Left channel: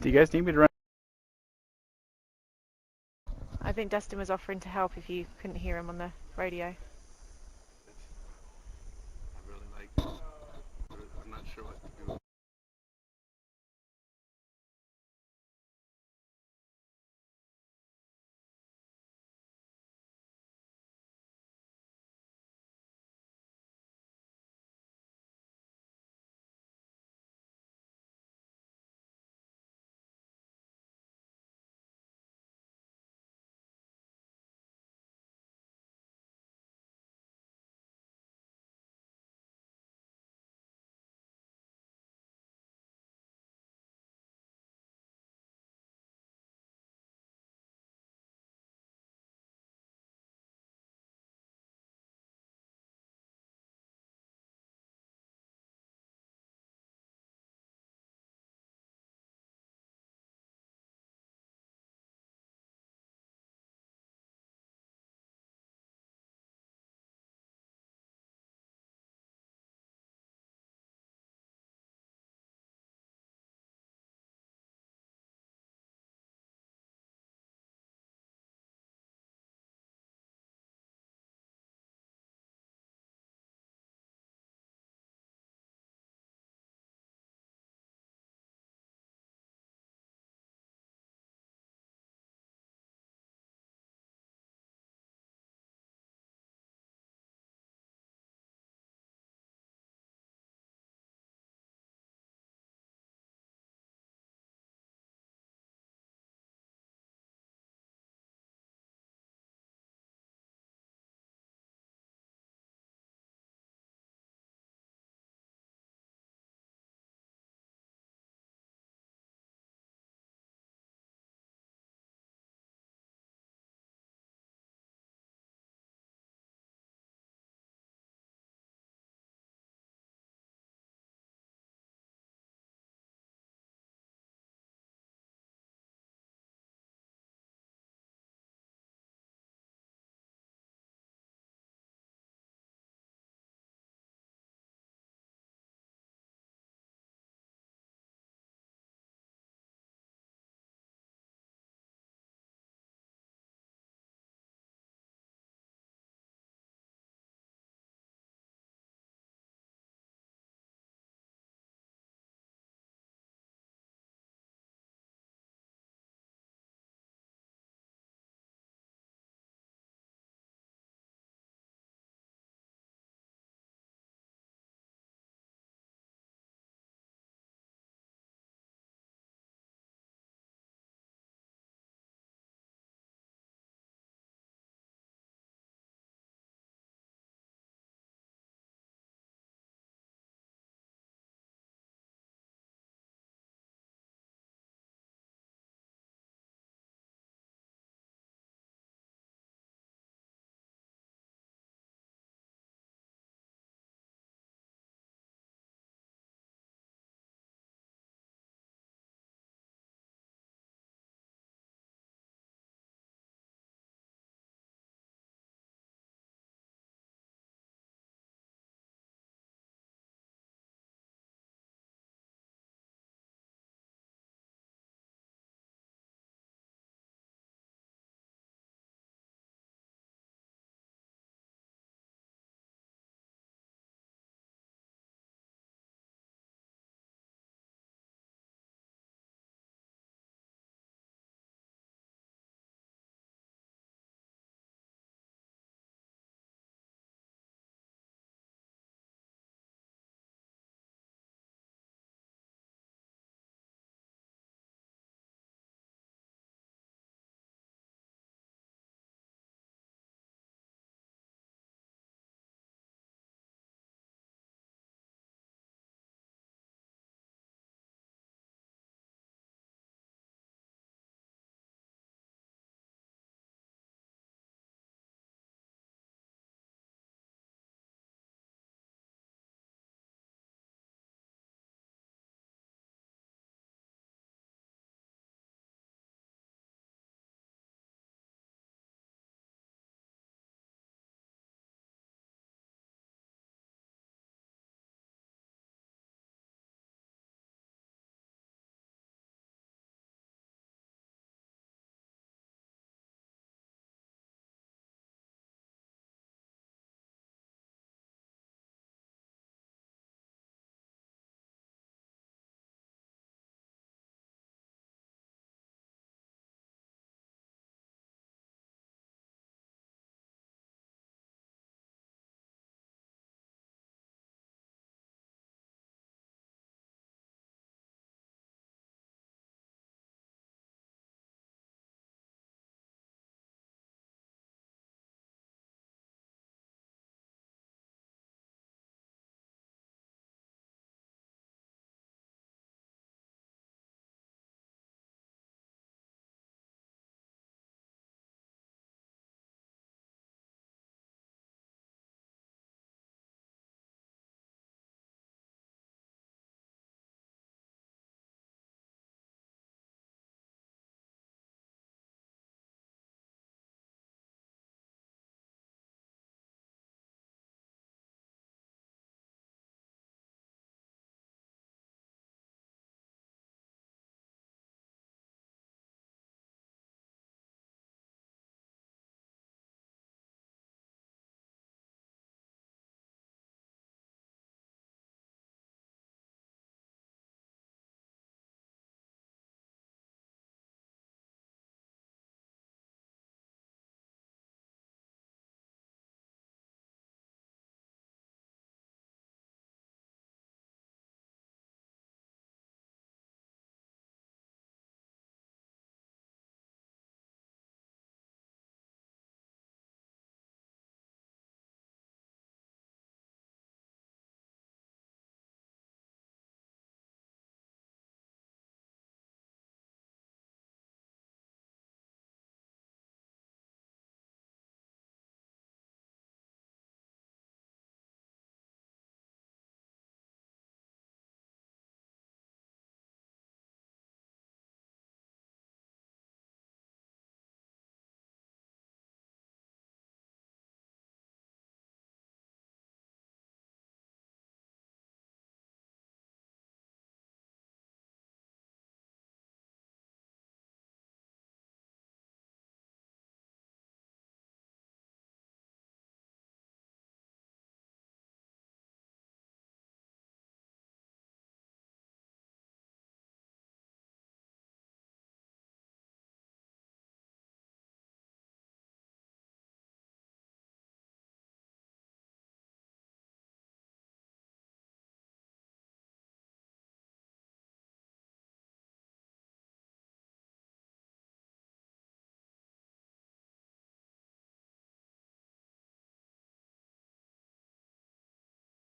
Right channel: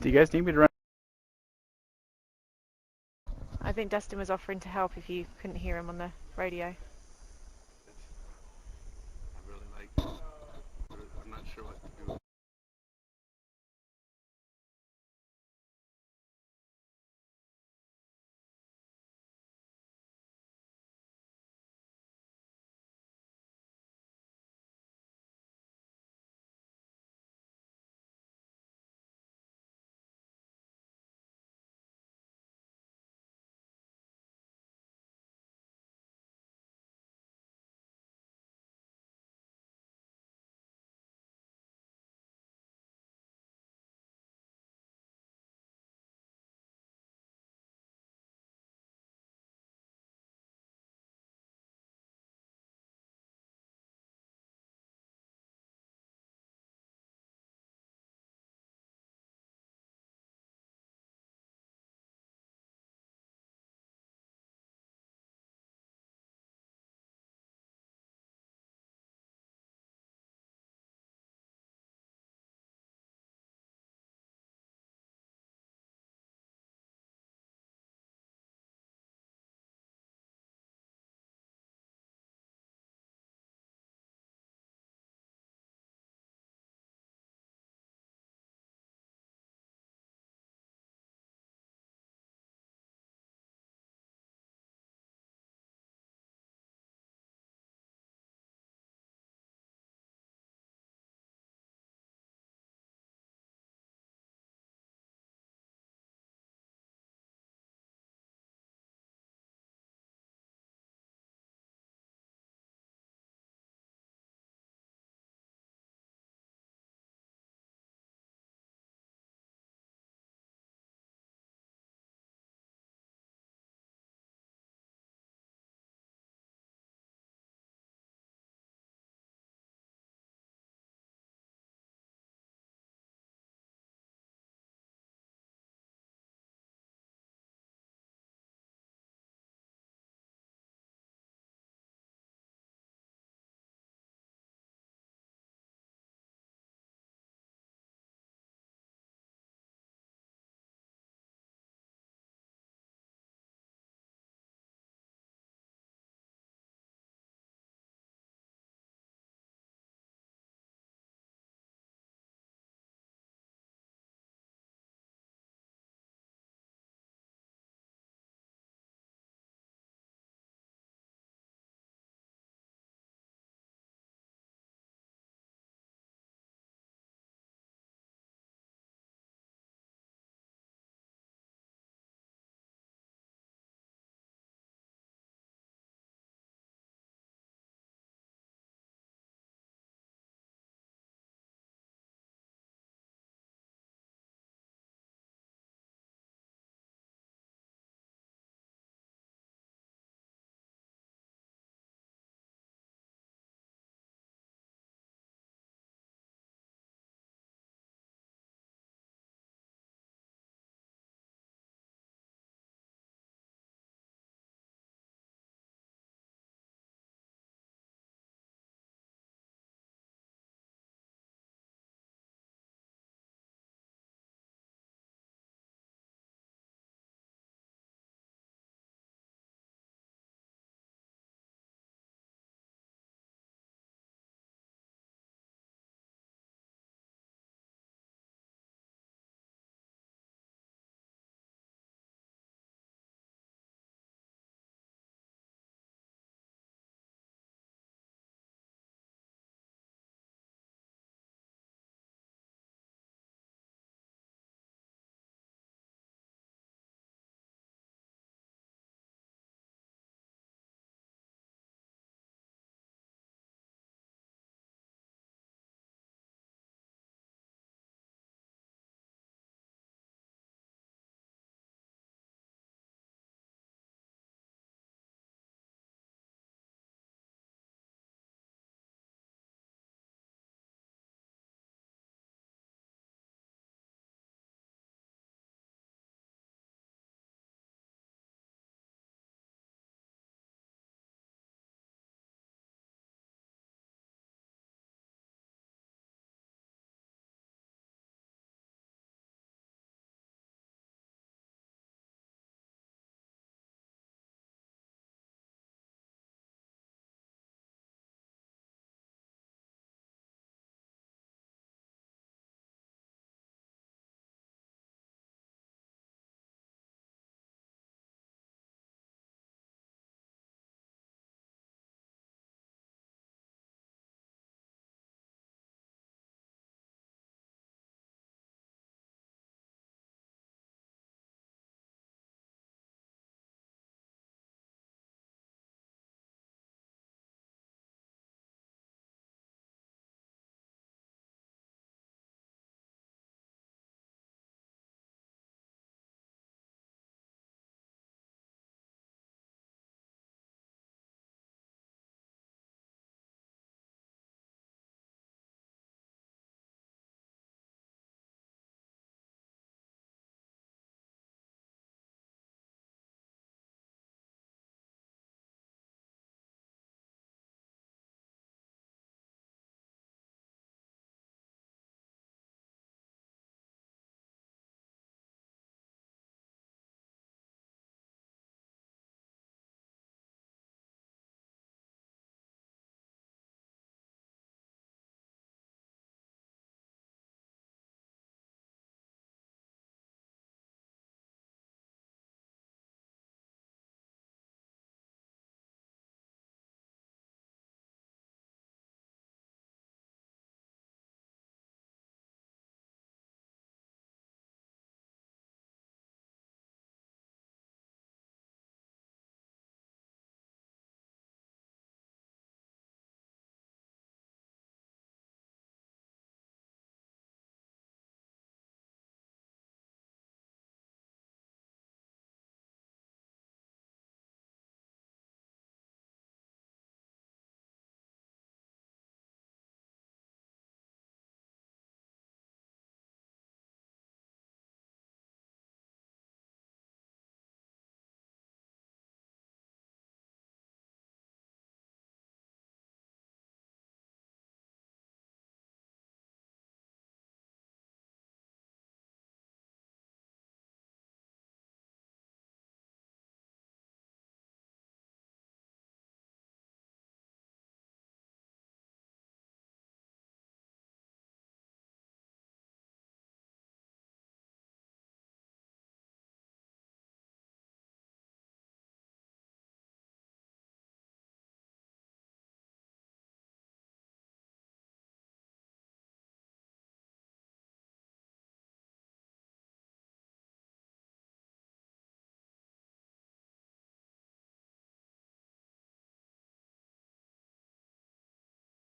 Do you guys need me to run? I think Dustin was offering to help if you couldn't hear him on the radio.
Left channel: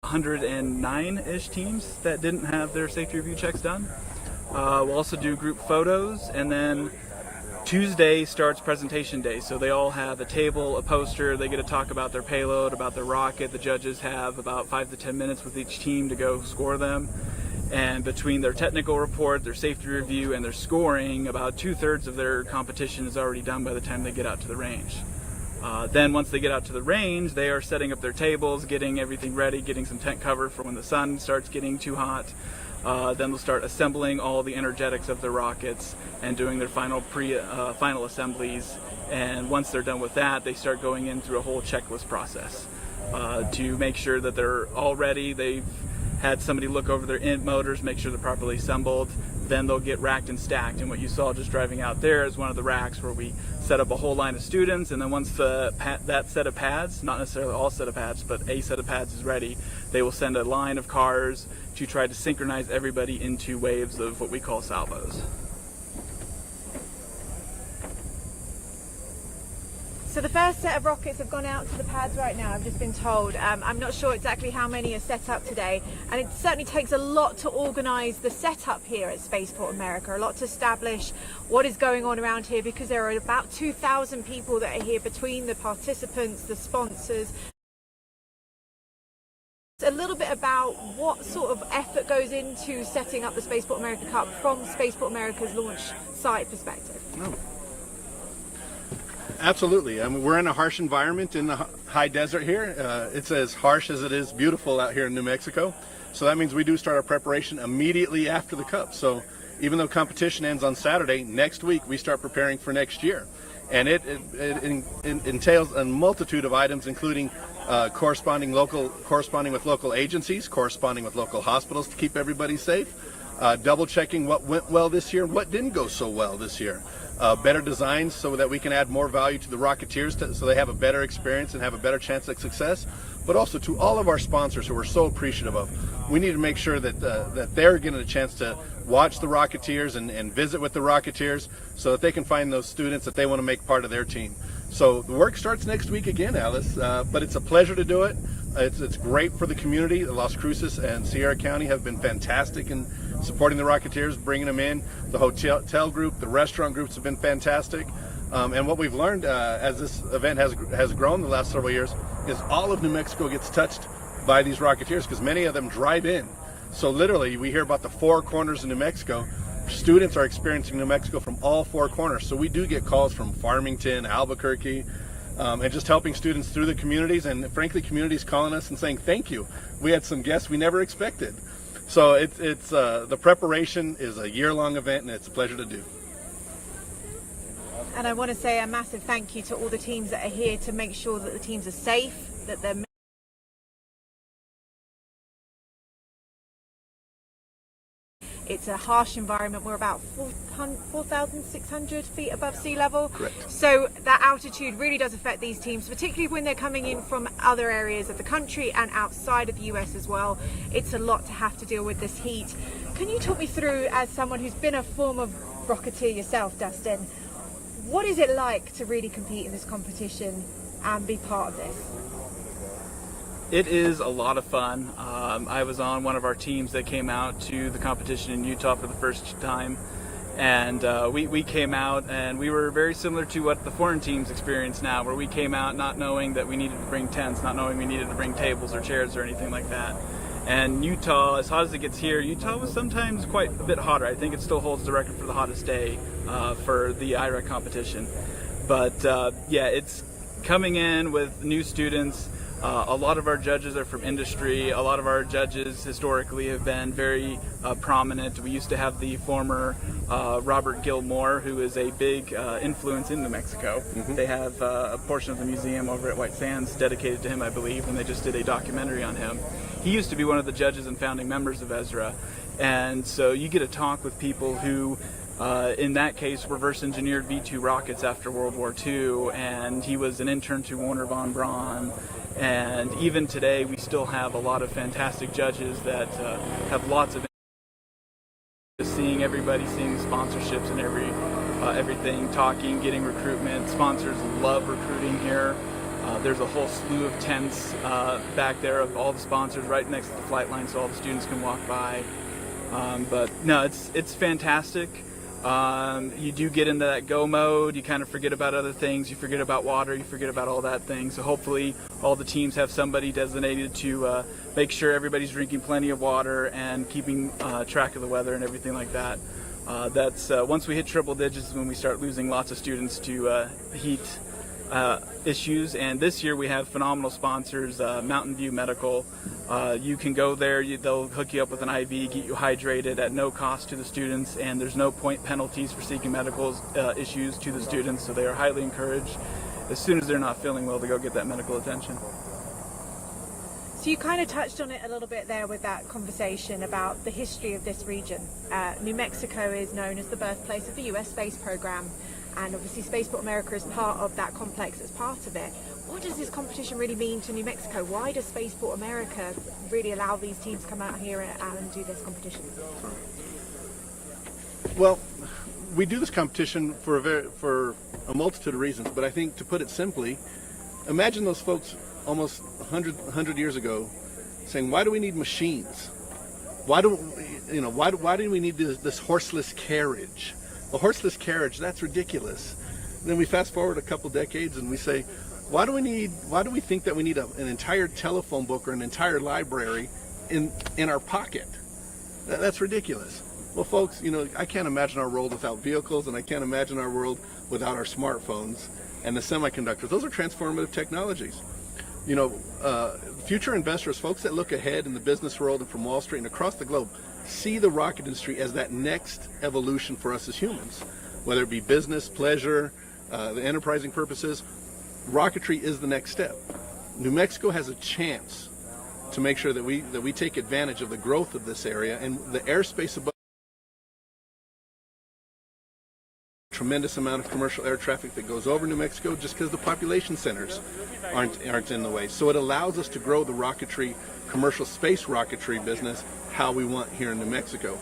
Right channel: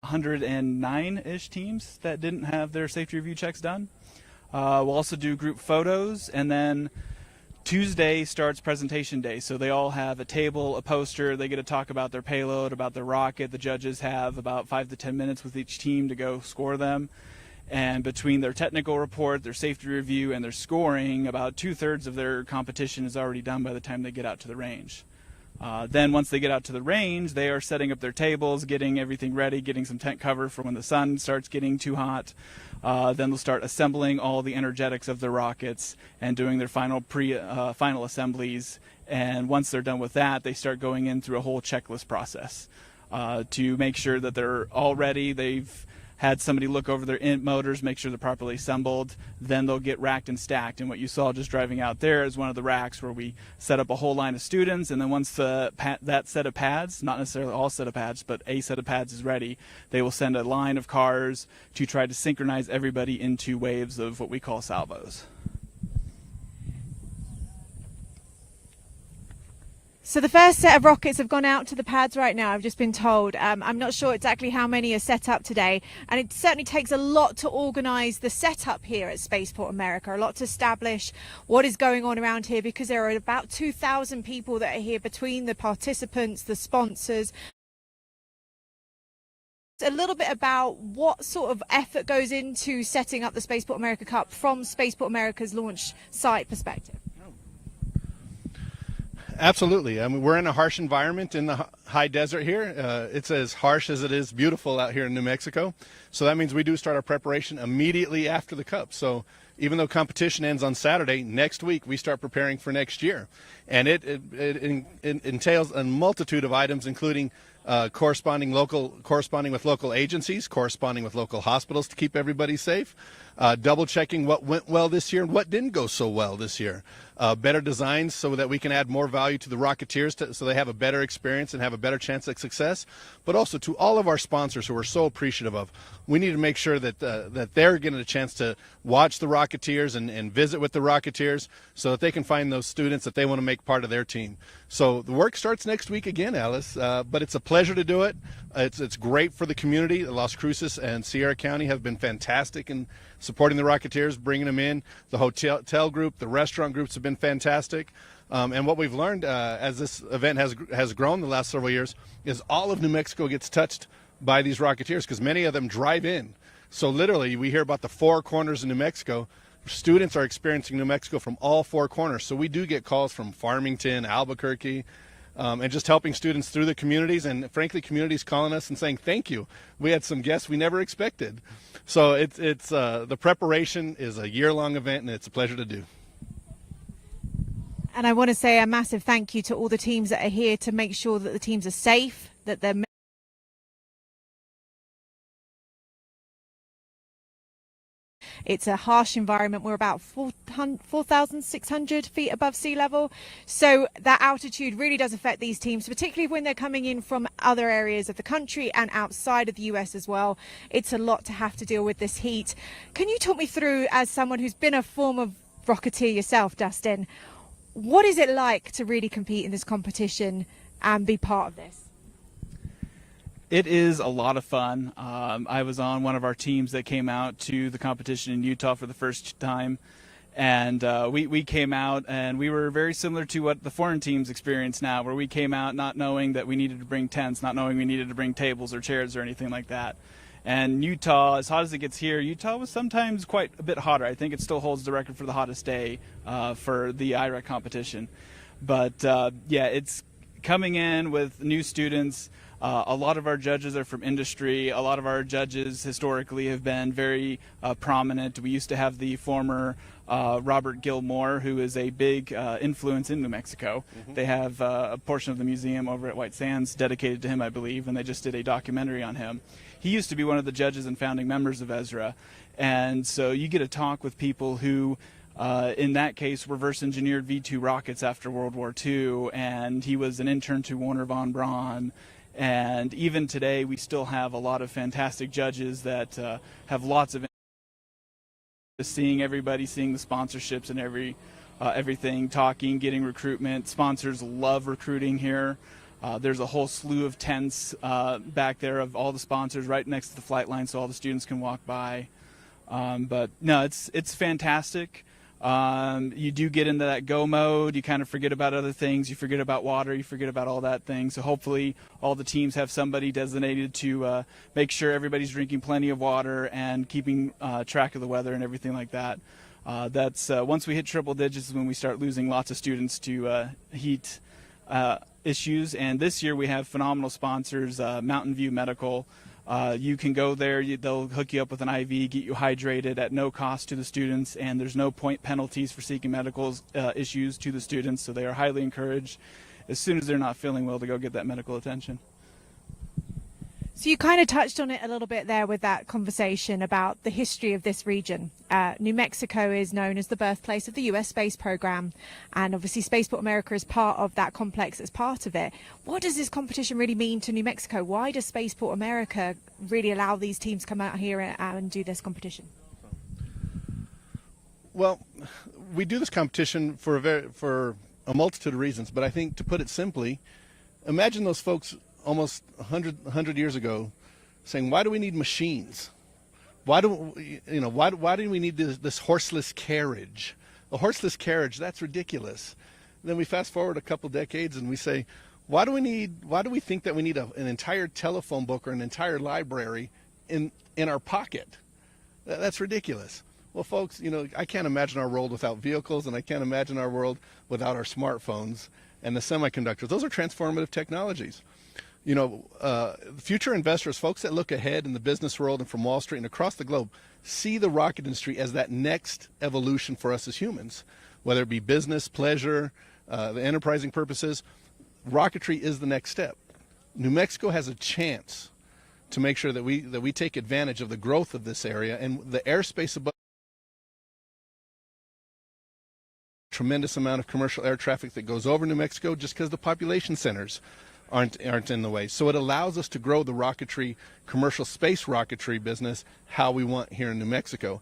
109-ish teams that didn't have their safety review checks done. We'll also do group photos, and then Tuesday starts presentation day. So they all have a table, a poster, they get to talk about their payload, about their rocket. The judges have about 5 to 10 minutes with each team to go score them. And between their technical report, their safety review, and their scoring, about 2/3 of their competition is already done by the time they get out to the range. Then once they get out to the range, they are setting up their tables, getting everything ready, getting some tent cover for when the sun starts getting too hot. Then they'll start assembling all the energetics of their rockets and doing their final assemblies. And once they're done with that, they start going in through a whole checklist process to make sure that they're all ready. They've had somebody look over their motors, make sure they're properly assembled. Then they'll get racked and stacked. And what you saw just driving out there is one of the racks where we set up a whole line of students. And then once that set of pads, not necessarily all set of pads, but a set of pads is ready, they will send a line of cars to try to synchronize everybody into waves of what we call salvos. So the first set of rockets have gone out to the pads right now, I've just been told. I'm not sure exactly how many are set up today, and it certainly takes a lot to organise the setup here at Spaceport America, a lot to establish what is going on around here, because there are about 2,000 people that are here between the participants, the sponsors. A little bit about what sort of effort goes into setting up the Spaceport America Cup from Spaceport America's launch site perspective. Oh. Absolutely. I mean, we're in a harsh environment in the high desert here. It's as harsh as it is beautiful out here in New Mexico. So that means we do start our preparation immediately after the Cup. So even though competition ends on Saturday, next week we start preparing for next year. And it entails a multitude of items, including corresponding with local agencies, corresponding with local hospitals to keep everybody safe, double checking what went well this year and what didn't go so well this year. Better designs so that we can add more value to the Rocketeers so they have a better experience and have a better chance at success, but also to all of our sponsors who we're so appreciative of. We need to make sure that they're getting a chance to watch the Rocketeers and visit with the Rocketeers so that they can find those students that they want to make part of their team. So the work starts next week again, Alice, but it's a pleasure to do it. It's great for the community. Las Cruces and Sierra County have been fantastic in supporting the Rocketeers, bringing them in. The hotel group, the restaurant groups have been fantastic. And what we've learned as this event has grown the last several years is all of New Mexico gets touched by these Rocketeers because many of them drive in. So literally we hear about the 4 corners of New Mexico. Students are experiencing New Mexico from all 4 corners. So we do get calls from Farmington, Albuquerque, and just helping students through the communities, and frankly communities calling us and saying thank you. We had some guests we never expected. So it's the preparation is a year-long event, and it's a pleasure to do. And I want to say a massive thank you to all the teams that are here to make sure that the teams are safe, that they're It's a harsh environment. We're about 4,600 feet above sea level. Correct. So that altitude really does affect these teams, particularly when they're coming in from other areas of the country and outside of the US as well. It's a lot to have to deal with this heat. Can you talk me through, as someone who's been a former Rocketeer yourself, Dustin, what is it like to really compete in this competition and be part of this? It is a lot of fun. I was on one of our teams that came out to the competition in Utah for the first time, and we came out and we were very similar to what the foreign teams experience now, where we came out not knowing that we needed to bring tents, not knowing we needed to bring tables or chairs or anything like that. And Utah, as hot as it gets here, Utah was sometimes quite a bit hotter. I think it still holds the record for the hottest day for the IREC competition. But yeah, it's coming in with new students. A lot of our judges are from industry. A lot of our judges historically have been very prominent. We used to have the former Robert Gilmore, who is a big influence in New Mexico. Mm-hmm. They have a portion of the museum over at White Sands dedicated to him, I believe, and they just did a documentary on him. He used to be one of the judges and founding members of ESRA, and so you get to talk with people who in that case reverse engineered V-2 rockets after World War II, and he was an intern to Wernher von Braun. And even today, we still have a lot of fantastic judges that have lots of seeing everybody, seeing sponsorships and everything, talking, getting recruitment. Sponsors love recruiting here. There's a whole slew of tents back there of all the sponsors right next to the flight line, so all the students can walk by. But no, it's fantastic. You do get into that go mode. You kind of forget about other things. You forget about water. You forget about all that thing. So hopefully all the teams have somebody designated to make sure everybody's drinking plenty of water and keeping track of the weather and everything like that. That's once we hit triple digits is when we start losing lots of students to heat issues. And this year we have phenomenal sponsors, Mountain View Medical. You can go there, they'll hook you up with an IV, get you hydrated at no cost to the students, and there's no point penalties for seeking medical issues to the students, so they are highly encouraged as soon as they're not feeling well to go get that medical attention. So you kind of touched on it a little bit there with that conversation about the history of this region. New Mexico is known as the birthplace of the US space program, and obviously Spaceport America is part of that complex as part of it. What does this competition really mean to New Mexico? Why does Spaceport America really allow these teams to come out here and do this competition? Well, we do this competition for a multitude of reasons, but I think, to put it simply, imagine those folks almost 100 years ago saying, why do we need machines? Why do we need this horseless carriage? A horseless carriage, that's ridiculous. Then we fast forward a couple decades and we say, why do we think that we need an entire telephone book or an entire library in our pocket? That's ridiculous. Well, folks, I can't imagine our world without vehicles, and I can't imagine our world without our smartphones and the semiconductors. Those are transformative technologies. Future investors, folks that look ahead in the business world and from Wall Street and across the globe, see the rocket industry as that next evolution for us as humans. Whether it be business, pleasure, the enterprising purposes, rocketry is the next step. New Mexico has a chance to make sure that we take advantage of the growth of this area, and the airspace above. Tremendous amount of commercial air traffic that goes over New Mexico just because the population centers aren't in the way. So it allows us to grow the rocketry, commercial space rocketry business how we want here in New Mexico.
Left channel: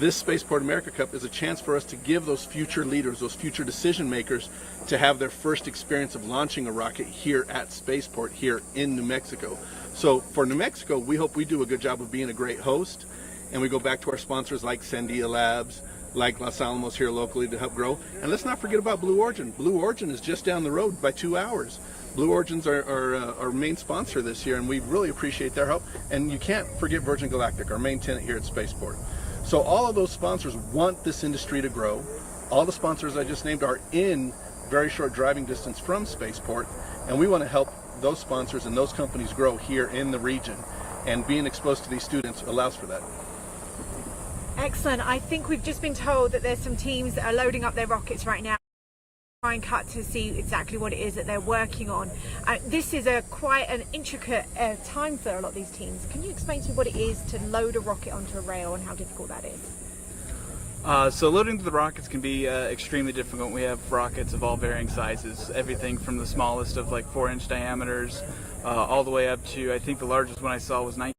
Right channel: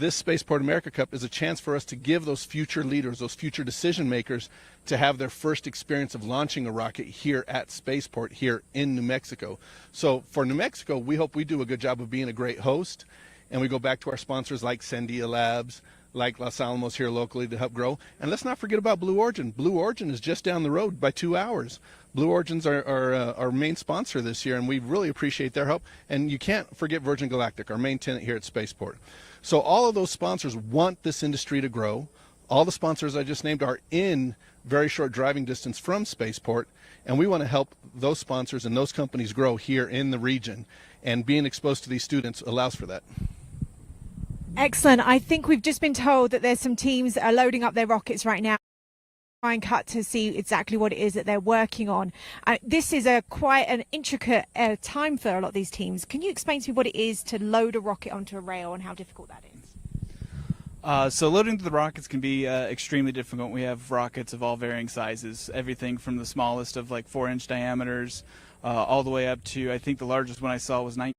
This Spaceport America Cup is a chance for us to give those future leaders, those future decision makers, to have their first experience of launching a rocket here at Spaceport here in New Mexico. So for New Mexico, we hope we do a good job of being a great host, and we go back to our sponsors like Sandia Labs, like Los Alamos here locally to help grow. And let's not forget about Blue Origin. Blue Origin is just down the road by 2 hours. Blue Origin's our main sponsor this year, and we really appreciate their help. And you can't forget Virgin Galactic, our main tenant here at Spaceport. So all of those sponsors want this industry to grow. All the sponsors I just named are in very short driving distance from Spaceport, and we want to help those sponsors and those companies grow here in the region. And being exposed to these students allows for that. Excellent. I think we've just been told that there's some teams that are loading up their rockets right now. Try and cut to see exactly what it is that they're working on. This is quite an intricate time for a lot of these teams. Can you explain to me what it is to load a rocket onto a rail and how difficult that is? So loading the rockets can be extremely difficult. We have rockets of all varying sizes, everything from the smallest of like 4-inch diameters all the way up to, I think the largest one I saw was 19.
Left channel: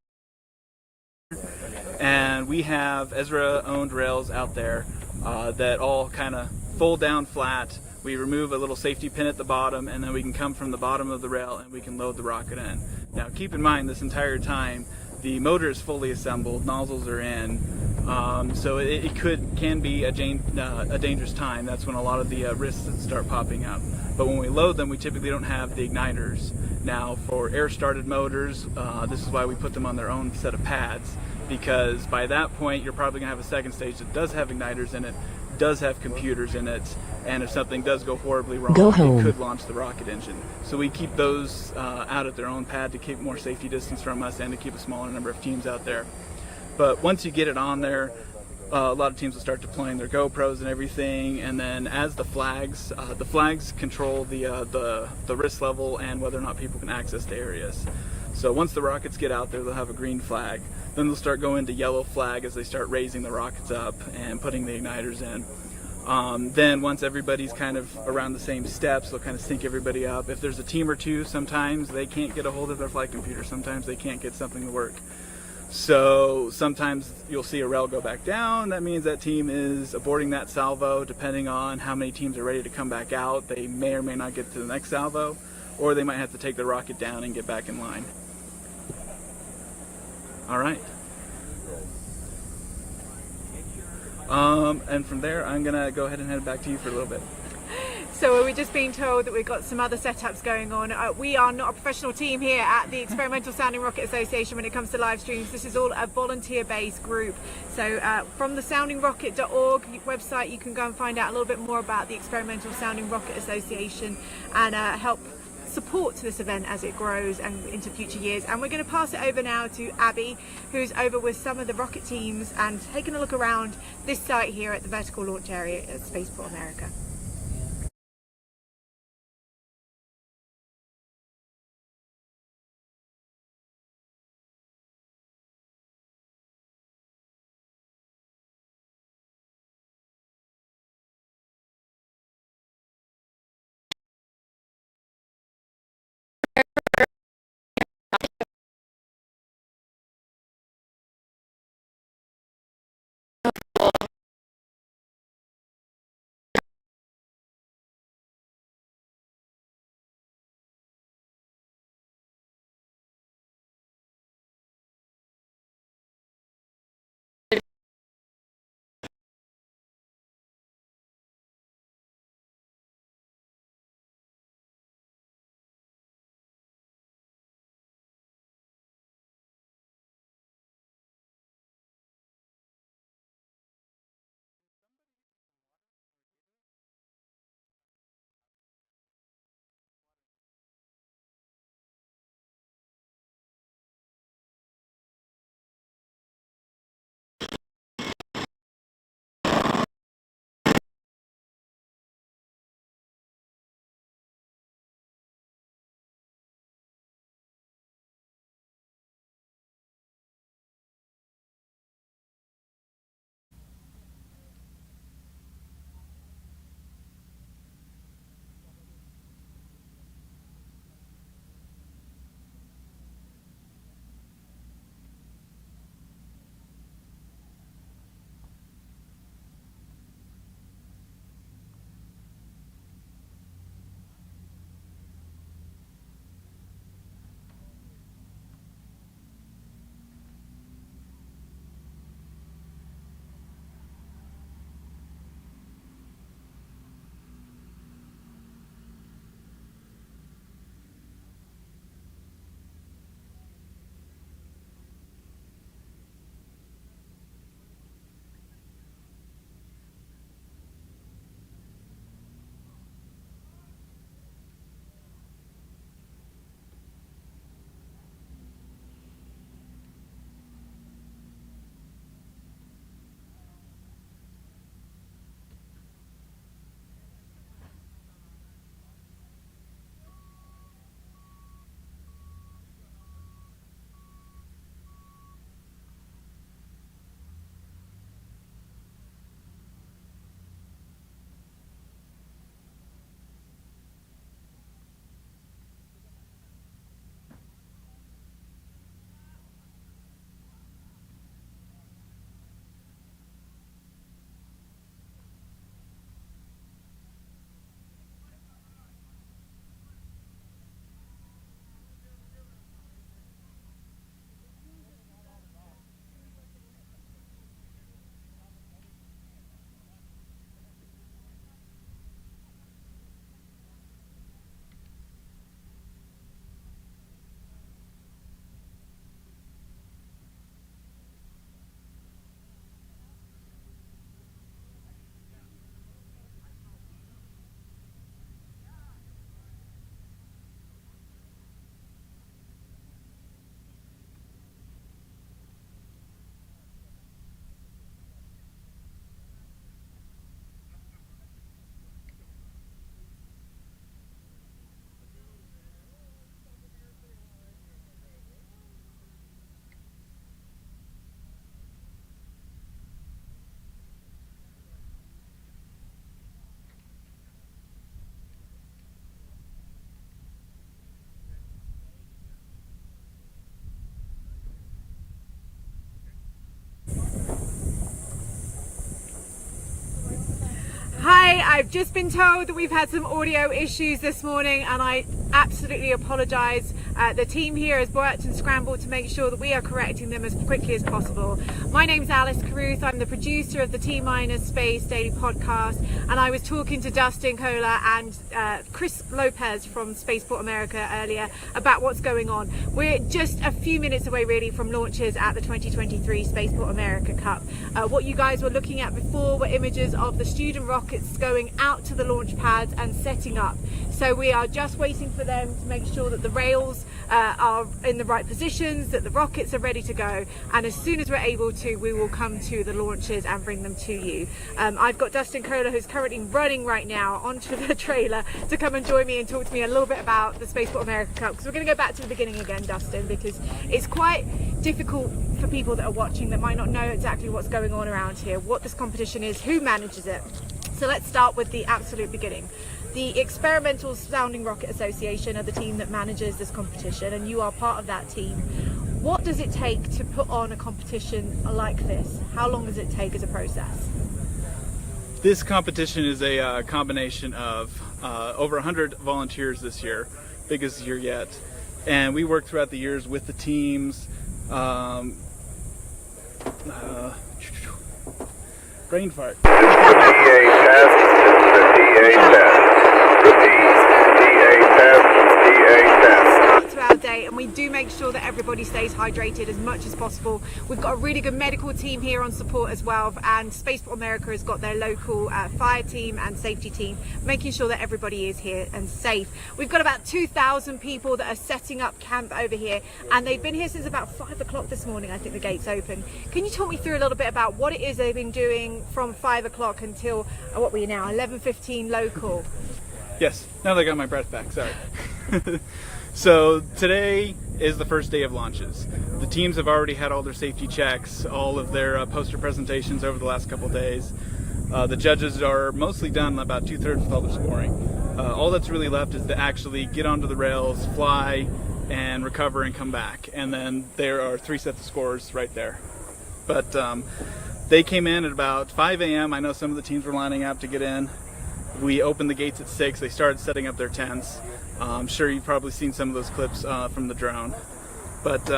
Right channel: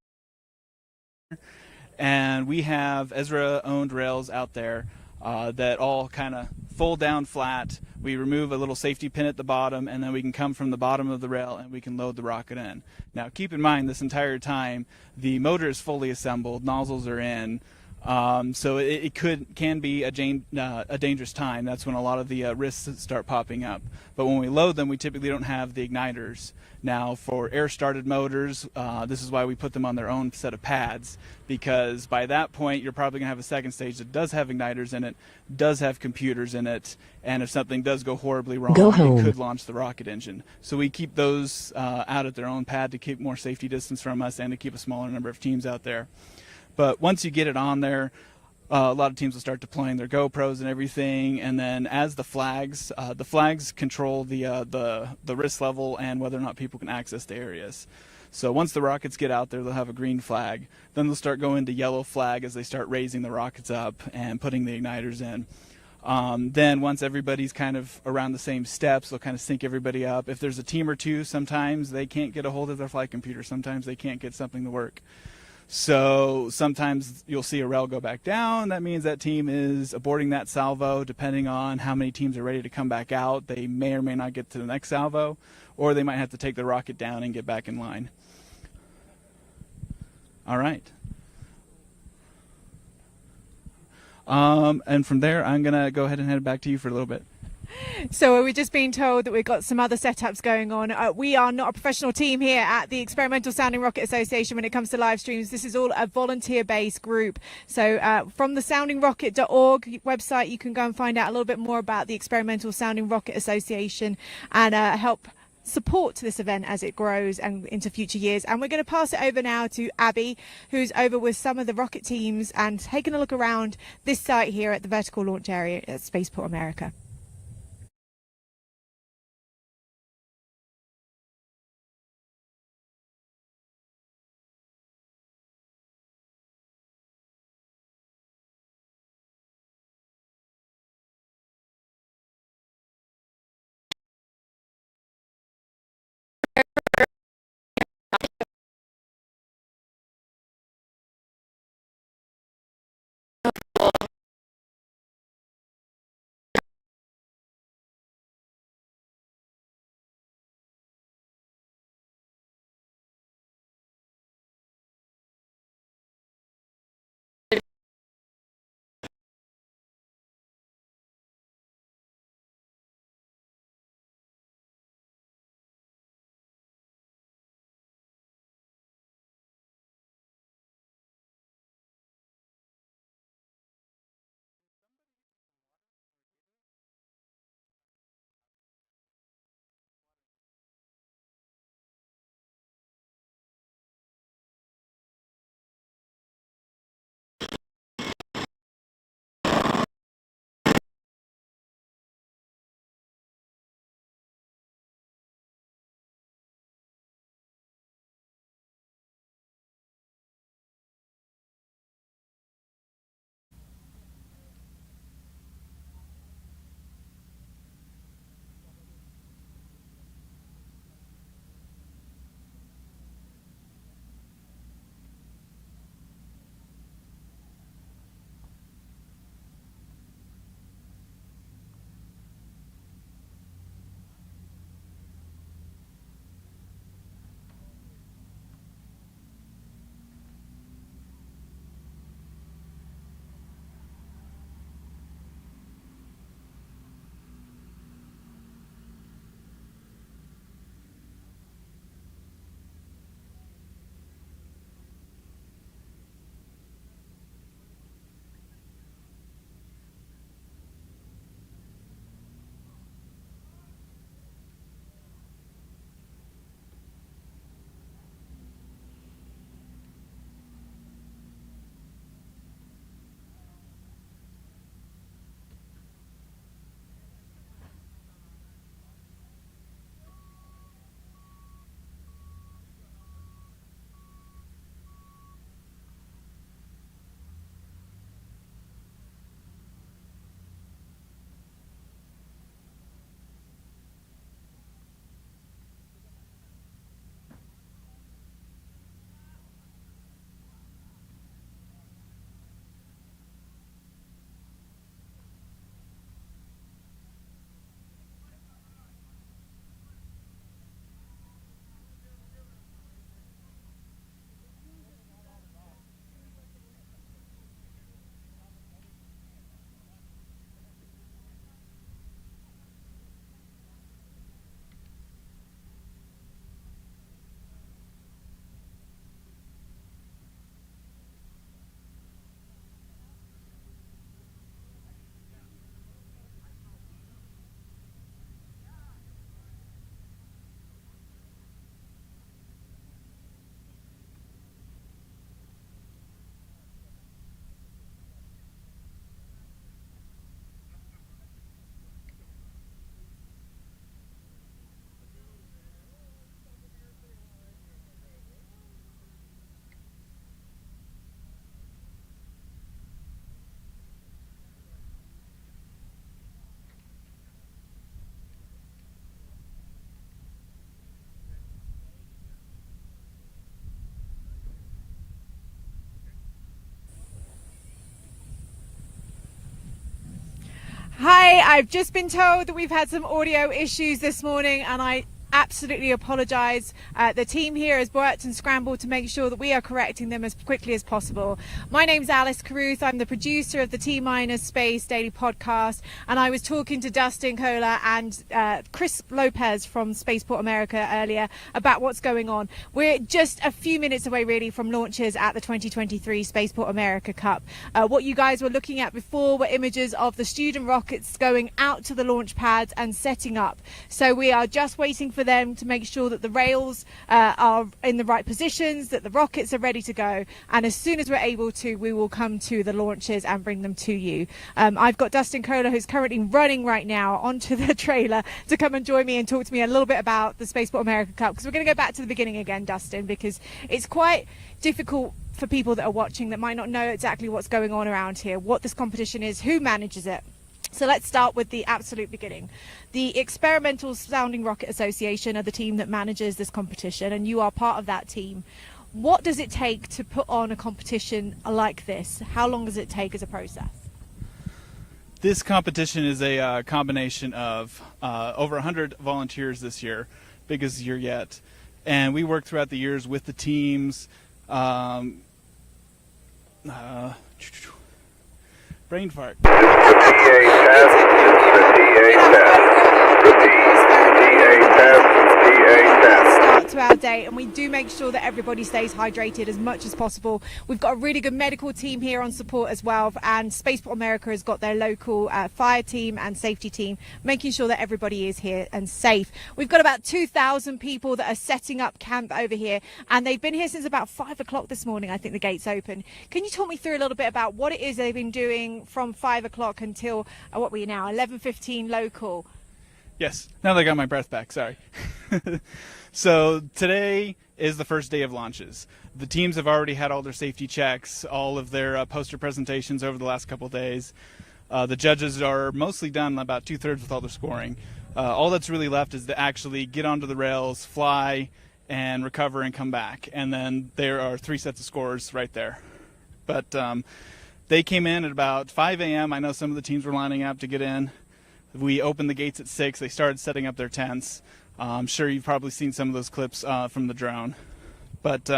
And we have ESRA-owned rails out there that all kind of fold down flat. We remove a little safety pin at the bottom, and then we can come from the bottom of the rail and we can load the rocket in. Now keep in mind, this entire time the motor is fully assembled, nozzles are in, so it can be a dangerous time. That's when a lot of the risks start popping up. But when we load them, we typically don't have the igniters. Now for air-started motors, this is why we put them on their own set of pads, because by that point you're probably going to have a second stage that does have igniters in it, does have computers in it, and if something does go horribly wrong, it could launch the rocket engine. So we keep those out at their own pad to keep more safety distance from us and to keep a smaller number of teams out there. But once you get it on there, a lot of teams will start deploying their GoPros and everything, and then as the flags control the risk level and whether or not people can access the areas. So once the rockets get out there, they'll have a green flag. Then they'll start going to yellow flag as they start raising the rockets up and putting the igniters in. Then once everybody's kind of around the same steps, they'll kind of sync everybody up. If there's a team or two, sometimes they can't get a hold of their flight computer. Sometimes they can't get something to work. So sometimes you'll see a rail go back down. That means that team is aborting that salvo. Depending on how many teams are ready to come back out, they may or may not get to the next salvo. or they might have to take the rocket down and get back in line. All right. And from there, I'm going to go ahead and head back to you for a little bit. So we're just being told that we've got some other setups going on. We are not a professional team here at the Experimental Sounding Rocket Association when it comes to live streams. This is all a volunteer-based group. So from the soundingrocket.org website, you can go and find out a little bit more about the Experimental Sounding Rocket Association and help support this event as it grows and into future years. And we're going to pass it over now to Abby, who's over with some of the rocket teams and taking a look around this site here at the vertical launch area at Spaceport America. I've just been told that we've had some audio issues this morning, and I absolutely apologise. The team here has worked and scrambled to make sure that we are correcting them as quickly as possible. My name's Alice Carruth. I'm the producer of the T-Minus Space Daily Podcast, and I was talking to Dustin Kohler and Chris Lopez from Spaceport America earlier about what's going on. We're just a few minutes away really from launches at the 2023 Spaceport America Cup. What you guys were looking at before were images of the student rockets going out to the launch pads and setting up. So we are just waiting for them to make sure that the rails are in the right positions, that the rockets are ready to go, and as soon as we're able to, we will come to the launches and bring them to you. I've got Dustin Kohler, who's currently running right now onto the trailer to come and join me and talk to me a little bit about the Spaceport America Cup, because we're going to go back to the beginning again, Dustin, because it's quite difficult for people that are watching that might not know exactly what's going on around here, what this competition is, who manages it. So let's start with the absolute beginning. The Experimental Sounding Rocket Association are the team that manages this competition, and you are part of that team. What does it take to put on a competition like this? How long does it take as a process? This competition is a combination of over 100 volunteers this year, biggest year yet, and we work throughout the years with the teams. Brain fart. The DA test. The DA test. The DA test. DA test. To our day, and we do make sure that everybody stays hydrated as much as possible. We've got a really good medical team here on support as well, and Spaceport America has got their local fire team and safety team, making sure that everybody is here and safe. We've got about 2,000 people that are setting up camp over here, and they've been here since about 5 o'clock this morning. I think the gates open. Can you talk me through a little bit about what it is they've been doing from 5 o'clock until what we are now, 11:15 local? Yes, now that I got my breath back, sorry. So today is the first day of launches. The teams have already had all their safety checks, all of their poster presentations over the last couple of days. The judges are mostly done, about 2/3 with all their scoring. All that's really left is to actually get onto the rails, fly, and recover and come back. And then there are 3 sets of scores right there. But they came in at about 5 a.m. I know some of the teams were lining up to get in. We opened the gates at 6. They started setting up their tents. I'm sure you've probably seen some of those clips from the drone. But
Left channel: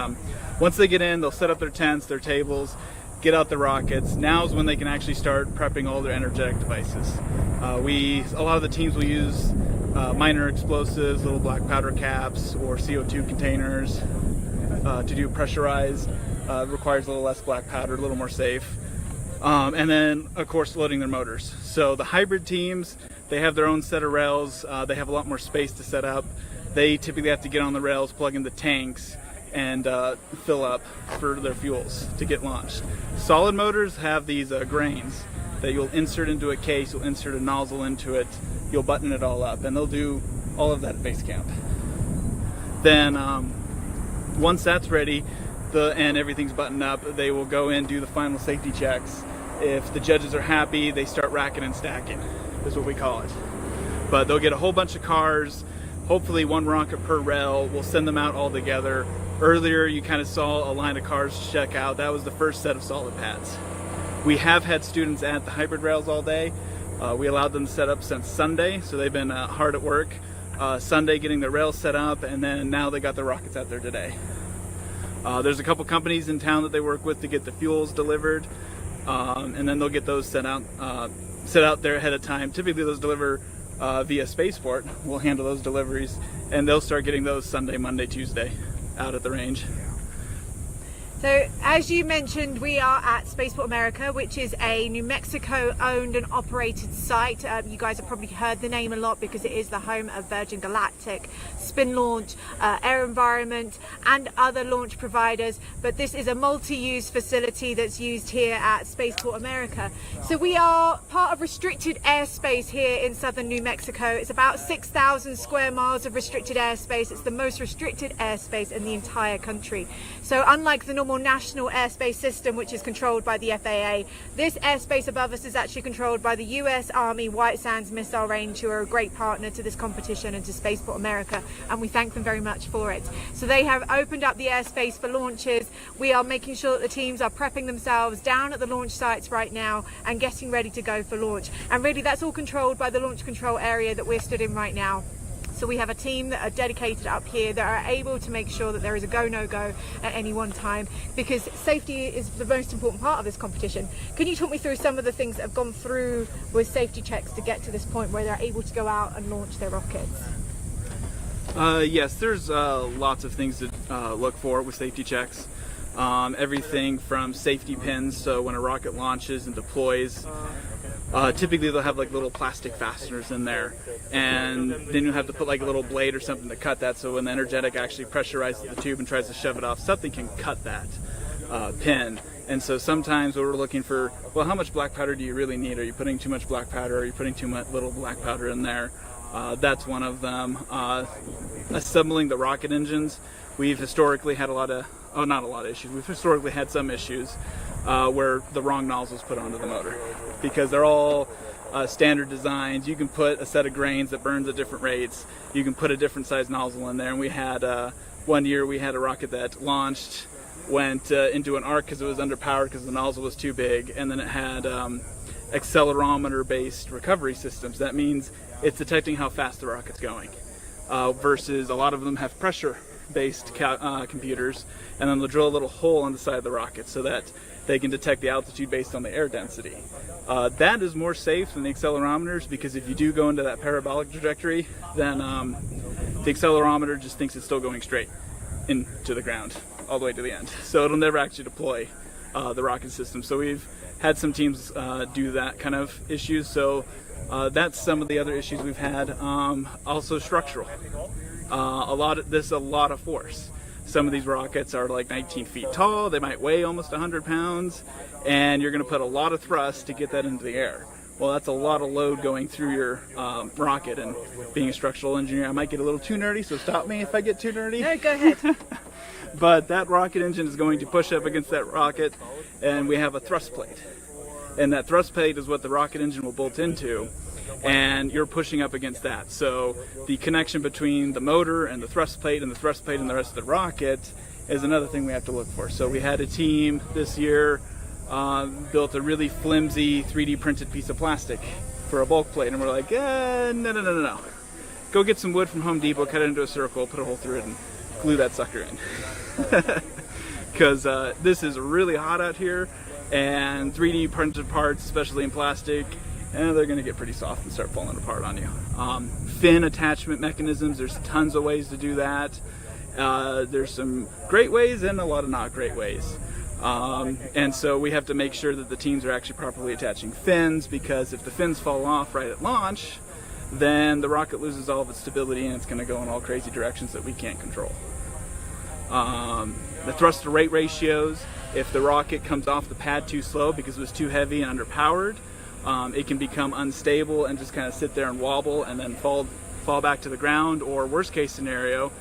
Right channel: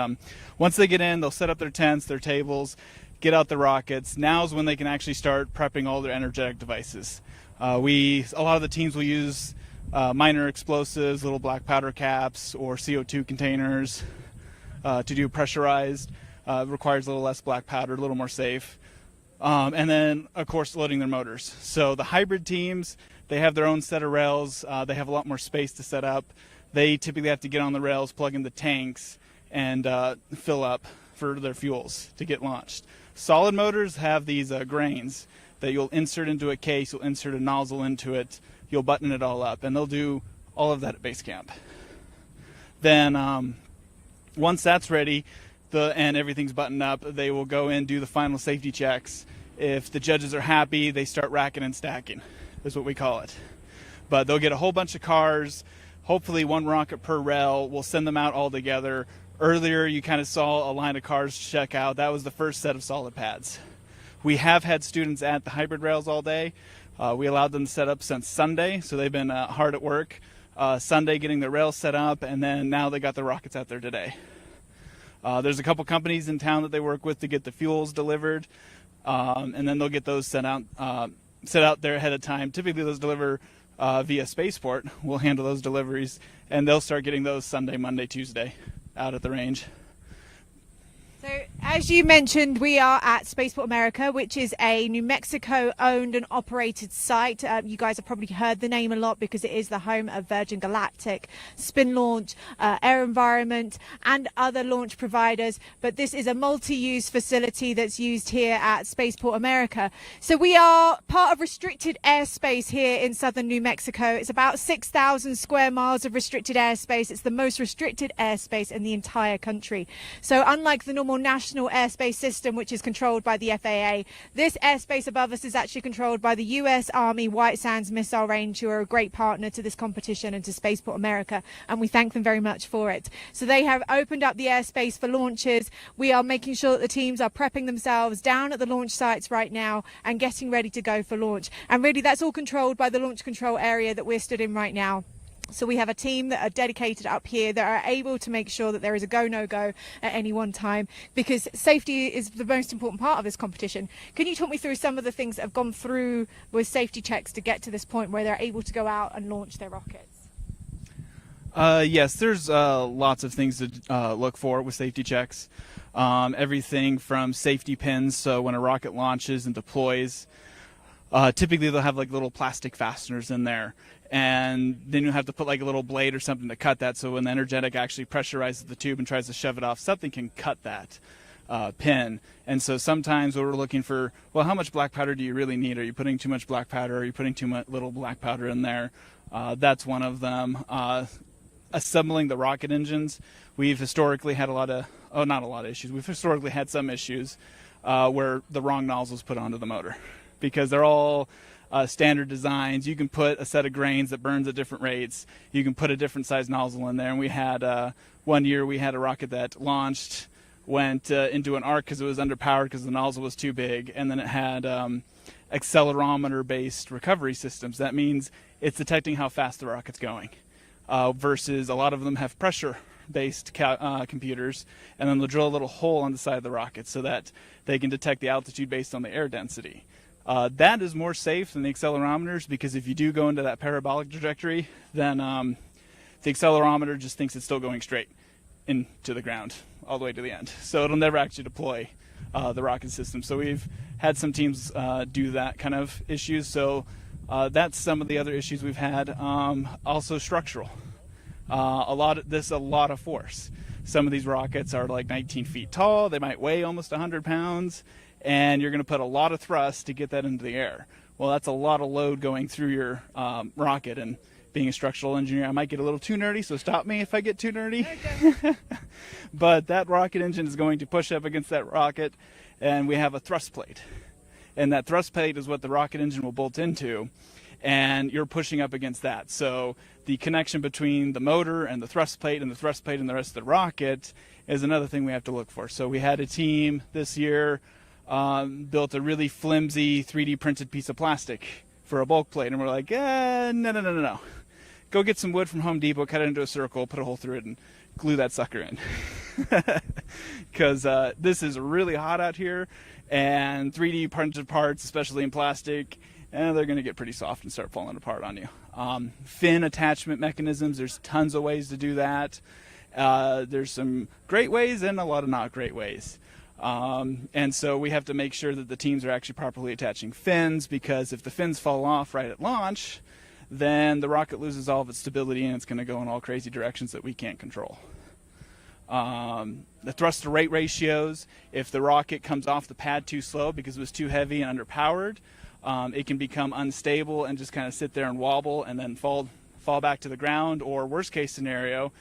once they get in, they'll set up their tents, their tables, get out the rockets. Now's when they can actually start prepping all their energetic devices. A lot of the teams will use minor explosives, little black powder caps, or CO2 containers to do pressurized. It requires a little less black powder, a little more safe. And then, of course, loading their motors. So the hybrid teams, they have their own set of rails. They have a lot more space to set up. They typically have to get on the rails, plug in the tanks, and fill up for their fuels to get launched. Solid motors have these grains that you'll insert into a case. You'll insert a nozzle into it. You'll button it all up, and they'll do all of that at base camp. Then once that's ready and everything's buttoned up, they will go in, do the final safety checks. If the judges are happy, they start racking and stacking, is what we call it. But they'll get a whole bunch of cars, hopefully 1 rocket per rail. We'll send them out all together. Earlier you kind of saw a line of cars check out. That was the first set of solid pads. We have had students at the hybrid rails all day. We allowed them to set up since Sunday, so they've been hard at work. Sunday getting the rails set up, and then now they got the rockets out there today. There's a couple companies in town that they work with to get the fuels delivered, and then they'll get those set out there ahead of time. Typically those deliver via Spaceport. We'll handle those deliveries, and they'll start getting those Sunday, Monday, Tuesday out at the range. So as you mentioned, we are at Spaceport America, which is a New Mexico owned and operated site. You guys have probably heard the name a lot because it is the home of Virgin Galactic, Spin Launch, Air Environment, and other launch providers. But this is a multi-use facility that's used here at Spaceport America. So we are part of restricted airspace here in southern New Mexico. It's about 6,000 square miles of restricted airspace. It's the most restricted airspace in the entire country. So unlike the normal national airspace system, which is controlled by the FAA, this airspace above us is actually controlled by the US Army White Sands Missile Range, who are a great partner to this competition and to Spaceport America, and we thank them very much for it. So they have opened up the airspace for launches. We are making sure that the teams are prepping themselves down at the launch sites right now and getting ready to go for launch. And really that's all controlled by the launch control area that we're stood in right now. So we have a team that are dedicated up here that are able to make sure that there is a go, no go at any one time, because safety is the most important part of this competition. Can you talk me through some of the things that have gone through with safety checks to get to this point where they're able to go out and launch their rockets? Yes, there's lots of things to look for with safety checks. Everything from safety pins, so when a rocket launches and deploys, typically they'll have like little plastic fasteners in there, and then you have to put like a little blade or something to cut that, so when the energetic actually pressurizes the tube and tries to shove it off, something can cut that pin. And so sometimes we're looking for, well, how much black powder do you really need? Are you putting too much black powder? Are you putting too much little black powder in there? That's one of them. Assembling the rocket engines, we've historically had not a lot of issues. We've historically had some issues where the wrong nozzles put onto the motor, because they're all standard designs. You can put a set of grains that burns at different rates. You can put a different size nozzle in there. And we had one year we had a rocket that launched, went into an arc because it was underpowered because the nozzle was too big, and then it had accelerometer-based recovery systems. That means it's detecting how fast the rocket's going, versus a lot of them have pressure-based computers, and then they'll drill a little hole on the side of the rocket so that they can detect the altitude based on the air density. That is more safe than the accelerometers, because if you do go into that parabolic trajectory, then the accelerometer just thinks it's still going straight into the ground all the way to the end. So it'll never actually deploy the rocket system. So we've had some teams do that kind of issues. So that's some of the other issues we've had. Also structural. A lot of force. Some of these rockets are like 19 feet tall. They might weigh almost 100 pounds, and you're going to put a lot of thrust to get that into the air. Well, that's a lot of load going through your rocket, and being a structural engineer, I might get a little too nerdy, so stop me if I get too nerdy. No, go ahead. But that rocket engine is going to push up against that rocket, and we have a thrust plate. And that thrust plate is what the rocket engine will bolt into, and you're pushing up against that. So the connection between the motor and the thrust plate and the thrust plate and the rest of the rocket is another thing we have to look for. So we had a team this year built a really flimsy 3D printed piece of plastic for a bulk plate, and we're like, no. Go get some wood from Home Depot, cut it into a circle, put a hole through it, and glue that sucker in. Because this is really hot out here, and 3D printed parts, especially in plastic, and they're going to get pretty soft and start falling apart on you. Fin attachment mechanisms, there's tons of ways to do that. There's some great ways and a lot of not great ways. And so we have to make sure that the teams are actually properly attaching fins, because if the fins fall off right at launch, then the rocket loses all of its stability and it's going to go in all crazy directions that we can't control. The thrust to rate ratios, if the rocket comes off the pad too slow because it was too heavy and underpowered, it can become unstable and just kind of sit there and wobble and then fall back to the ground. Or worst case scenario,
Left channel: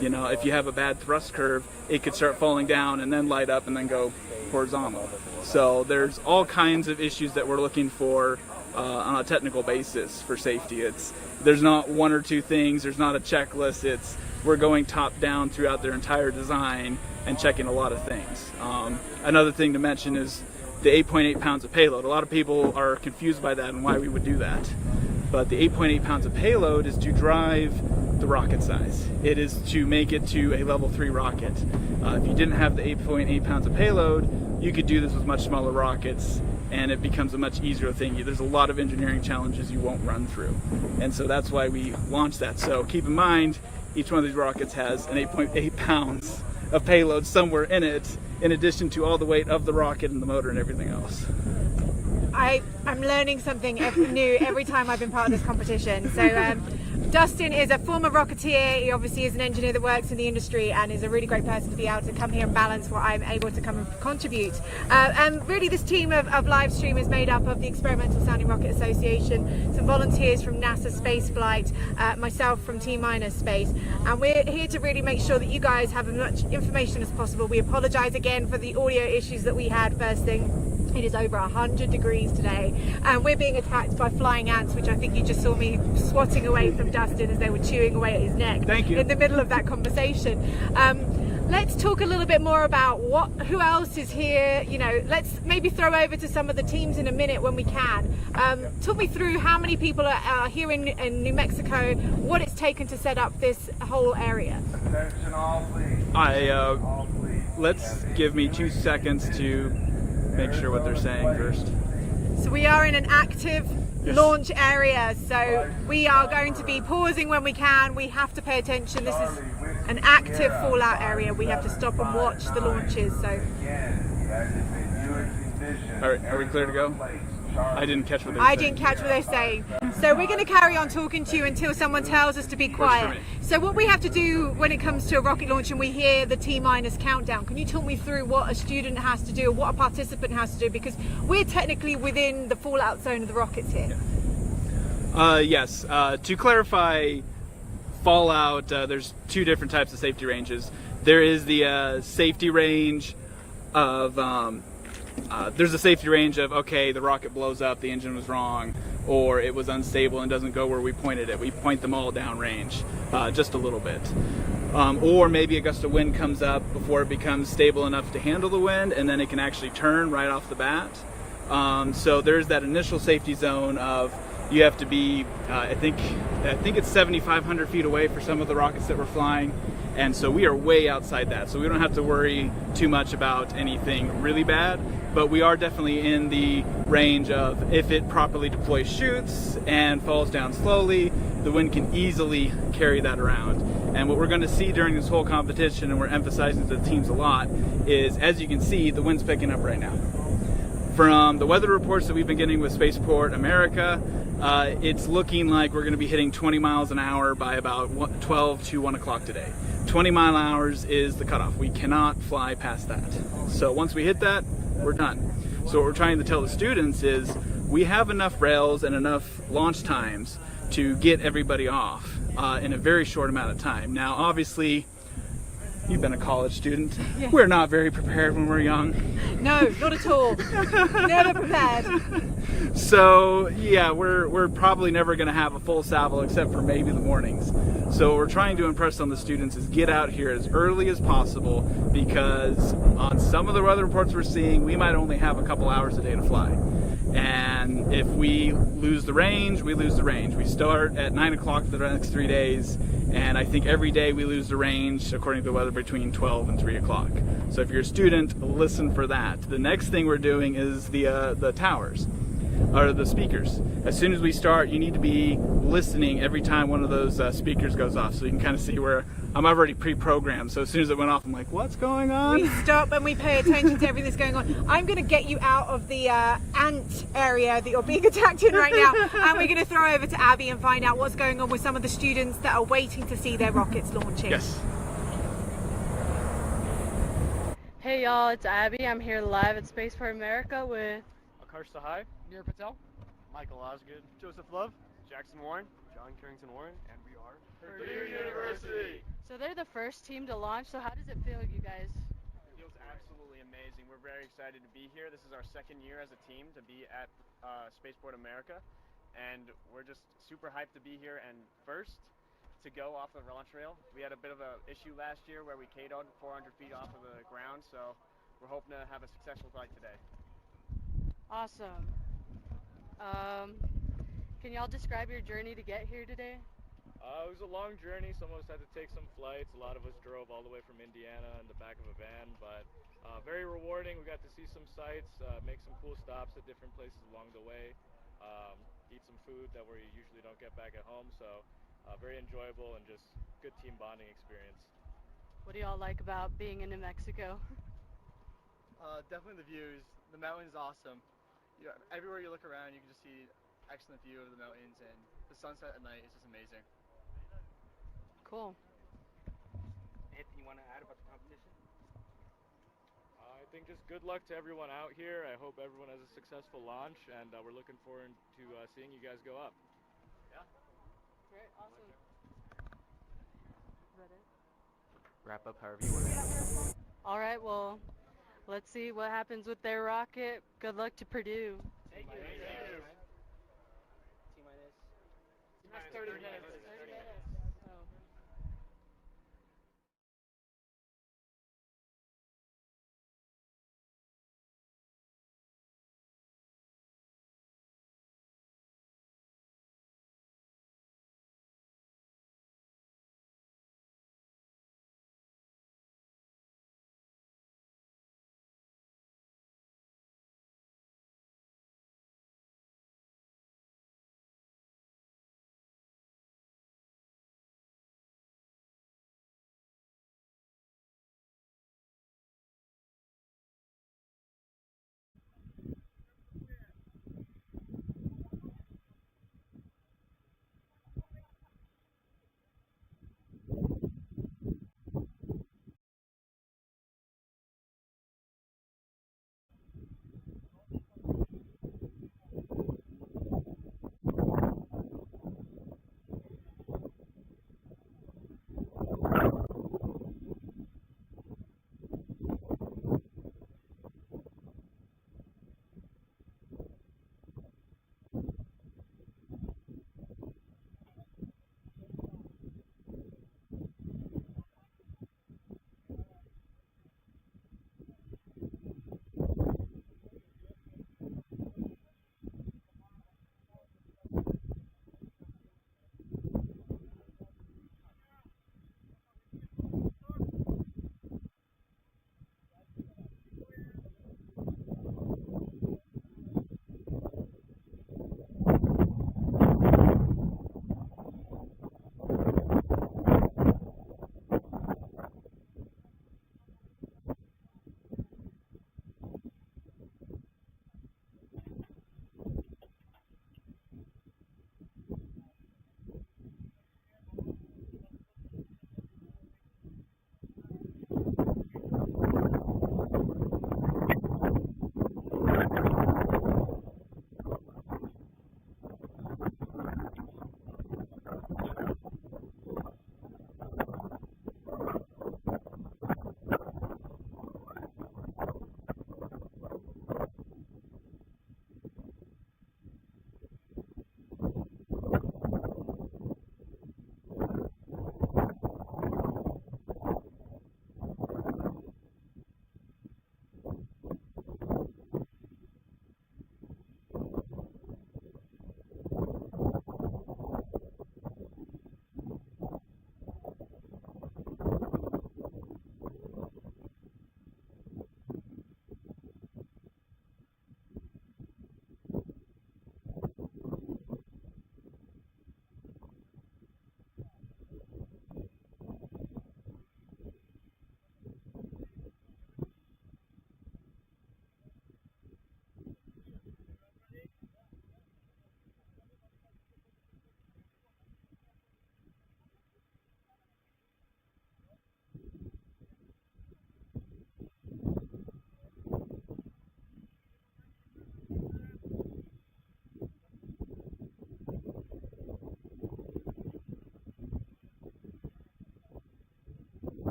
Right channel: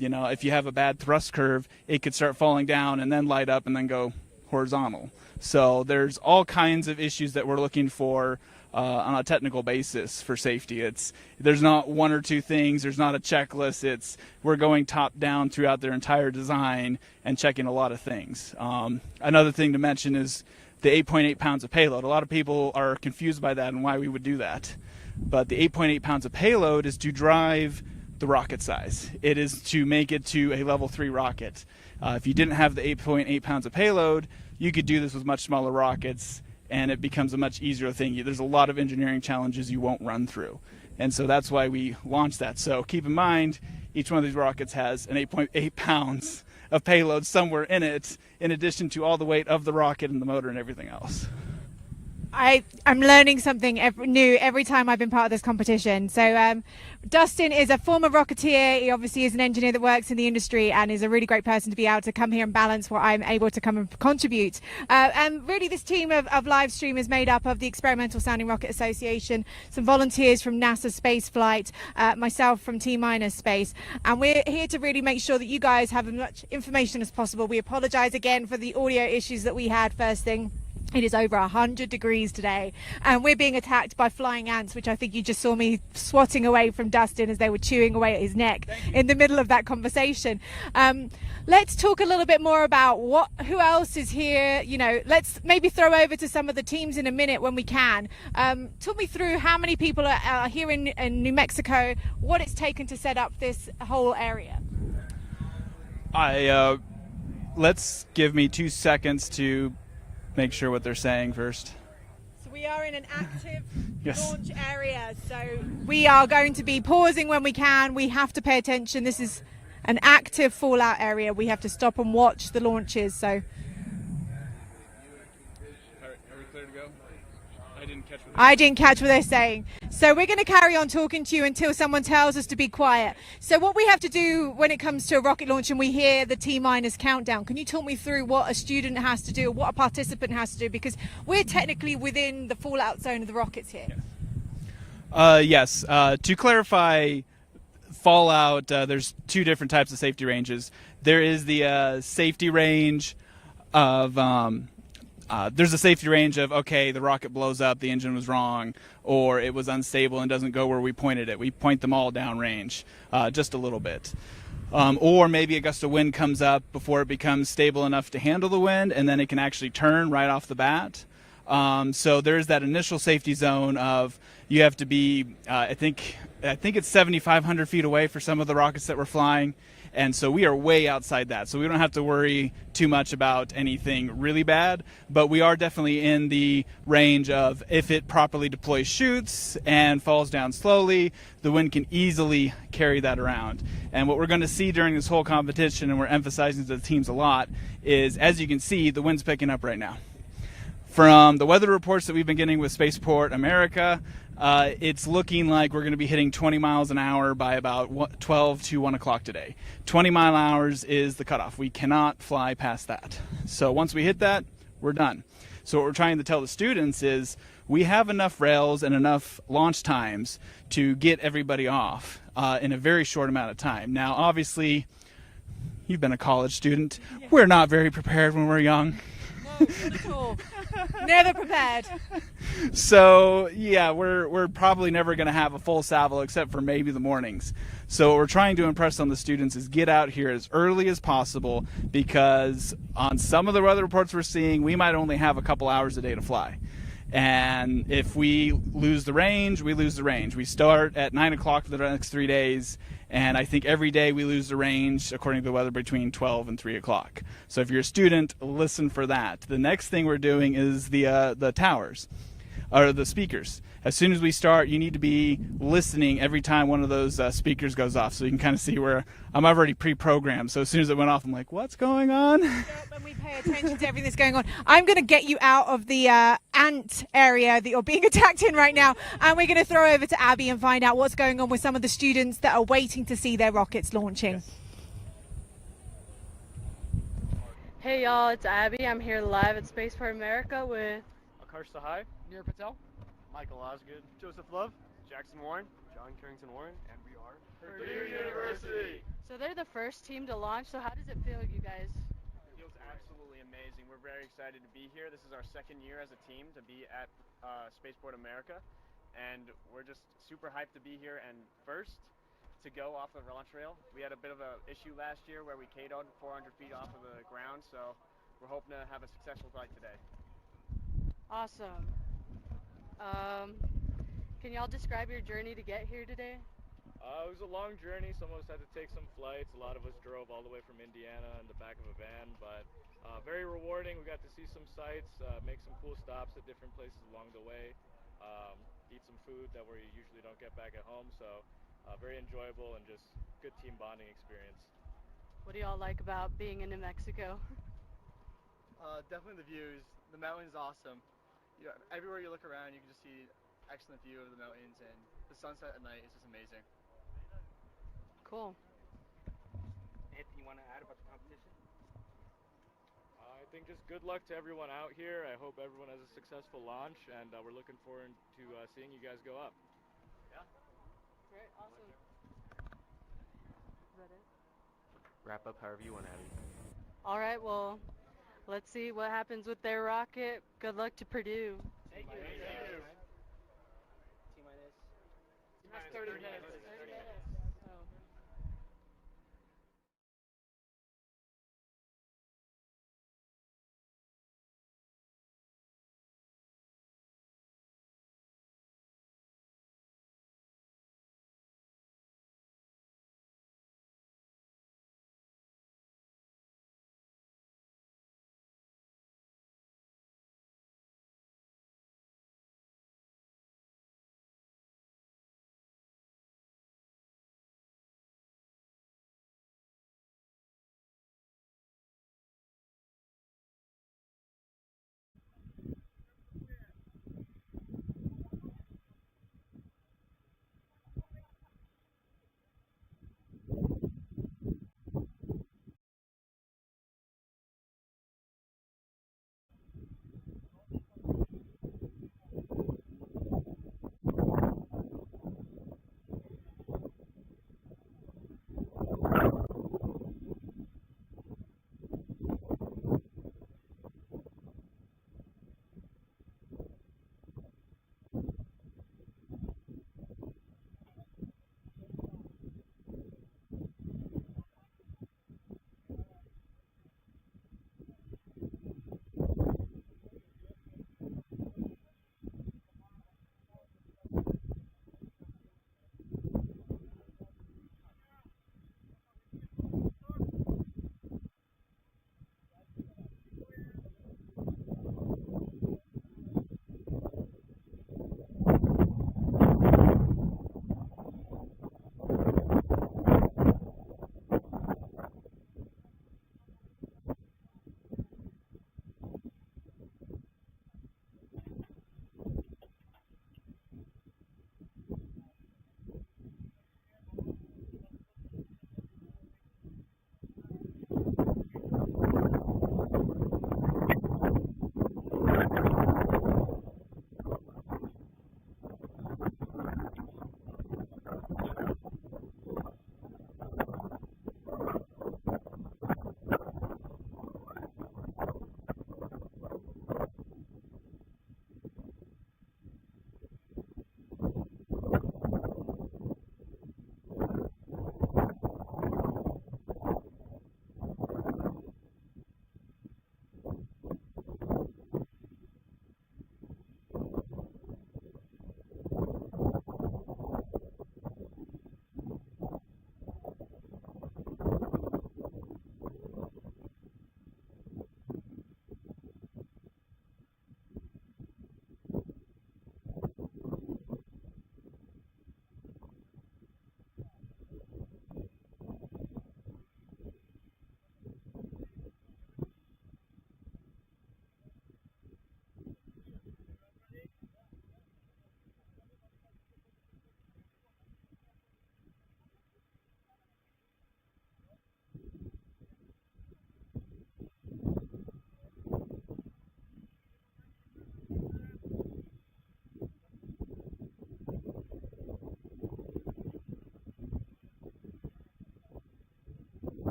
you know, if you have a bad thrust curve, it could start falling down and then light up and then go horizontal. So there's all kinds of issues that we're looking for on a technical basis for safety. There's not one or two things, there's not a checklist, we're going top down throughout their entire design and checking a lot of things. Another thing to mention is the 8.8 pounds of payload. A lot of people are confused by that and why we would do that. But the 8.8 pounds of payload is to drive the rocket size. It is to make it to a level 3 rocket. If you didn't have the 8.8 pounds of payload, you could do this with much smaller rockets, and it becomes a much easier thing. There's a lot of engineering challenges you won't run through. And so that's why we launched that. So keep in mind, each one of these rockets has an 8.8 pounds of payload somewhere in it, in addition to all the weight of the rocket and the motor and everything else. I'm learning something new every time I've been part of this competition. So Dustin is a former Rocketeer. He obviously is an engineer that works in the industry and is a really great person to be able to come here and balance what I'm able to come and contribute. And really this team of LiveStream is made up of the Experimental Sounding Rocket Association, some volunteers from NASA Spaceflight, myself from T-Minus Space, and we're here to really make sure that you guys have as much information as possible. We apologize again for the audio issues that we had first thing. It is over 100 degrees today, and we're being attacked by flying ants, which I think you just saw me swatting away from Dustin as they were chewing away at his neck in the middle of that conversation. Let's talk a little bit more about who else is here. You know, let's maybe throw over to some of the teams in a minute when we can. Talk me through how many people are here in New Mexico, what it's taken to set up this whole area. Let's give me 2 seconds to make sure what they're saying first. So we are in an active launch area, so we are going to be pausing when we can. We have to pay attention. This is an active fallout area. We have to stop and watch the launches. So, Are we clear to go? I didn't catch what they're saying. So we're going to carry on talking to you until someone tells us to be quiet. So what we have to do when it comes to a rocket launch and we hear the T-minus countdown, can you talk me through what a student has to do, or what a participant has to do? Because we're technically within the fallout zone of the rockets here. Yes. To clarify, fallout, there's 2 different types of safety ranges. There is the safety range of there's a safety range of, okay, the rocket blows up, the engine was wrong, or it was unstable and doesn't go where we pointed it. We point them all downrange, just a little bit. Or maybe a gust of wind comes up before it becomes stable enough to handle the wind, and then it can actually turn right off the bat. So there's that initial safety zone of, you have to be, I think it's 7,500 feet away for some of the rockets that we're flying. And so we are way outside that. So we don't have to worry too much about anything really bad, but we are definitely in the range of, if it properly deploys chutes and falls down slowly, the wind can easily carry that around. And what we're going to see during this whole competition, and we're emphasizing to the teams a lot, is, as you can see, the wind's picking up right now. From the weather reports that we've been getting with Spaceport America, it's looking like we're going to be hitting 20 miles an hour by about 12 to 1 o'clock today. 20 mile hours is the cutoff. We cannot fly past that. So once we hit that, we're done. So what we're trying to tell the students is, we have enough rails and enough launch times to get everybody off in a very short amount of time. Now, obviously, you've been a college student. Yeah. We're not very prepared when we're young. No, not at all. Never prepared. So yeah, we're probably never going to have a full salvo except for maybe the mornings. So what we're trying to impress on the students is, get out here as early as possible, because on some of the weather reports we're seeing, we might only have a couple hours a day to fly. And if we lose the range, we lose the range. We start at 9 o'clock for the next 3 days, and I think every day we lose the range, according to the weather, between 12 and 3 o'clock. So if you're a student, listen for that. The next thing we're doing is the towers, or the speakers. As soon as we start, you need to be listening every time one of those speakers goes off, so you can kind of see where I'm already pre-programmed. So as soon as it went off, I'm like, what's going on? We stop and we pay attention to everything that's going on. I'm going to get you out of the ant area that you're being attacked in right now, and we're going to throw over to Abby and find out what's going on with some of the students that are waiting to see their rockets launching. Yes. Hey y'all, it's Abby. I'm here live at Spaceport America with Akash Sahai, Neer Patel, Michael Osgood, Joseph Love, Jackson Warren, John Carrington Warren, and we are Purdue University. So they're the first team to launch, so how does it feel, you guys? It feels absolutely amazing. We're very excited to be here. This is our second year as a team to be at Spaceport America, and we're just super hyped to be here and first to go off the launch rail. We had a bit of an issue last year where we K-O'd 400 feet off of the ground, so we're hoping to have a successful flight today. Awesome. Can y'all describe your journey to get here today? It was a long journey. Some of us had to take some flights. A lot of us drove all the way from Indiana in the back of a van, but very rewarding. We got to see some sights, make some cool stops at different places along the way, eat some food that we usually don't get back at home. So very enjoyable and just good team bonding experience. What do y'all like about being in New Mexico? Definitely the views. The mountain's awesome. Everywhere you look around, you can just see excellent view of the mountains, and the sunset at night is just amazing. Cool. Anything you want to add about the competition? I think just good luck to everyone out here. I hope everyone has a successful launch, and we're looking forward to seeing you guys go up. Yeah. Great, awesome. Is that it? Wrap up however you want to. All right, well, let's see what happens with their rocket. Good luck to Purdue. Thank you. T-minus 30 minutes.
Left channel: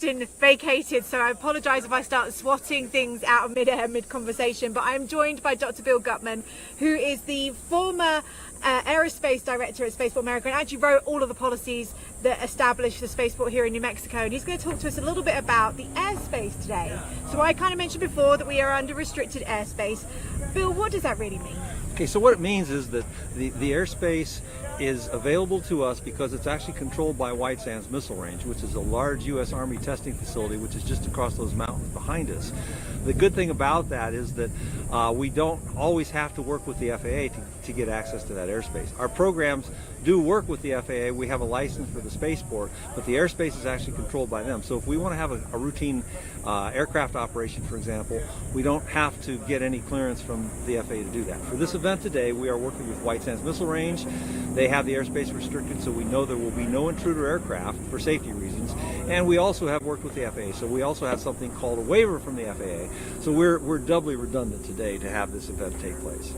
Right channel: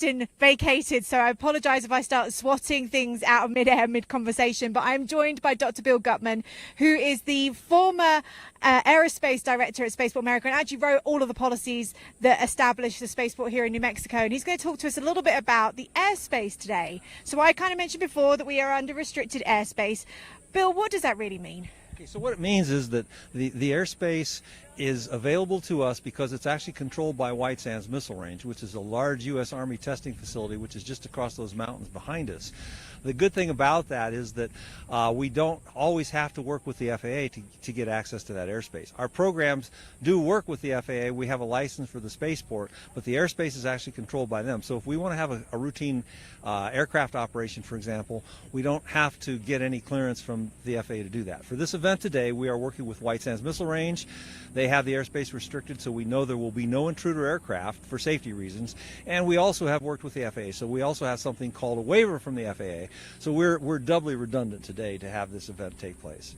Dustin vacated, so I apologise if I start swatting things out of mid-air, mid-conversation, but I'm joined by Dr. Bill Gutman, who is the former aerospace director at Spaceport America and actually wrote all of the policies that established the spaceport here in New Mexico, and he's going to talk to us a little bit about the airspace today. So I kind of mentioned before that we are under restricted airspace. Bill, what does that really mean? Okay, so what it means is that the airspace is available to us because it's actually controlled by White Sands Missile Range, which is a large U.S. Army testing facility which is just across those mountains behind us. The good thing about that is that we don't always have to work with the FAA to get access to that airspace. Our programs do work with the FAA. We have a license for the spaceport, but the airspace is actually controlled by them. So if we want to have a routine aircraft operation, for example, we don't have to get any clearance from the FAA to do that. For this event today, we are working with White Sands Missile Range. They have the airspace restricted, so we know there will be no intruder aircraft for safety reasons. And we also have worked with the FAA, so we also have something called a waiver from the FAA. So we're doubly redundant today to have this event take place.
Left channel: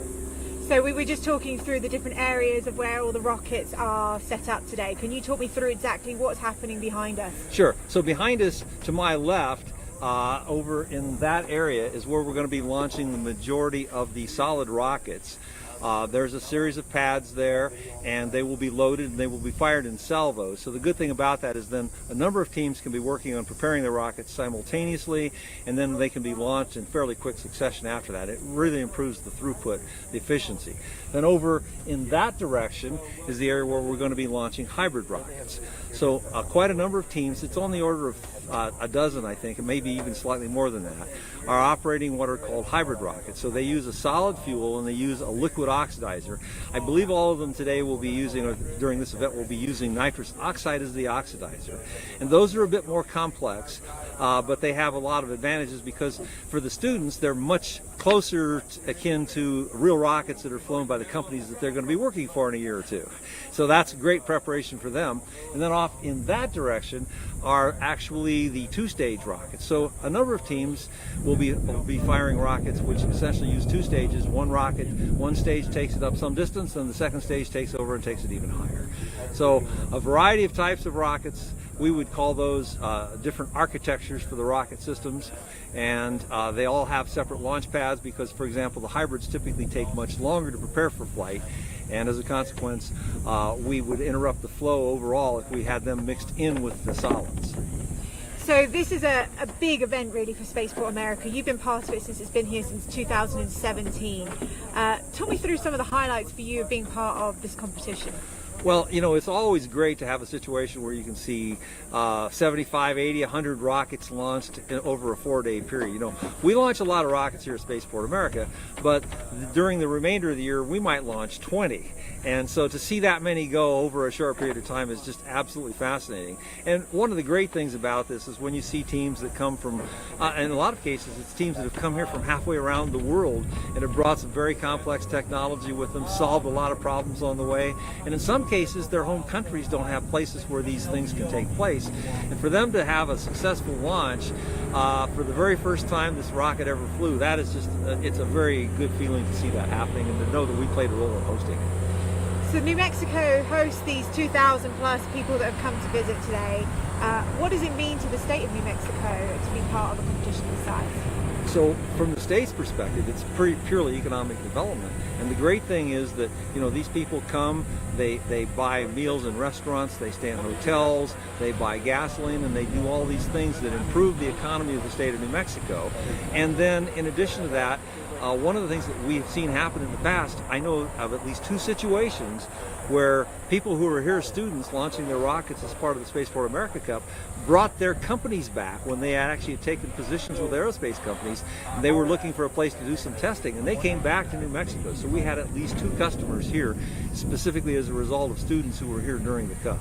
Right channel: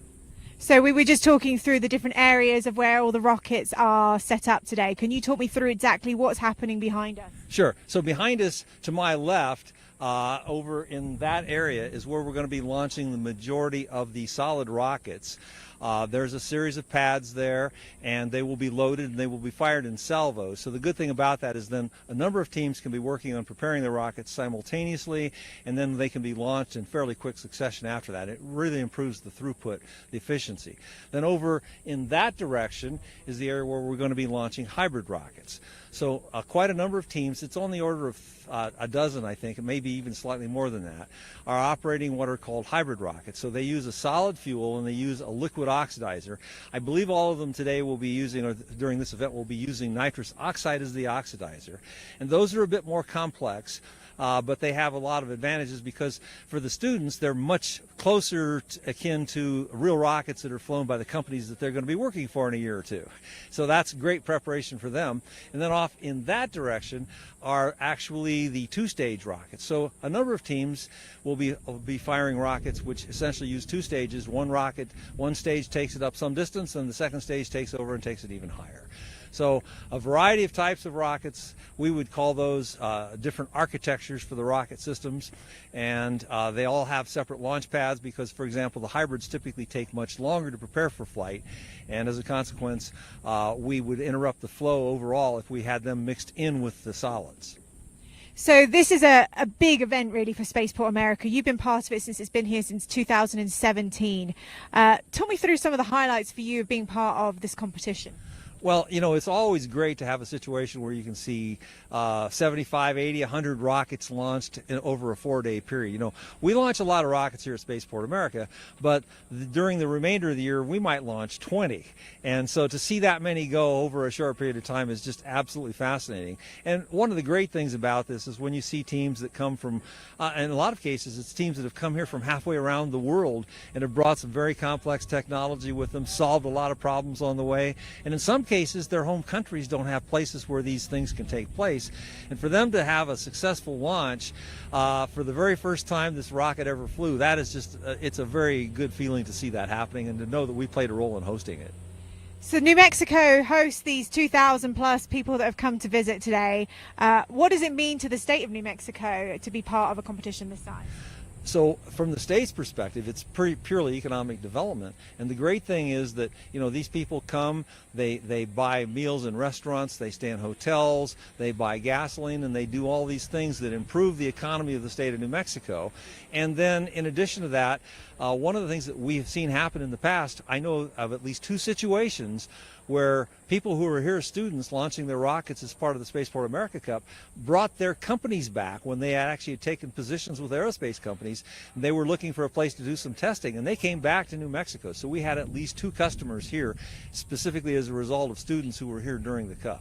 So we were just talking through the different areas of where all the rockets are set up today. Can you talk me through exactly what's happening behind us? Sure. So behind us, to my left, over in that area is where we're going to be launching the majority of the solid rockets. There's a series of pads there, and they will be loaded and they will be fired in salvos. So the good thing about that is then a number of teams can be working on preparing the rockets simultaneously, and then they can be launched in fairly quick succession after that. It really improves the throughput, the efficiency. Then over in that direction is the area where we're going to be launching hybrid rockets. So quite a number of teams, it's on the order of a dozen, I think, and maybe even slightly more than that, are operating what are called hybrid rockets. So they use a solid fuel and they use a liquid oxidizer. I believe all of them today will be using, or during this event, will be using nitrous oxide as the oxidizer. And those are a bit more complex, but they have a lot of advantages because for the students, they're much closer akin to real rockets that are flown by the companies that they're going to be working for in a year or two. So that's great preparation for them. And then off in that direction are actually the two-stage rockets. So a number of teams will be firing rockets which essentially use two stages. One rocket, one stage takes it up some distance, and the second stage takes over and takes it even higher. So a variety of types of rockets. We would call those different architectures for the rocket systems, and they all have separate launch pads because, for example, the hybrids typically take much longer to prepare for flight, and as a consequence, we would interrupt the flow overall if we had them mixed in with the solids. So this is a big event really for Spaceport America. You've been part of it since it's been here since 2017. Talk me through some of the highlights for you of being part of this competition. Well, you know, it's always great to have a situation where you can see 75, 80, 100 rockets launched over a 4-day period. You know, we launch a lot of rockets here at Spaceport America, but during the remainder of the year, we might launch 20. And so to see that many go over a short period of time is just absolutely fascinating. And one of the great things about this is when you see teams that come from, in a lot of cases, it's teams that have come here from halfway around the world and have brought some very complex technology with them, solved a lot of problems on the way. And in some cases, their home countries don't have places where these things can take place. And for them to have a successful launch for the very first time this rocket ever flew, that is just, it's a very good feeling to see that happening and to know that we played a role in hosting it. So New Mexico hosts these 2,000 plus people that have come to visit today. What does it mean to the state of New Mexico to be part of a competition this size? So from the state's perspective, it's purely economic development. And the great thing is that, you know, these people come, they buy meals in restaurants, they stay in hotels, they buy gasoline, and they do all these things that improve the economy of the state of New Mexico. And then in addition to that, one of the things that we have seen happen in the past, I know of at least 2 situations where people who were here, students launching their rockets as part of the Spaceport America Cup, brought their companies back when they actually had taken positions with aerospace companies. They were looking for a place to do some testing, and they came back to New Mexico. So we had at least 2 customers here, specifically as a result of students who were here during the Cup.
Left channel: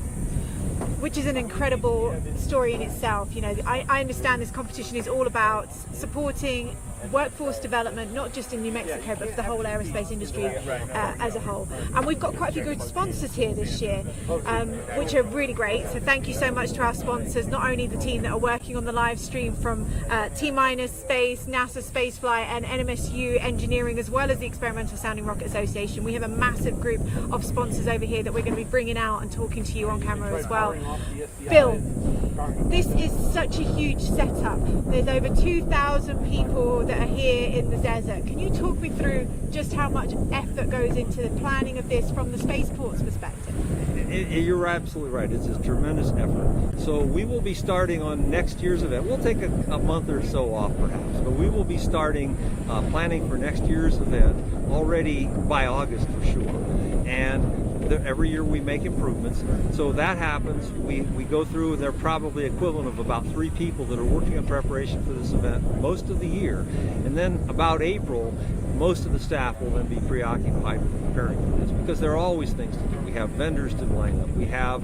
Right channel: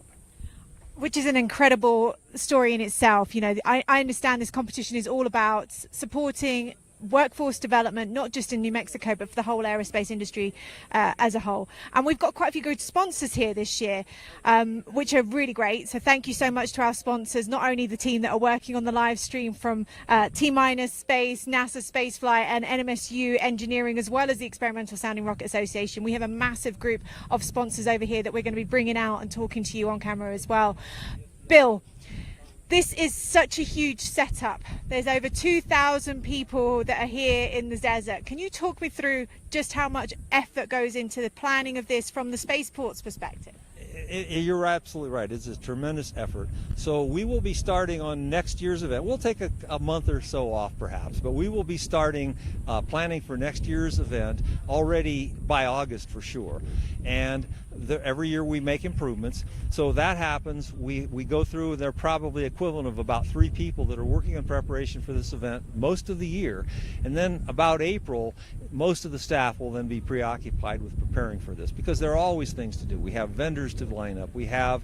Which is an incredible story in itself. You know, I understand this competition is all about supporting workforce development, not just in New Mexico, but for the whole aerospace industry as a whole. And we've got quite a few good sponsors here this year, which are really great. So thank you so much to our sponsors, not only the team that are working on the live stream from T-Minus Space, NASA Spaceflight, and NMSU Engineering, as well as the Experimental Sounding Rocket Association. We have a massive group of sponsors over here that we're going to be bringing out and talking to you on camera as well. Bill, this is such a huge setup. There's over 2,000 people that are here in the desert. Can you talk me through just how much effort goes into the planning of this from the spaceport's perspective? You're absolutely right. It's a tremendous effort. So we will be starting on next year's event. We'll take a month or so off perhaps, but we will be starting planning for next year's event already by August for sure. And every year we make improvements. So that happens, we go through, and they're probably equivalent of about 3 people that are working in preparation for this event most of the year. And then about April, most of the staff will then be preoccupied with preparing for this, because there are always things to do. We have vendors to line up, we have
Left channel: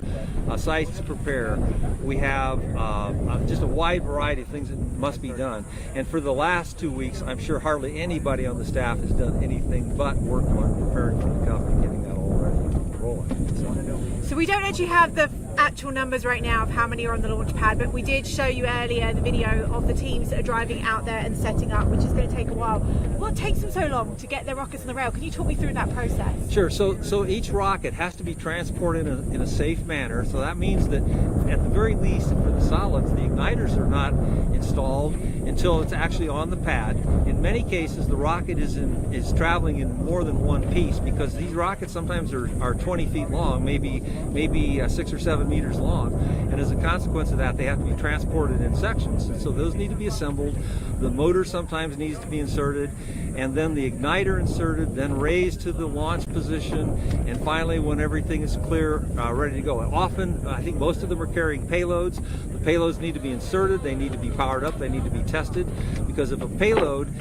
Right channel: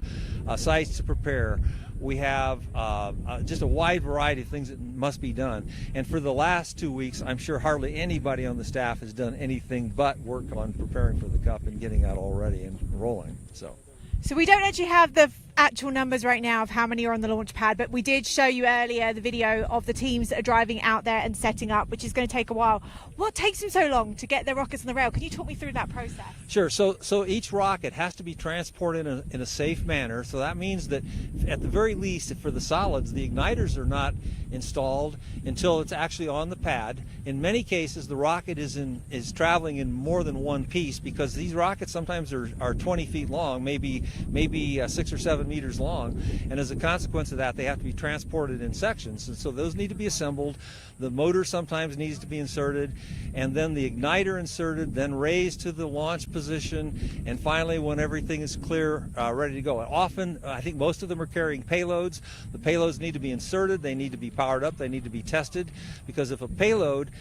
sites to prepare, we have just a wide variety of things that must be done. And for the last 2 weeks, I'm sure hardly anybody on the staff has done anything but work on preparing for the cup and getting that all ready to roll out. So we don't actually have the actual numbers right now of how many are on the launch pad, but we did show you earlier the video of the teams that are driving out there and setting up, which is going to take a while. What takes them so long to get their rockets on the rail? Can you talk me through that process? Sure. So each rocket has to be transported in a safe manner. So that means that at the very least, for the solids, the igniters are not installed until it's actually on the pad. In many cases, the rocket is traveling in more than one piece, because these rockets sometimes are 20 feet long, maybe 6 or 7 meters long, and as a consequence of that, they have to be transported in sections. And so those need to be assembled. The motor sometimes needs to be inserted, and then the igniter inserted, then raised to the launch position, and finally, when everything is clear, ready to go. And often, I think most of them are carrying payloads. The payloads need to be inserted, they need to be powered up, they need to be tested, because if a payload,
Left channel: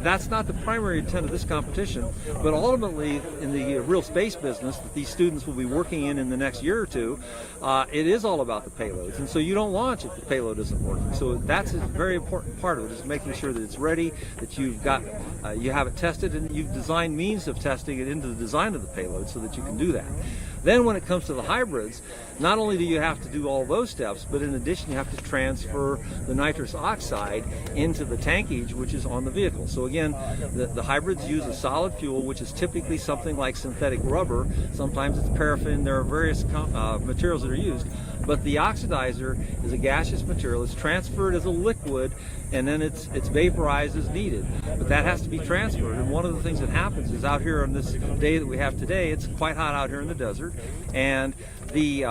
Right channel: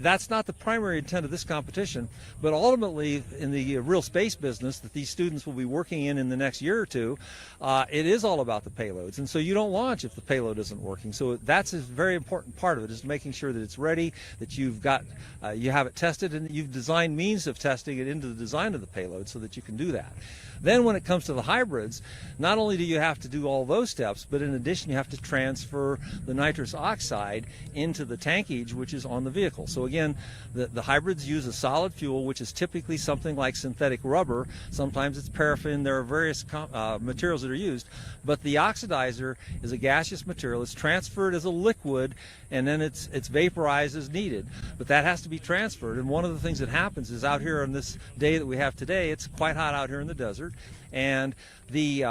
that's not the primary intent of this competition, but ultimately in the real space business that these students will be working in the next year or two, it is all about the payloads, and so you don't launch if the payload isn't working. So that's a very important part of it, is making sure that it's ready, that you've got, you have it tested, and you've designed means of testing it into the design of the payload so that you can do that. Then when it comes to the hybrids, not only do you have to do all those steps, but in addition you have to transfer the nitrous oxide into the tankage, which is on the vehicle. So again, the hybrids use a solid fuel, which is typically something like synthetic rubber. Sometimes it's paraffin. There are various materials that are used, but the oxidizer is a gaseous material. It's transferred as a liquid, and then it's vaporized as needed. But that has to be transferred, and one of the things that happens is out here on this day that we have today, it's quite hot out here in the desert, and the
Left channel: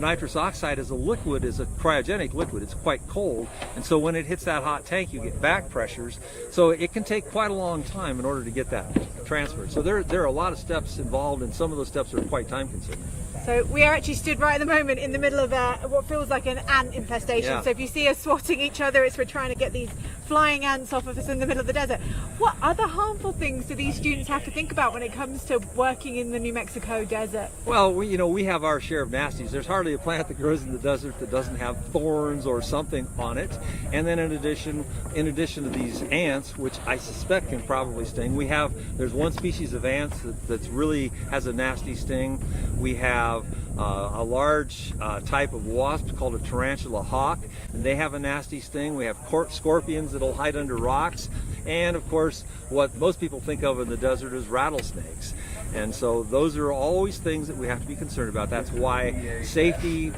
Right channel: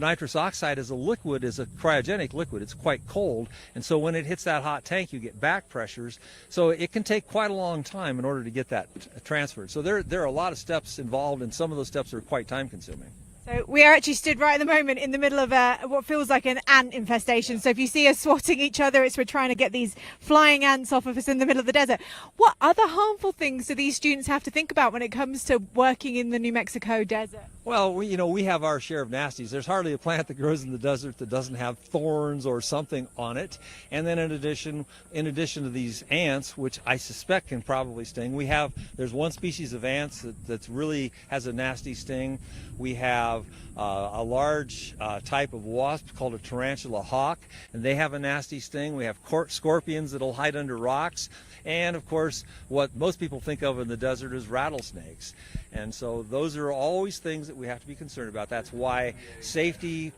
nitrous oxide as a liquid is a cryogenic liquid. It's quite cold, and so when it hits that hot tank, you get back pressures. So it can take quite a long time in order to get that transferred. So there are a lot of steps involved, and some of those steps are quite time consuming. So we are actually stood right at the moment in the middle of what feels like an ant infestation. Yeah. So if you see us swatting each other, we're trying to get these flying ants off of us in the middle of the desert. What other harmful things do these students have to think about when it comes to working in the New Mexico desert? Well, we have our share of nasties. There's hardly a plant that grows in the desert that doesn't have thorns or something on it. And then in addition to these ants, which I suspect can probably sting, there's one species of ants that's really has a nasty sting. We have a large type of wasp called a tarantula hawk, and they have a nasty sting. We have scorpions that'll hide under rocks, and of course what most people think of in the desert is rattlesnakes. And so those are always things that we have to be concerned about. That's why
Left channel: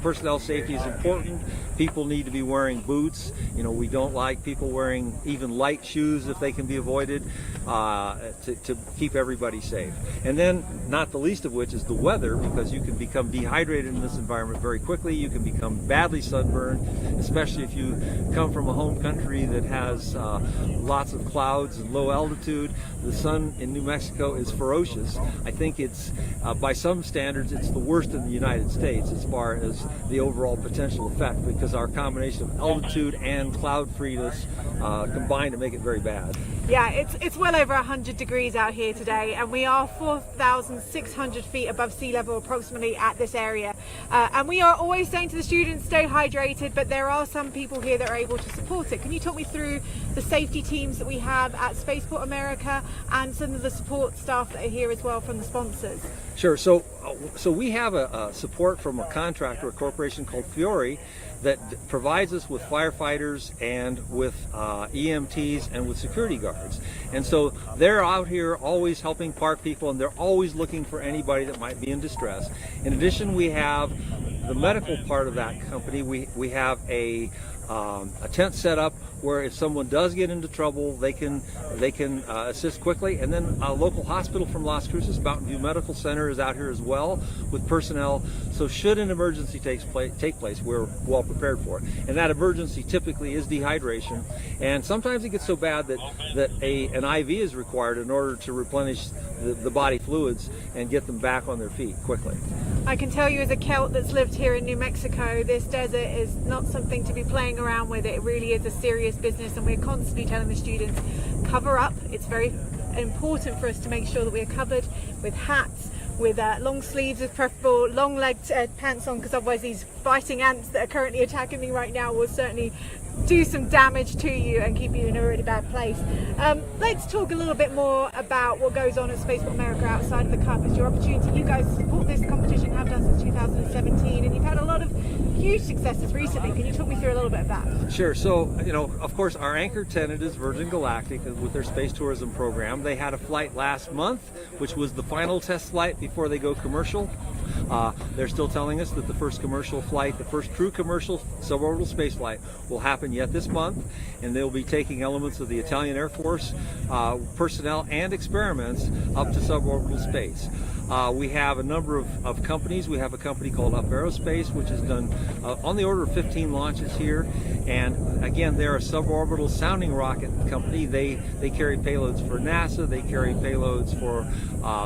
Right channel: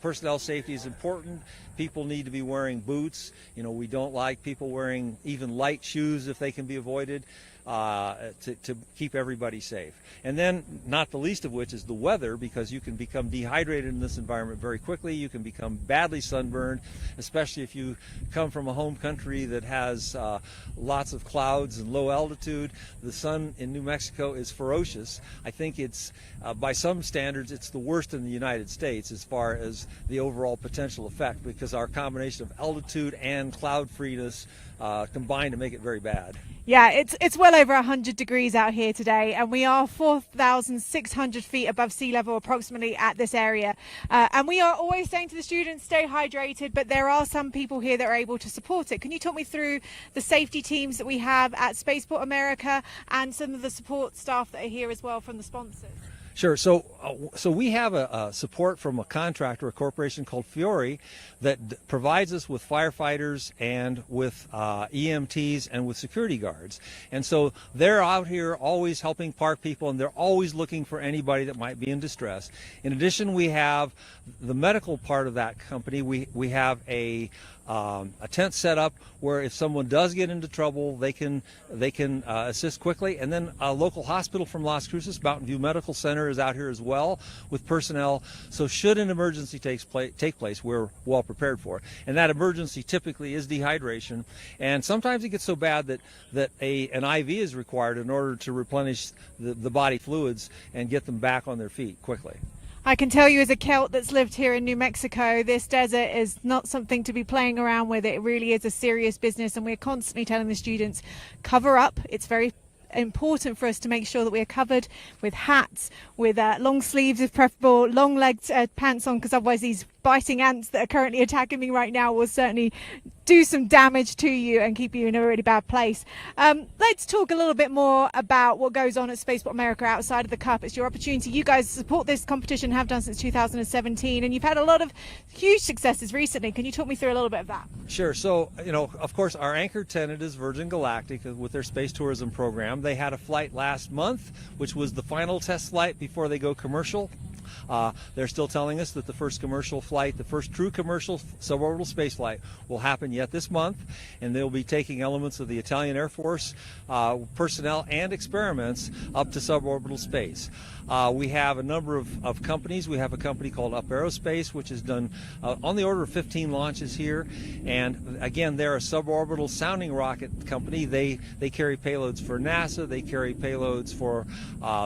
personnel safety is important. People need to be wearing boots. We don't like people wearing even light shoes if they can be avoided, to keep everybody safe. And then, not the least of which, is the weather, because you can become dehydrated in this environment very quickly. You can become badly sunburned, especially if you come from a home country that has lots of clouds and low altitude. The sun in New Mexico is ferocious. I think it's, by some standards, it's the worst in the United States as far as the overall potential effect, because our combination of altitude and cloud freeness combine to make it very bad. Yeah, it's well over 100 degrees out here today, and we are 4,600 feet above sea level approximately at this area. And we are always saying to the students, stay hydrated, but there are some people here that are able to support it. Can you talk me through the safety teams that we have at Spaceport America and some of the support staff that are here as well from the sponsors? Sure. So we have a support from a contractor, a corporation called Fiore, that provides us with firefighters and with EMTs and with security guards. And so they're out here always helping park people, and they're always looking for anybody that might be in distress. In addition, we have the medical part of that company, we have a tent set up where if someone does get into trouble, they can assist quickly. And then a local hospital from Las Cruces, Mountain View Medical Center, is out here as well with personnel. So should an emergency take place, we're well prepared for it. And that emergency typically is dehydration. And sometimes it gets so bad that an IV is required in order to replenish the body fluids and get them back on their feet quickly. I can tell you as a Celt that's lived here in New Mexico, this desert is not something to be playing around with. It really is a serious business, and we're constantly telling the students, cover up. It's very important for us to make sure that we're covered with hats, with long sleeves if preferable, long legged pants on, because otherwise these biting ants that are currently attacking me right now will certainly do some damage to you and keep you in a really bad place. Let's talk a little bit more about what goes on at Spaceport America outside of the Cup. It's your opportunity. You guys support this competition, have done since 2017, and you've had a lot of huge successes recently. Can you talk me through a little bit of that? Sure. So, of course, our anchor tenant is Virgin Galactic with their space tourism program. They had a flight last month, which was the final test flight before they go commercial. They're still telling us that the first commercial flight, the first true commercial suborbital space flight, will happen yet this month, and they'll be taking elements of the Italian Air Force personnel and experiments up to suborbital space. We have a number of companies. We have a company called Up Aerospace, which has done on the order of 15 launches here. And again, they're a suborbital sounding rocket company. They carry payloads for NASA. They carry payloads for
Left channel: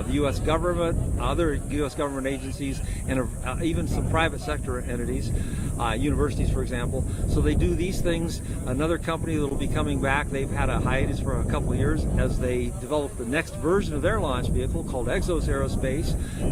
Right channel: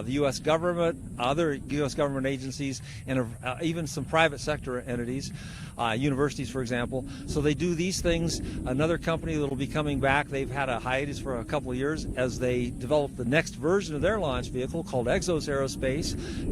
the U.S. government, other U.S. government agencies, and even some private sector entities, universities, for example. So they do these things. Another company that will be coming back, they've had a hiatus for a couple of years as they develop the next version of their launch vehicle called Exos Aerospace.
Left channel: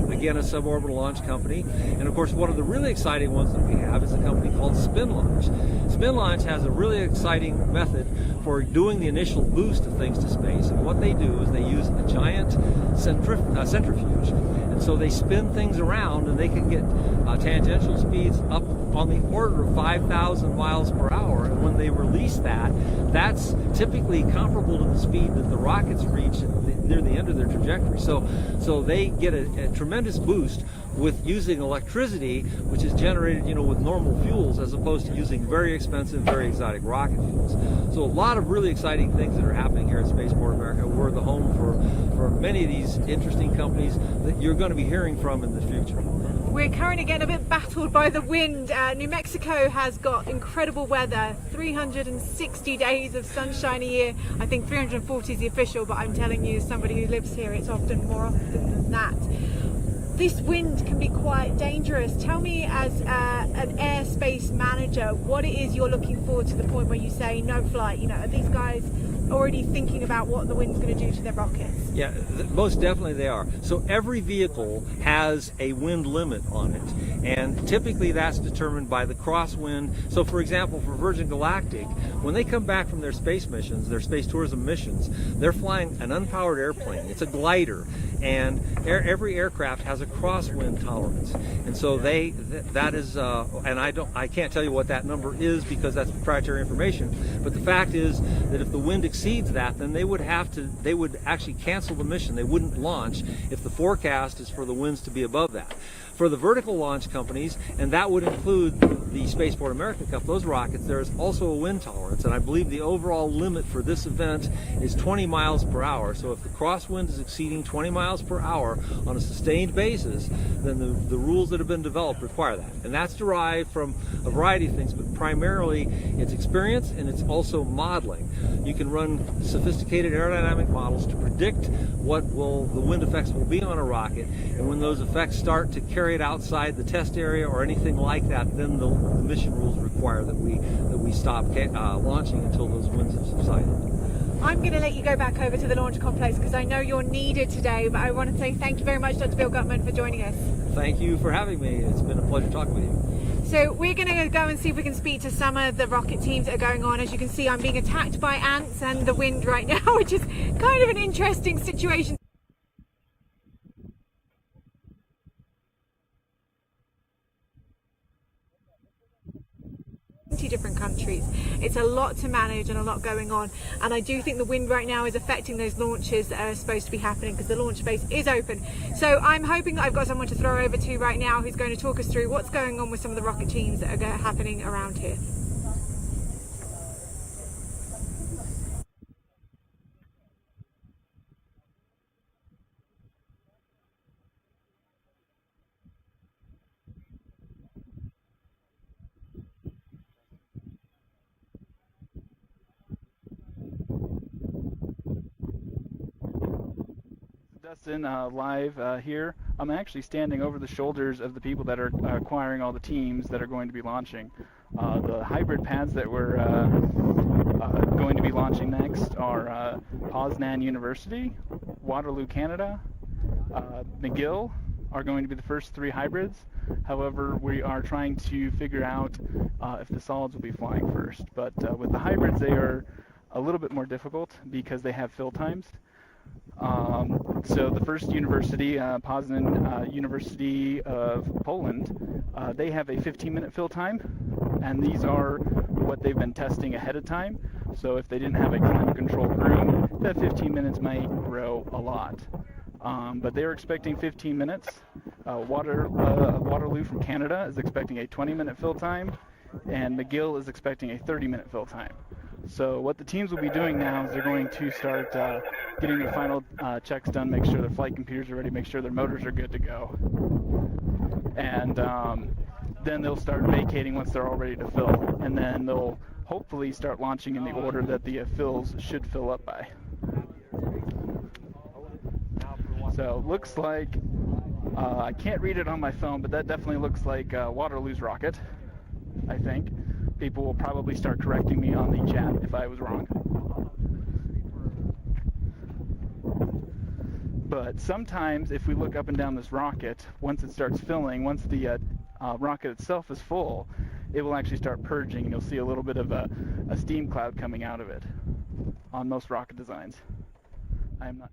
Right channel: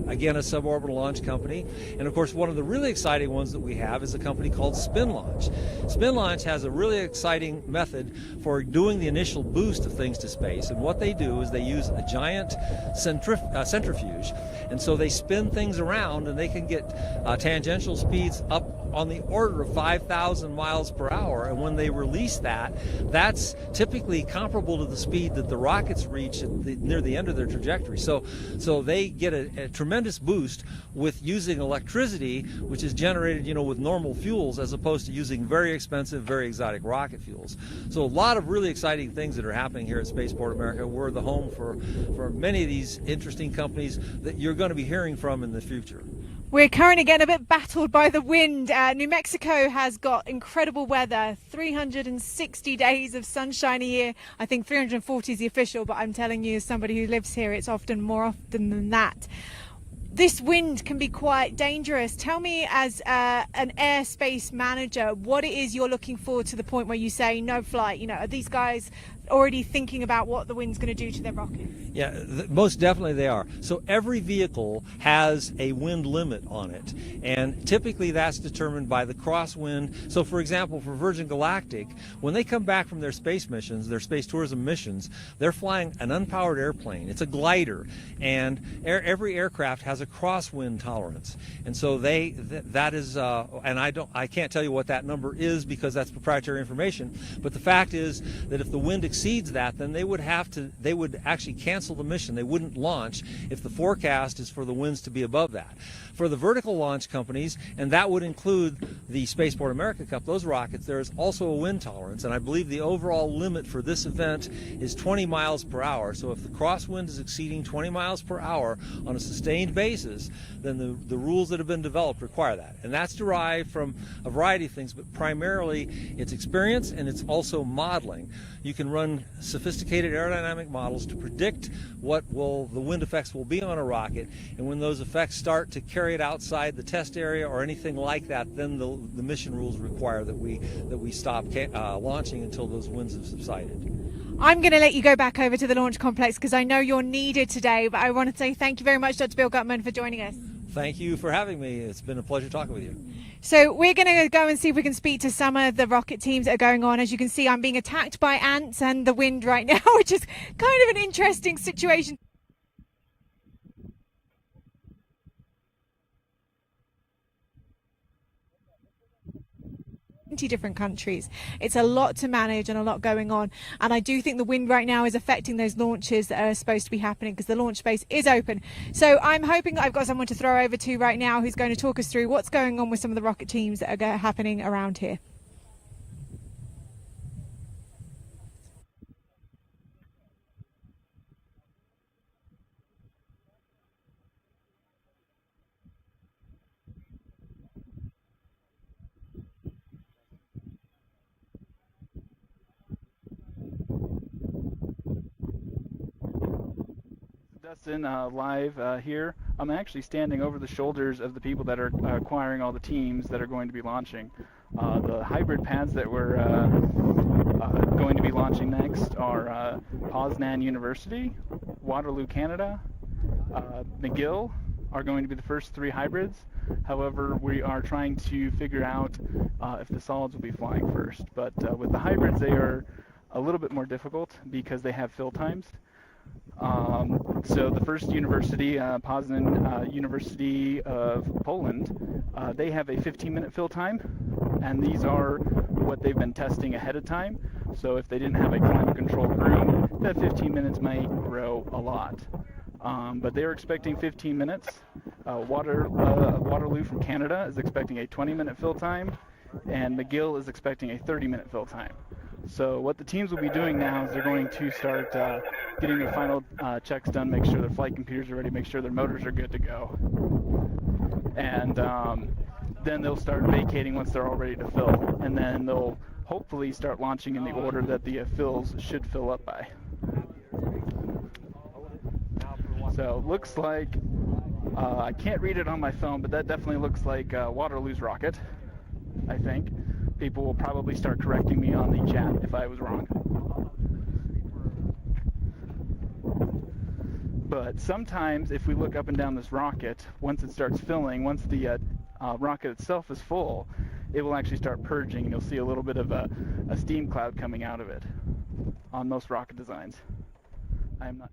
Again, a suborbital launch company. And of course, one of the really exciting ones that we have is a company called Spin Launch. Spin Launch has a really exciting method for doing the initial boost of things to space. And what they do is they use a giant centrifuge. And so they spin things around, and they can get tangential speeds up on the order of 5,000 miles per hour. And when they release that, that's typically comparable to the speed that the rockets reach near the end of their trajectory. So they get a tremendous boost with using electricity, which is generated, with normal fuels, as opposed to using very expensive, very exotic rocket fuels. So a lot of really exciting things that are happening here at Spaceport America. We're the home for many of these interesting companies that you're going to be hearing from in the future. We're currently getting a bit battled by the wind. New Mexico has got incredible weather, 360 days of sunshine a year. I think 340 is the official, but I'm telling you, as somebody who lives here, it's often more often than that. This wind can be quite dangerous. Tell me, as an airspace manager, what it is you're looking for to the point where you say no flight. Are these guys already thinking about what the wind's going to do to their rockets? Yeah, most definitely they are. So every vehicle has a wind limit on it, and typically that's determined by the crosswind. So for example, for Virgin Galactic, when they come back from their space missions, their space tourism missions, they're flying an unpowered airplane. It's a glider, and every aircraft has a crosswind tolerance. And so that is, and I can't tell you what that number is because that's proprietary information, but the fact is that if the wind exceeds that, then they would actually cancel the mission. They wouldn't launch if the forecast is for the winds to be above that. For the vertical launch companies, and that would include the Spaceport America Cup, those rockets, there is also a wind tolerance, and I believe the overall limit for this event is 20 miles per hour. So if the crosswind is exceeding 20 miles per hour on a sustained basis, then the rules that have been developed require that. And that's derived from a variety of things, but primarily it's experience and it's also modeling. You can run sophisticated aerodynamic models to predict what the wind effects will be on a rocket, and when those effects start to carry it outside the test area or anything like that, then the mission rules require that we stop launching until those winds have subsided. I'm going to let you go back over to the launch complex because I know you're needed today, but I want to say thank you very much, Dr. Bill Gutman, for joining us. Thank you for having me. It's been a pleasure talking with you. So we're going to go and see if we can speak to some of the rocket teams that are going on. As you can see, I'm being attacked by ants and the wind right now, which is kind of an interesting situation. different countries. It's a lot to manage and a lot going on, and I do think the wind right now is affecting those launches that are supposed to be happening, because the launch space is open. So I'm hoping that I've got someone to throw over to right now who's going to talk us through what's going on with some of the rocket teams that are happening around here. Dustin, live here. I'm actually standing over the shoulders of the people that are acquiring all the teams that are going to be launching. The hybrid pads that we're going to be launching next are Poznan University, Waterloo, Canada, McGill are going to be the first 3 hybrids. However, we are trying to figure out if the solids will be flying first. But with the hybrids, they are a little bit more difficult because they have fill times. So the first university, Poznan University of Poland, they have a 15-minute fill time, and these are what they've been testing ahead of time. So if they didn't have a climate-controlled room, that 15 minutes might grow a lot. But they're expecting 15 minutes. Waterloo from Canada is expecting a 20-minute fill time, and McGill is expecting a 30-minute fill time. So what the teams will be doing now is they're going to start getting their final checks done, make sure their flight computers are ready, make sure their motors are good to go. And then they'll start vacating once they're all ready to fill. And then they'll hopefully start launching in the order that the fills should fill up by. So looks like, I can't read it on my phone, but that definitely looks like Waterloo's rocket, I think. People will probably start correcting me on the chat if I was wrong. But sometimes if we look up and down this rocket, once it starts filling, once the rocket itself is full, it will actually start purging, and you'll see a little bit of a steam cloud coming out of it on most rocket designs. I'm not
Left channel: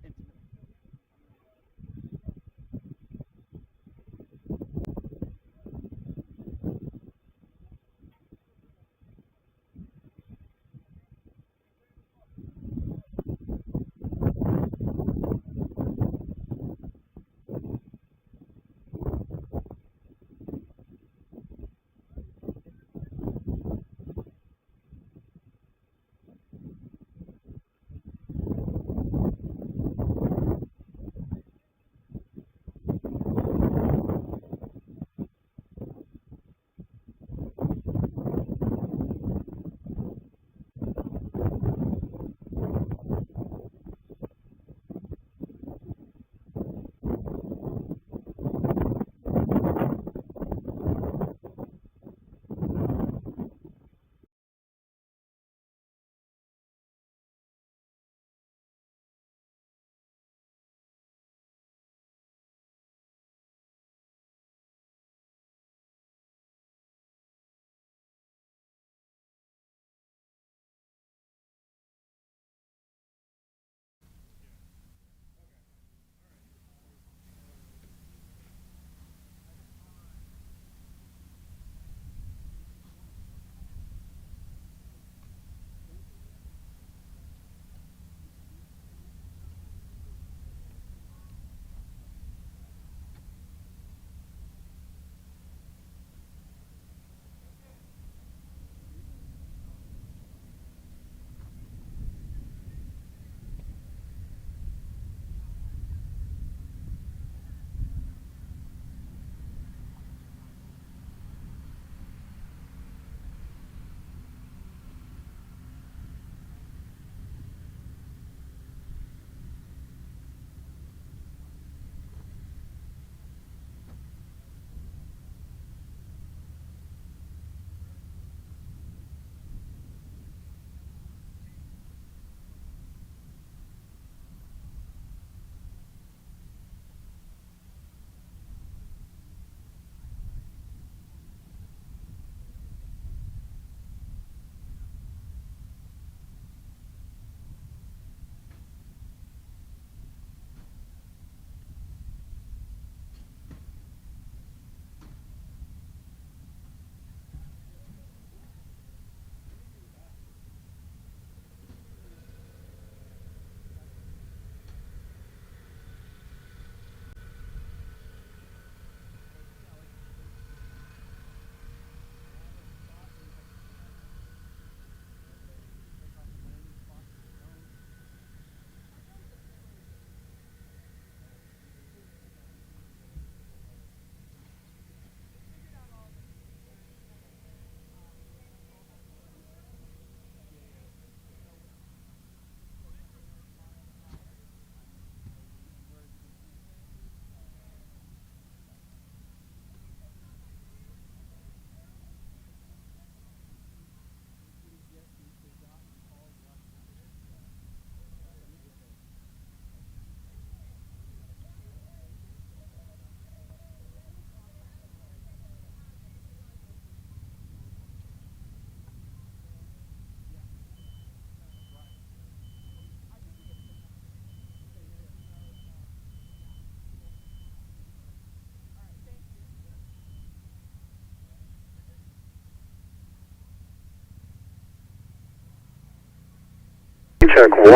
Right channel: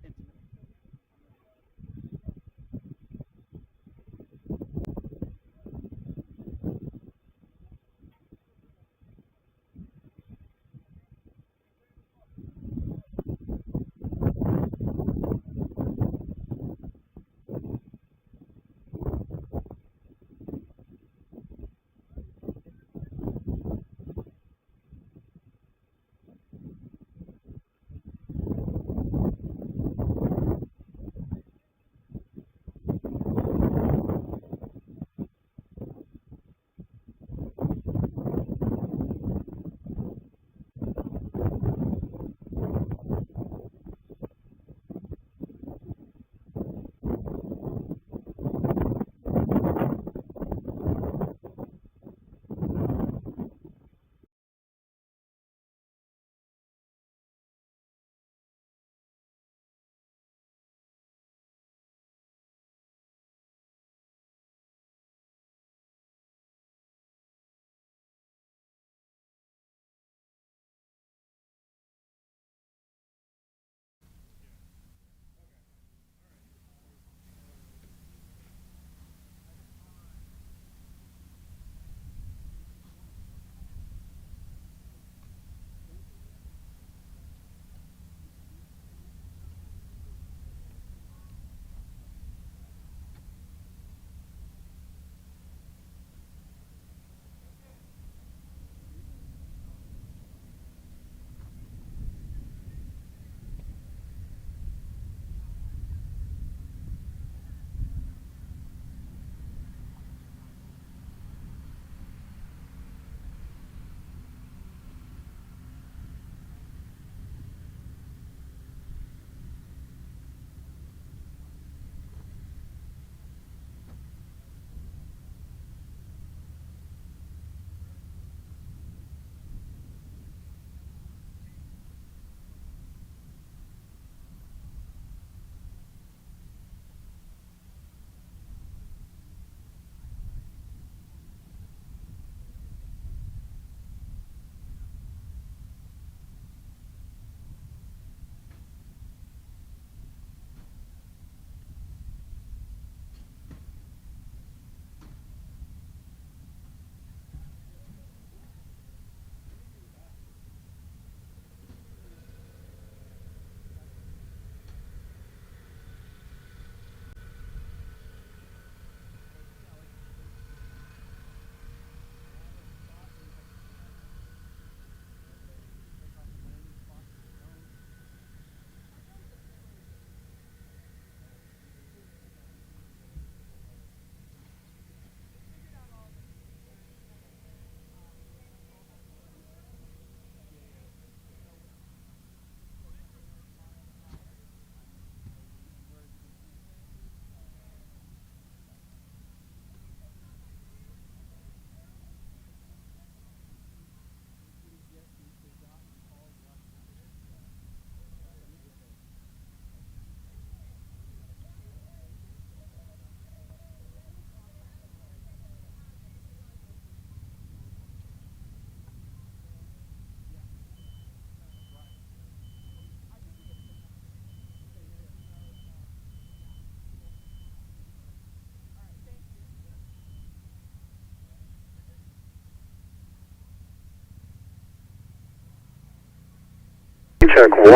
Check 1,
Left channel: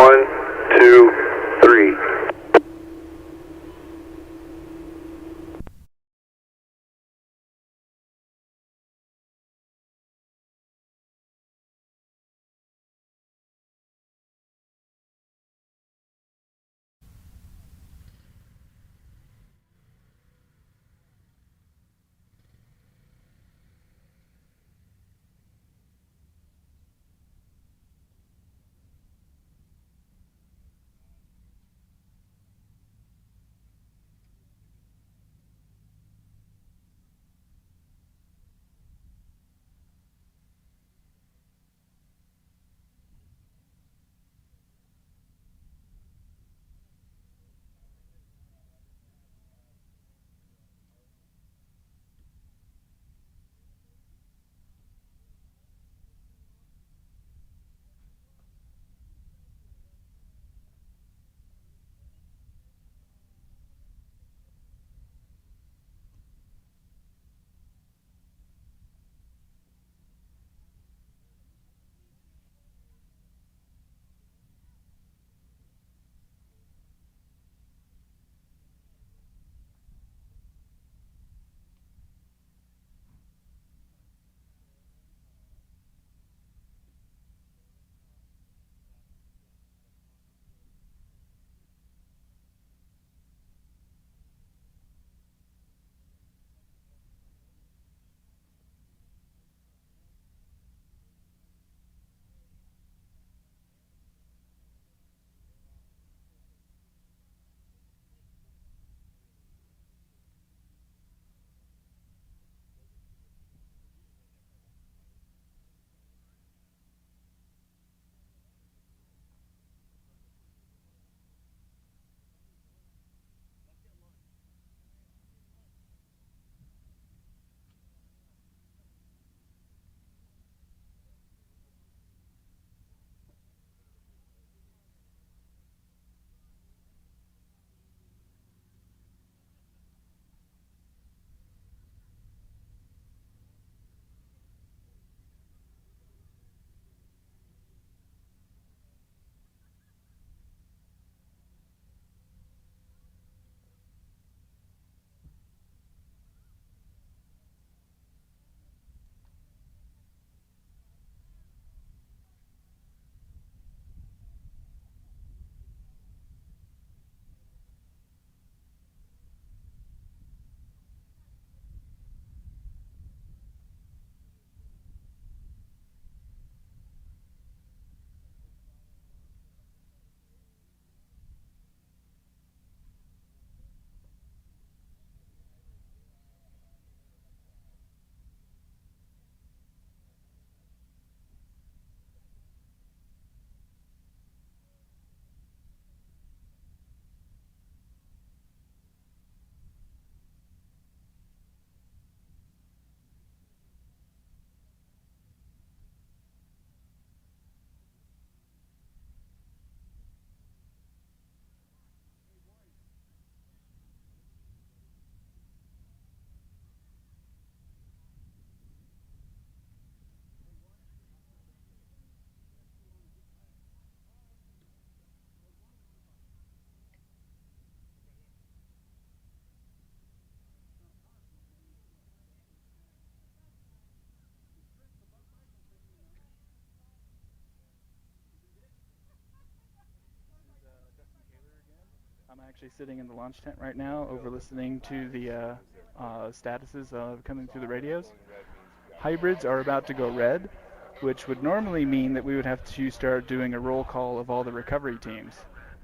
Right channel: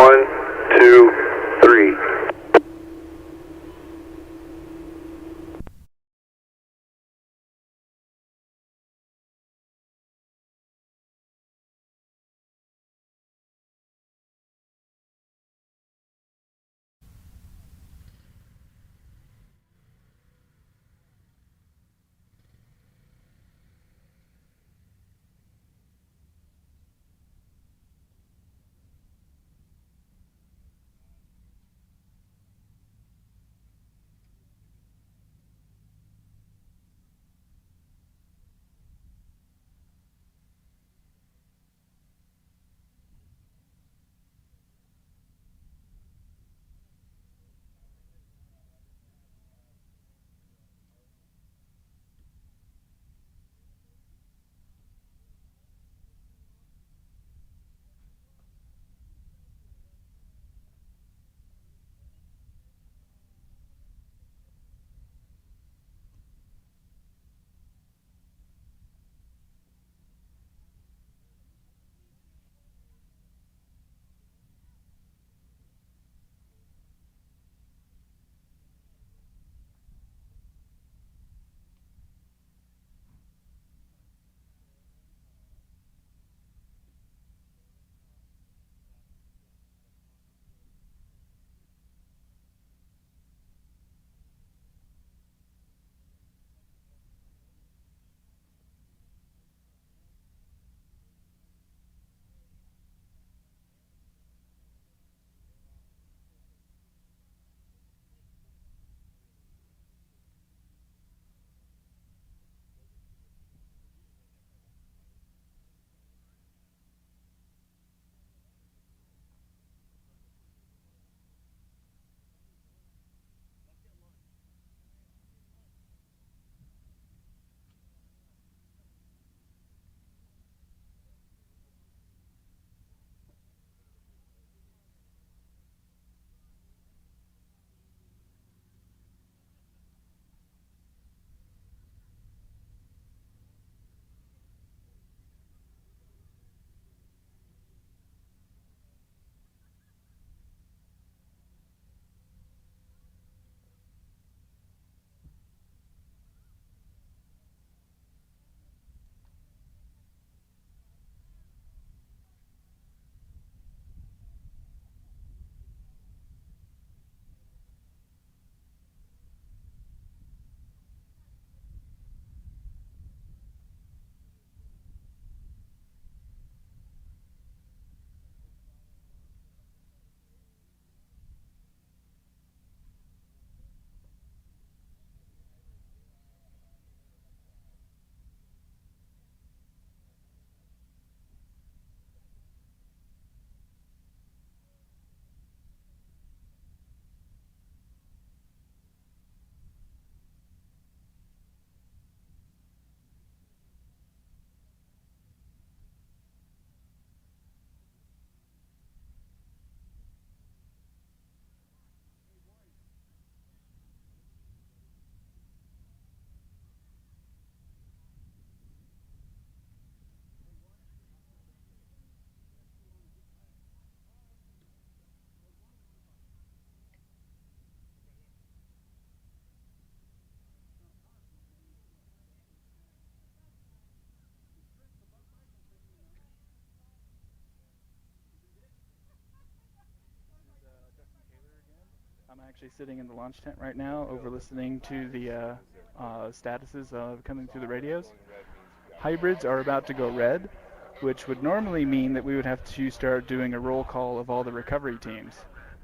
2, 3. Actually sitting in the launch tent right now, over listening to the statuses coming through the radios. Hybrids are about to go red, which would normally mean that we would have to start doing a roll call of all the recovery teams.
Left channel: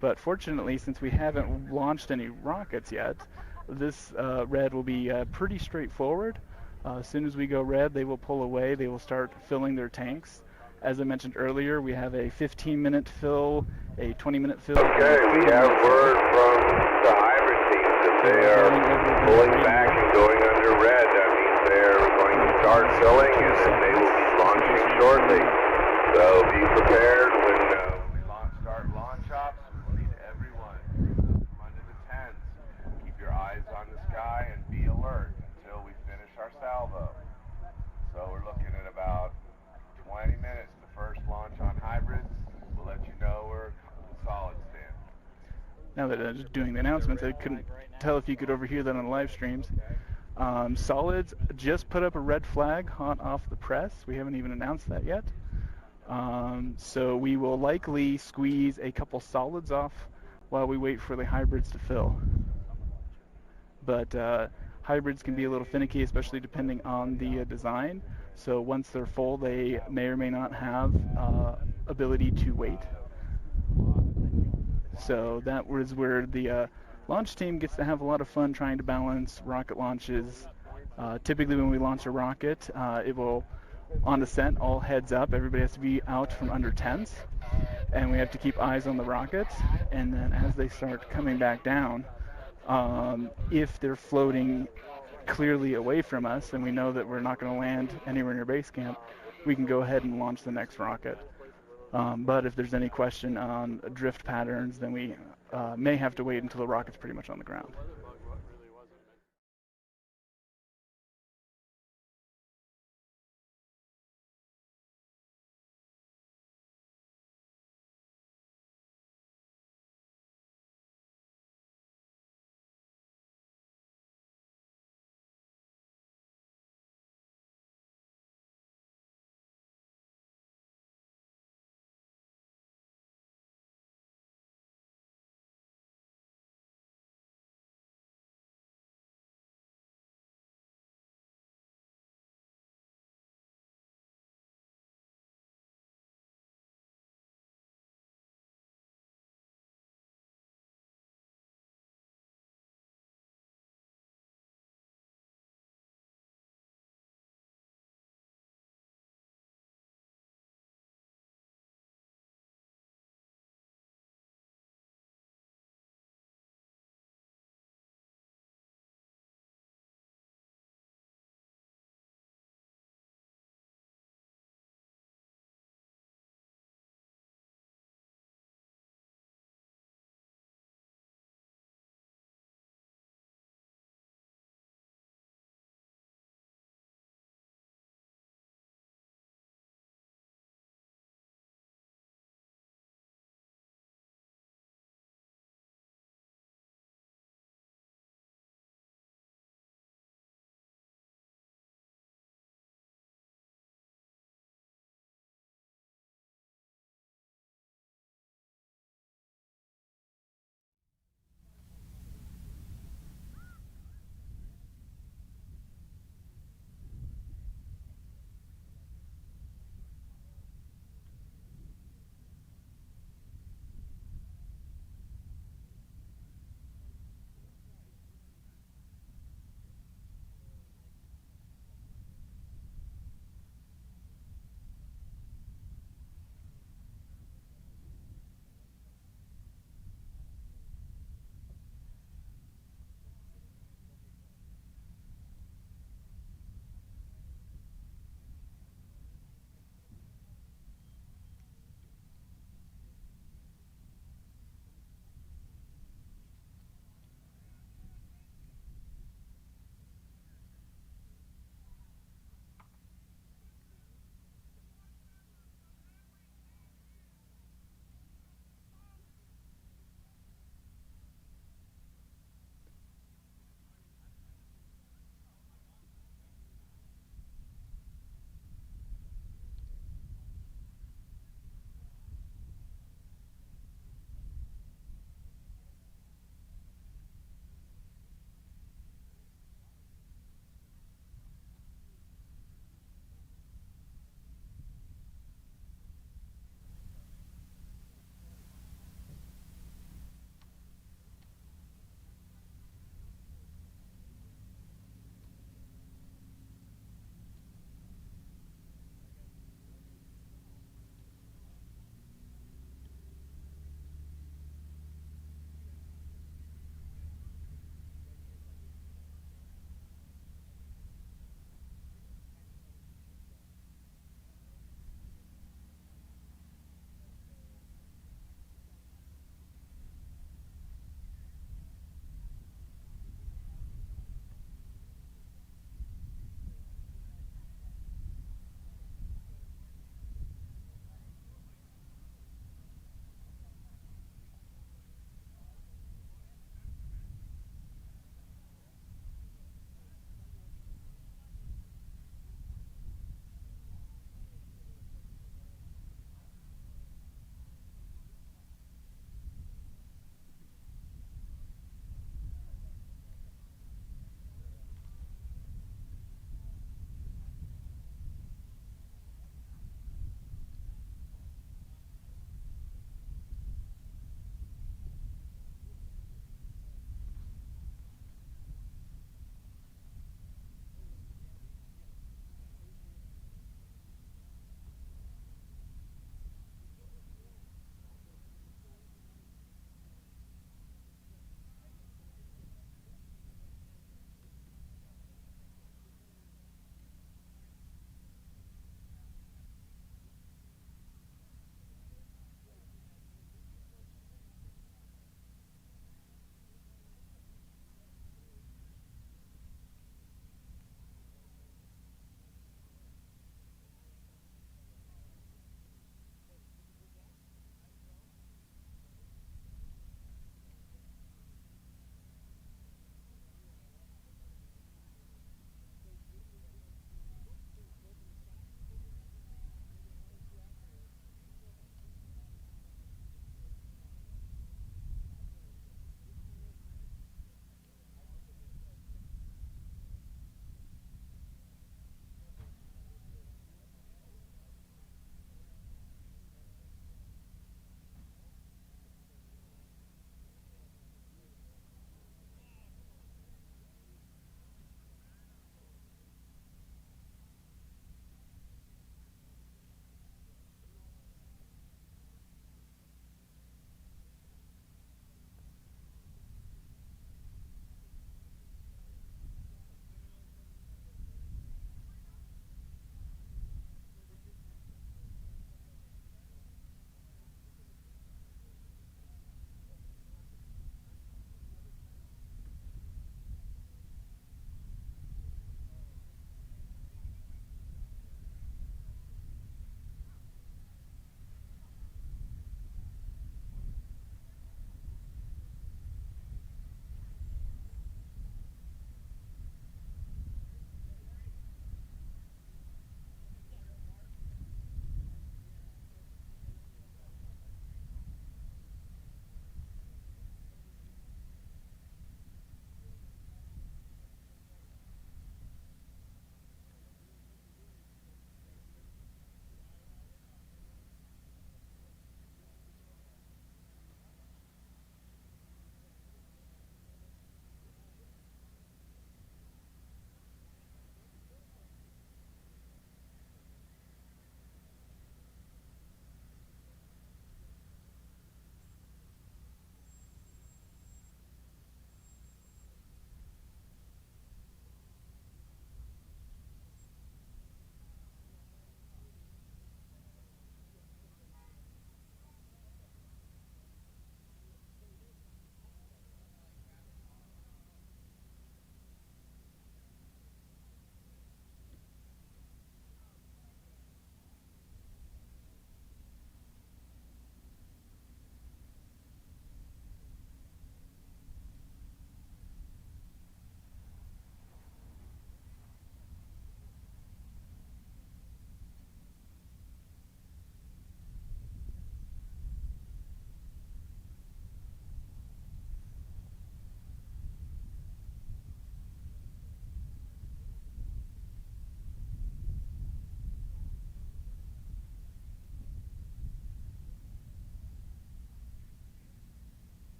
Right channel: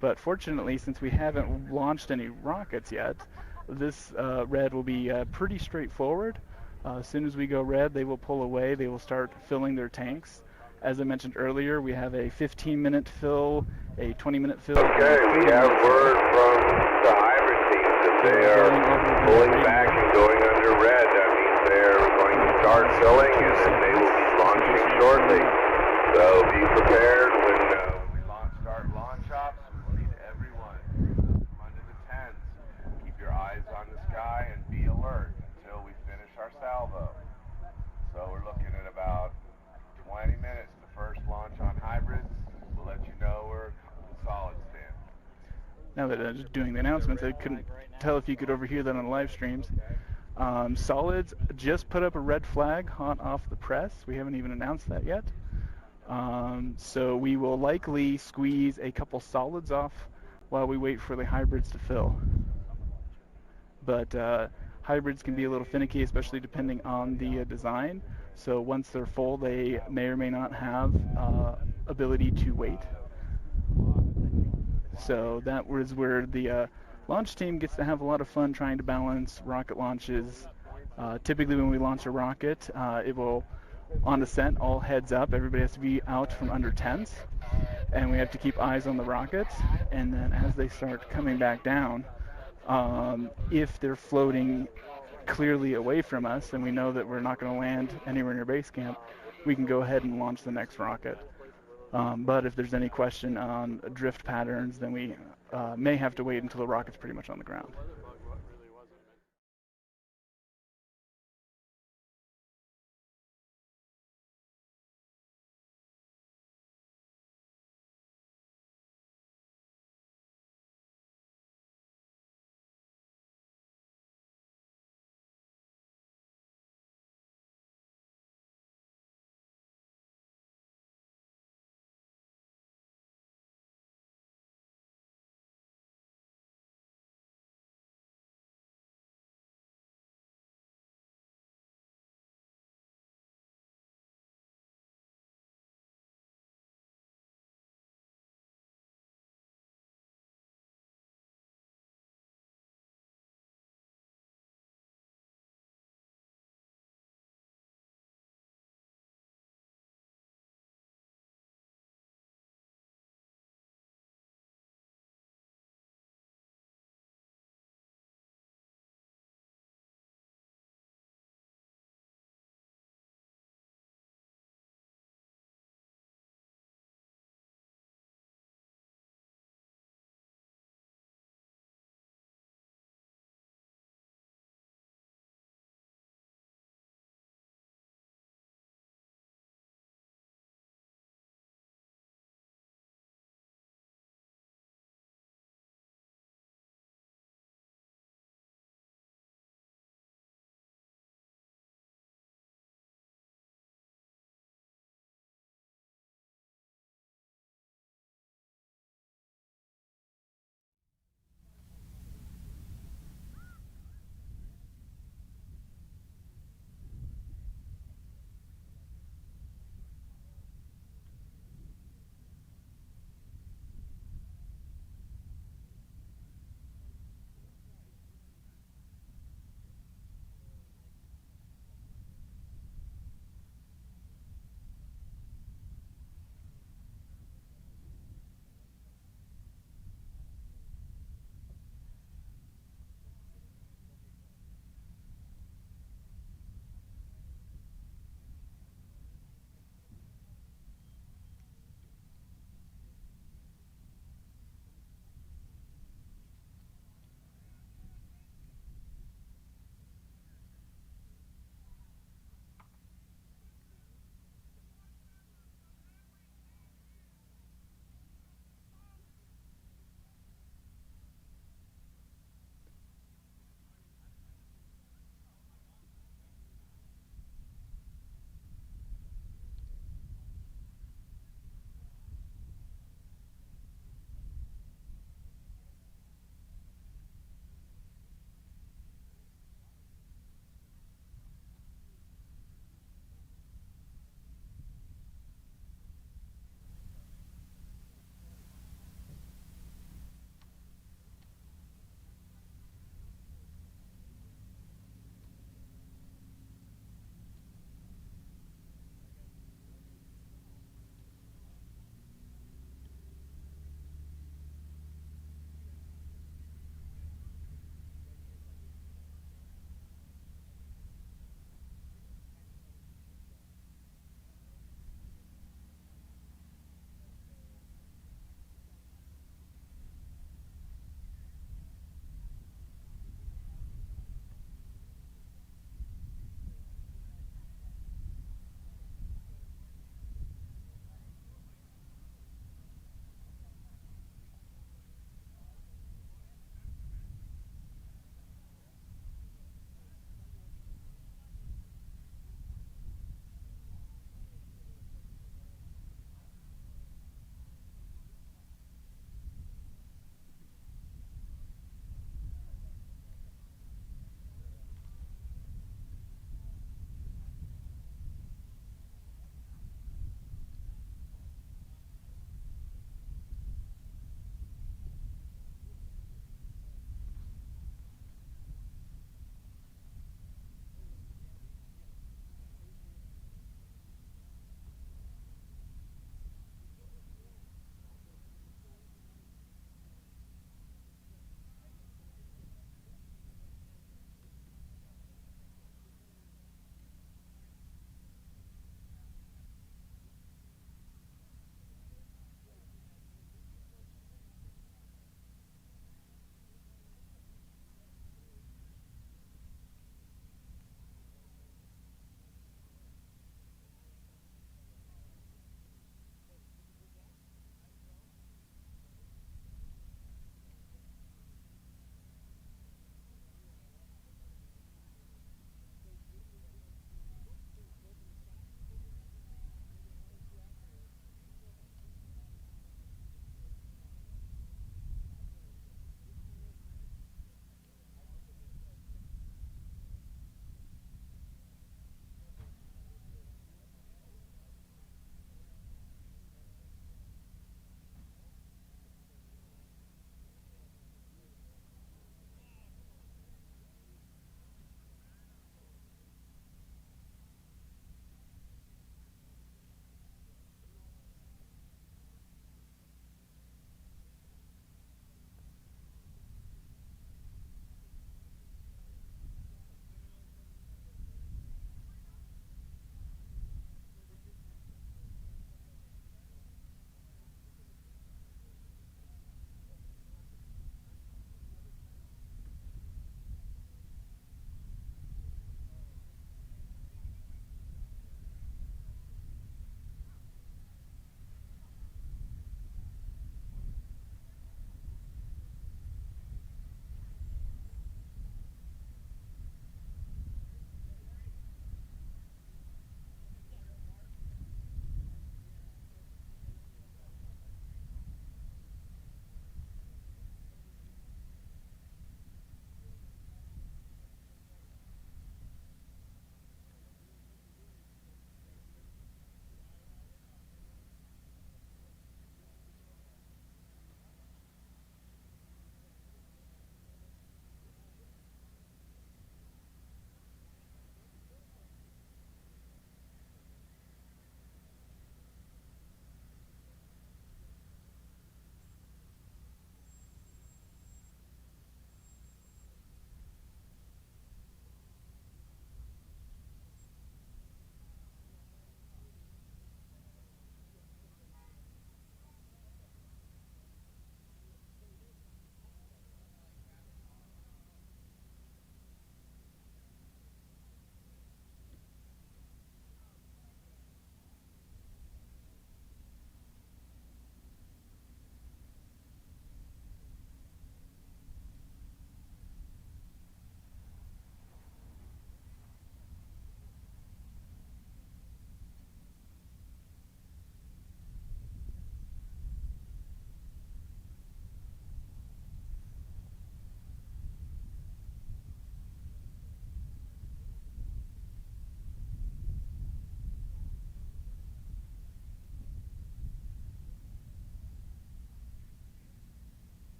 But fortunately, since we haven't launched any rockets yet, this red will be pretty straightforward. As soon as we go red, they will pull away. They will start filling their tanks. As I mentioned earlier, we have a 15-minute fill, a 20-minute fill. Okay, we have word from the hybrid teams that they are pulling back and going under red. That means they are going to start filling and that they will be launching shortly. So be prepared when we start launch ops. We need everyone from under the tents. Keep your eyes on the sky and be alert until we finish our salvo. So we're looking at about 20 minutes, the first launch on hybrids. We'll let you know where now that I'm just doing the announcements, I couldn't tell if you could overhear that on the live streams. Solids just put up a red flag hot off the press. We haven't even announced that yet. So we will likely squeeze a couple solids off while we wait for the hybrids to fill. But hybrids can be a little finicky, especially depending on the design. So once they're full, they may or may not have ability to wait. So that was where the launch team gets to have a lot of fun trying to balance rocket launches. Typically when we launch a rocket, it will, on descent, all heads up. Everybody has to be out from under tents, and we have to keep eyes on the rocket. And then as they start coming back down, if they're floating clearly away from us and we know that we're not going to land anywhere near base camp, we can go ahead and launch the next rocket. But if there's any question on drift patterns, then we may have to wait until the rocket's pretty much on the ground.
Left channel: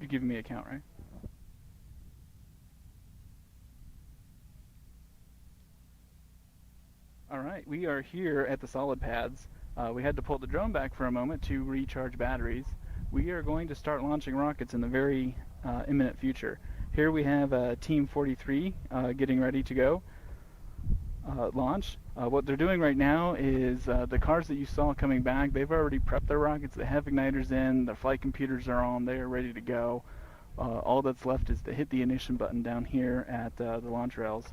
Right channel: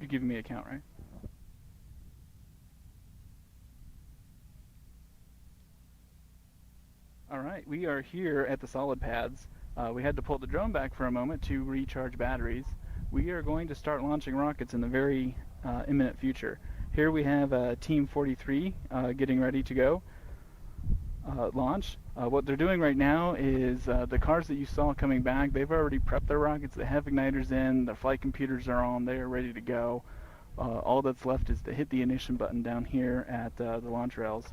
You're giving me a count, right? All right, we are here at the solid pads. We had to pull the drone back for a moment to recharge batteries. We are going to start launching rockets in the very imminent future. Here we have Team 43 getting ready to go launch. What they're doing right now is the cars that you saw coming back, they've already prepped their rockets. They have igniters in, their flight computers are on, they are ready to go. All that's left is to hit the ignition button down here at the launch rails.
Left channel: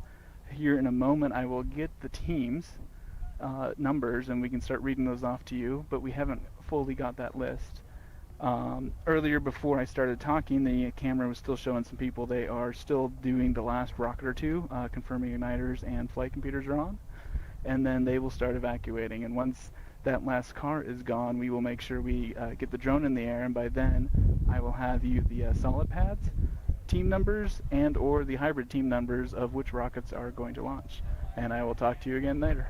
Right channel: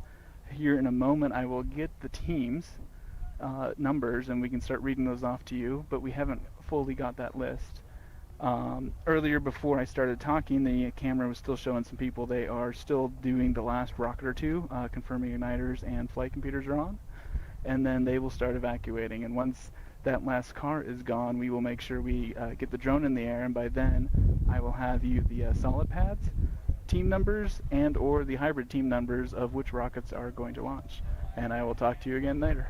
Here in a moment I will get the teams numbers and we can start reading those off to you, but we haven't fully got that list. Earlier, before I started talking, the camera was still showing some people. They are still doing the last rocket or two, confirming igniters and flight computers are on, and then they will start evacuating. And once that last car is gone, we will make sure we get the drone in the air, and by then I will have you the solid pads team numbers and or the hybrid team numbers of which rockets are going to launch. And I will talk to you again later.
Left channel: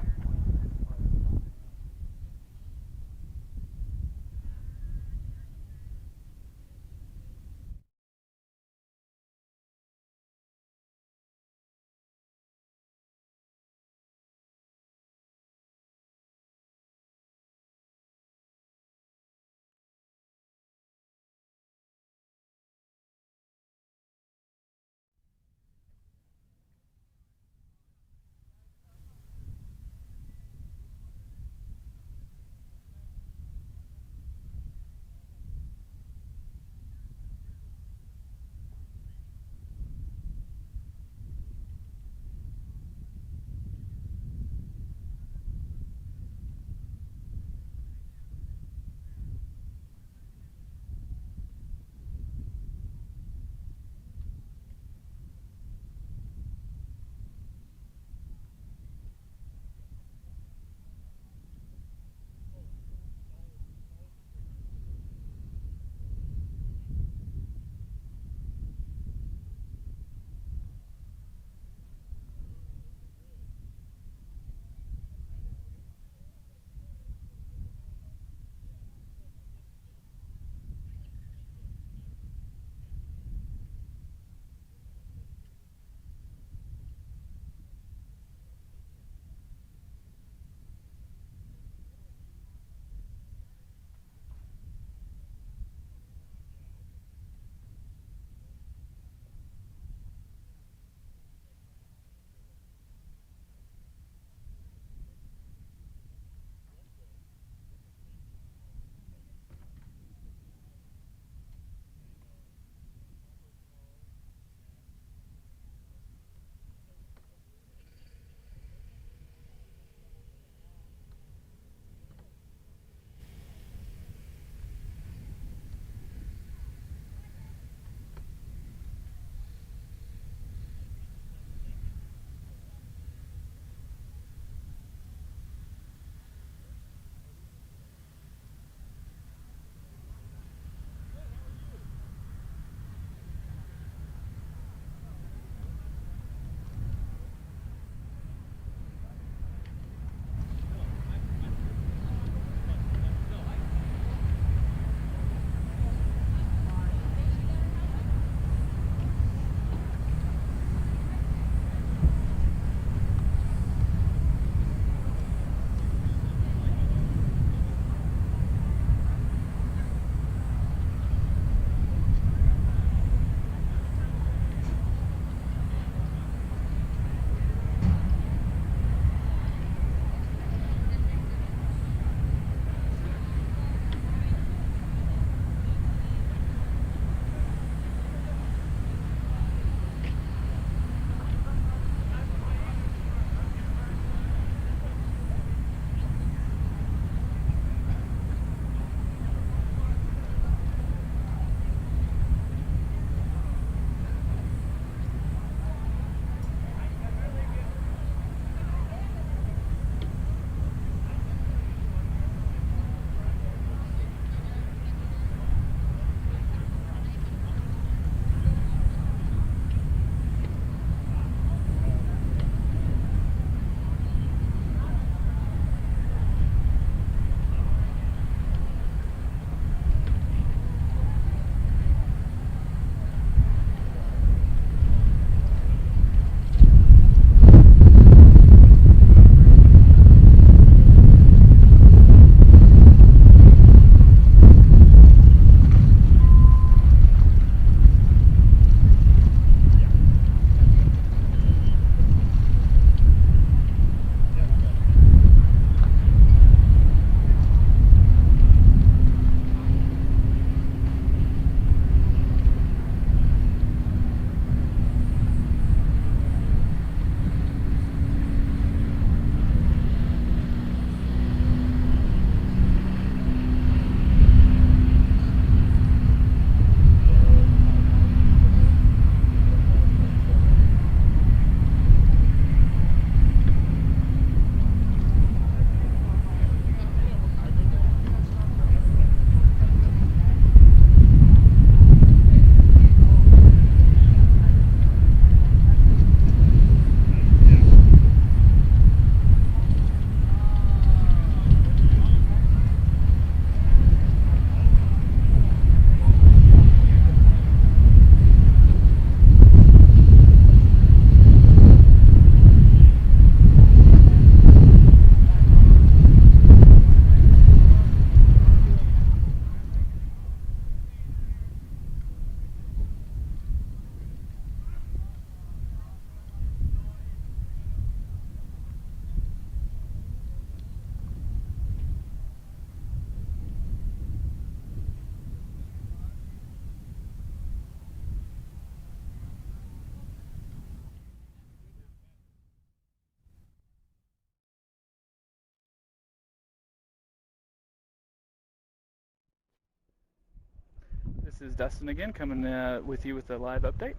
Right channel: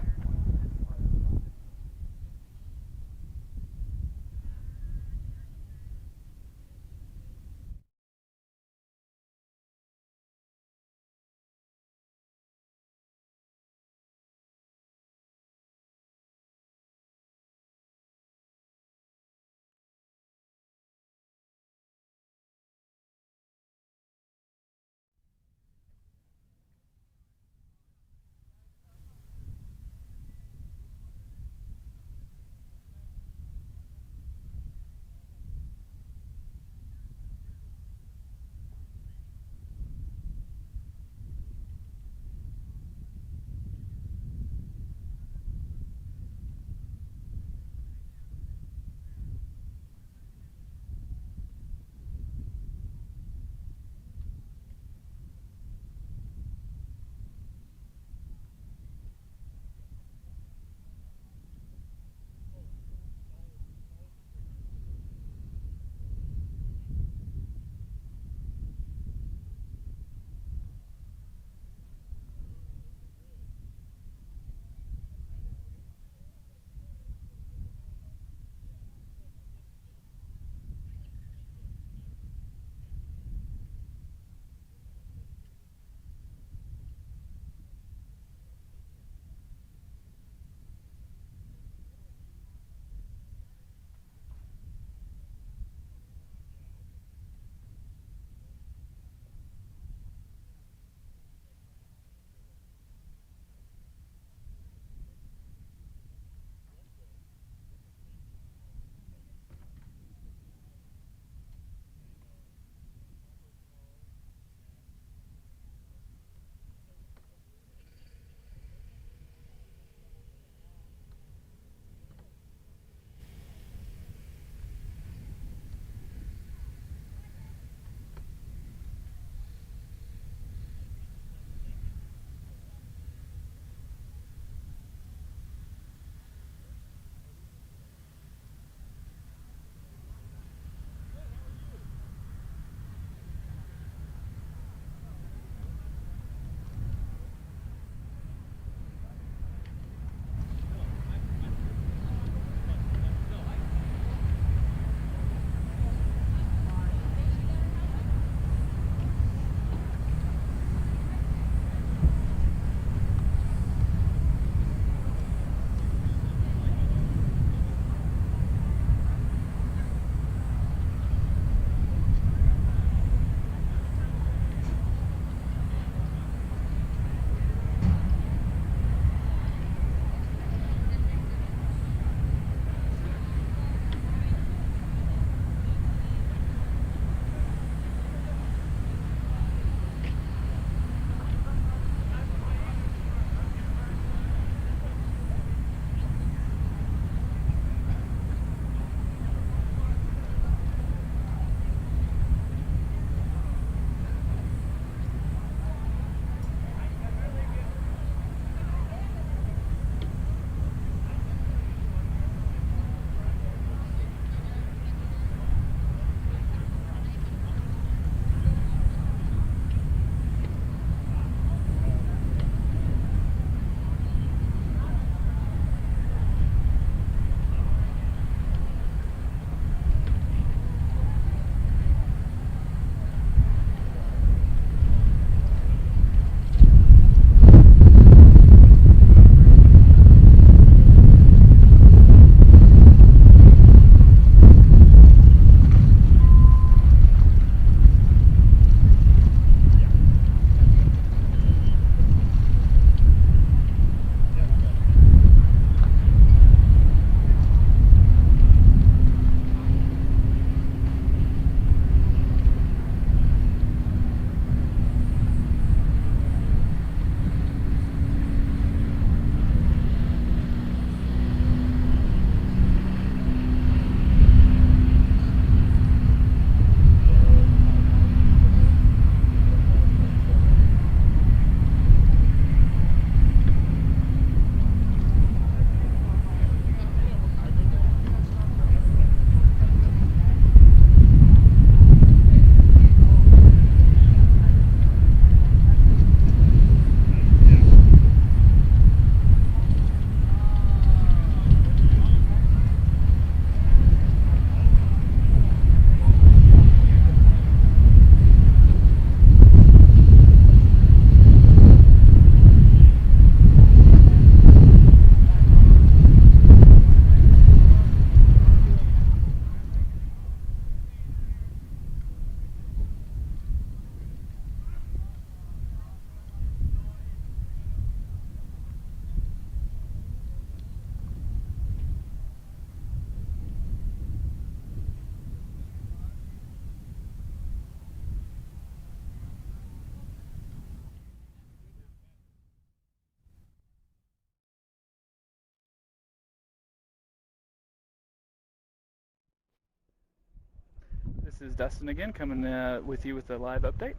This is Dustin again, coming with you with a live update.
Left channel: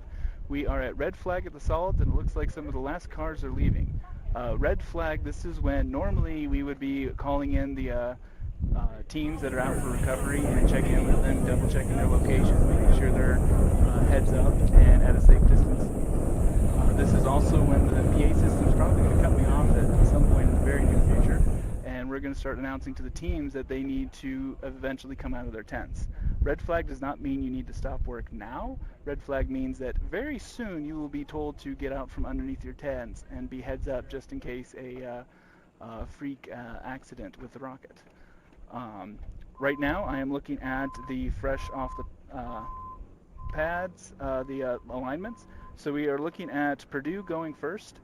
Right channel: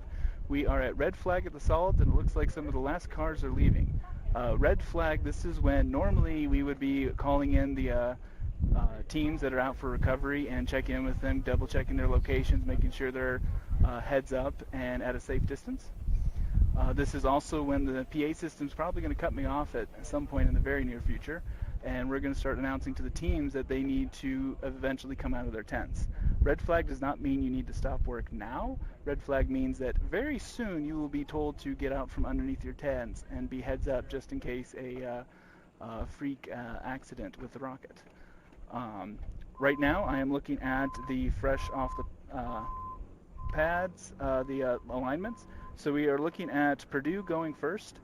We are at red flag at the solids, and it looks like some of the last cars are leaving. Red flag, this is when normally we would be calling in the teams that are out for recovery and checking in with them, double checking their location, making sure they're heads up and at a safe distance. This is also when the PA system is probably going to cut me off at some point in the very near future, and we're going to start announcing to the teams that they need to eventually come out of their tents. Red flag does not mean you need to stop work now. Red flag means that very soon you will be told to get out from underneath your tents and be heads up just in case a freak accident with the rocket. Right now I am looking at the fresh off the pads, the alignments. So we are looking at Purdue going first.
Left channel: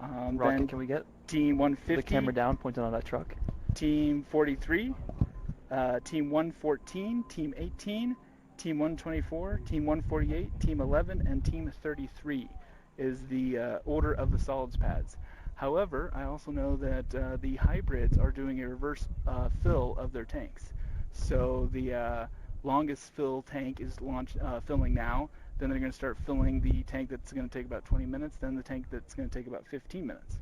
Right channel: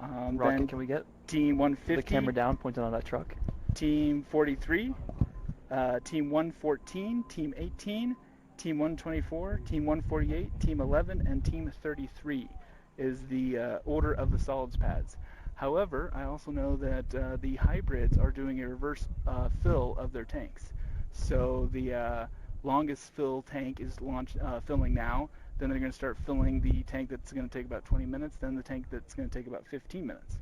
Rocket, then can we get Team 150. the camera down, pointed on that truck? Team 43, Team 114, Team 18, Team 124, Team 148, Team 11, and Team 33 is the order of the solids pads. However, I also know that the hybrids are doing a reverse fill of their tanks. So the longest fill tank is filling now. Then they're going to start filling the tank that's going to take about 20 minutes, then the tank that's going to take about 15 minutes.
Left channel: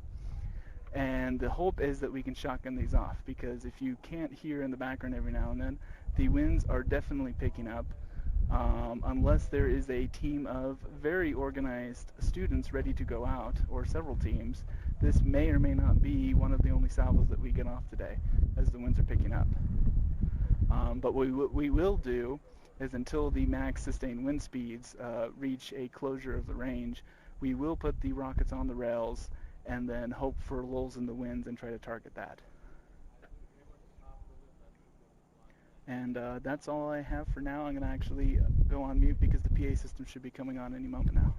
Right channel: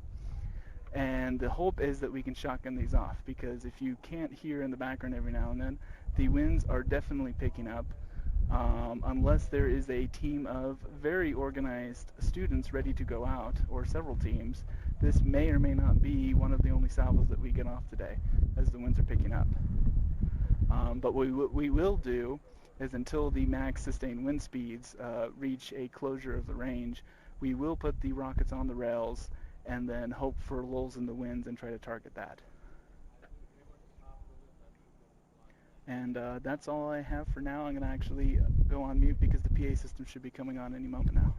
And the hope is that we can shotgun these off, because if you can't hear in the background every now and then, the winds are definitely picking up. Unless there is a team of very organized students ready to go out, or several teams, this may or may not be one of the only salvos that we get off today, as the winds are picking up. But what we will do is, until the max sustained wind speeds reach a closure of the range, we will put the rockets on the rails and then hope for lulls in the winds and try to target that. And that's all I have for now. I'm going to actually go on mute because the PA system should be coming on any moment now.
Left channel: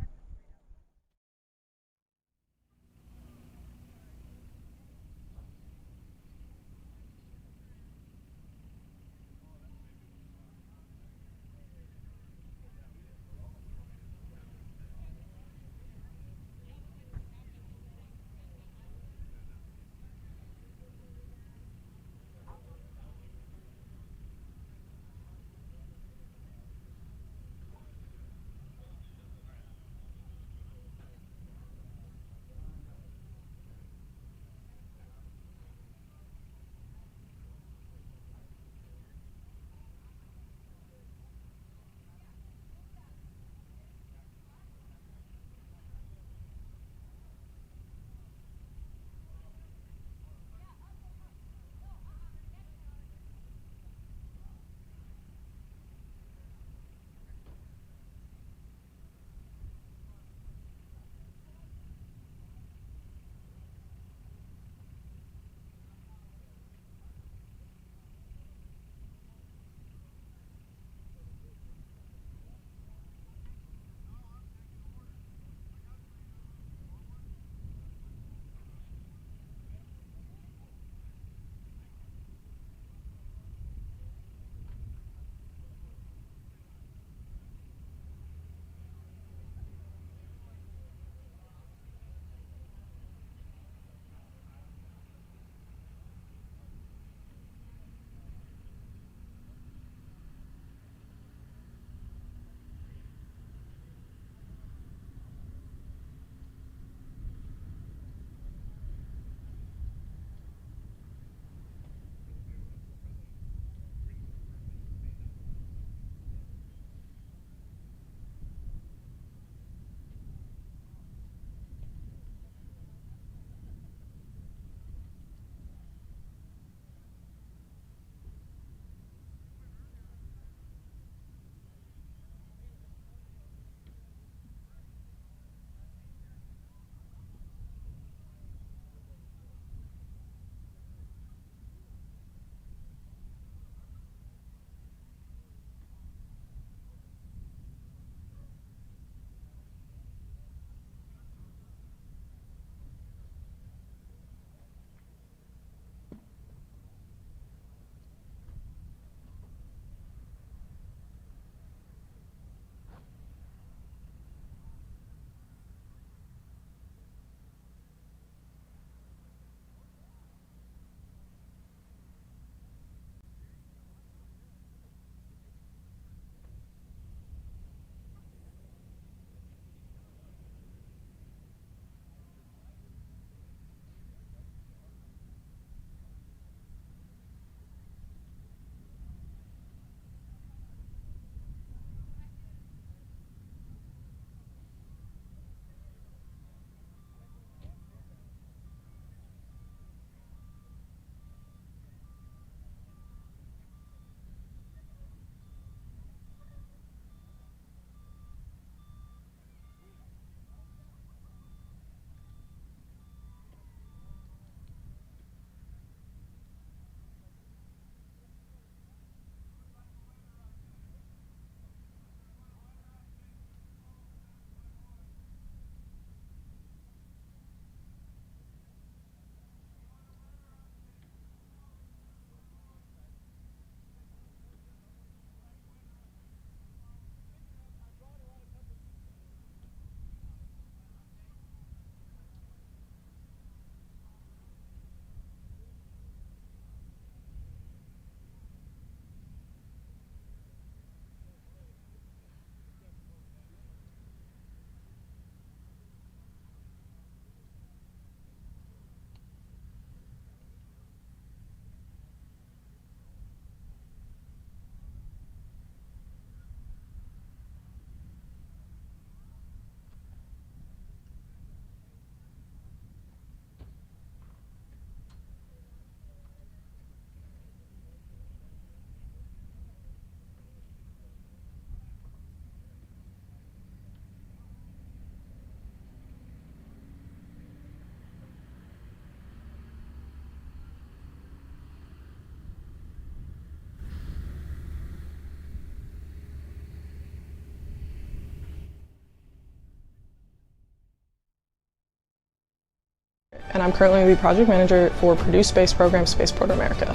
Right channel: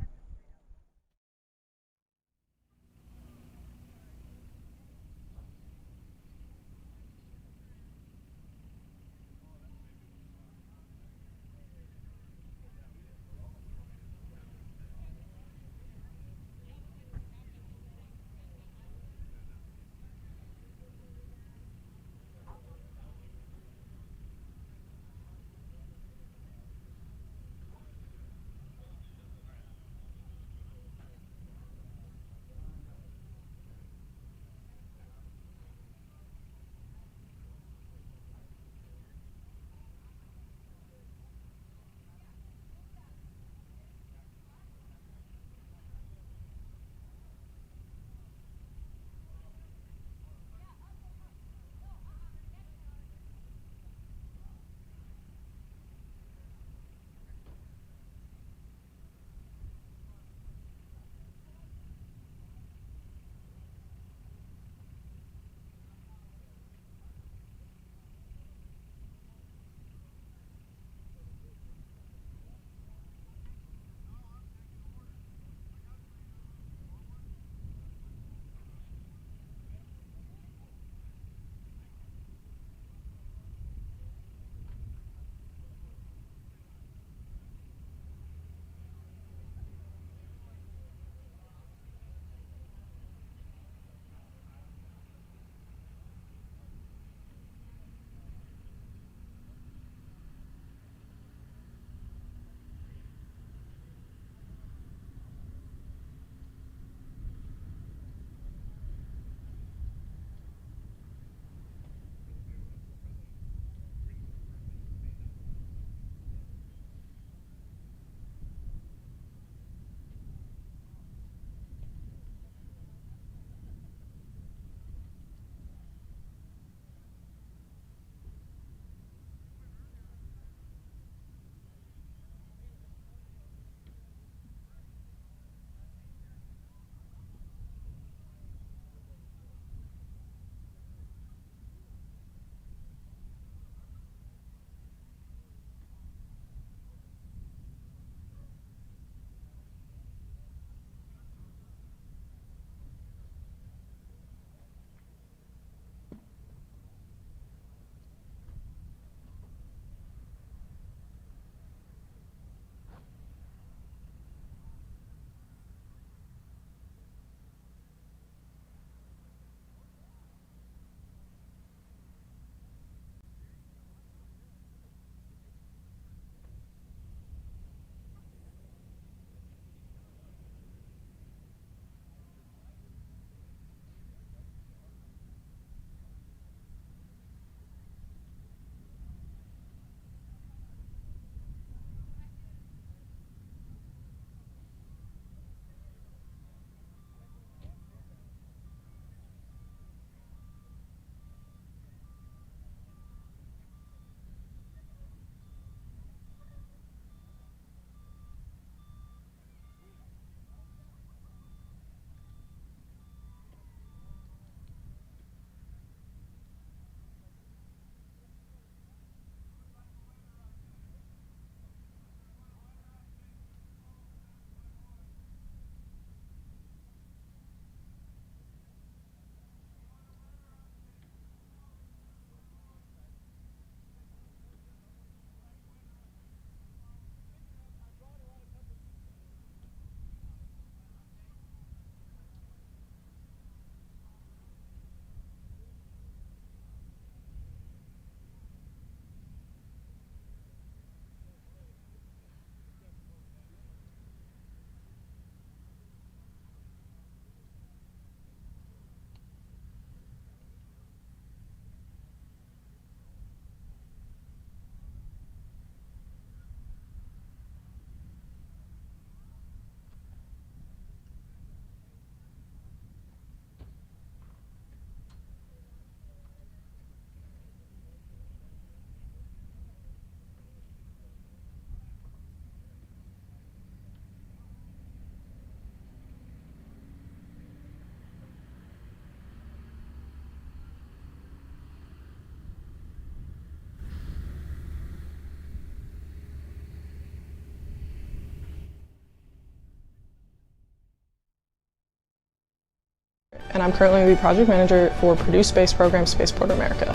and I'm currently the project manager for Purdue space program Spaceport America.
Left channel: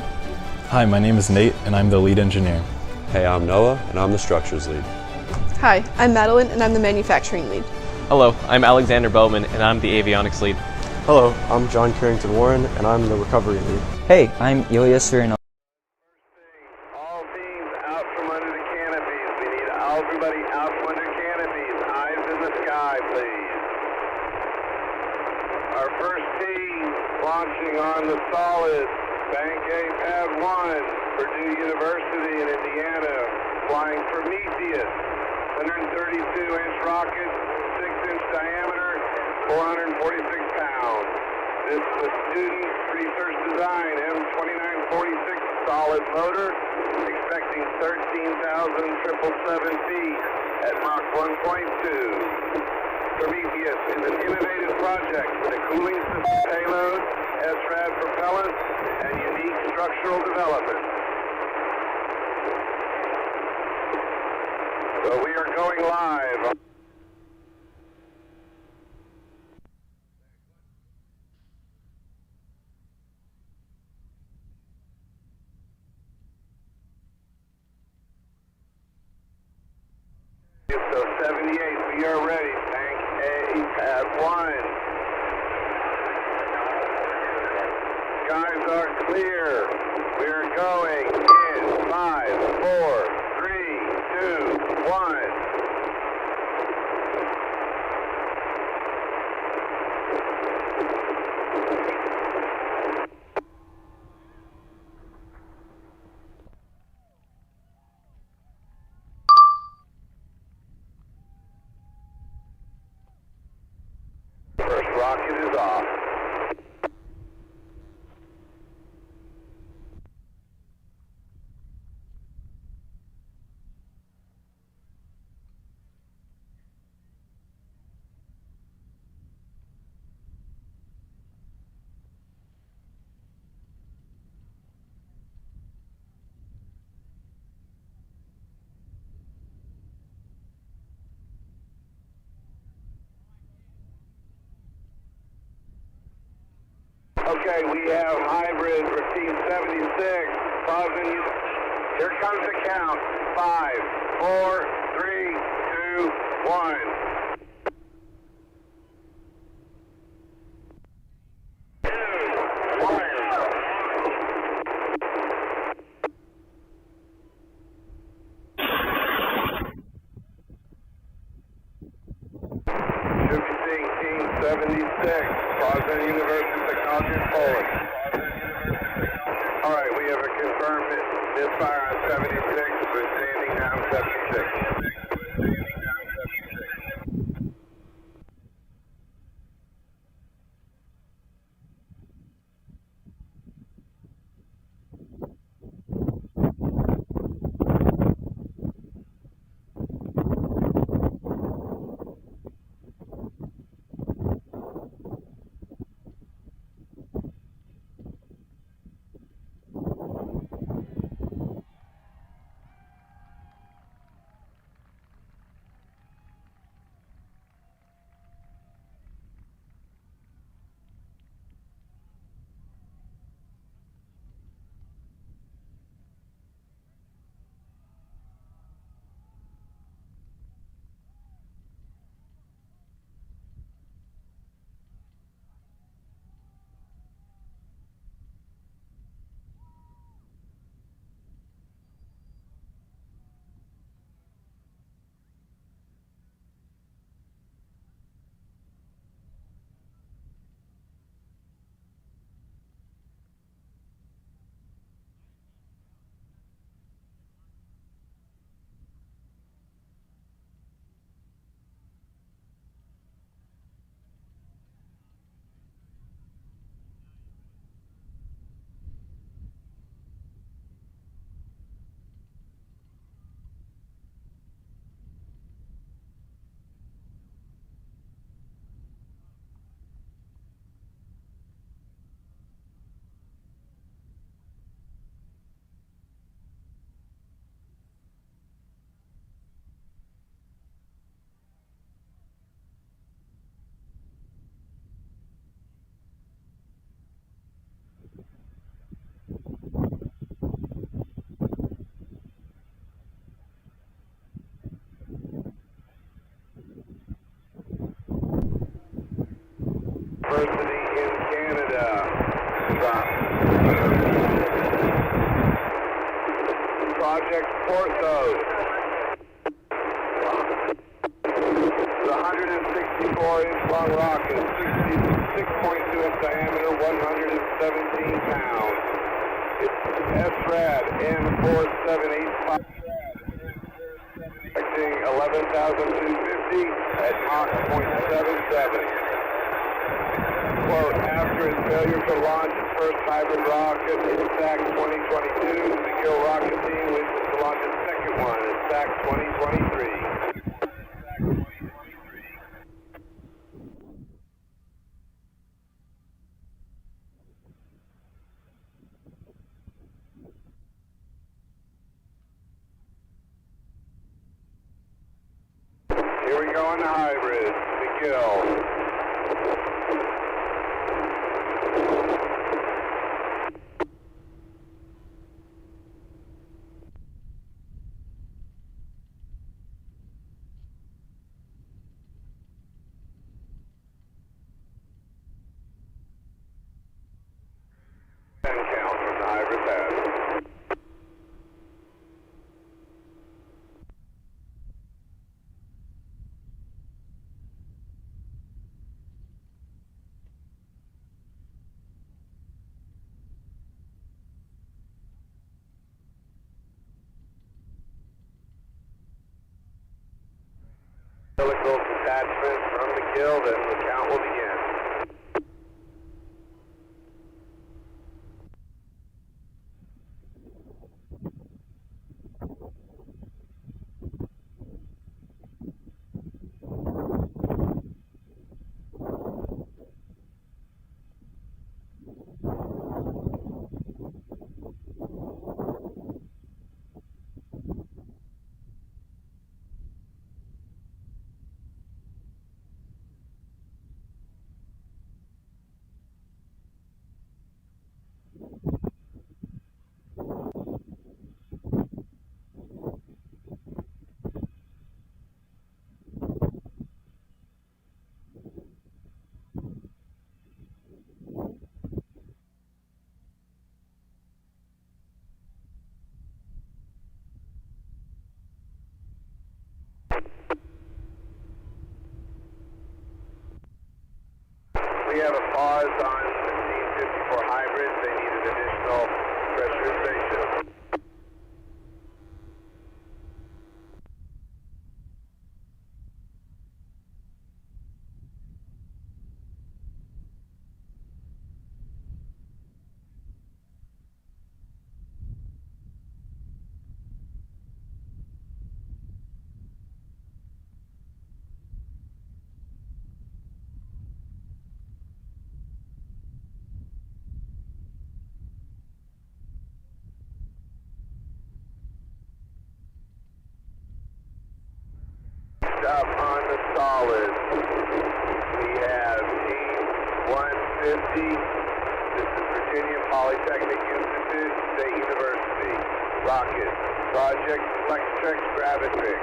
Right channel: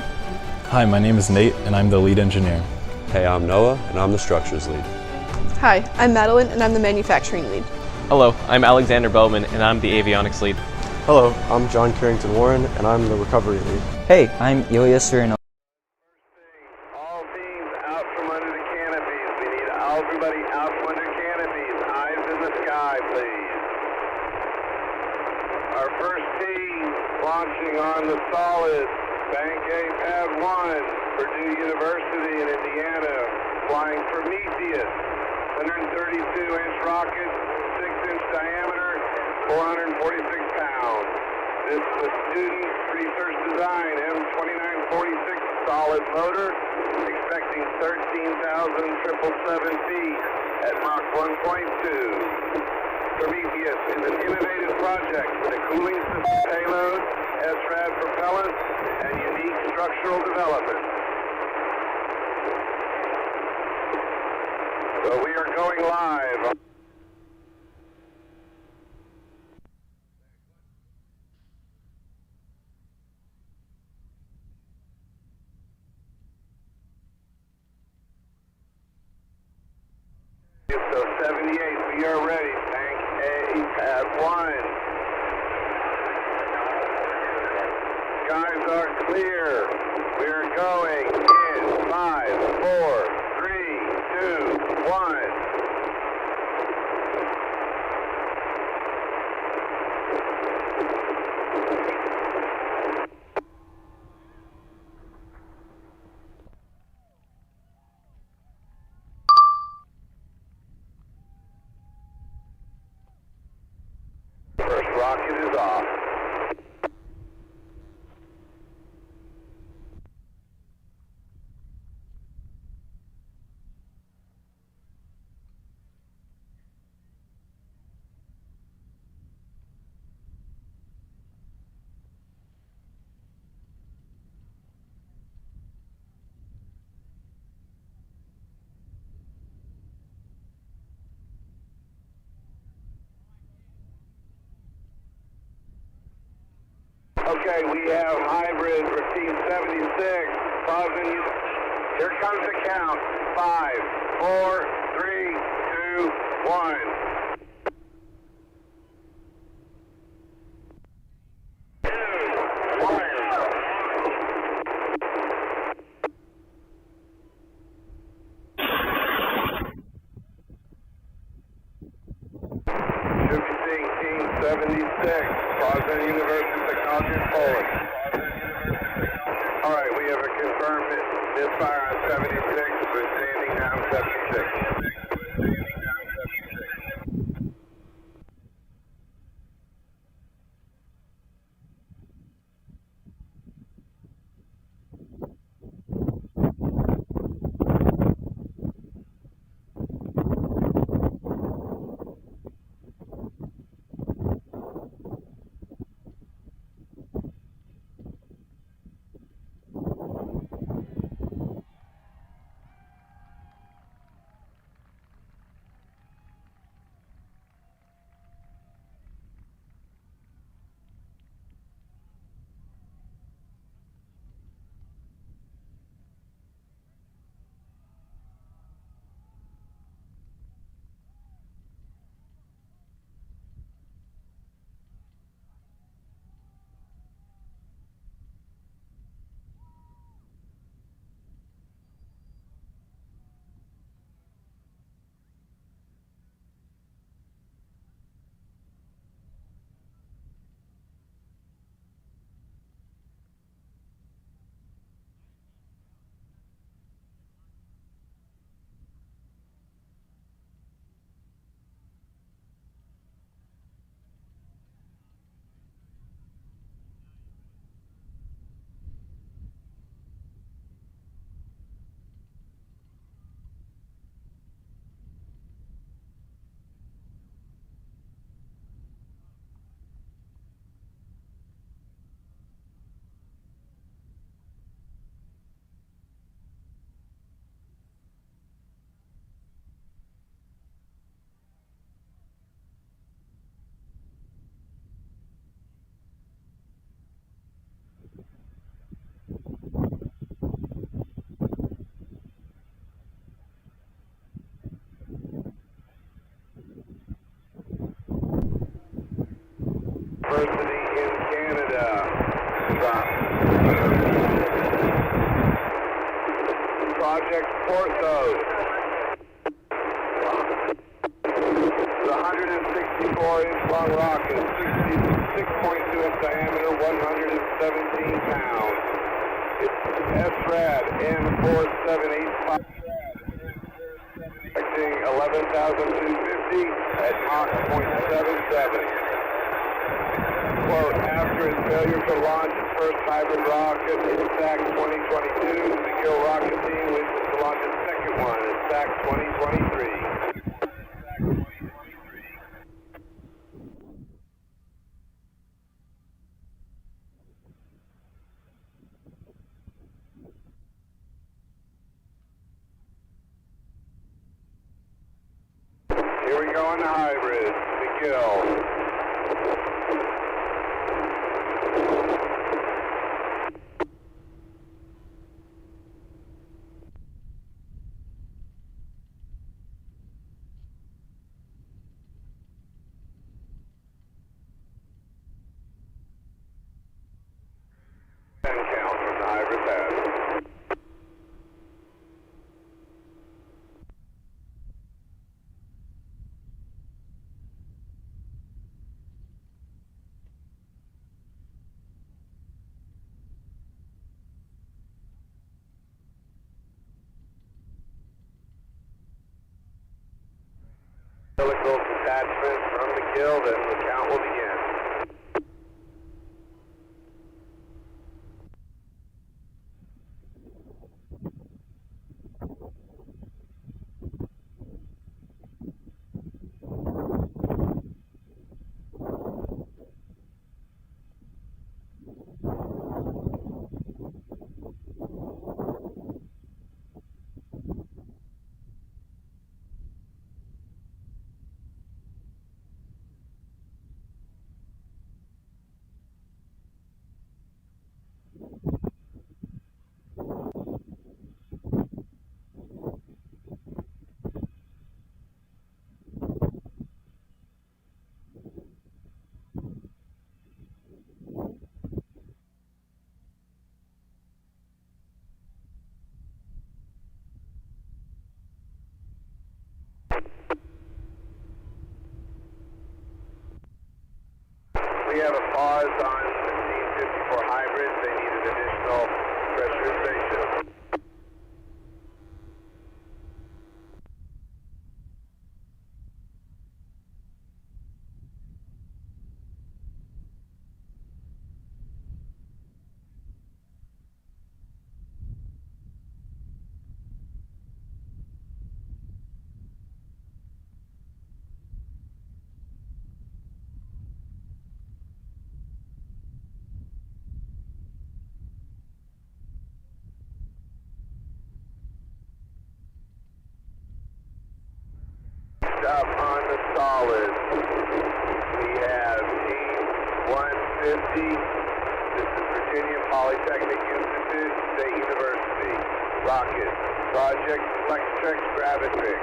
Hi, my name is Nate, and I'm the lead engineer. Hey, I'm Noah, and I'm the structures lead. Hi, I'm Madeline, and I'm the manufacturing lead. Hello, I'm Alexander Bowman, and I'm the avionics lead. Hello, I'm John Carrington Warren, and I'm the recovery lead. Hey, I'm Ilya Serino. All teams out from under the canopies. We need everybody out from under canopies. Eyes in the sky, please. Our first team launching on the solid. Bank A, Pad 1, Purdue University in Indiana, flying Prometheus, 132-inch rocket, 6-inch diameter, 446 pounds. This is a student research design M2946 solid motor, expecting 13,777 feet at Mach 1.2. Prometheus is an innovative project with a cooling system payload, SRAD propellant, and unique structural development. So we are going live. So 78, we are ready. Bank A, Pad 1. Skies are clear. We are going in 5, 4, 3, 2, 1. First rocket is off. Okay, we have hybrid for Team 76. Pausing. Here comes the count. 5, 4, 3, 2, 1. Should be seeing Team 76. Pausing University Technology in Poland. All right, we have a confirmed misfire on 76. We're standing down 76. export those. The 164-inch long rocket, 6.2-inch diameter, 117 pounds. It's SRAD N4785, expecting 11,250 at Mach 0.77. Quote, after its failure to launch its first hybrid rocket in SAC 2022, the McGill rocket team wishes to launch its second one in SAC 2023. Here we go on the hybrid, McGill. And count from the hybrid pad. Helical detachment from McGill, then the count will begin. We have a pause on 1554 hybrids. They need an additional pressurization. Up on the solid, we have Team 150. This is Virginia Polytechnic Institute, State University. Rocket, Project Flextrex Gravitrix.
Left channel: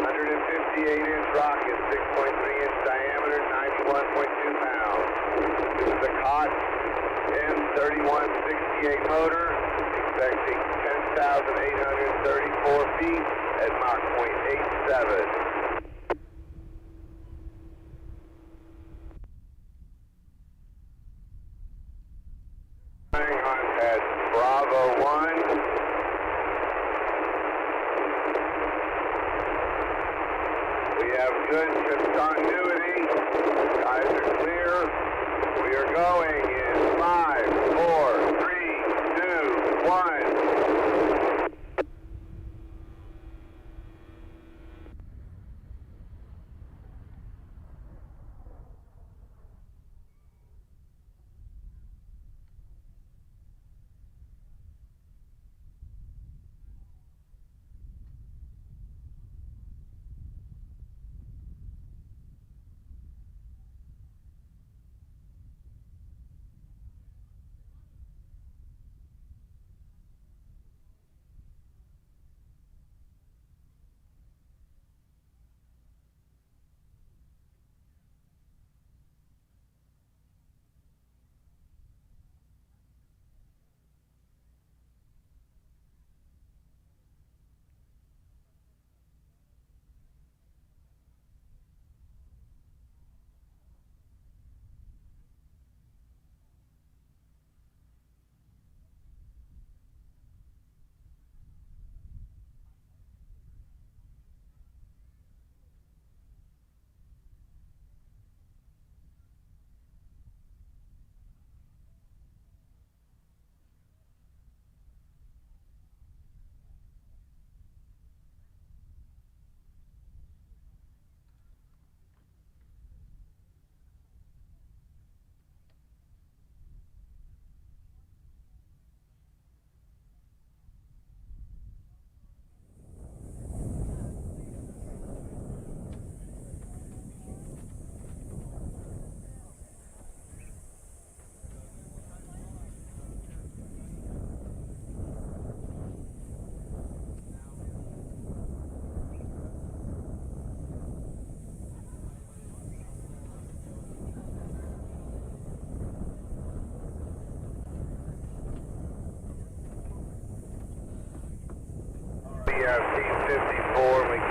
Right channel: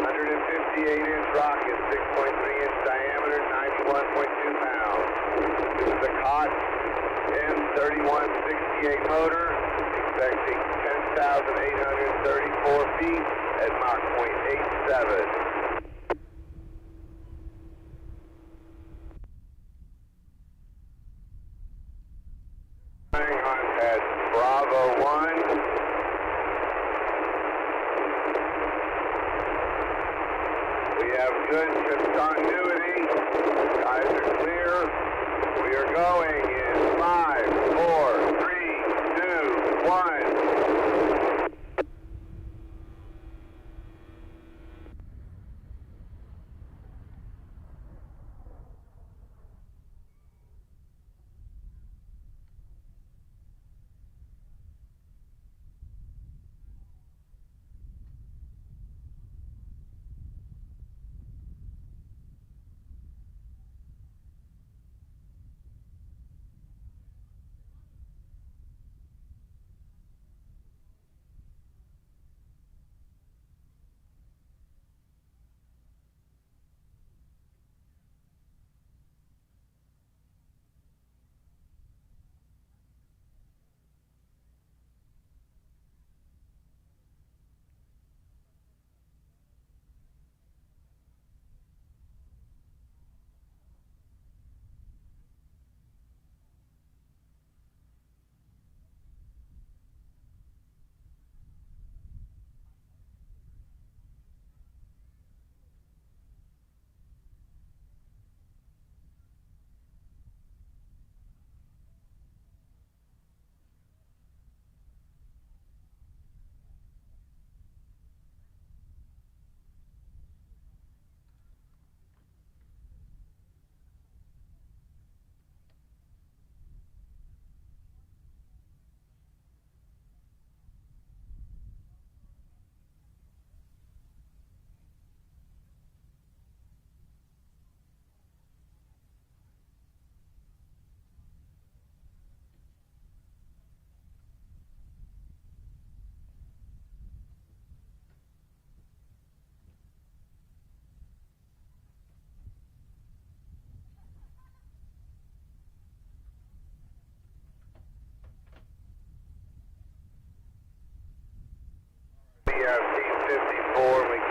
158-inch rocket, 6.3-inch diameter, 91.2 pounds. This is a COTS M3168 motor, expecting 10,834 feet at Mach 0.87. At Bravo 1. We have good continuity. Skies are clear. We are going in 5, 4, 3, 2, 1.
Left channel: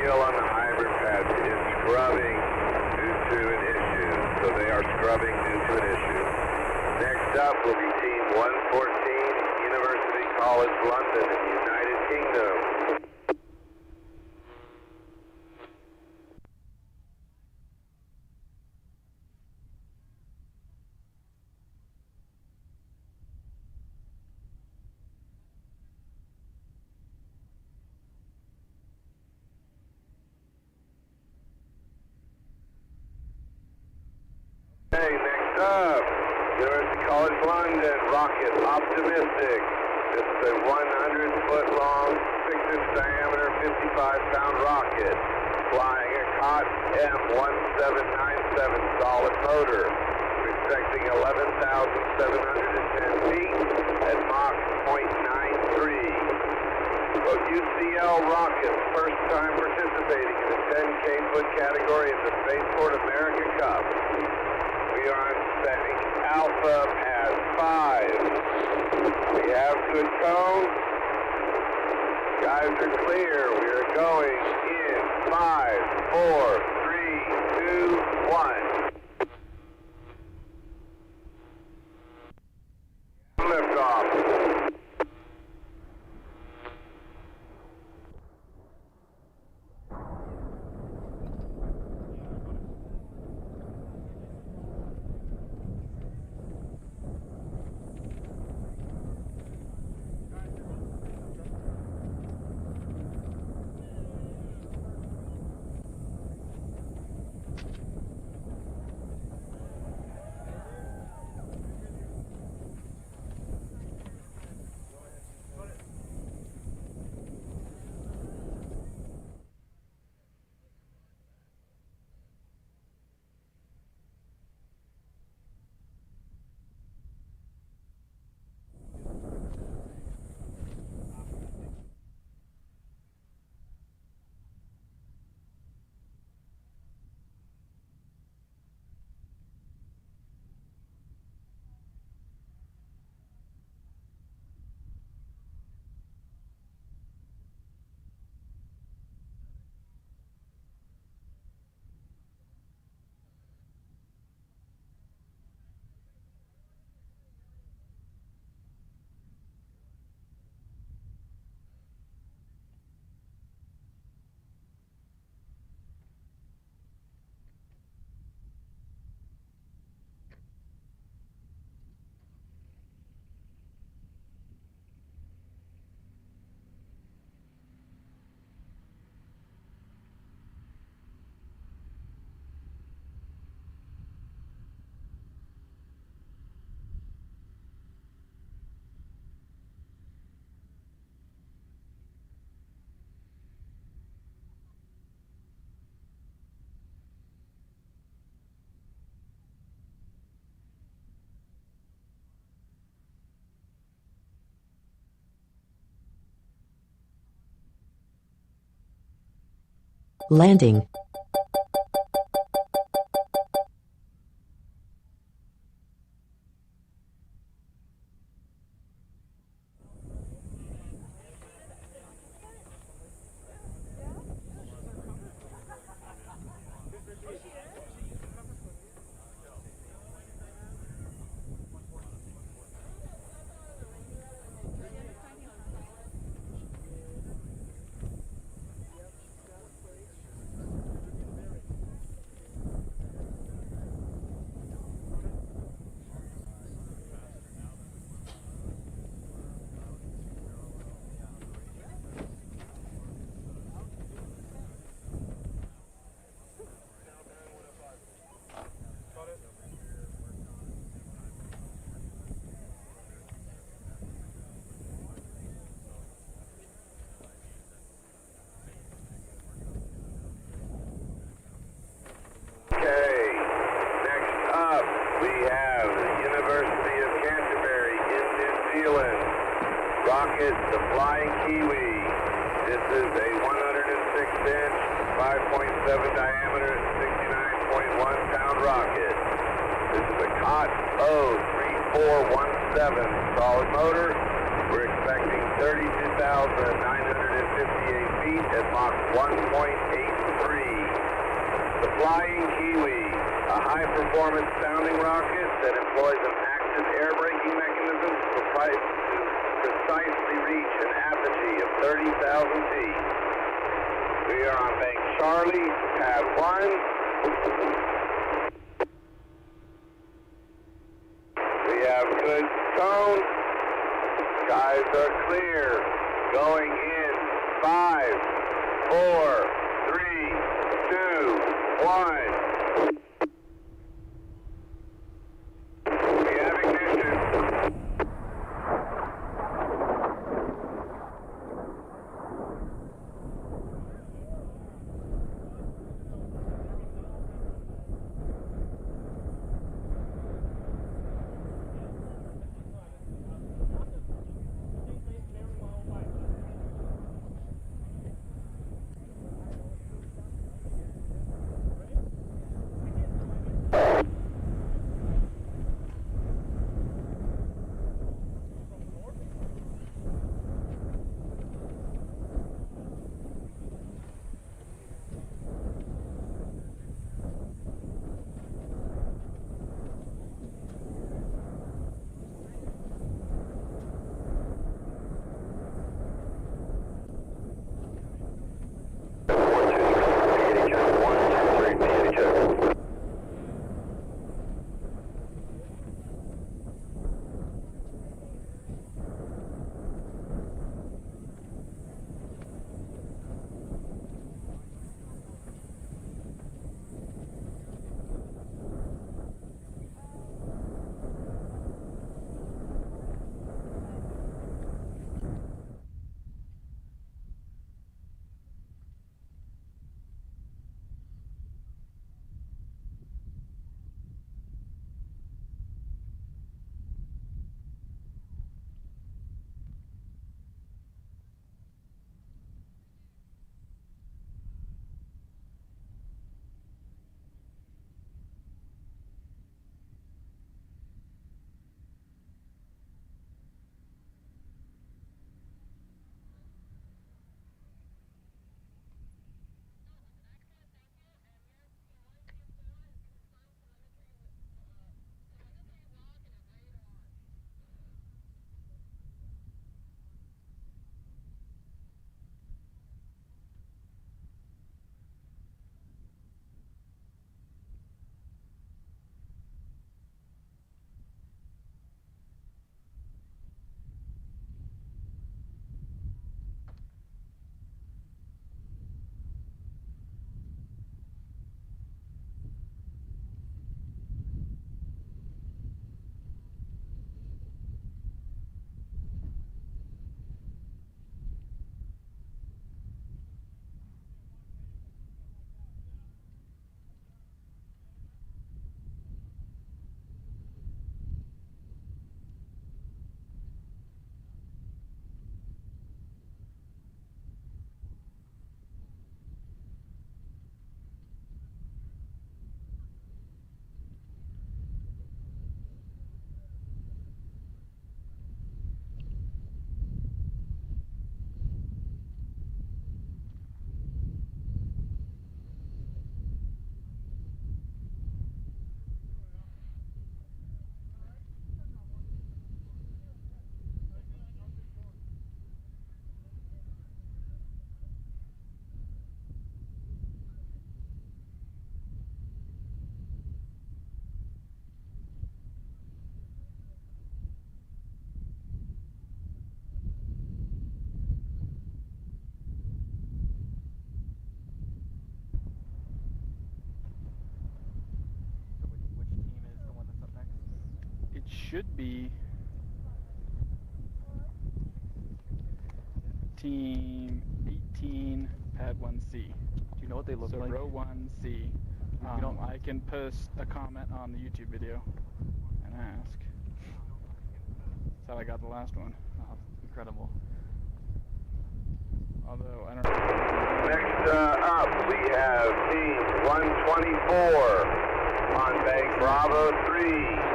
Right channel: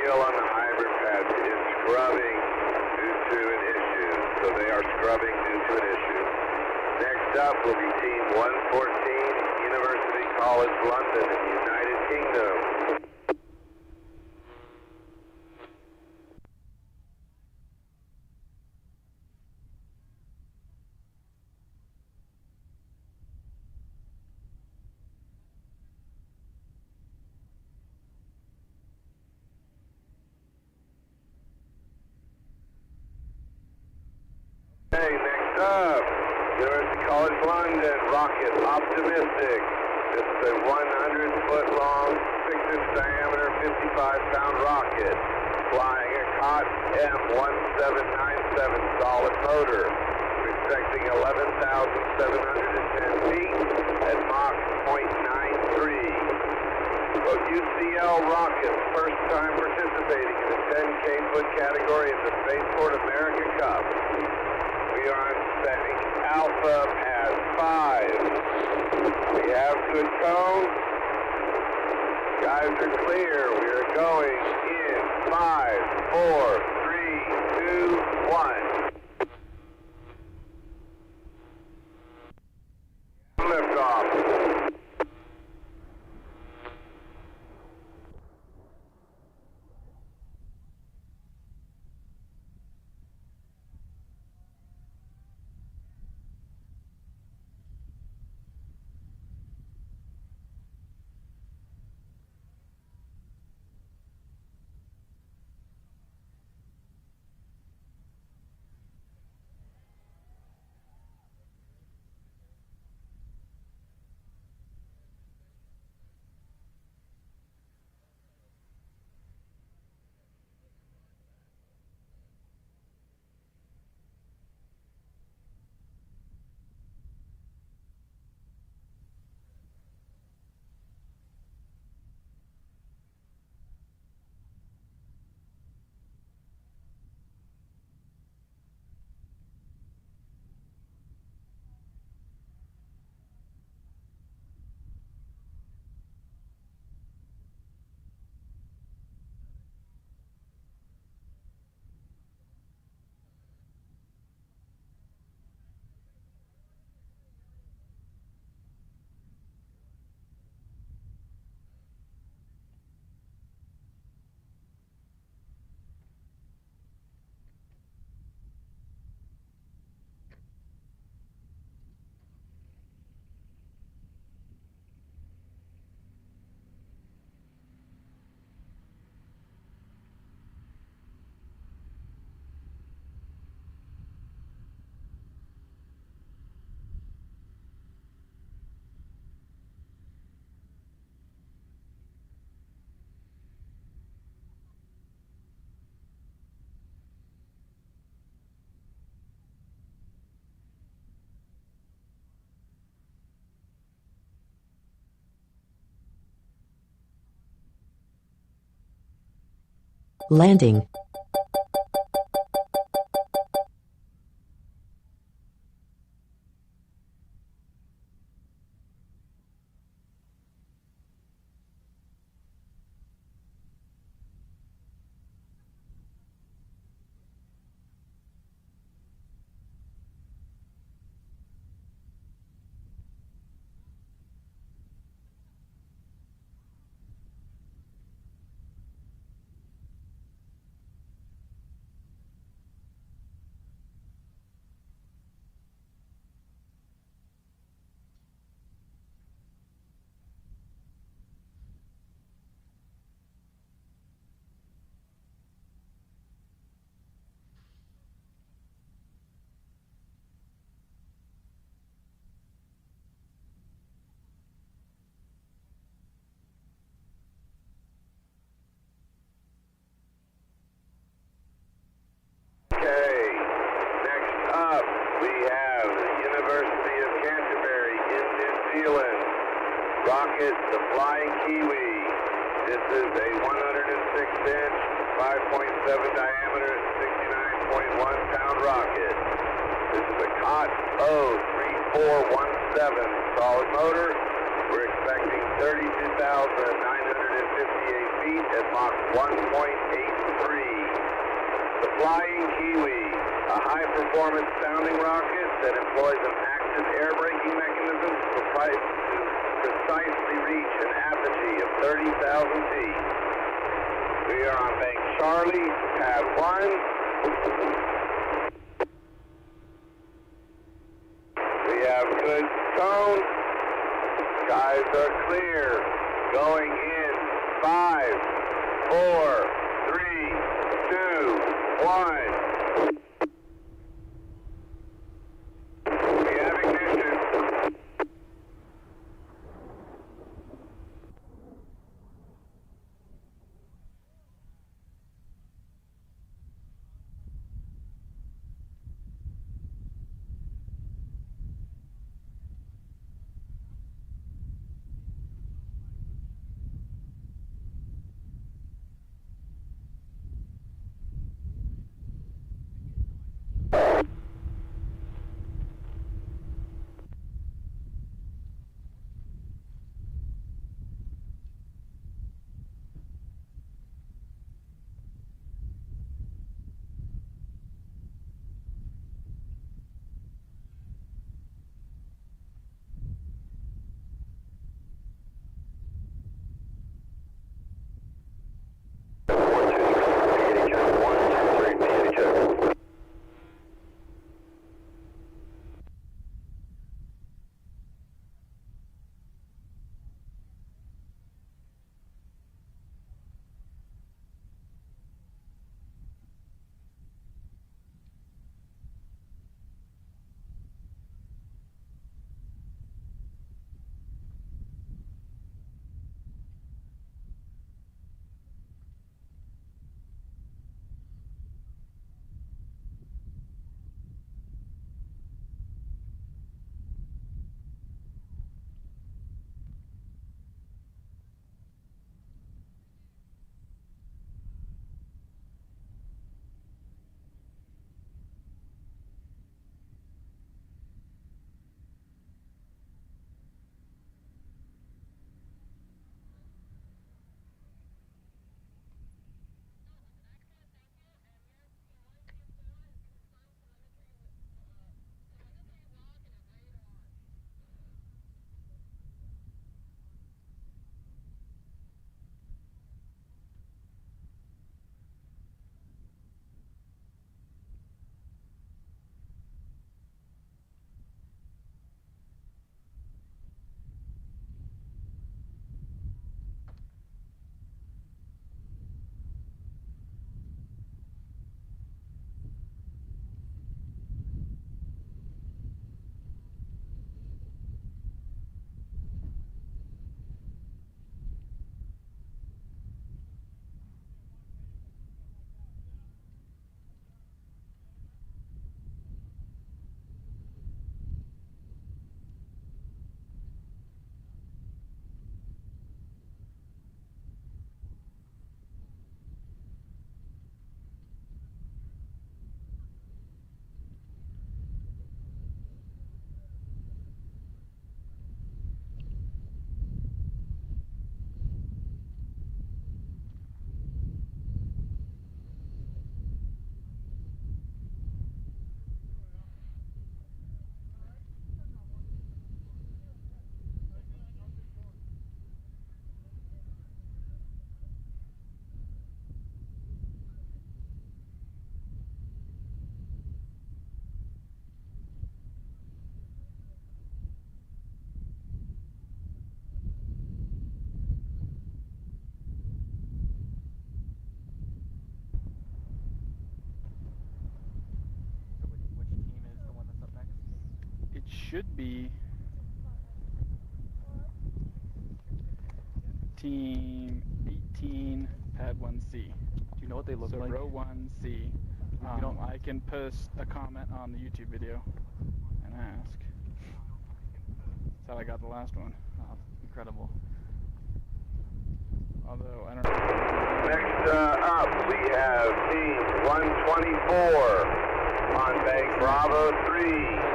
still on the hybrid pads. It is scrubbing due to an issue. So they are scrubbing due to an issue. Next up will be Team 114, University College London in the United Kingdom. Okay, next up, University College London, rocket Optimistic. This is a 100-foot-long, 6-inch diameter, 55-pound rocket, flying a COTS M1797 solid motor. We're expecting 11,710 feet at Mach 0.93. Both UCL rockets, first time participating in the 10K foot category in the Spaceport America Cup. We are on setting Alpha Pad 5. We have good cone. Guys are clear. We are going in 5, 4, 3, 2, 1. Lift off. Landing. rocket, the Flying Kiwi. This is a 106-inch, 5.7 diameter, 69.1 pound rocket. This is a COTS 03417 solid motor. We're expecting 32,958 feet feet at Mach 1.83. The Flying Kiwi, a high-performance sounding rocket that employs an active air braking mechanism to precisely reach an apogee of 30,000 feet. We are on bank Charlie, pad 1. We have good tone. Skies are clear. Going in 5, 4, 3, 2, 1. We have ignition. should be Team 18, Pad 1C. Do you know what they look so like? Row 1C. You don't, I can post a comment on the YouTube video and ask. That's how I got the last one. Oh, incredible. Although, I don't know. Next up, we have Team 124 on Bank Bravo 3.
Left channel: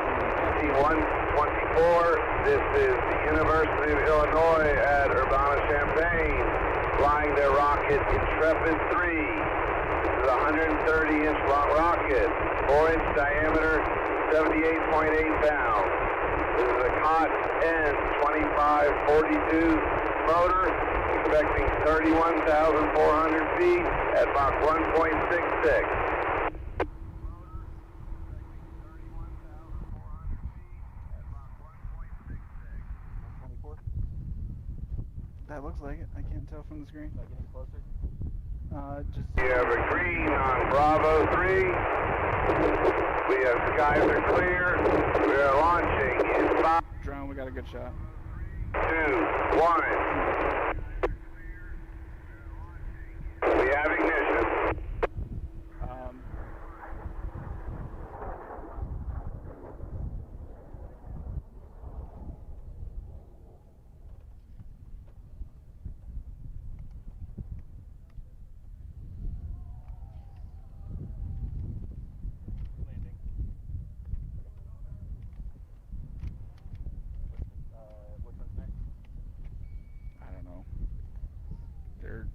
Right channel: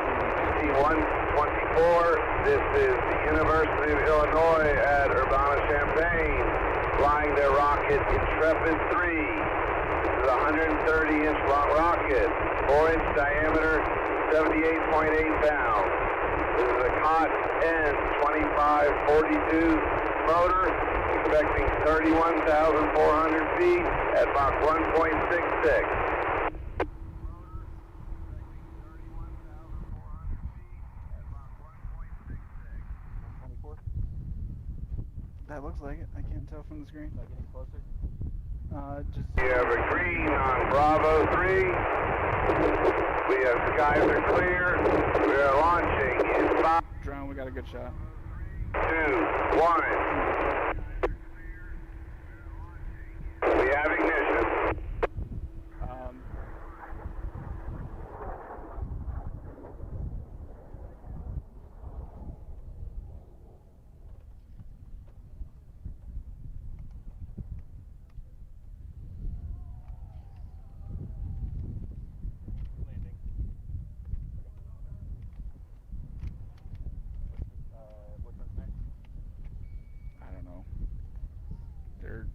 Team 124, this is the University of Illinois at Urbana-Champaign. flying their rocket Intrepid 3. This is a 130-inch long rocket, 4-inch diameter, 78.8 pounds. This is a COTS N2542 motor, expecting 31,400 feet at Mach 1.66. That looks like it. I can't tell from the screen. Getting closer. We have a green on Bravo 3. We have skies are clear. We are launching in 5. Drone, we got a good shot. 2, 1. We have ignition.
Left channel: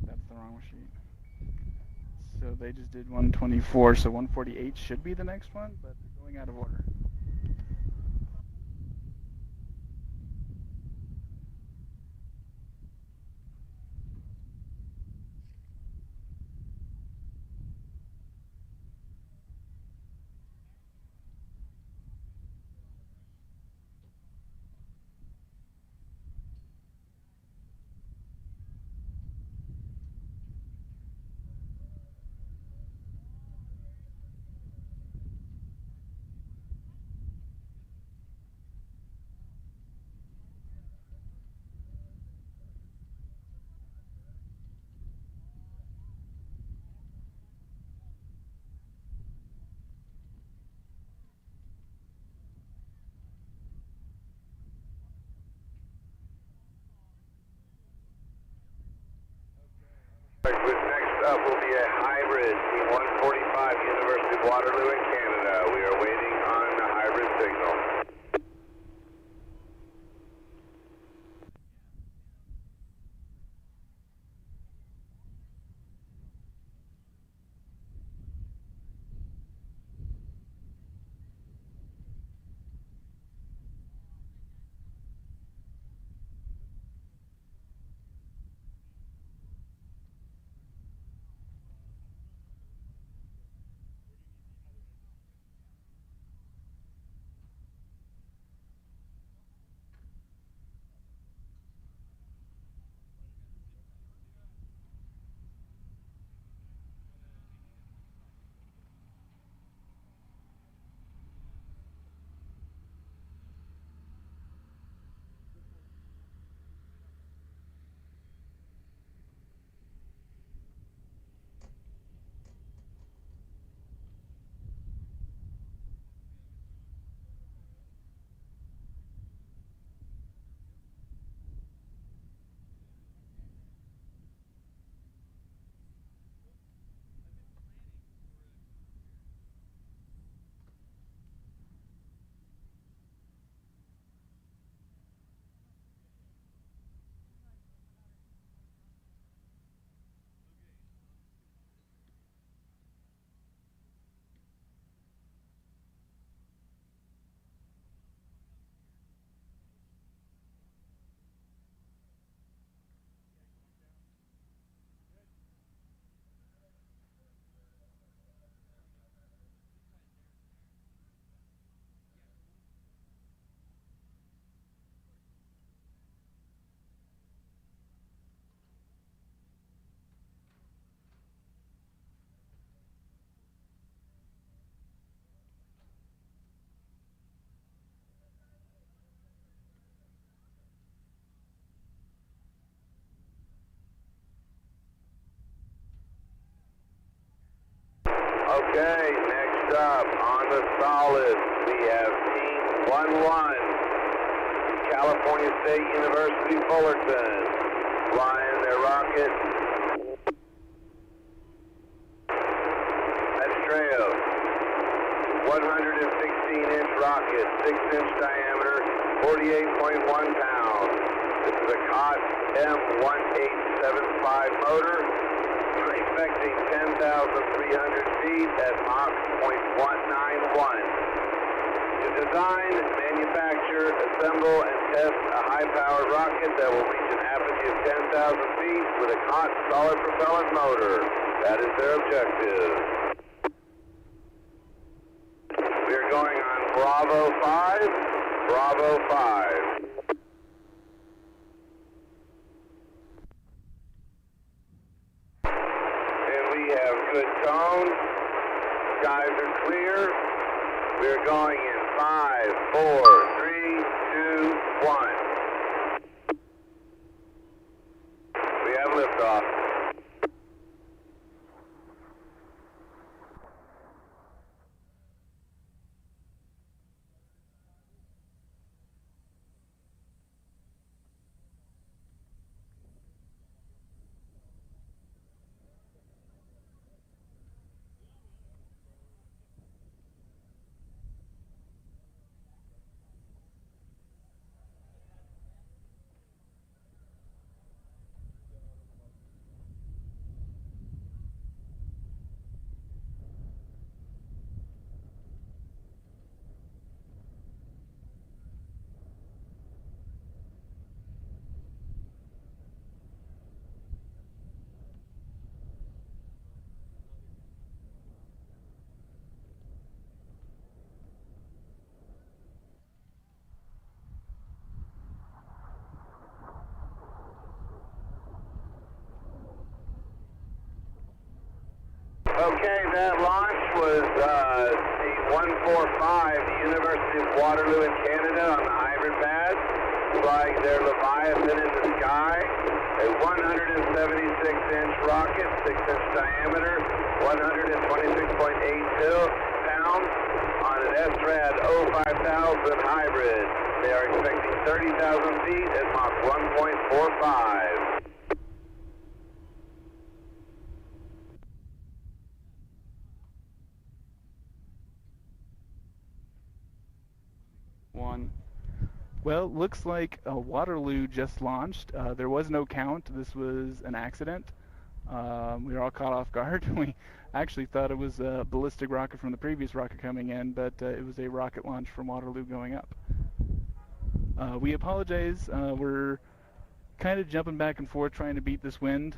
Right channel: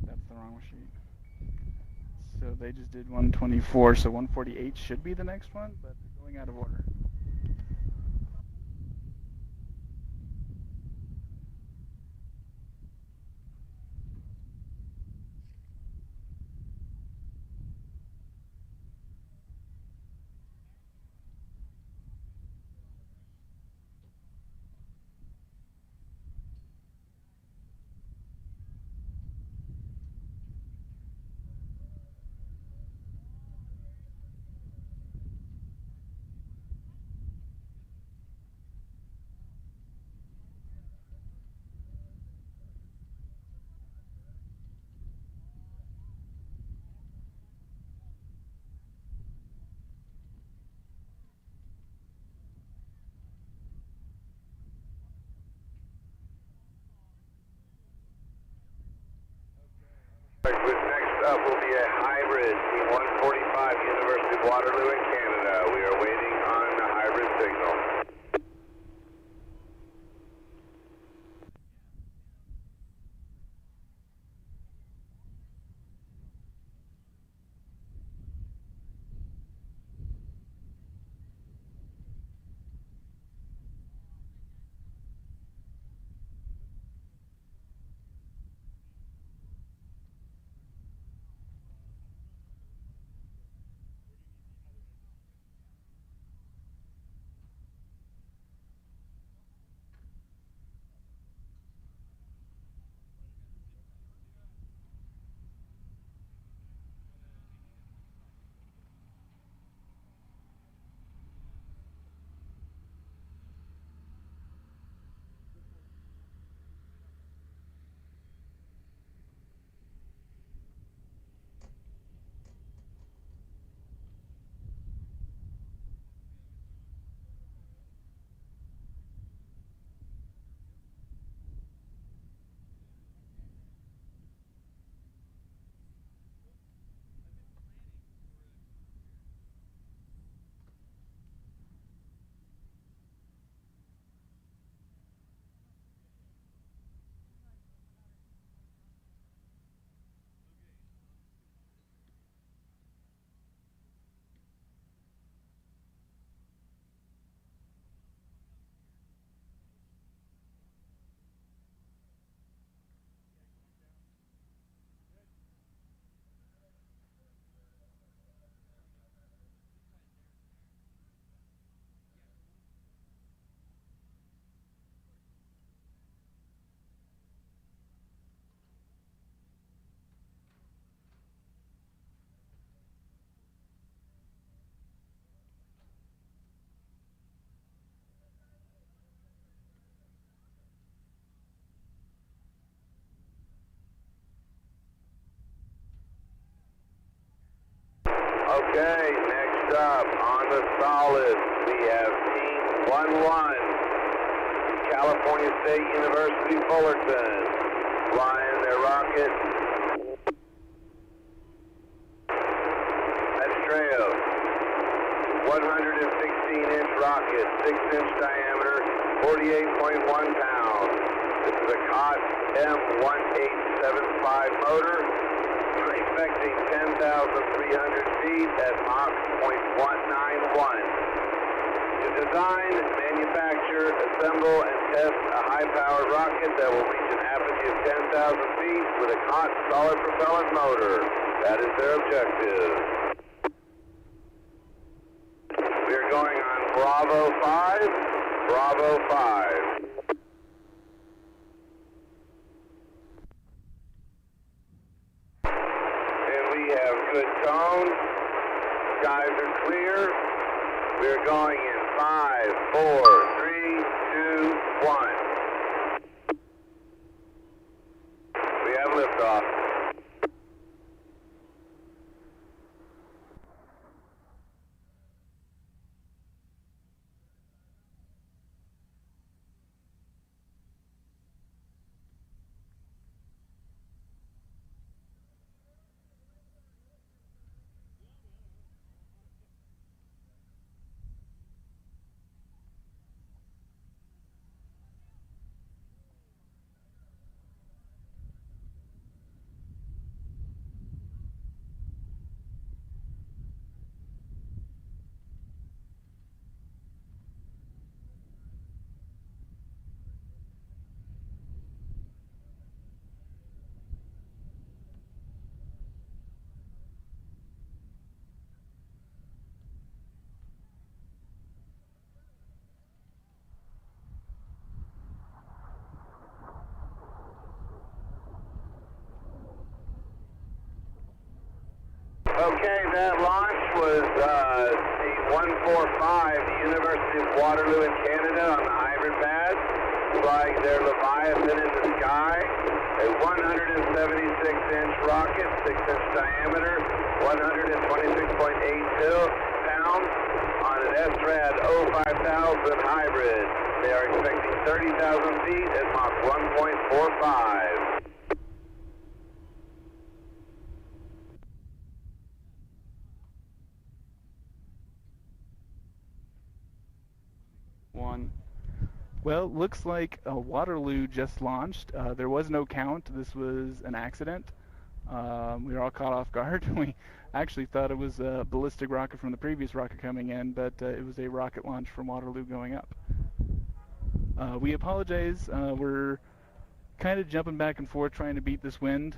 That's the wrong machine. So they just did 124, so 148 should be the next one, but they're going out of order. Next up will be a hybrid T-145, University of Waterloo in Canada. We are waiting on the hybrid signal. Okay, next up on the solid, we have Team 1-1, California State University, Fullerton, flying their rocket Estrella, 116-inch rocket, 6-inch diameter, 48.1 pounds. This is a COTS M1875 motor, expecting 10,300 feet at Mach 0.191. To design, manufacture, assemble, and test a high-powered rocket that will reach an apogee of 10,000 feet with a COTS solid propellant motor. That is their objective. We are going on Bravo 5, Bravo 5. And we have good tone. Skies are clear. We are going in 5, 4, 3, 2, 1. We have liftoff. Okay, that launch was the 145, the University of Waterloo in Canada on the hybrid pad, flying their Leviathan in the sky, a 176-inch rocket, 6-inch diameter, 126.8 pounds on an SRAD 05000 hybrid. They are expecting 30,000 feet at Mach 1.45. Well, looks like Waterloo just launched. There was no count. This was an accident. We were all caught off guard. We actually thought it was a ballistic rocket from the previous rocket coming in, but it was a rocket launch from Waterloo going up. We apologize. We're kind of jumping back and forth trying to beat this wind.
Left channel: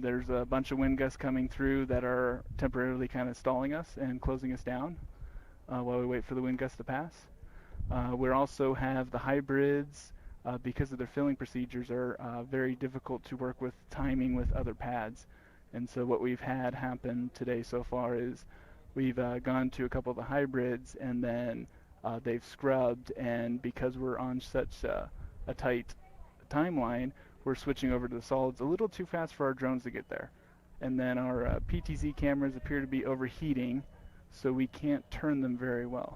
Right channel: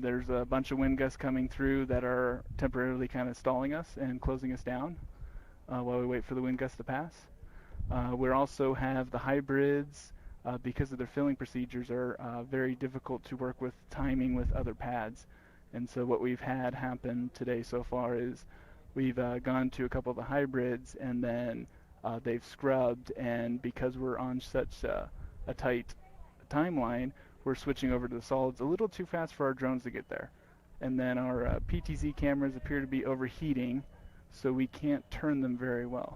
There's a bunch of wind gusts coming through that are temporarily kind of stalling us and closing us down while we wait for the wind gusts to pass. We also have the hybrids, because of their filling procedures, are very difficult to work with timing with other pads. And so what we've had happen today so far is we've gone to a couple of the hybrids, and then they've scrubbed, and because we're on such a tight timeline, we're switching over to the solids a little too fast for our drones to get there. And then our PTZ cameras appear to be overheating, so we can't turn them very well.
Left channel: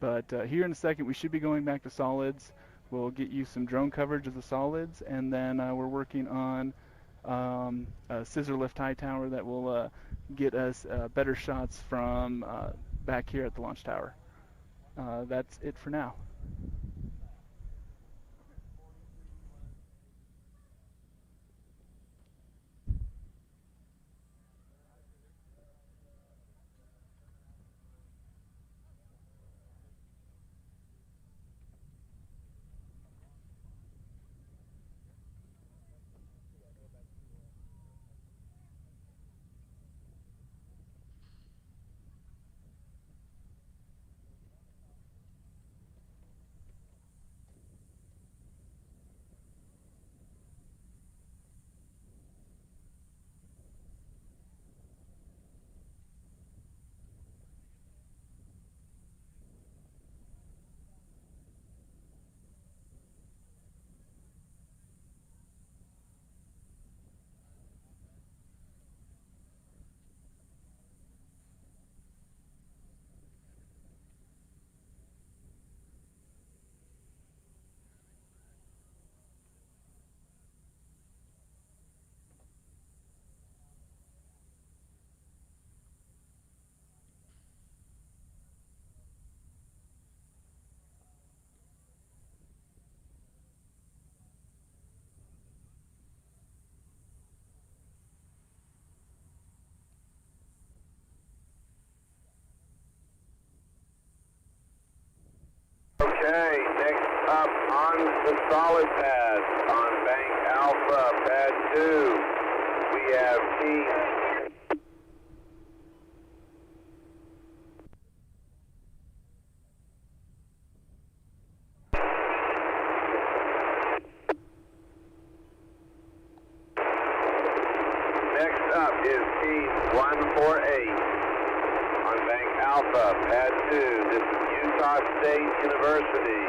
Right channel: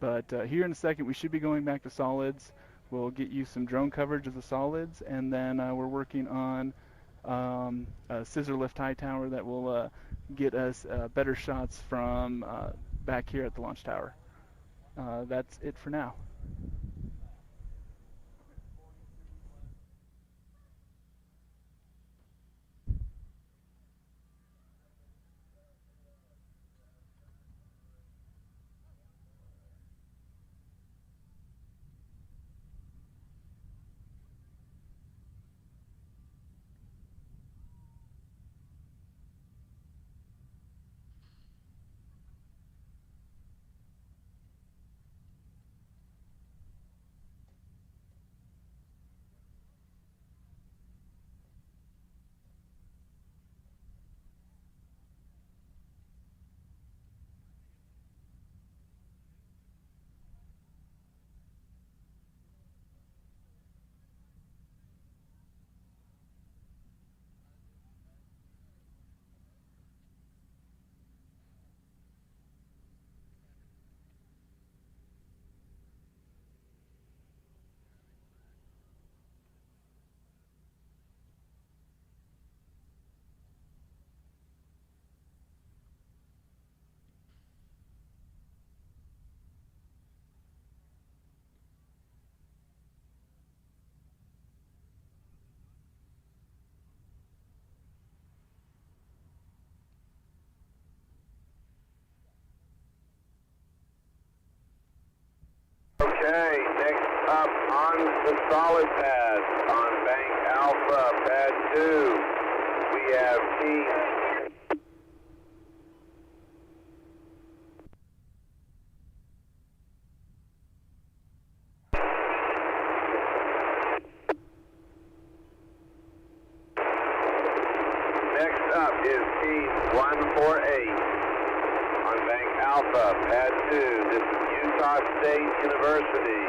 But here in a second we should be going back to solids. We'll get you some drone coverage of the solids, and then we're working on a scissor lift high tower that will get us better shots from back here at the launch tower. That's it for now. up on the solid pads on Bank Alpha, pad 2. We have teams. Next up is team 148 on Bank Alpha, pad 2. This is Utah State University,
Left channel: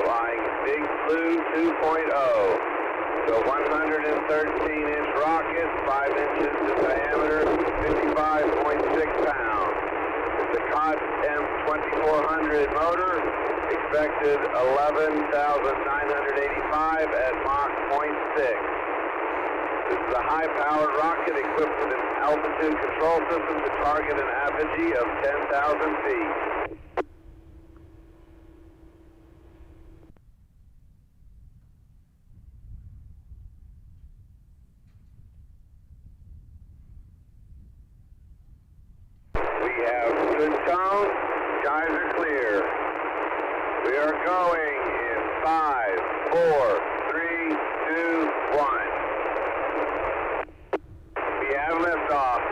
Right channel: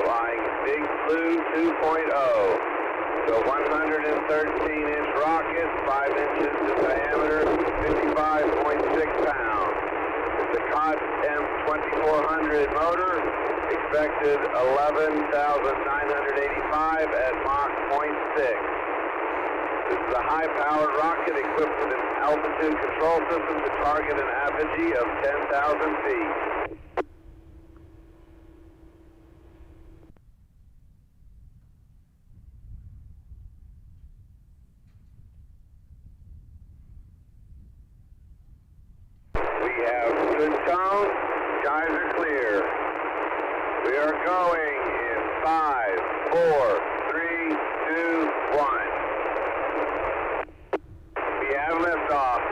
flying Big Blue 2.0. So 113-inch rocket, 5 inches in diameter, 55.6 pounds. The COTS M2400 motor, expected 11,985 at Mach 0.6. This is a high-powered rocket equipped with an altitude control system to target an apogee of 10,000 feet. We have good tone, skies are clear. We are going in 5, 4, 3, 2, 1. We have liftoff.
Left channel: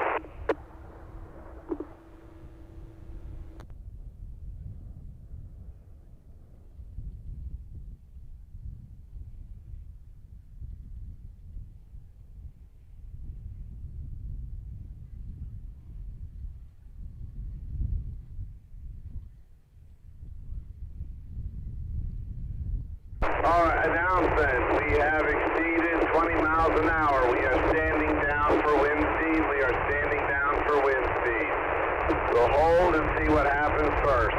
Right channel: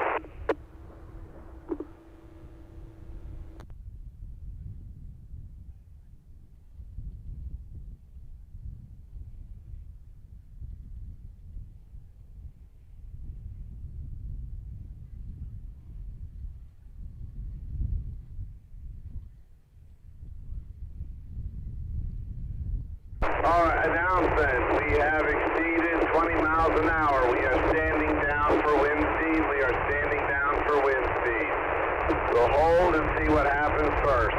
All right, announcement. We have exceeded 20 miles an hour. We are standing down for wind speed. We are standing down for wind speed. We'll hold and see what happens first.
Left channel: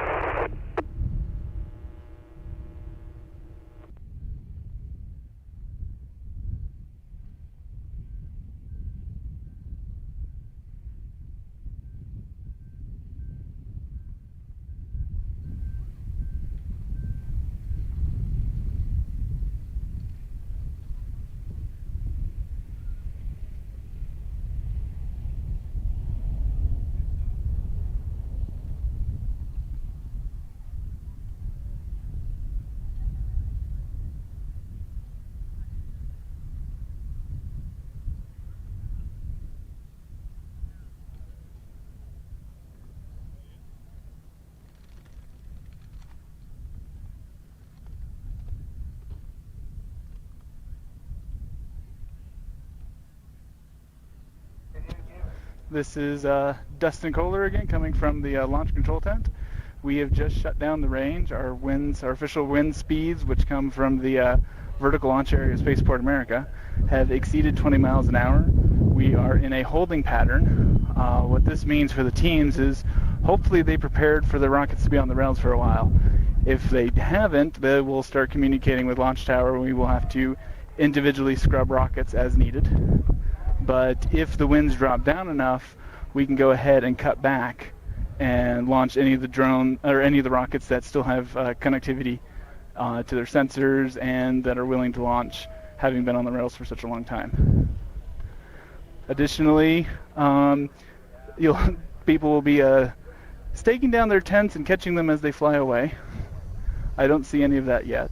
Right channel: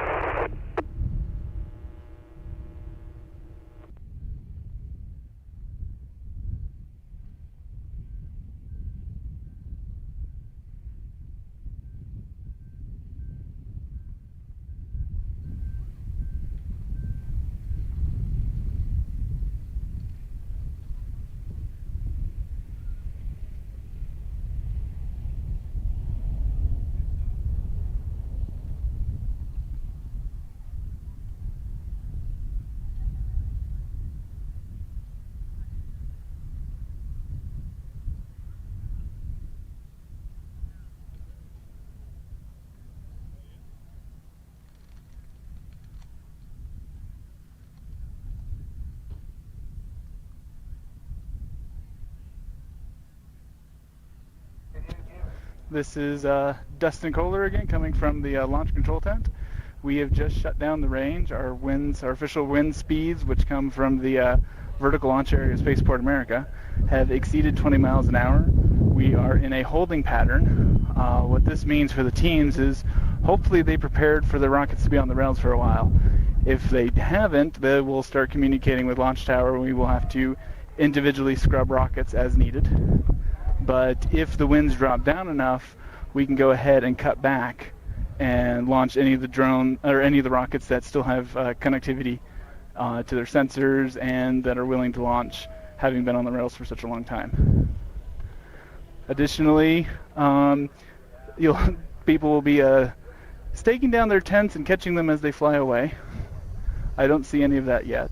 This is Dustin Kohler again, coming from the launch control tent. We have just shut down the range. Our winds, our official wind speeds, which come from the vertical launch area of Spaceport America, have exceeded 20 miles an hour. We are in a holding pattern. What this means for the teams is hopefully they prepared for the rockets to be on the rails for a while. If they haven't, they will start communicating with Launch Tower. We will have to individually scrub rockets as needed. But if the winds drop down enough, we can go ahead and cut back and launch any of the drone or any of the rockets that still have connectivity to their sensors and that are willing to launch, having been on the rails for such a long time. Additionally, people will be staking down their tents and catching them as they fly away. I don't see any of that yet.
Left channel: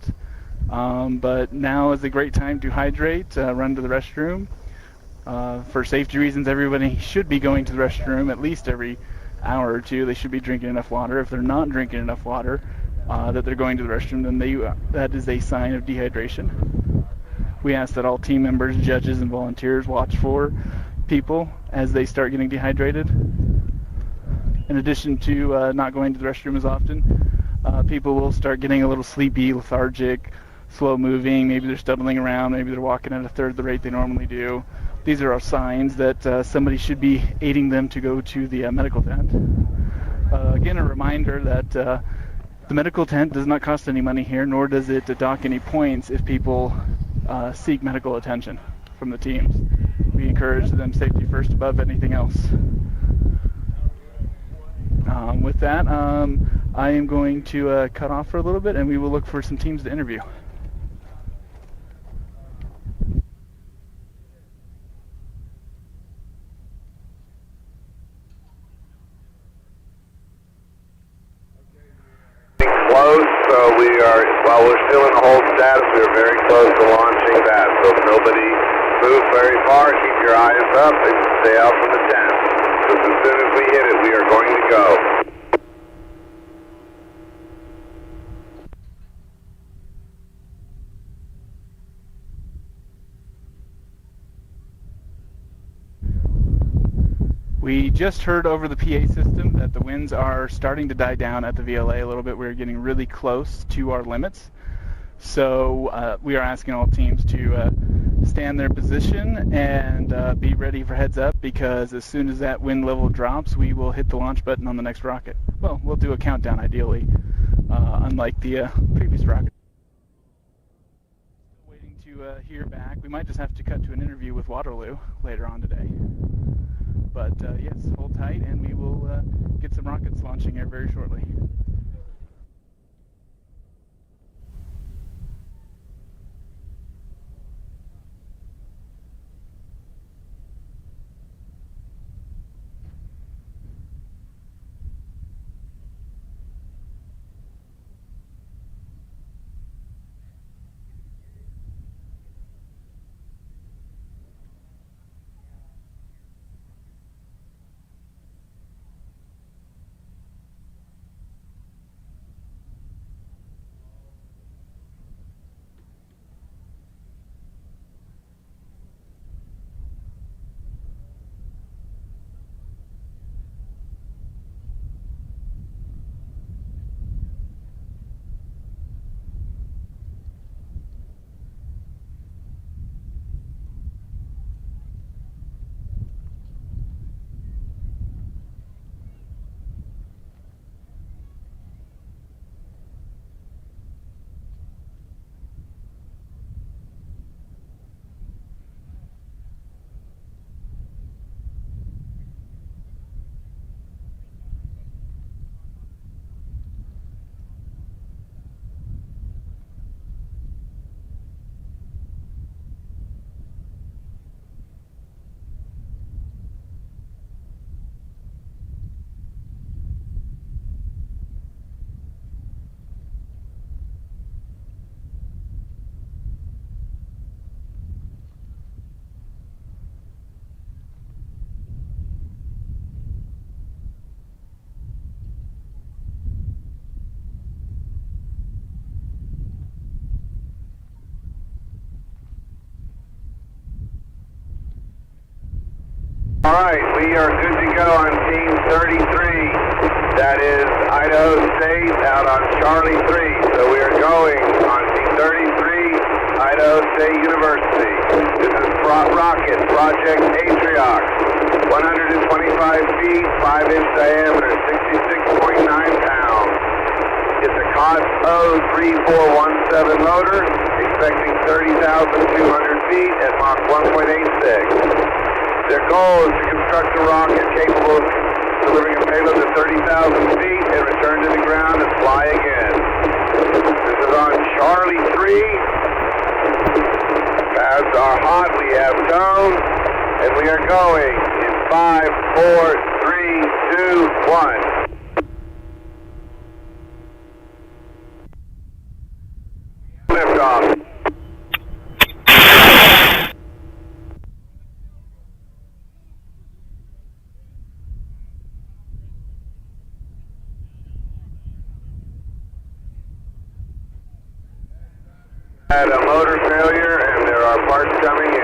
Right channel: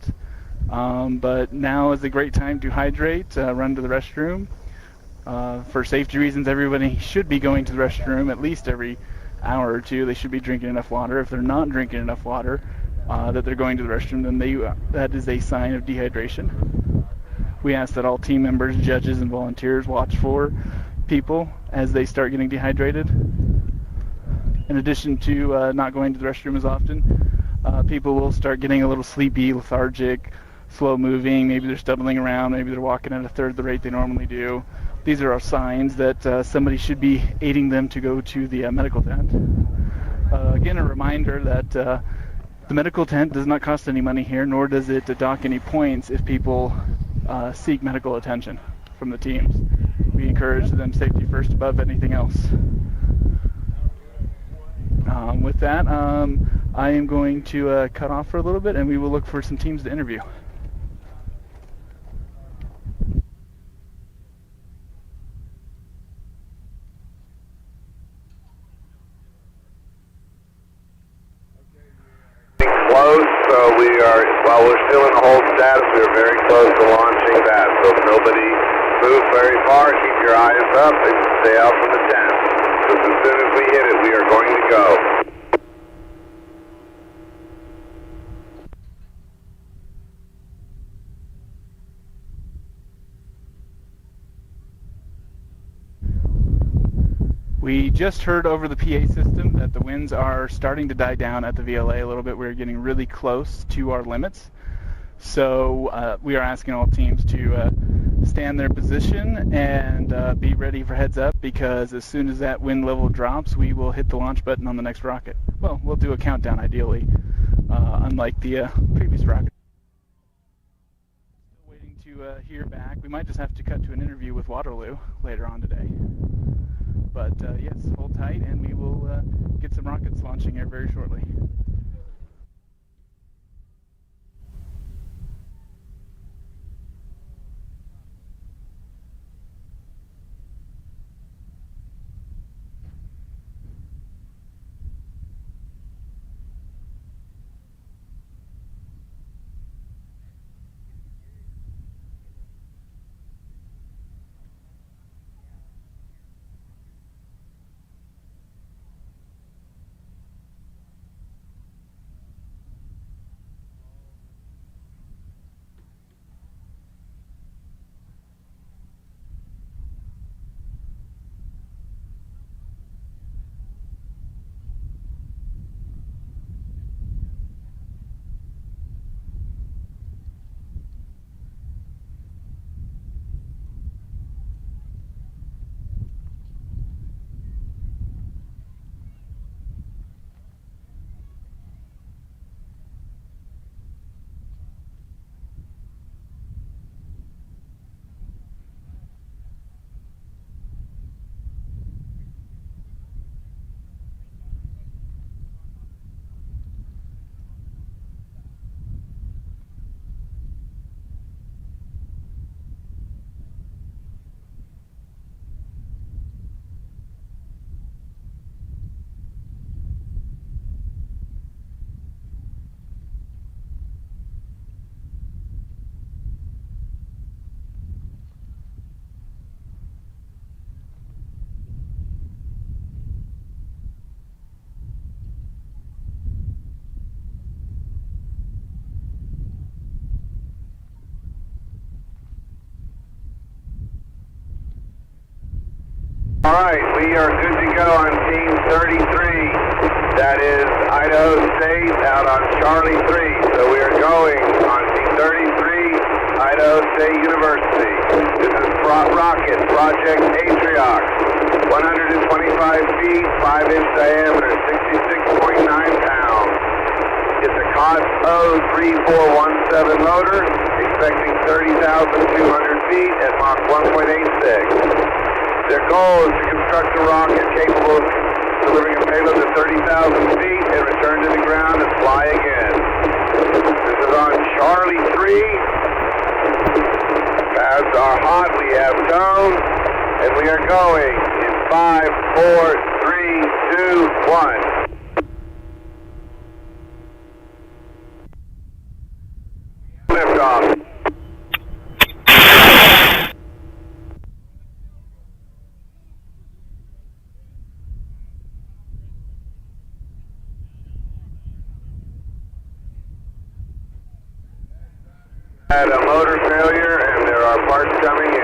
But now is a great time to hydrate, run to the restroom. For safety reasons, everybody should be going to the restroom at least every hour or two. They should be drinking enough water. If they're not drinking enough water, that they're going to the restroom, then that is a sign of dehydration. We ask that all team members, judges, and volunteers watch for people as they start getting dehydrated. In addition to not going to the restroom as often, people will start getting a little sleepy, lethargic, slow moving. Maybe they're stumbling around. Maybe they're walking at a third the rate they normally do. These are all signs that somebody should be aiding them to go to the medical tent. Again, a reminder that the medical tent does not cost any money here, nor does it dock any points if people seek medical attention from the teams. We encourage them safety first above anything else. With that, I am going to cut off for a little bit, and we will look for some teams to interview. Close, so we are Well, we're still in the hold status. We are very close to launching that. So if nobody moves very far, keep your eyes up and stay out from the tent. Because as soon as we hit it, we are going to go. We just heard over the PA system that the winds are starting to die down at the VLA a little bit. We're getting really close to our limits. So we are asking all teams to stay in their position and be ready for heads up, because as soon as that wind level drops, we will hit the launch button on the next rocket. Well, we'll do a countdown ideally, unlike the previous rocket. Waiting to hear back. We might just have to cut to an interview with Waterloo later on today. But yes, hold tight and we will get some rockets launching here very shortly. All right, we are good to go on Team 33. That is Idaho State out on Charlie 3. So we are going on Team 33, Idaho State University. This is Rocket Project Atriox. 125 feet, 5-inch diameter, 66.9 pounds. It's a COTS 03417 motor, expecting 30,200 feet at Mach 1.86. Their goal is to construct a rocket capable of delivering a payload to 30,000 feet and return to the ground and fly again. This is on Charlie 3. Paths are hot, we have tone, and we are going in 5, 4, 3, 2, 1. Liftoff. Had a motor failure and there are parts coming in.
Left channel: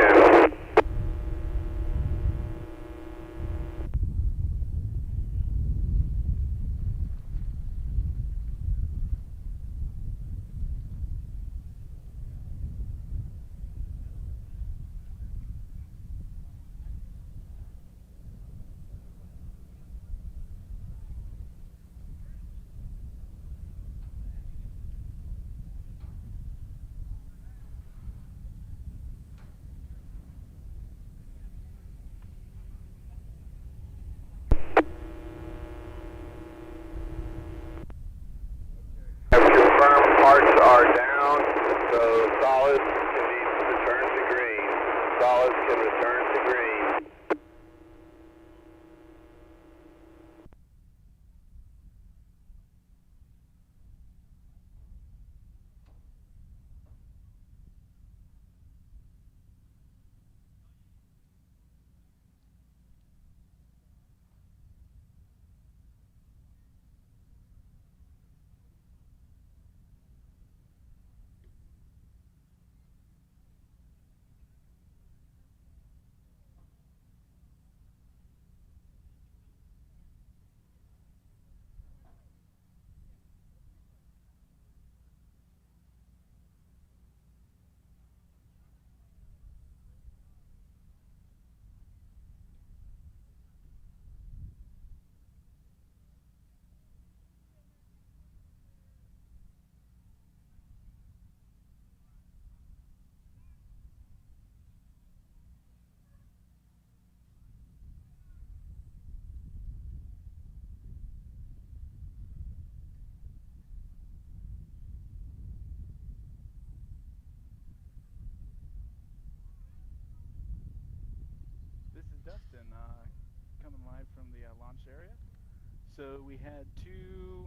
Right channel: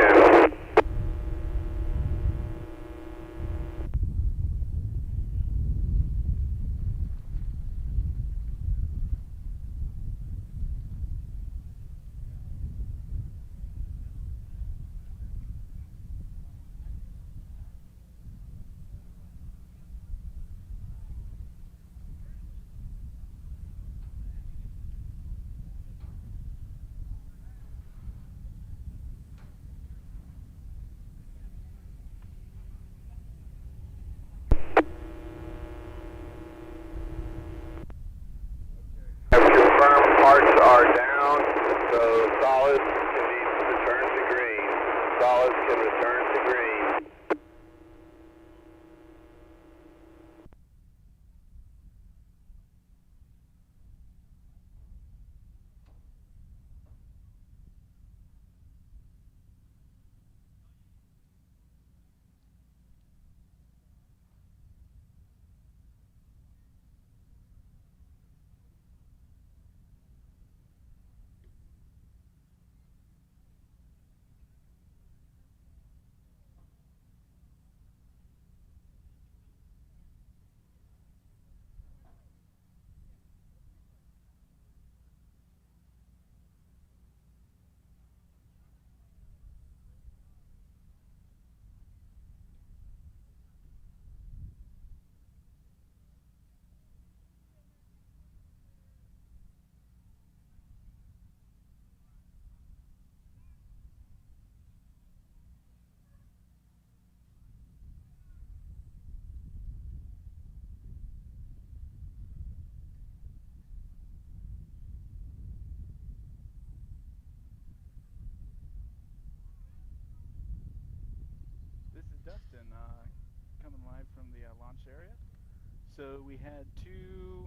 So we had two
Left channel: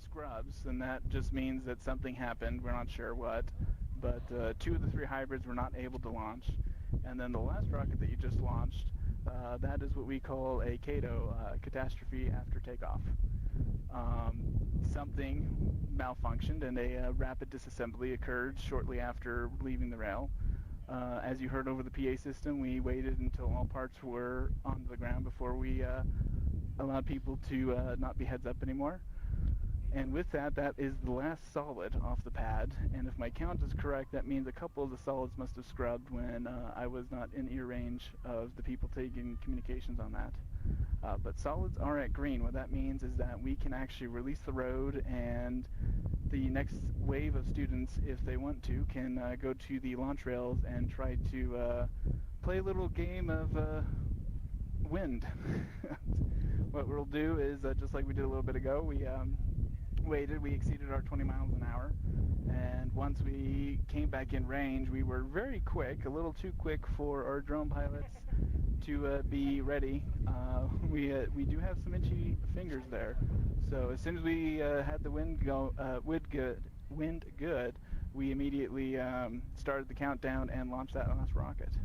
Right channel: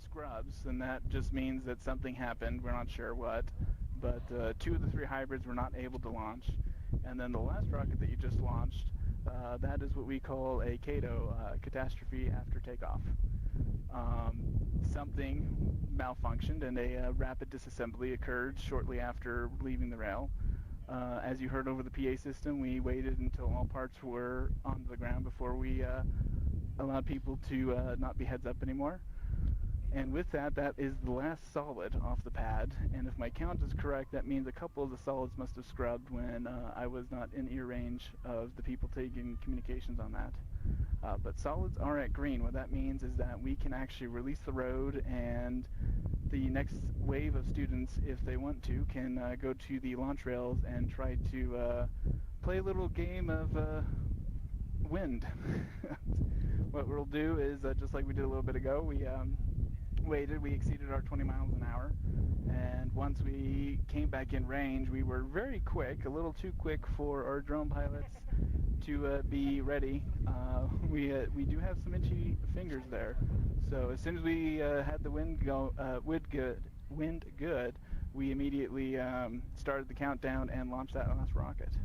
scrubs, and that just means that something happened. We're not sure what, but two of the three hybrids were not able to launch. And then the last rocket that you just launched, that is what we call a CATO, catastrophe after takeoff. Something malfunctioned and a rapid disassembly occurred shortly after leaving the rail. As you heard over the PA system, we waited until all parts were on the ground before we allowed people to not be heads up anymore. And with that, that is the last solid off the pad. And if my count is correct, that means a couple of the solids must have scrubbed when I was not in ear range of the people taking communications on that. But solids are at green. What that means is that we can actually release the road, and the next wave of students, if they want to, can go to the launch rails and try to play a little game of wind. What we'll do is, just like we did a little bit ago, we waited, we exceeded our 20 miles an hour, and once we came back in range, we were very quick, a little too quick for our drone pilots to be ready. We do have some itchy fingers there, so as soon as we had the wind good, we immediately started the countdown and launched that last rocket.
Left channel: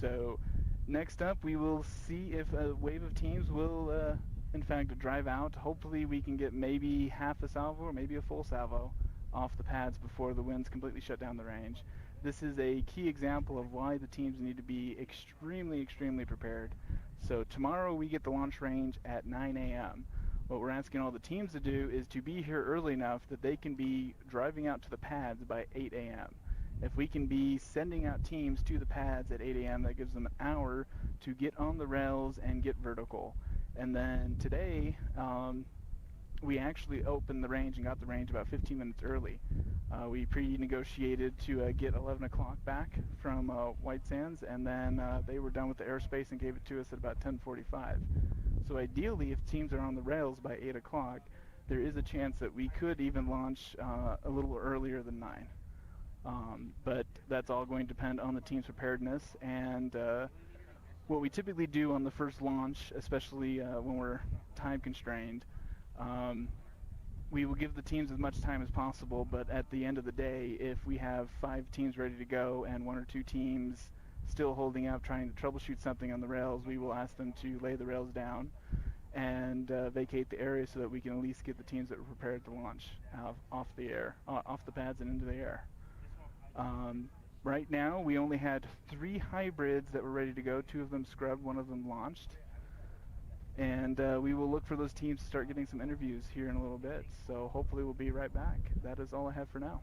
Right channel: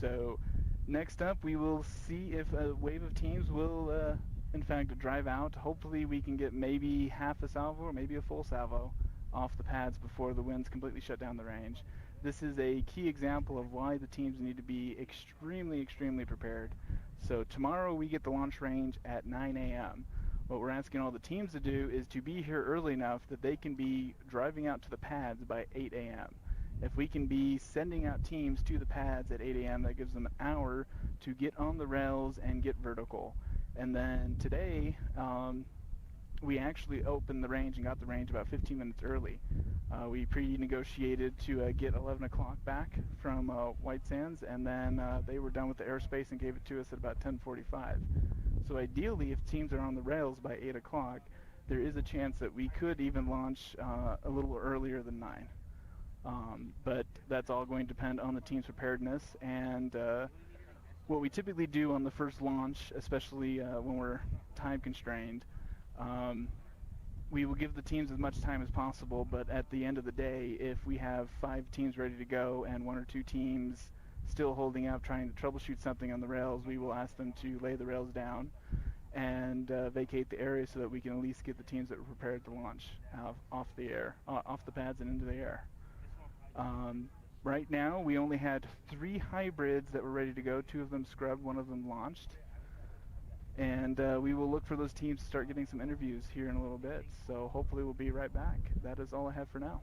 So next up, we will see if a wave of teams will in fact drive out. Hopefully we can get maybe half a salvo or maybe a full salvo off the pads before the winds completely shut down the range. This is a key example of why the teams need to be extremely prepared. So tomorrow we get the launch range at 9 a.m. What we're asking all the teams to do is to be here early enough that they can be driving out to the pads by 8 a.m. If we can be sending out teams to the pads at 8 a.m., that gives them an hour to get on the rails and get vertical. And then today, we actually opened the range and got the range about 15 minutes early. We pre-negotiated to get 11 o'clock back from White Sands, and then they were done with the airspace and gave it to us at about 10:45. So ideally, if teams are on the rails by 8 o'clock, there is a chance that we could even launch a little earlier than 9. But that's all going to depend on the team's preparedness, and what we typically do on the first launch, especially when we're time constrained, we will give the teams as much time as possible, but at the end of the day, if we have 5 teams ready to go and 1 or 2 teams still holding out trying to troubleshoot something on the rails, we will ask them to lay the rails down and vacate the area so that we can at least get the teams that were prepared to launch off the pads and into the air. Right now, we only had 3 hybrids that were ready to go. 2 of them scrubbed, 1 of them launched. And we will look for those teams to start getting some interviews here in a little bit. So hopefully we'll be right back. That is all I have for now.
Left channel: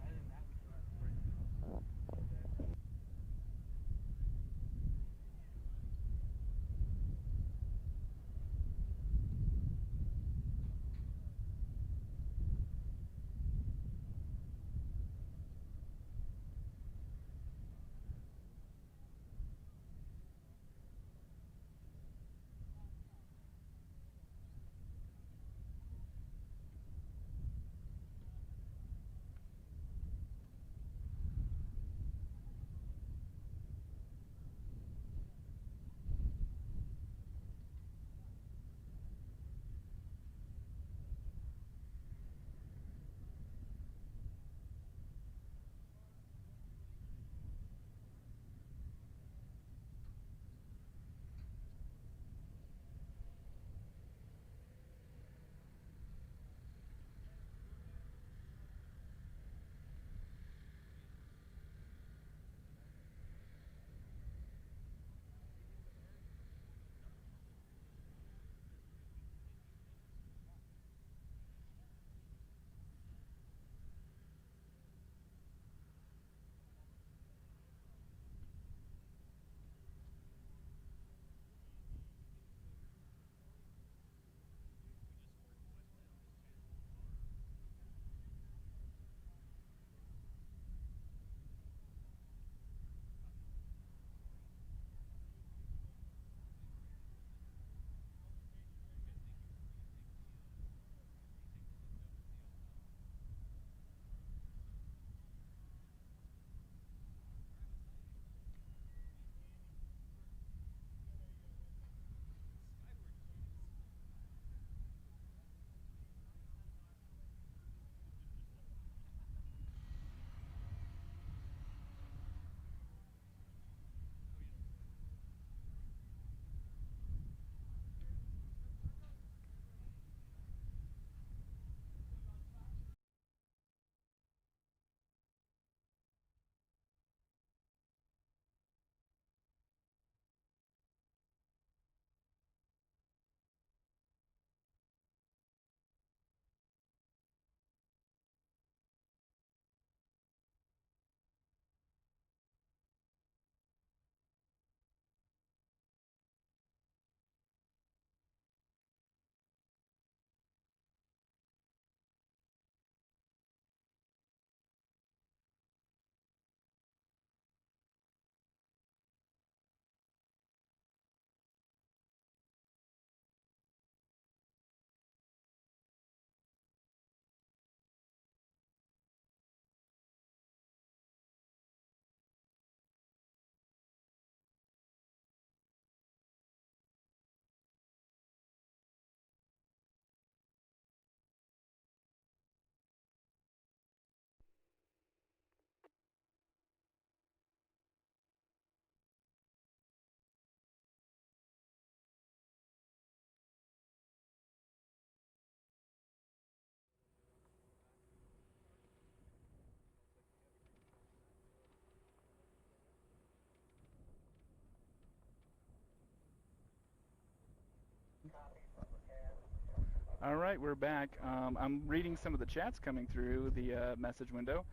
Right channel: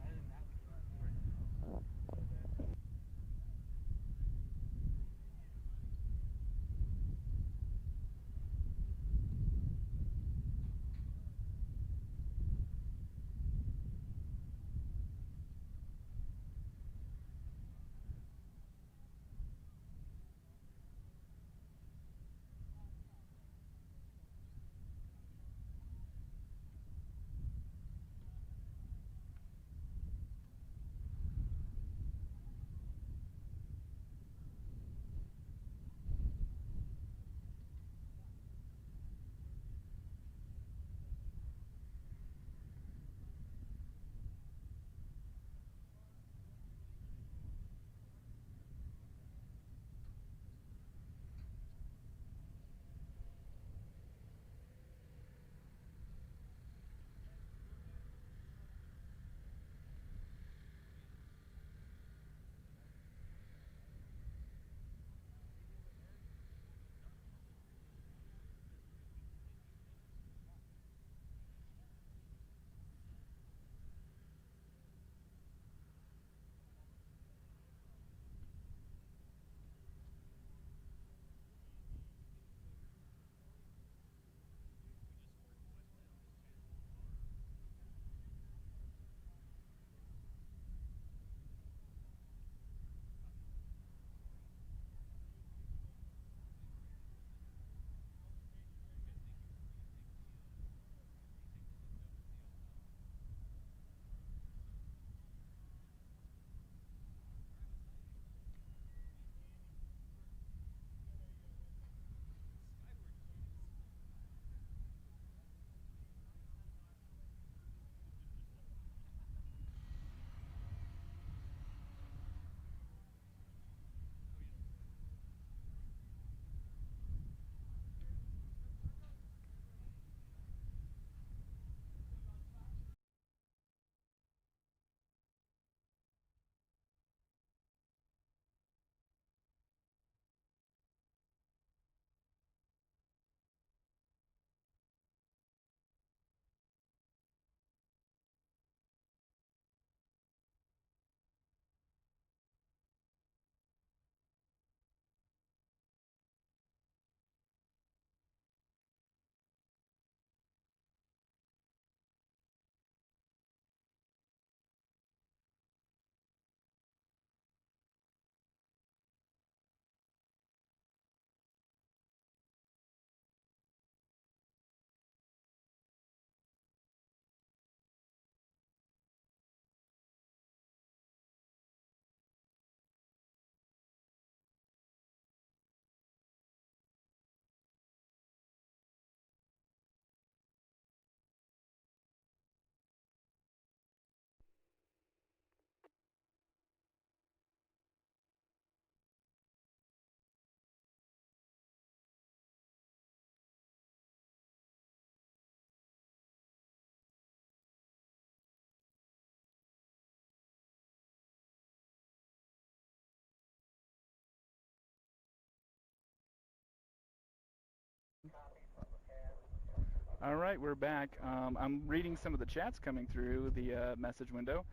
All right, we're back. I'm reading some of the chats coming through the message window.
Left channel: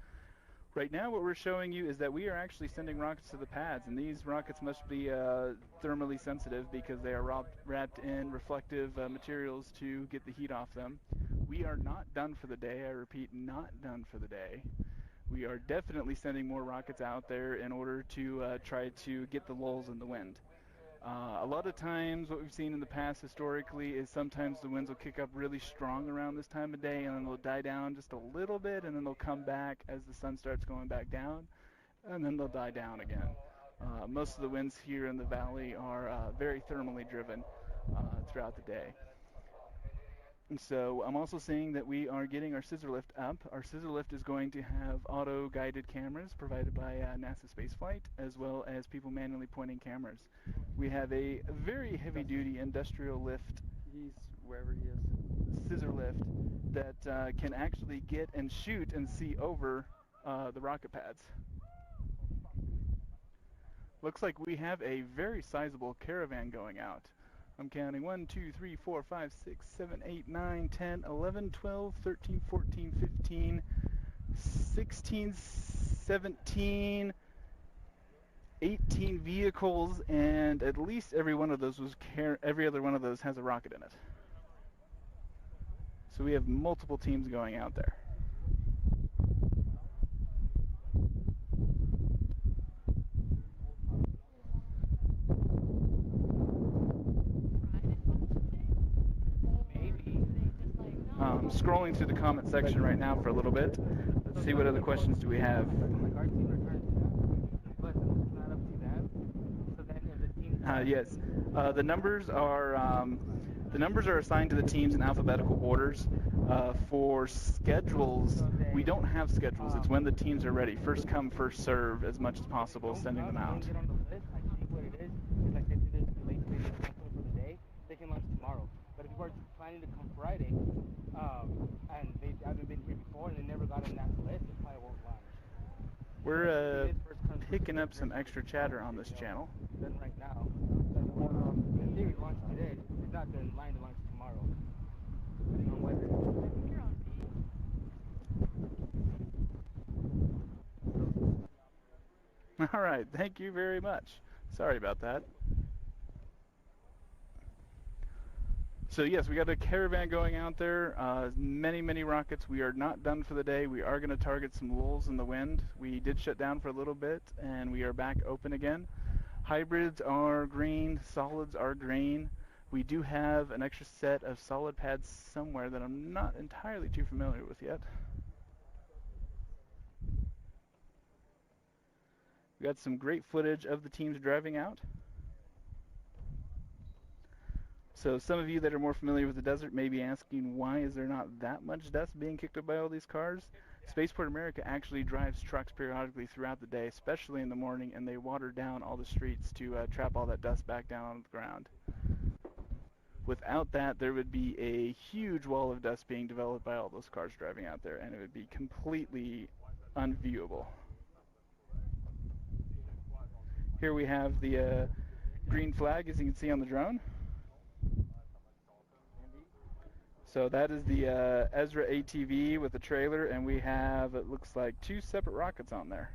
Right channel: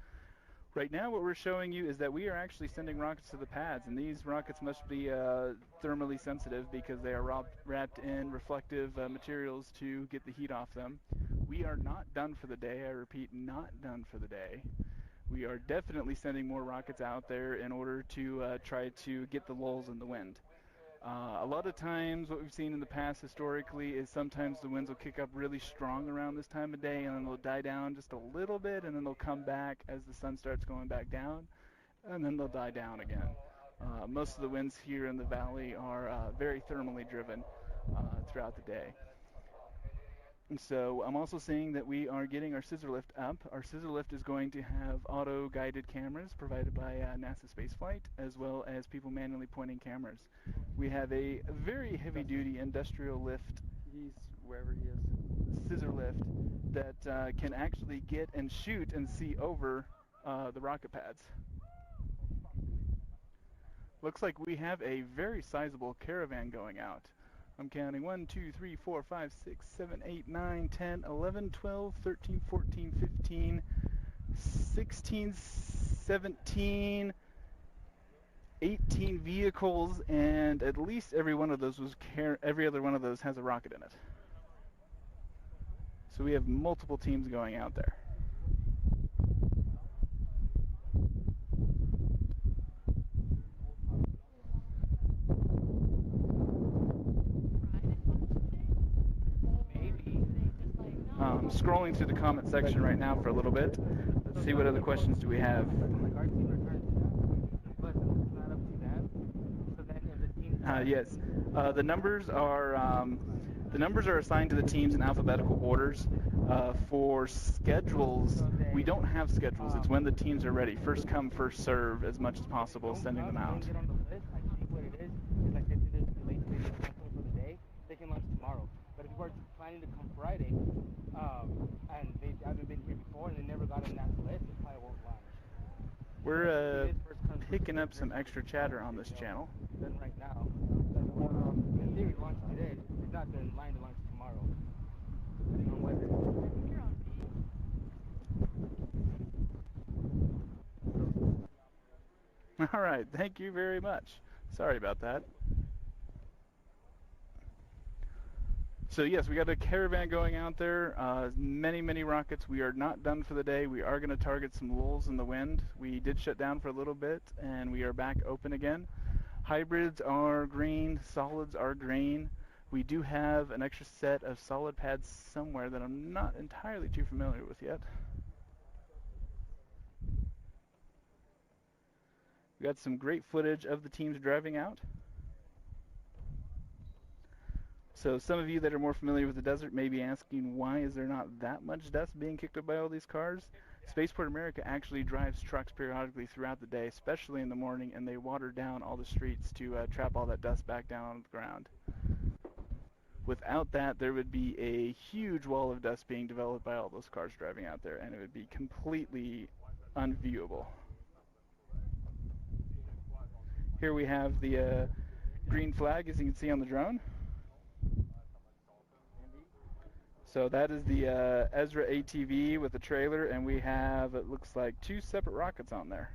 Right now what we're showing you is that we are actually sending rockets to the pads, and these rockets must be thermally sensitive because they are wrapped in reflective materials to get the heat off them. We are not done for the day. I repeat, not done for the day. We are definitely sending more rockets out there in order to try to get the lulls in the wind. A lot of times what we've seen in the past historically is sometimes the winds will kick up really strong around this time of day, and then they'll die down just a little bit, and then they'll come back as the sun starts going back down, and then they'll die down again. Most of the winds here in the valley are very thermally driven throughout the day. And so I'm also seeing that we are getting our scissor lift up. Our scissor lift is going to have auto-guided cameras provided by NASA Spaceflight, as well as people manually pointing cameras. We have a very heavy-duty industrial lift, wherever he is, scissor lift, that can actually get and shoot and see over the rocket pads. Looks like we have a very sizable caravan going out. I'm counting 1, 2, 3, 4, 5, 6, 7, 8, 9, 10, 11, 12, 13, 14, 15, 16, 17, 18 vehicles, and at least every one of those every other one of those has a rocket in it. So we have multiple teams going out there. Scrolling through the comment section right now for a little bit. Let's see what other questions do we have. Yes, the numbers are assigned to the teams in alphabetical orders. For schedules, we don't have schedules. It's when the teams are ready. First come, first serve, as much as possible, sending them out. They can launch tomorrow. But if you were planning to come Friday, and they haven't been here before and they never got on that list, they probably won't launch. We're picking up some extra chatter on this channel. Then right now, in theory, launch today. It's not been in line to launch tomorrow. Depending on weather. All right, thank you very much. Sorry about that. So yes, we got a caravan going out there, many rockets. We are not done for the day. We are going to target some lulls in the wind. We did shut down for a little bit, and we are back open again. Hybrids are green, solids are green. We do have an extra set of solid pads somewhere that I'm not entirely too familiar with yet. We got some great footage of the teams driving out. So some of you that are more familiar with the desert may be asking, why is there not that much dust being kicked up by all these cars? Spaceport America actually drives trucks periodically throughout the day, especially in the morning, and they water down all the streets to trap all that dust back down on the ground. Without that, there would be a huge wall of dust being developed by all those cars driving out there, and it would be completely unviewable. Here we have the green flag, as you can see on the drone. So that is the ESRA ATV with the trailer, and we have, it looks like, 2 separate rockets on there.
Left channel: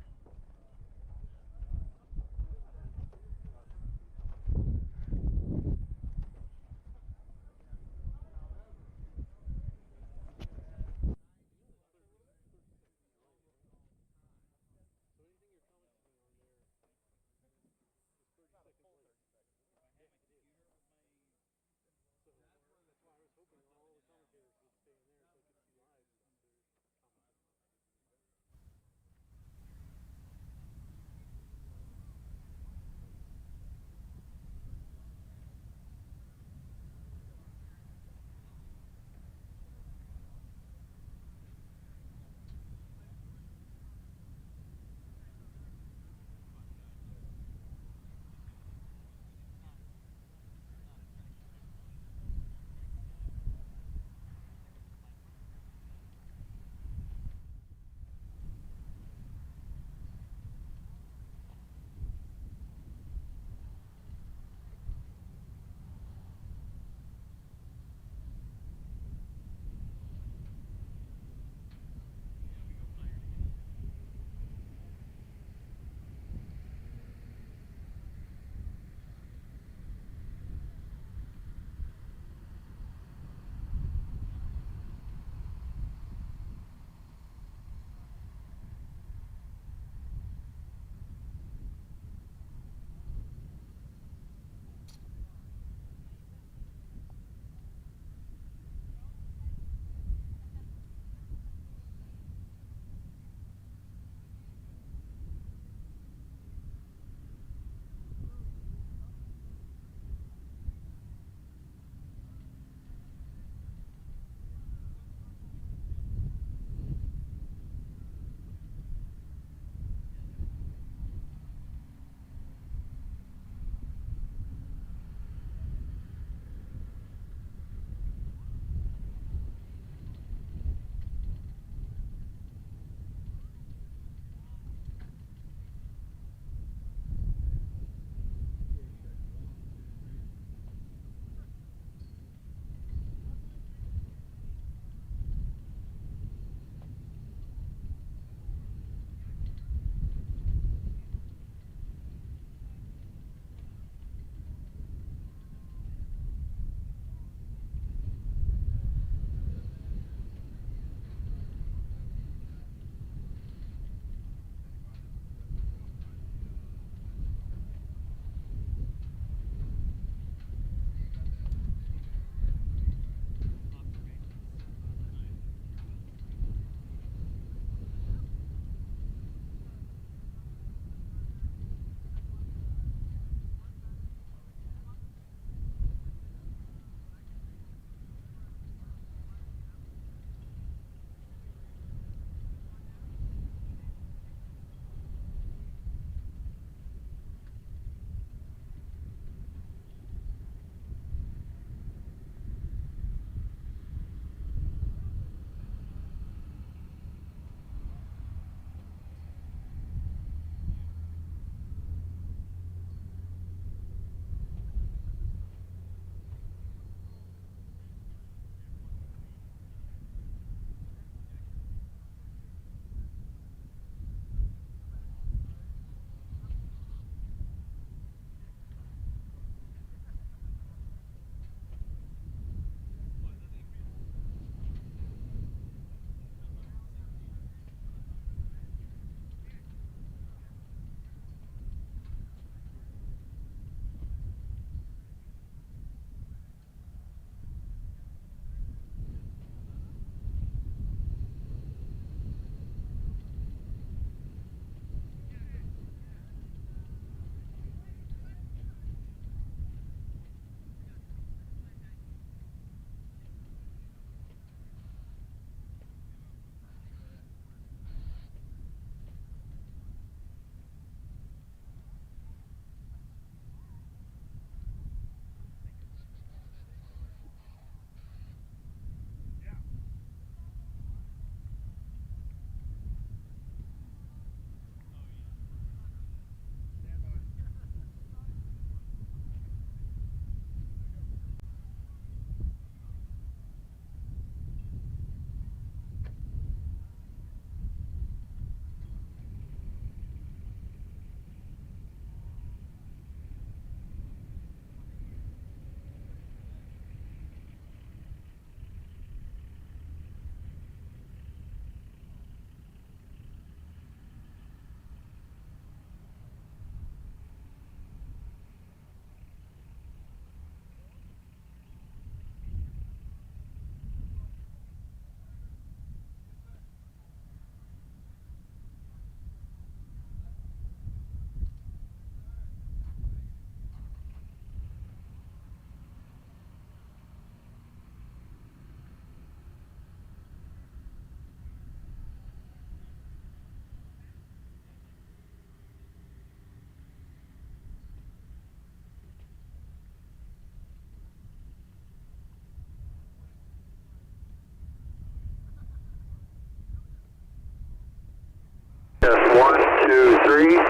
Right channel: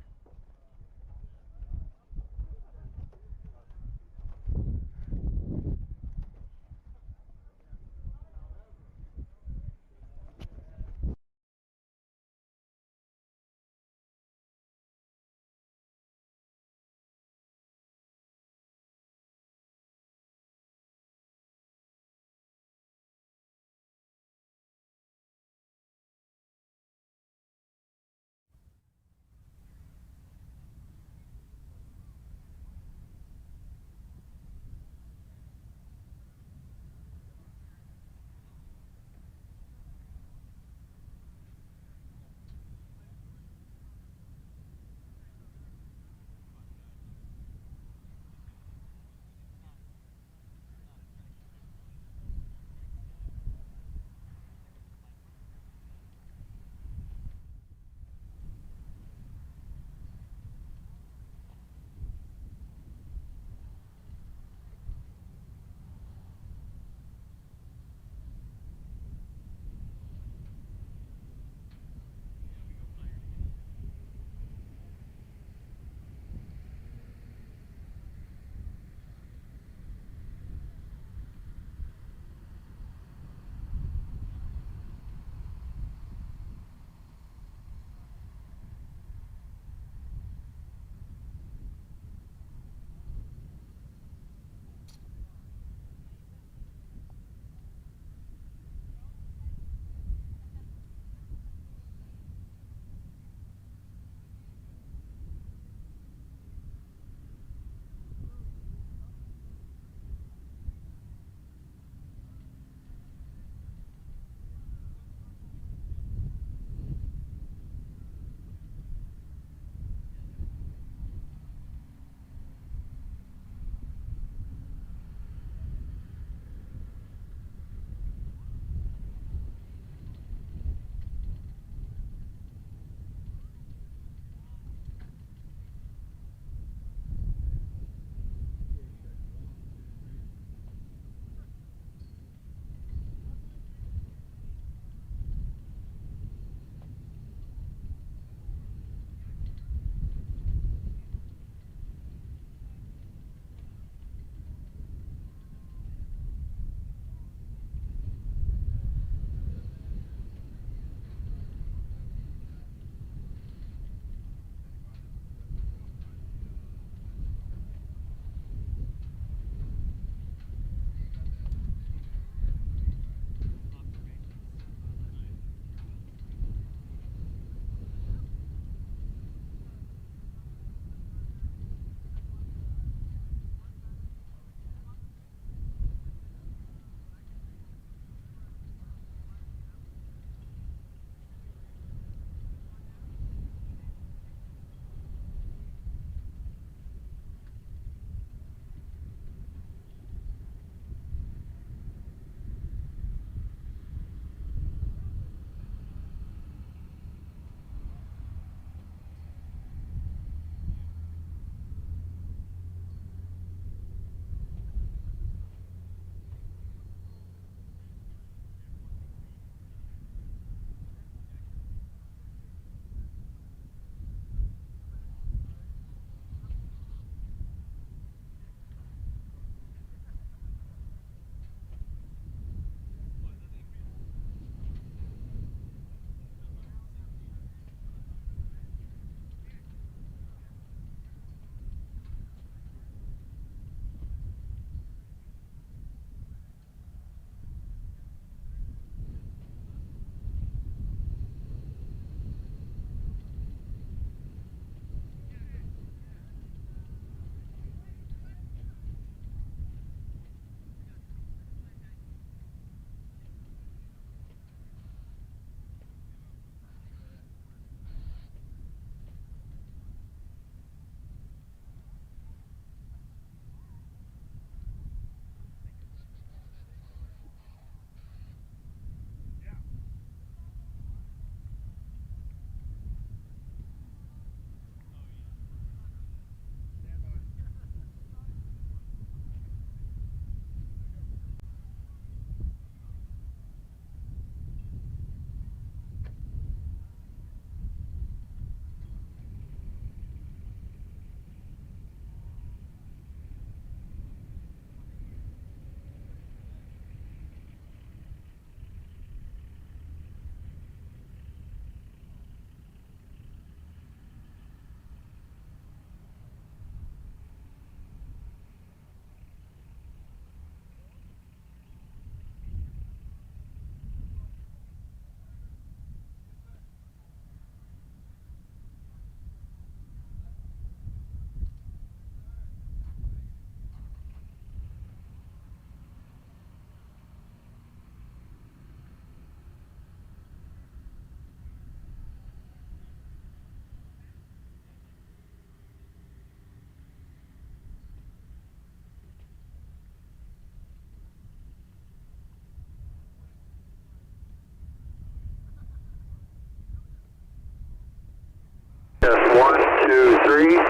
3. PA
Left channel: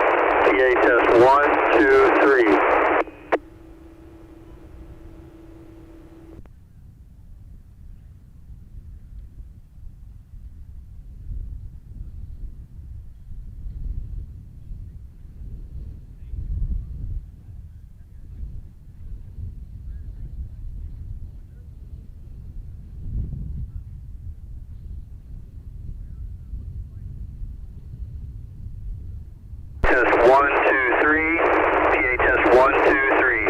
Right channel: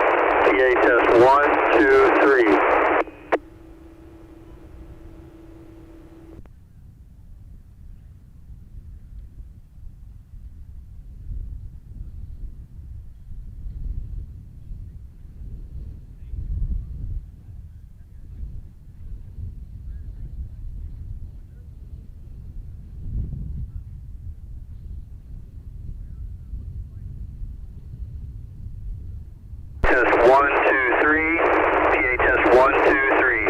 test 1, 2, 3. Test 1, 2, 3. PA test 1, 2, 3.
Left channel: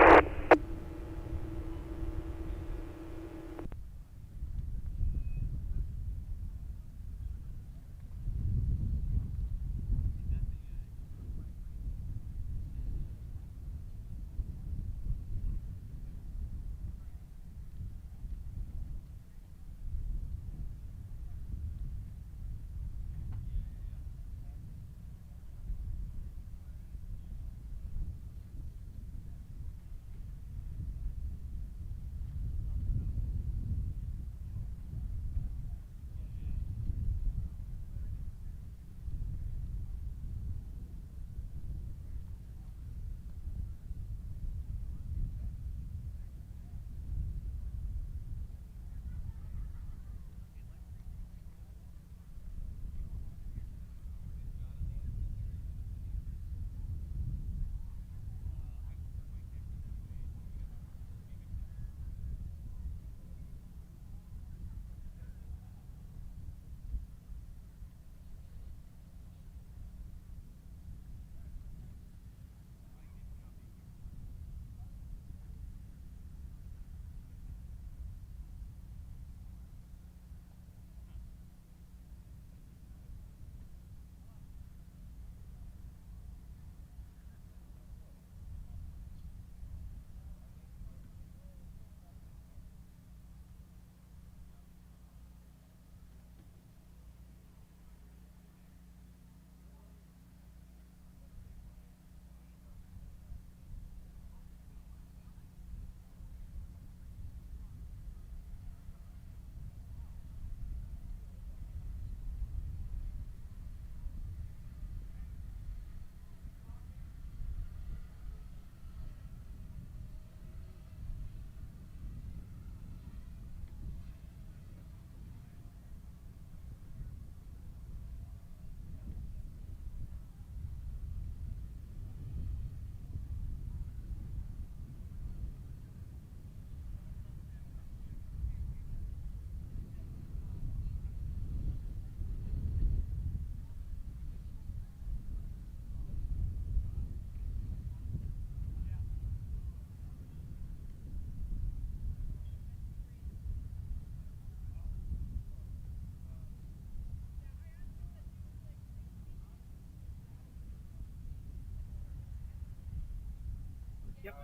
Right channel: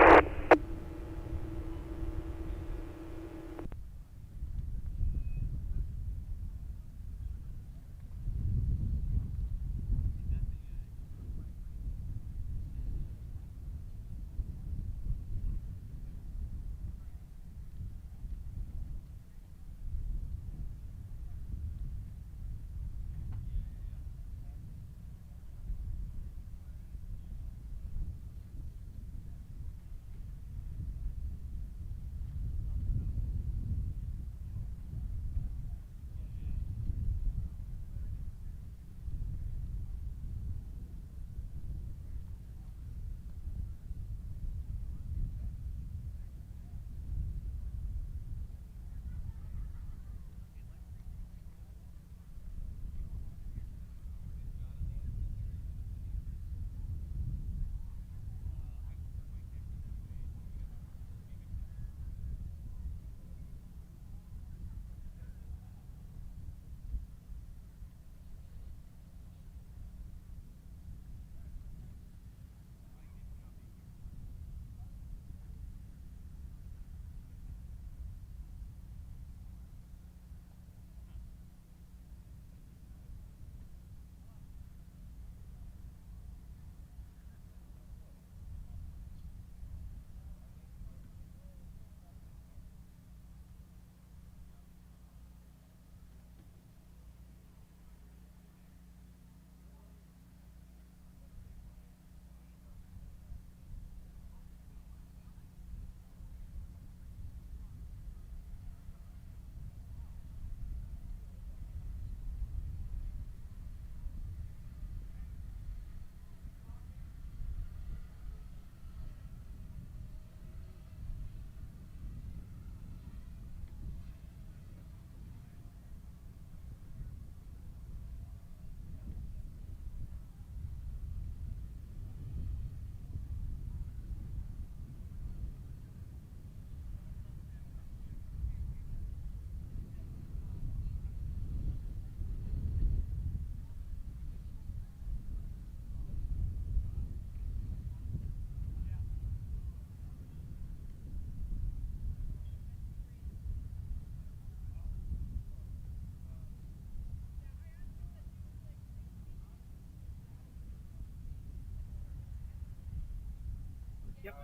Yep.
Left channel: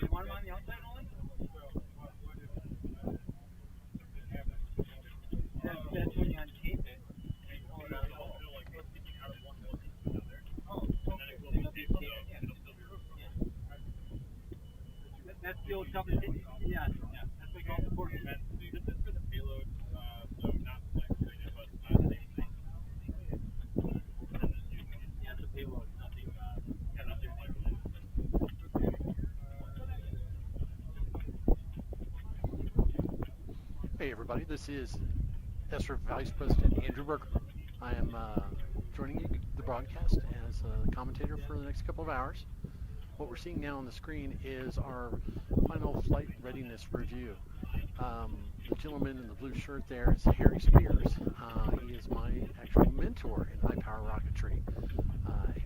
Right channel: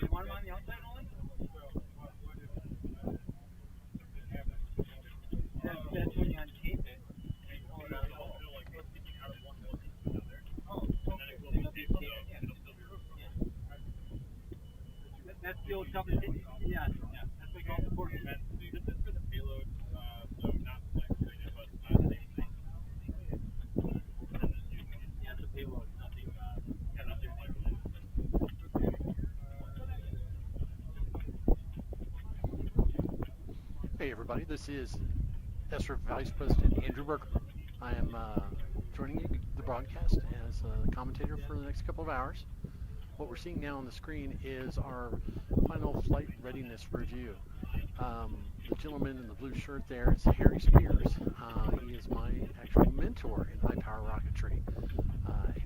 You want them on the outside only? That's when you untape it. That's the old double hit. Yeah. That's like all the board events. This is for the payload, so not like but yeah, the payload, nothing like that. Hey everybody, this is ESRA Vice President Andrew Berkman. I am joining the broadcast as a commentator for the next couple of hours. What we're seeing now on the screen is our final flight readiness review. The gentleman in the blue shirt there is Harry Spears. He is my actual mentor in high power rocketry.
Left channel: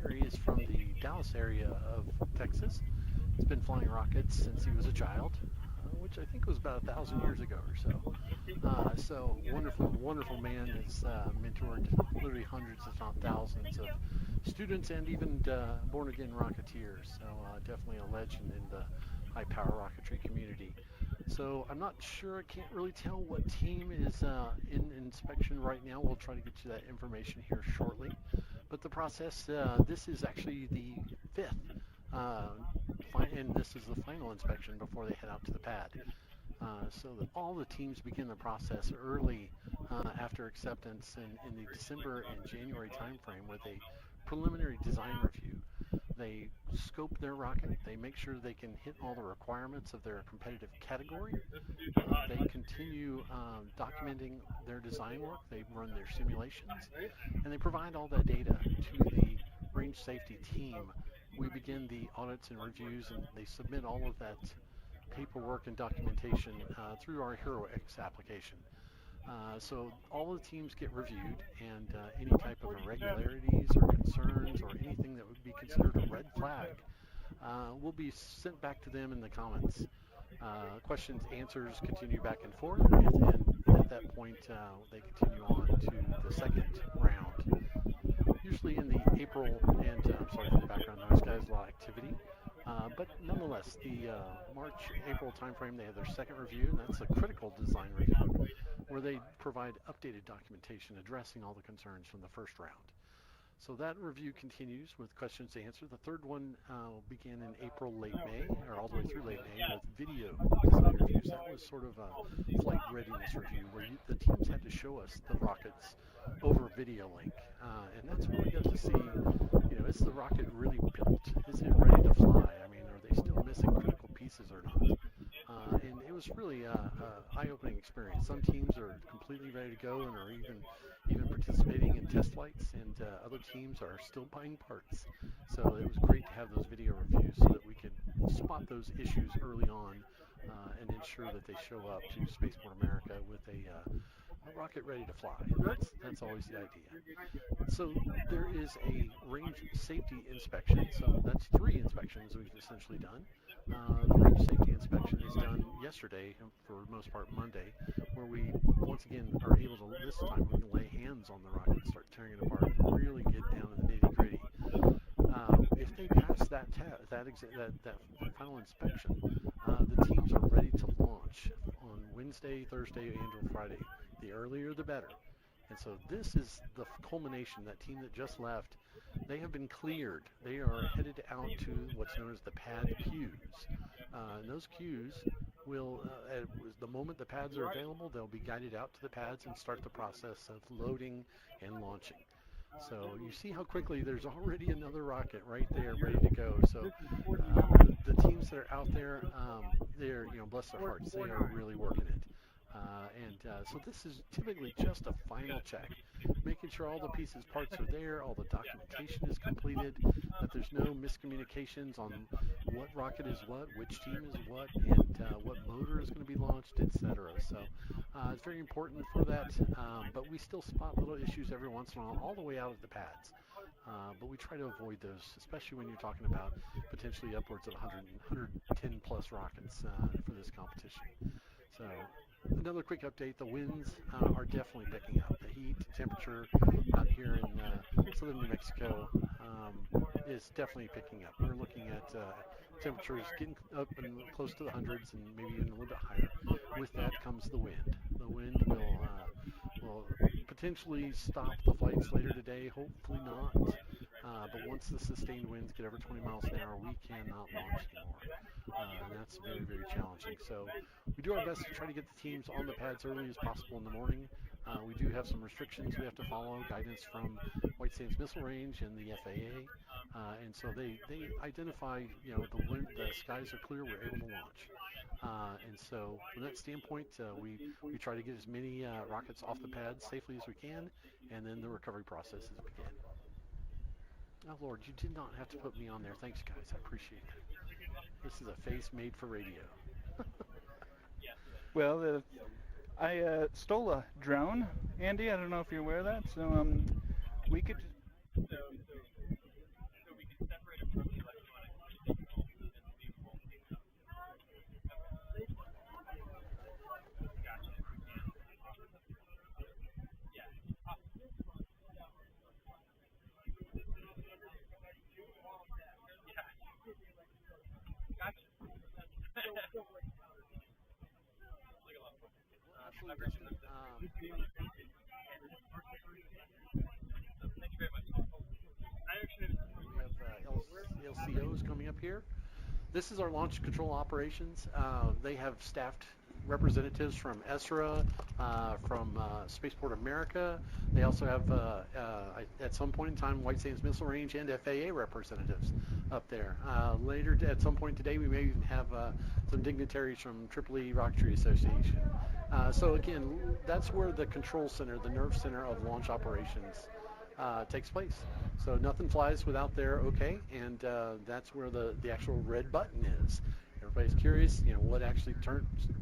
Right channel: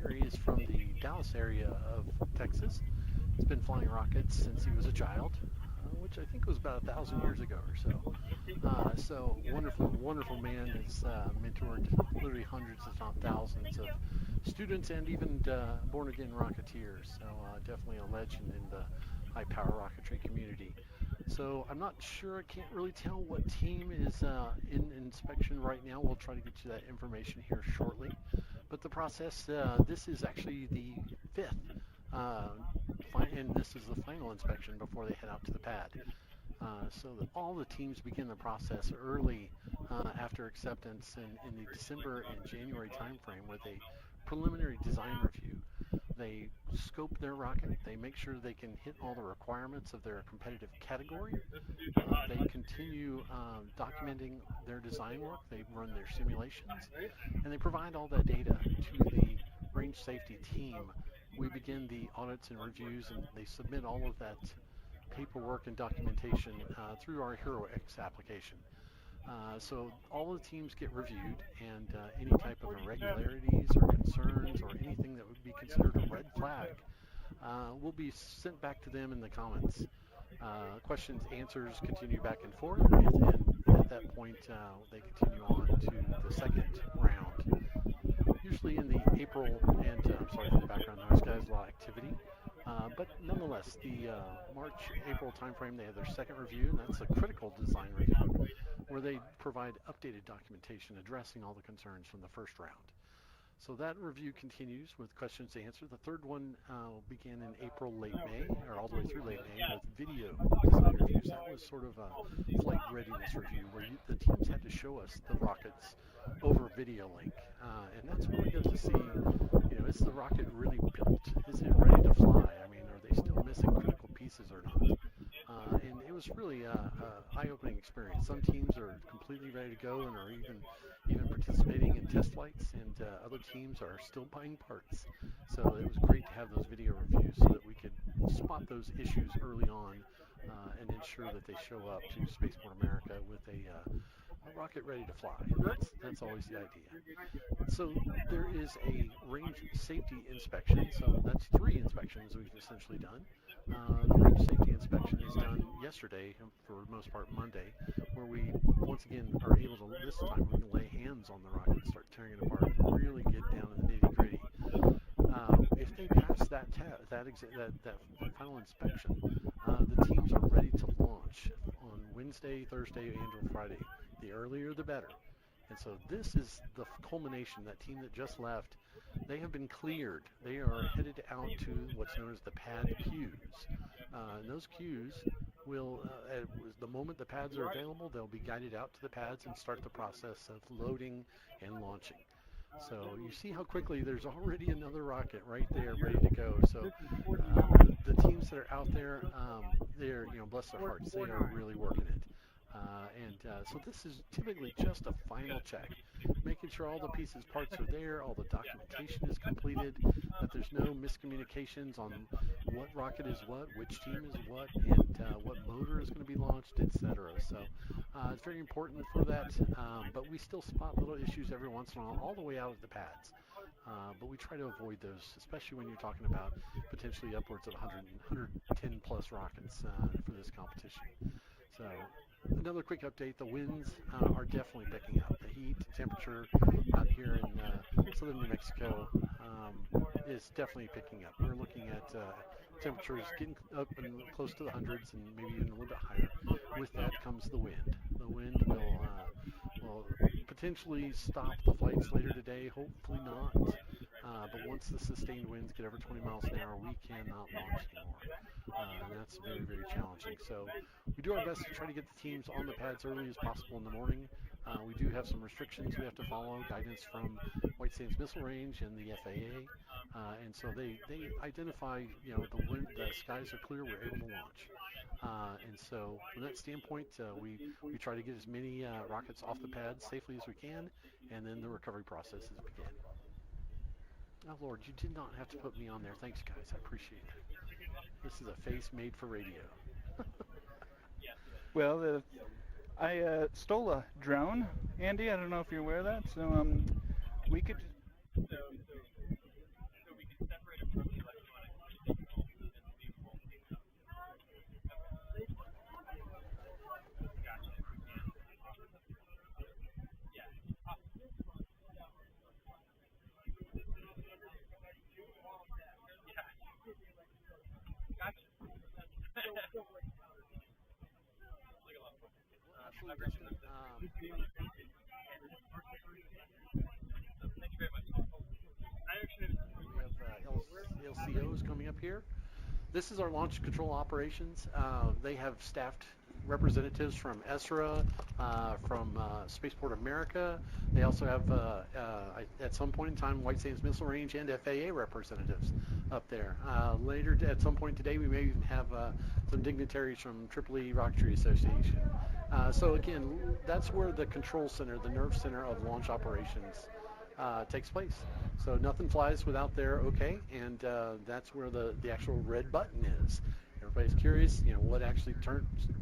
Harry is from the Dallas area of Texas. He's been flying rockets since he was a child, which I think was about 1,000 years ago or so. So wonderful man. Has mentored literally hundreds, if not thousands, of students and even born-again rocketeers. So definitely a legend in the high-power rocketry community. So I'm not sure, I can't really tell what team is in inspection right now. We'll try to get you that information here shortly. But the process, this is actually the 5th, and this is the final inspection before they head out to the pad. So that all the teams begin the process early after acceptance in the December and January timeframe with a preliminary design review. They scope their rocket, they make sure they can hit all the requirements of their competitive category, they continue documenting their design work, they run their simulations, and they provide all that data to the range safety team. We begin the audits and reviews, and they submit all of that paperwork and documentation through our HeroX application. So all the teams get reviewed, and any type of irregularities or concerns or anything that would be considered a red flag will be sent back to them in the comments. Questions, answers continue back and forth, and at that point they continue on to the second round. Usually in the April and, I'm sorry for the background noise, guys, a lot of activity. But nonetheless, the March-April timeframe, they have their second review, and that's a critical design review, where they provide updated documentation addressing all the concerns from the first round. So that review continues with questions to answer. The third one began in April, late May, or all the way through late May, with video design reviews. That was sort of a flight readiness review where the teams had to show us the rockets over video link. And that's what we got to see. You know, is the rocket really built? Is it ready to fly? I mean, are they still missing critical pieces or not? And it was really an eye-opening experience. Some teams are completely ready to go and are even participating in test flights, and other teams are still buying parts. So it was great to have those video reviews so that we could spot those issues early on and ensure that they show up to Spaceport America with a rocket ready to fly. That's always the idea. So there is a range safety inspection. So that's 3 inspections we've essentially done. The range safety inspection is done yesterday, for the most part Monday, where we once again are able to, this time we can lay hands on the rocket and start tearing it apart and really get down to the nitty-gritty. If they pass that final inspection, the teams are ready to launch on Wednesday, Thursday, and Friday. The earlier the better. And so this is the culmination. That team that just left, they have been cleared. They are headed out to what's known as the pad queues. And those queues will, the moment the pads are available, they'll be guided out to the pads and start the process of loading and launching. So you see how quickly there's already another rocket right there ready to go. So the teams that are out there, they're, bless their hearts, they are really working it. So this is typically just a final check, making sure all the pieces, parts are there, all the documentation is completed, that there's no miscommunications on what rocket is what, which team is what, and what motor is going to be launched, etc. So it's very important for that, but we still spot little issues every once in a while, all the way out of the pads. But we try to avoid those, especially when you're talking about potentially upwards of 110 plus rockets for this competition. So another quick update, the winds are definitely picking up. The heat, temperature out here in southern New Mexico is definitely picking up. We're looking at temperatures getting up and close to the hundreds and maybe even a little bit higher. With that comes the wind. The wind will potentially stop the flights later today, hopefully not. But once the sustained winds get over 20 miles an hour, we cannot launch anymore. And that's very, very challenging. So we do our best to try to get the teams on the pads early as possible in the morning. We do have some restrictions we have to follow, guidance from White Sands Missile Range and the FAA. And so they identify, the skies are clear, we're able to launch. And so from that standpoint, we try to get as many rockets off the pads safely as we can, and then the recovery processes begin. Oh Lord, you did not have to put me on there. Thanks guys, I appreciate it. This is a face made for radio. Well, I stole a drone, Andy. I don't know if you're aware of that. So we could. Thank you very much. LCOs coming up here. This is our launch control operations. They have staffed representatives from ESRA, from Spaceport America. They also have, at some point in time, White Sands Missile Range and FAA representatives up there. Later, at some point today, we may even have some dignitaries from EEE Rocketry Association. So again, that's where the control center, the nerve center of launch operations takes place. So nothing flies without their okay, and that's where the actual red button is. Everybody's curious, what actually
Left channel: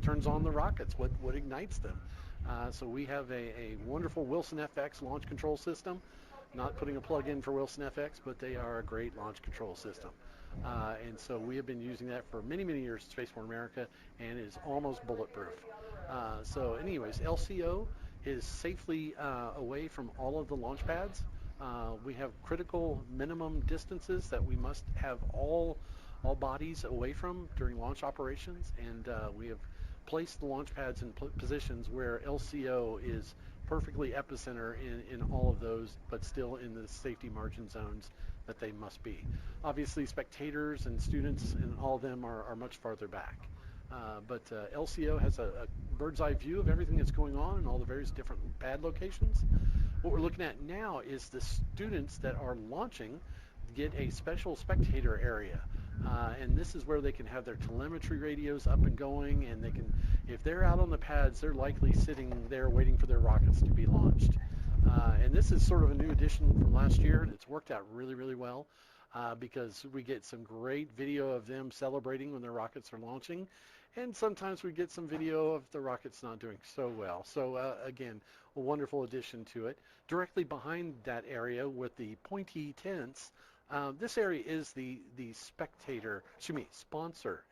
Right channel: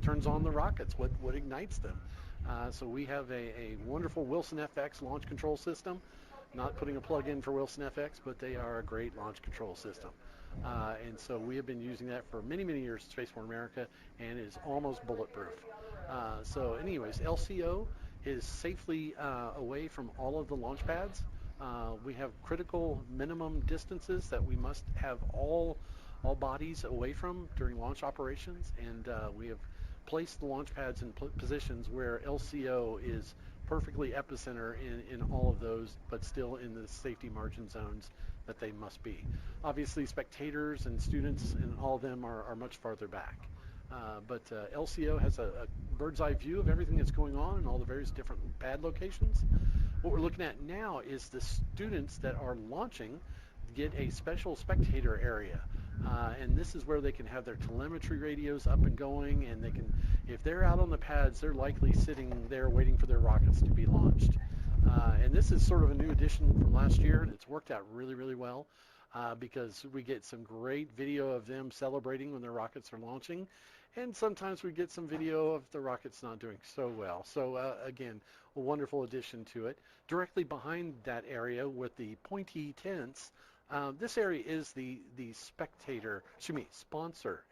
turns on the rockets, what ignites them. So we have a wonderful Wilson FX launch control system. Not putting a plug in for Wilson FX, but they are a great launch control system. And so we have been using that for many, many years at Spaceport America, and is almost bulletproof. So anyways, LCO is safely away from all of the launch pads. We have critical minimum distances that we must have all bodies away from during launch operations, and we have placed the launch pads in positions where LCO is perfectly epicenter in all of those, but still in the safety margin zones that they must be. Obviously, spectators and students and all of them are much farther back. But LCO has a bird's eye view of everything that's going on in all the various different pad locations. What we're looking at now is the students that are launching get a special spectator area. And this is where they can have their telemetry radios up and going, and they can, if they're out on the pads, they're likely sitting there waiting for their rockets to be launched. And this is sort of a new addition from last year, and it's worked out really, really well because we get some great video of them celebrating when their rockets are launching, and sometimes we get some video of the rockets not doing so well. So again, a wonderful addition to it. Directly behind that area with the pointy tents, this area is the sponsor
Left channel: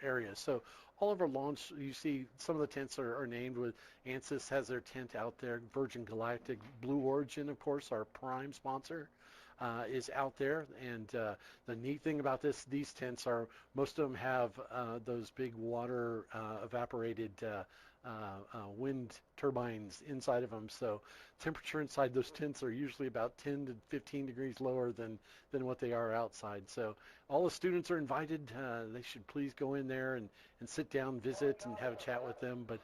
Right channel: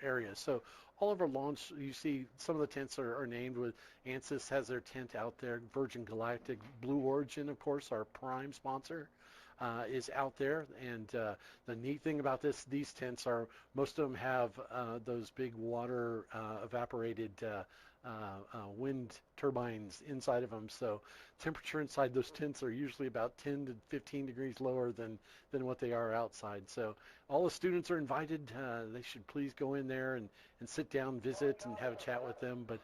area. So all of our launch, you see some of the tents are named with ANSYS has their tent out there. Virgin Galactic, Blue Origin, of course, our prime sponsor, is out there. And the neat thing about these tents are most of them have those big water evaporated wind turbines inside of them. So temperature inside those tents are usually about 10 to 15 degrees lower than what they are outside. So all the students are invited. They should please go in there and sit down, visit, and have a chat with them. But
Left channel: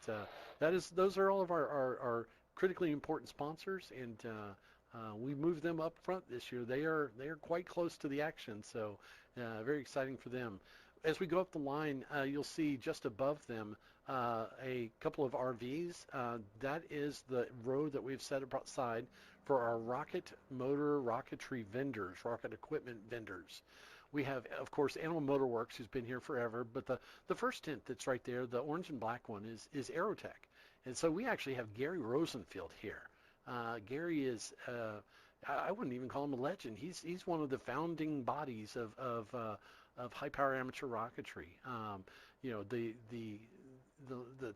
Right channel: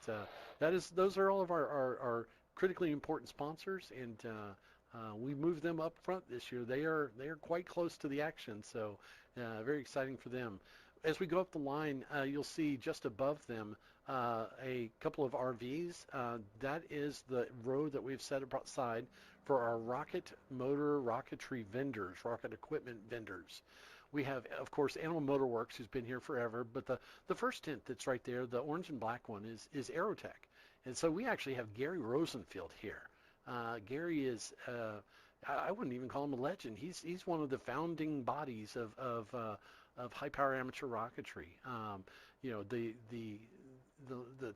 those are all of our critically important sponsors, and we moved them up front this year. They are quite close to the action, so very exciting for them. As we go up the line, you'll see just above them a couple of RVs. That is the row that we've set aside for our rocket motor rocketry vendors, rocket equipment vendors. We have, of course, Animal Motor Works, who's been here forever, but the first tent that's right there, the orange and black one, is Aerotech. And so we actually have Gary Rosenfield here. Gary is, I wouldn't even call him a legend. He's one of the founding bodies of high power amateur rocketry. The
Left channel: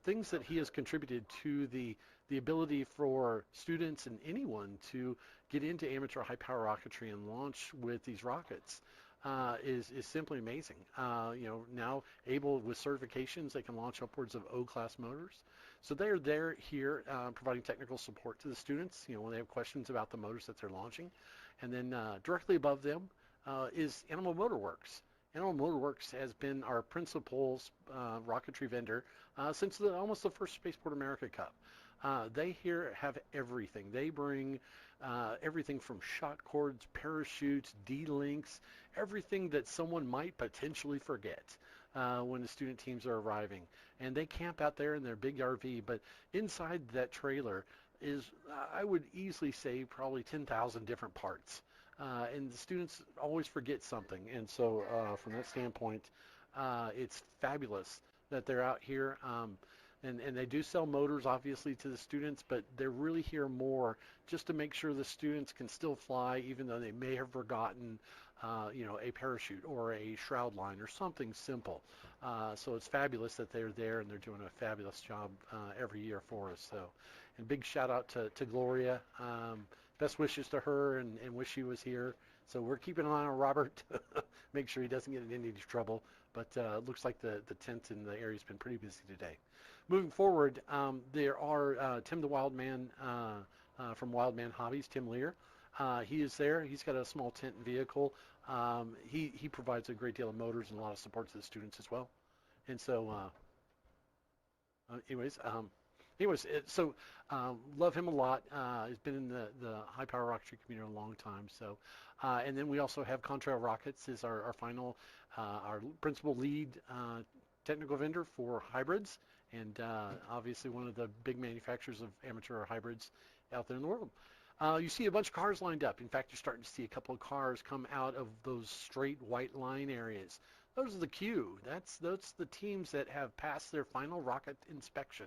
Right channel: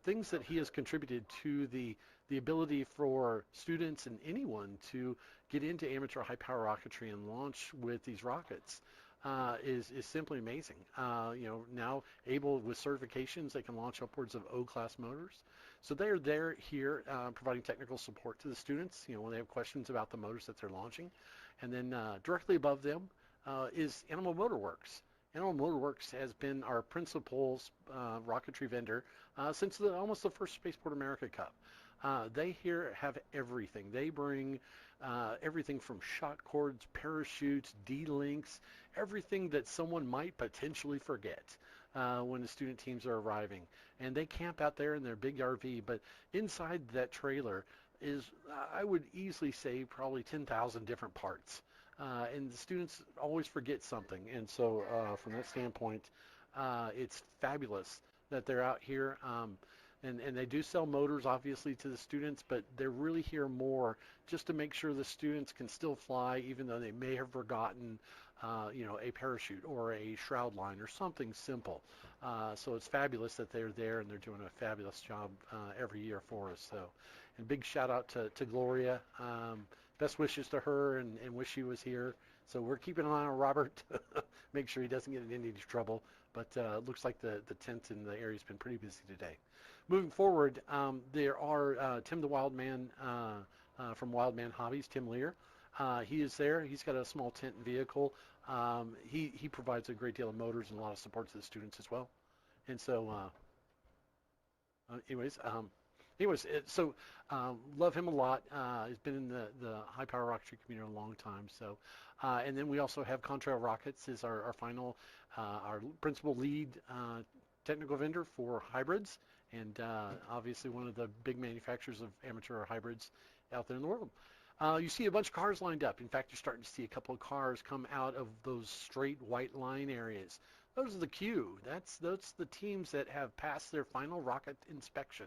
things that he has contributed to the ability for students and anyone to get into amateur high power rocketry and launch with these rockets is simply amazing. Now able with certifications, they can launch upwards of O-class motors. So they're there here providing technical support to the students, when they have questions about the motors that they're launching. And then directly above them is Animal Motor Works. Animal Motor Works has been our principal rocketry vendor since almost the first Spaceport America Cup. They here have everything. They bring everything from shot cords, parachutes, D-links, everything that someone might potentially forget when the student teams are arriving. And they camp out there in their big RV, but inside that trailer is, I would easily say, probably 10,000 different parts. And the students always forget something. And so from that standpoint, it's fabulous that they're out here. And they do sell motors, obviously, to the students, but they're really here more just to make sure the students can still fly, even though they may have forgotten, a parachute or a shroud line or something simple. So it's fabulous that they're there, and they're doing a fabulous job every year for us. So, and big shout out to Gloria. Best wishes to her, and wish she was here. So we're keeping an eye on Robert, make sure he doesn't get in any trouble. But it looks like the tent in the area has been pretty busy today. Moving forward, there are Tim the Wild Man from Wild Man Hobbies, Tim Lear. He is there. He's got a small tent and vehicle. He provides a great deal of motors and a lot of support to the students as well. And so love him a lot. He's been in the high power rocketry community a long time. So, and then we also have Contrail Rockets is our final, our principal lead technical vendor for hybrids, and obviously one of the big manufacturers of amateur hybrids out there in the world. You see a bunch of cars lined up. In fact, you're starting to see a couple of cars come out of those straight white line areas. Those are the queue. That's the teams that have passed their final rocket inspection,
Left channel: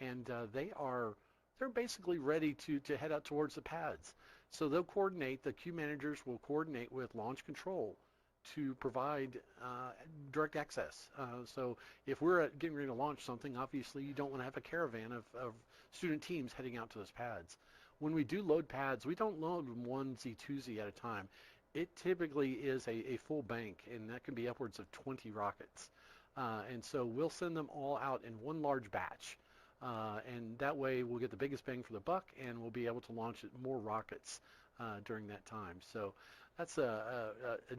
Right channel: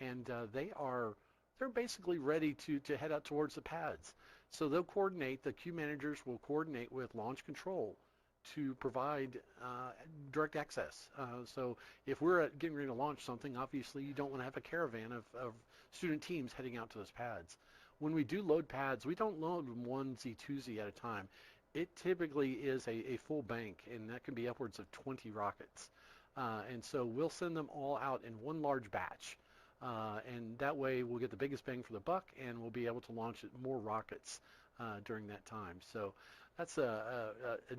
and they're basically ready to head out towards the pads. So they'll coordinate. The queue managers will coordinate with launch control to provide direct access. So if we're getting ready to launch something, obviously you don't want to have a caravan of student teams heading out to those pads. When we do load pads, we don't load them onesie, twosie at a time. It typically is a full bank, and that can be upwards of 20 rockets. And so we'll send them all out in one large batch. And that way we'll get the biggest bang for the buck, and we'll be able to launch more rockets during that time. So that's a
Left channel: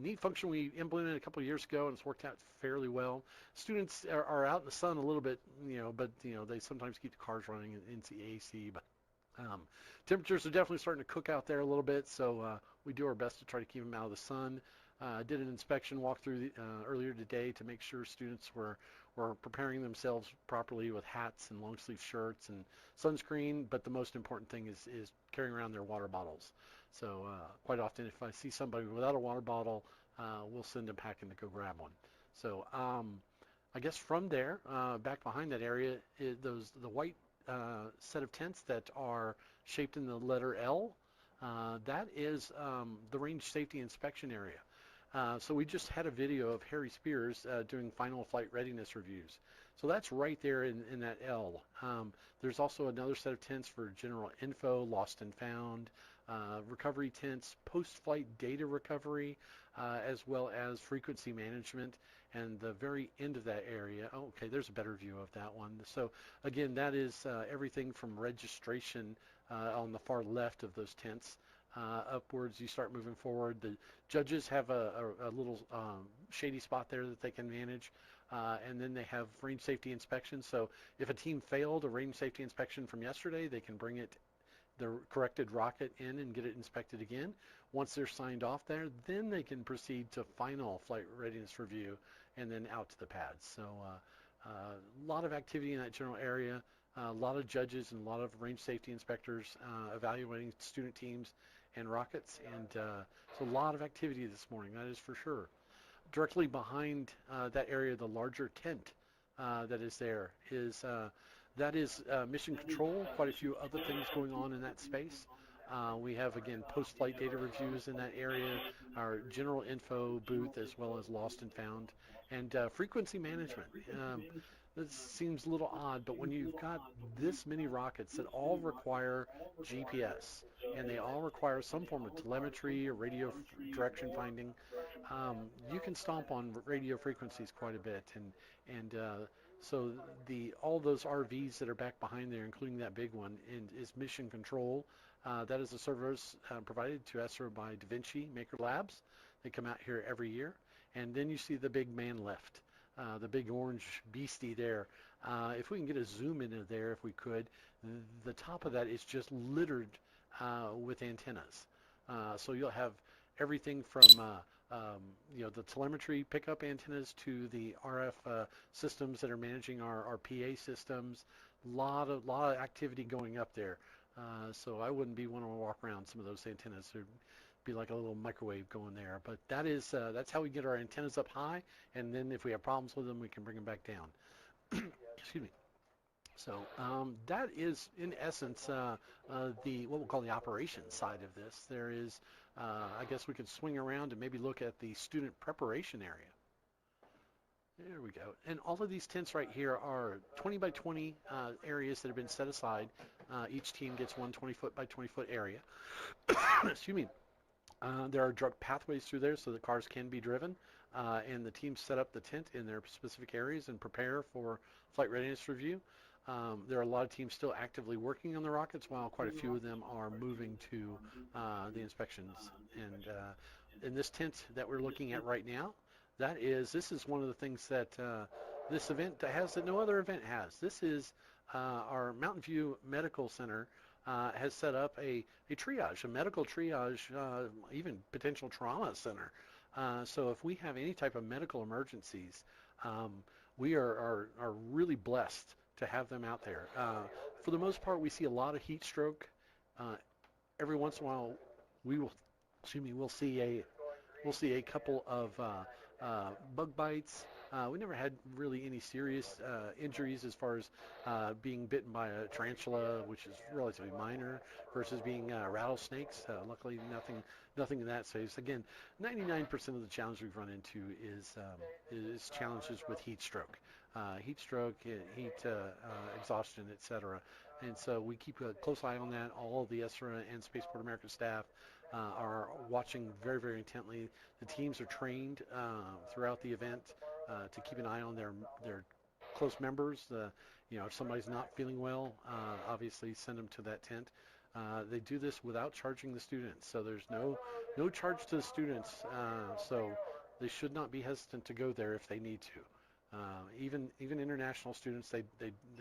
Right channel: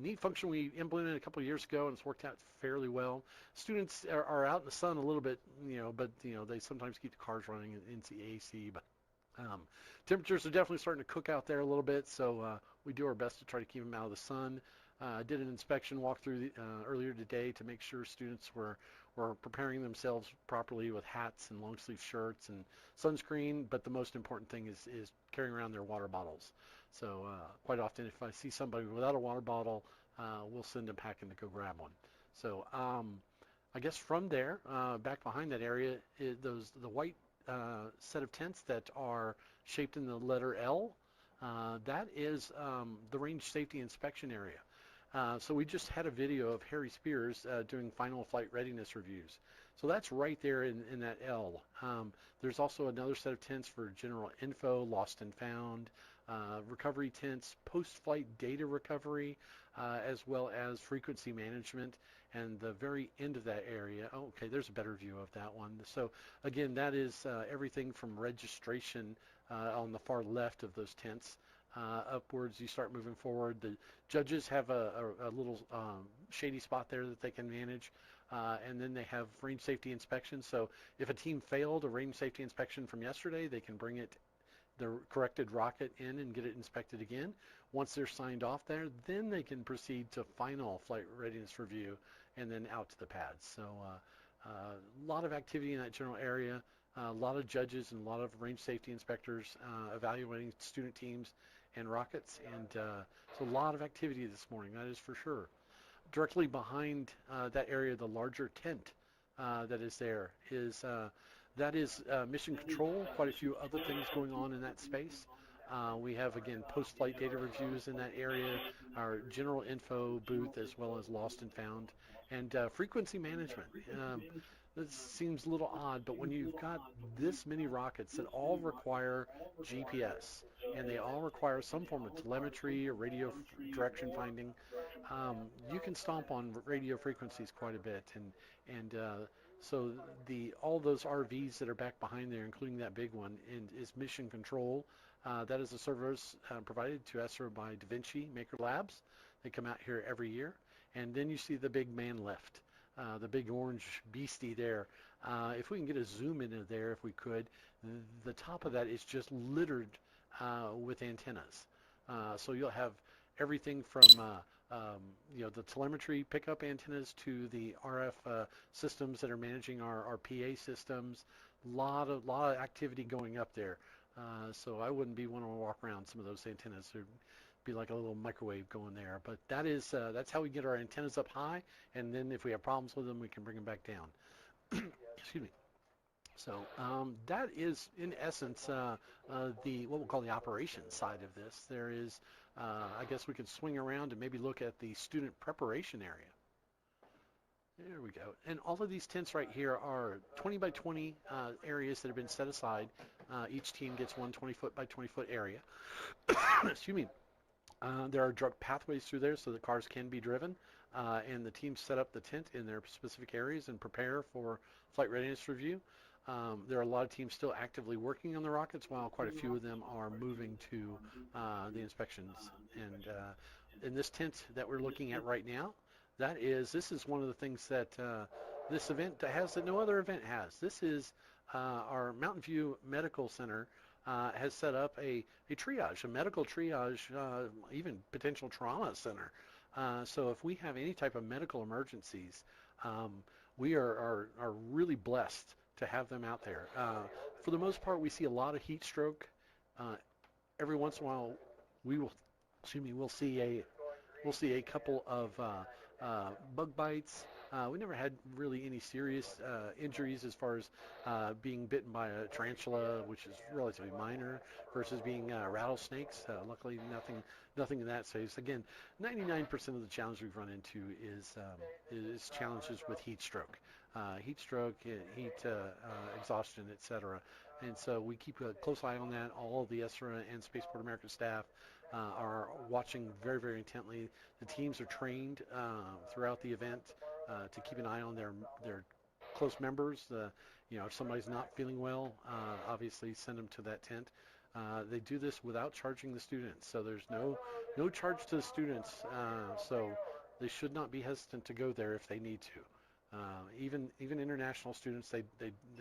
neat function we implemented a couple of years ago, and it's worked out fairly well. Students are out in the sun a little bit, but they sometimes keep the cars running in the AC. But temperatures are definitely starting to cook out there a little bit, so we do our best to try to keep them out of the sun. Did an inspection walkthrough earlier today to make sure students were preparing themselves properly with hats and long sleeve shirts and sunscreen, but the most important thing is carrying around their water bottles. So quite often if I see somebody without a water bottle, we'll send them packing to go grab one. So I guess from there, back behind that area, the white set of tents that are shaped in the letter L, that is the range safety inspection area. So we just had a video of Harry Spears doing final flight readiness reviews. So that's right there in that L. There's also another set of tents for general info, lost and found, recovery tents, post-flight data recovery, as well as frequency management. And the very end of that area, okay, there's a better view of that one. So again, that is everything from registration on the far left of those tents. Upwards, you start moving forward. The judges have a little shady spot there that they can manage, and then they have range safety inspection. So if a team failed a range safety inspection from yesterday, they can bring the corrected rocket in and get it inspected again. Once they're signed off there, then they can proceed to final flight readiness review and then out to the pads. So a lot of activity in that general area. A lot of judges and a lot of range safety inspectors evaluating student teams and rockets, and so a lot of activity this morning, that is for sure. Directly behind that area, the larger tent that is there is mission control, quite a few other things going on in that space. We have, again, post-flight data reviews in that area, our general info booth, as well as lost and found, and frequency management. This seems a little odd, but when you've got this many rockets that all require GPS, and they all require some form of telemetry or radio direction finding, you can stomp on radio frequencies quite a bit, and so all those RVs that are back behind there, including that big one, is mission control. That is a service provided to ESRA by Da Vinci Maker Labs. They come out here every year. And then you see the big man lift, the big orange beastie there. If we can get a zoom into there, if we could, the top of that is just littered with antennas. So you'll have everything from the telemetry pickup antennas to the RF systems that are managing our PA systems. A lot of activity going up there. So I wouldn't be wanting to walk around some of those antennas. There'd be like a little microwave going there. But that's how we get our antennas up high, and then if we have problems with them, we can bring them back down. Excuse me. So that is, in essence, what we'll call the operations side of this. There is, I guess we could swing around and maybe look at the student preparation area. There we go. And all of these tents right here are 20 by 20 areas that have been set aside. Each team gets one 20-foot by 20-foot area. Excuse me. There are direct pathways through there so the cars can be driven. And the teams set up the tent in their specific areas and prepare for flight readiness review. There are a lot of teams still actively working on the rockets, while quite a few of them are moving to the inspections. And in this tent that we're looking at right now, this is one of the things that this event has that no other event has. This is our Mountain View Medical Center has set up a triage, a medical triage, even potential trauma center. So if we have any type of medical emergencies, we are really blessed to have them out there. For the most part, we see a lot of heat stroke. Every once in a while, we'll see a couple of bug bites. We never had really any serious injuries as far as being bitten by a tarantula, which is relatively minor, versus being rattlesnakes. Luckily, nothing in that space. Again, 99% of the challenge we've run into is challenges with heat stroke, heat exhaustion, etc. And so we keep a close eye on that. All of the ESRA and Spaceport America staff are watching very, very intently. The teams are trained throughout the event to keep an eye on their close members. If somebody's not feeling well, obviously send them to that tent. They do this without charging the students, so there's no charge to the students. So they should not be hesitant to go there if they need to. Even international students, they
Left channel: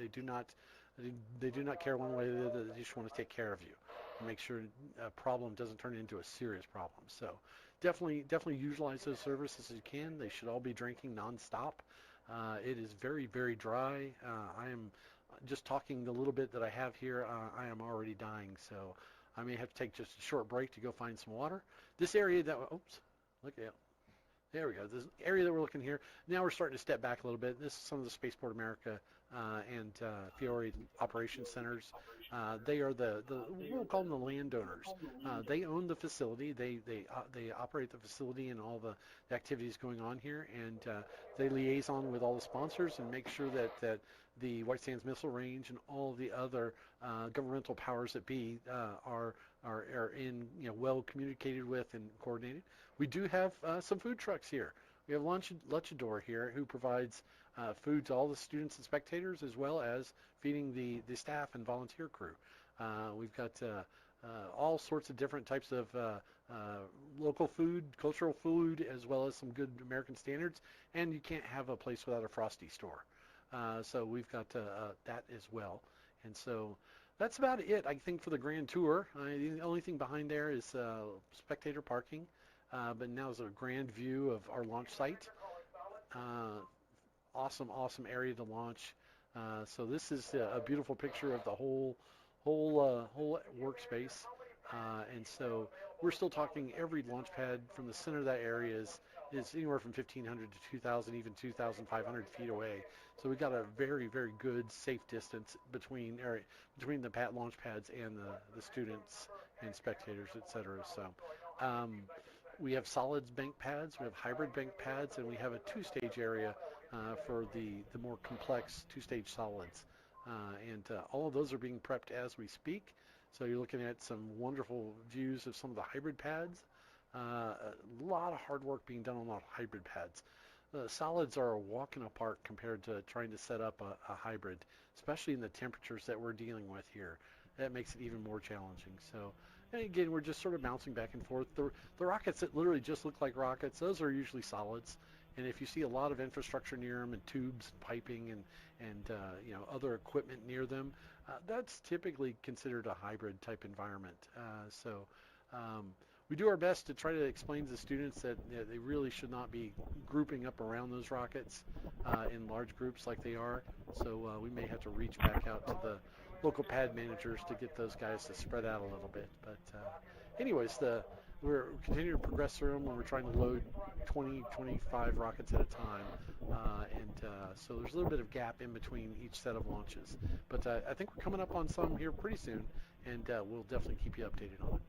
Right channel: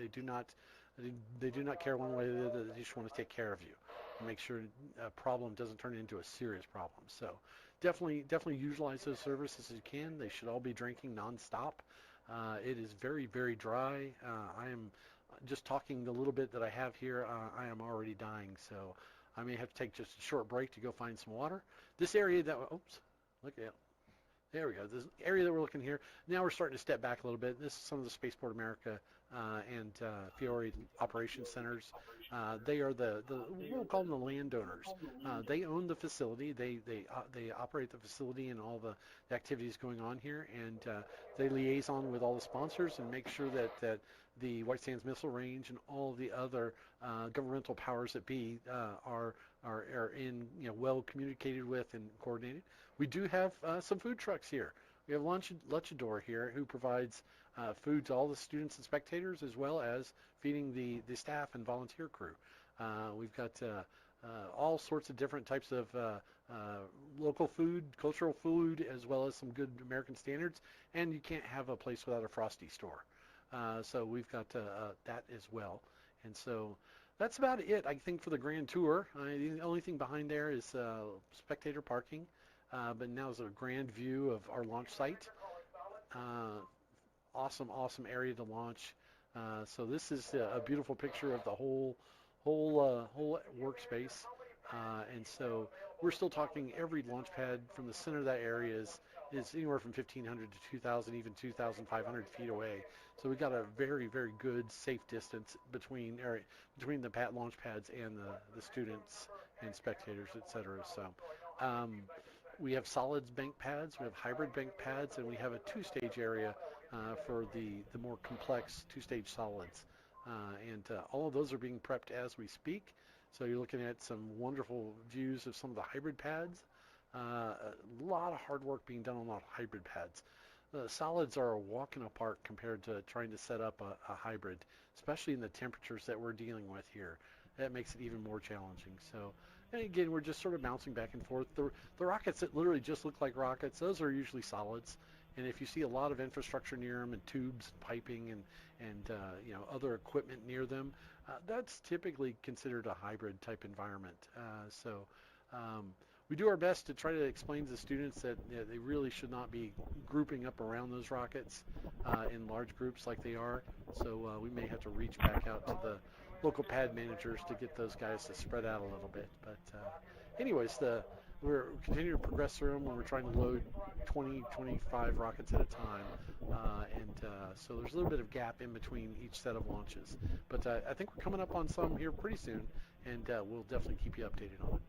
do not care one way or the other. They just want to take care of you and make sure a problem doesn't turn into a serious problem. So definitely utilize those services as you can. They should all be drinking nonstop. It is very, very dry. I am just talking the little bit that I have here. I am already dying, so I may have to take just a short break to go find some water. This area look at it. There we go. This area that we're looking here. Now we're starting to step back a little bit. This is some of the Spaceport America and Fiore operations centers. They are we'll call them the landowners. They own the facility. They operate the facility and all the activities going on here, and they liaison with all the sponsors and make sure that the White Sands Missile Range and all the other governmental powers that be are in well communicated with and coordinated. We do have some food trucks here. We have Luchador here, who provides food to all the students and spectators, as well as feeding the staff and volunteer crew. We've got all sorts of different types of local food, cultural food, as well as some good American standards. And you can't have a place without a Frosty store. So we've got that as well. And so that's about it, I think, for the grand tour. The only thing behind there is spectator parking. But now is a grand view of our launch site. Awesome area to launch. So this is a beautiful picture of the whole workspace. And so we're still talking every launch pad from the center of that area is anywhere from 1,500 to 2,000, even 2,500 feet away. So we've got a very, very good safe distance between the launch pads and the students and spectators, etc. So we have solids bank pads, we have hybrid bank pads, and we have a two-stage area for the more complex two-stage solids. And all of those are being prepped as we speak. So you're looking at some wonderful views of some of the hybrid pads. A lot of hard work being done on a lot of hybrid pads. The solids are a walk in the park compared to trying to set up a hybrid, especially in the temperatures that we're dealing with here. That makes it even more challenging. So, and again, we're just sort of bouncing back and forth. The rockets that literally just look like rockets, those are usually solids. And if you see a lot of infrastructure near them and tubes, piping, and other equipment near them, that's typically considered a hybrid type environment. We do our best to try to explain to the students that they really should not be grouping up around those rockets in large groups like they are. So we may have to reach back out to the local pad managers to get those guys to spread out a little bit. But anyways, we're continuing to progress through them when we're trying to load 20, 25 rockets at a time. So there's a little bit of gap in between each set of launches. But I think we're coming up on some here pretty soon, and we'll definitely keep you updated on it.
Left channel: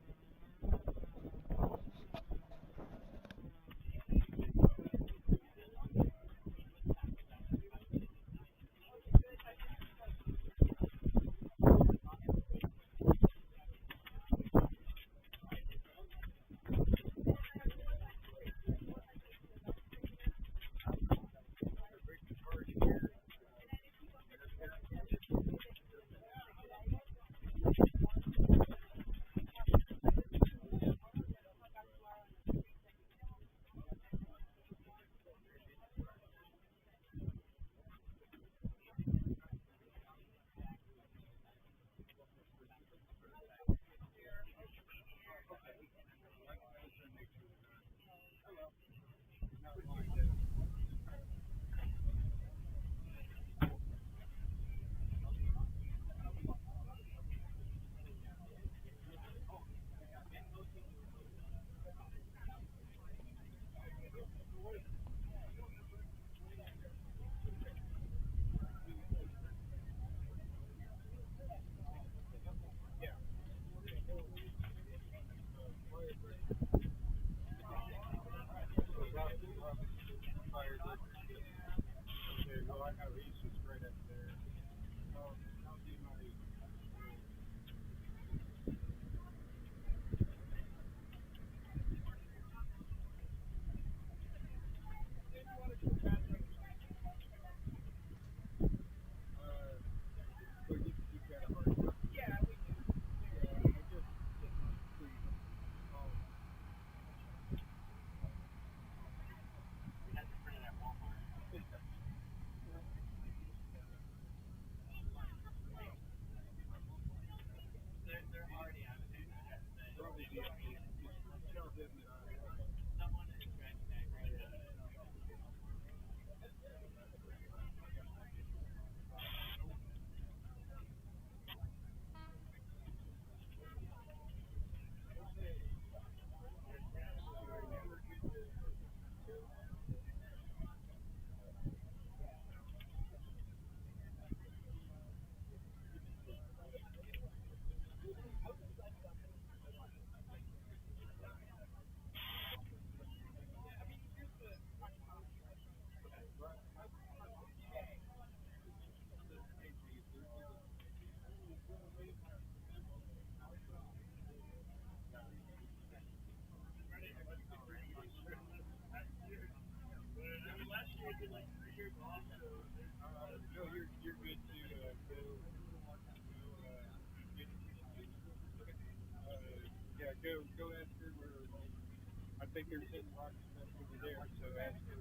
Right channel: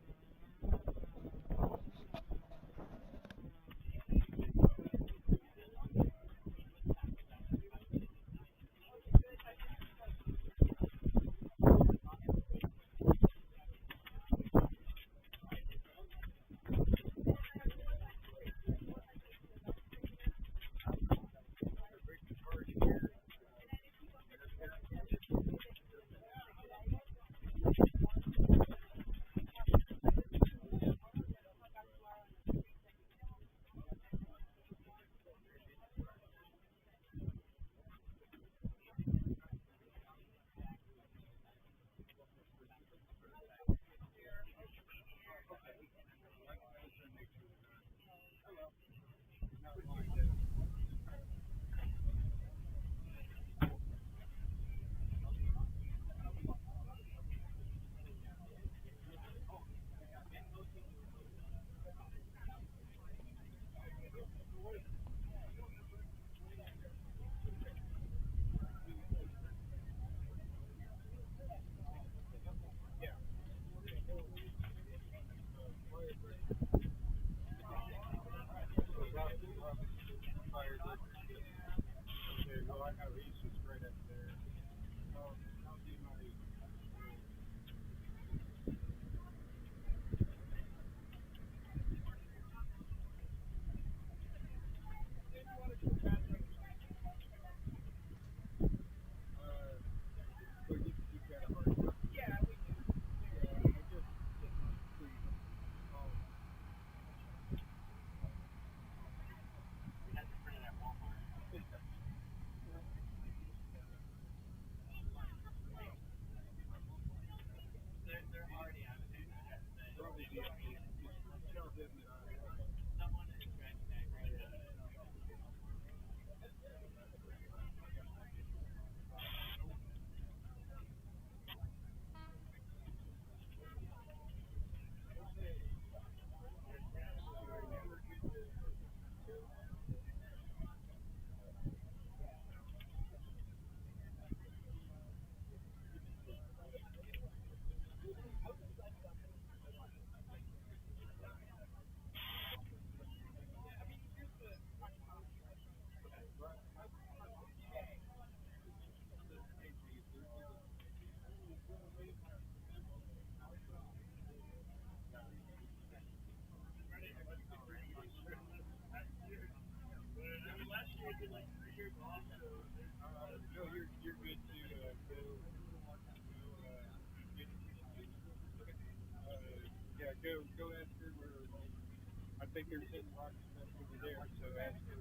think they're sitting right over there, so ask them.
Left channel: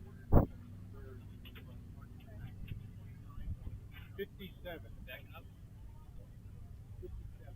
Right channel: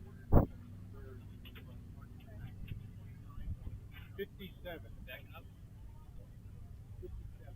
57. Backing up. 57.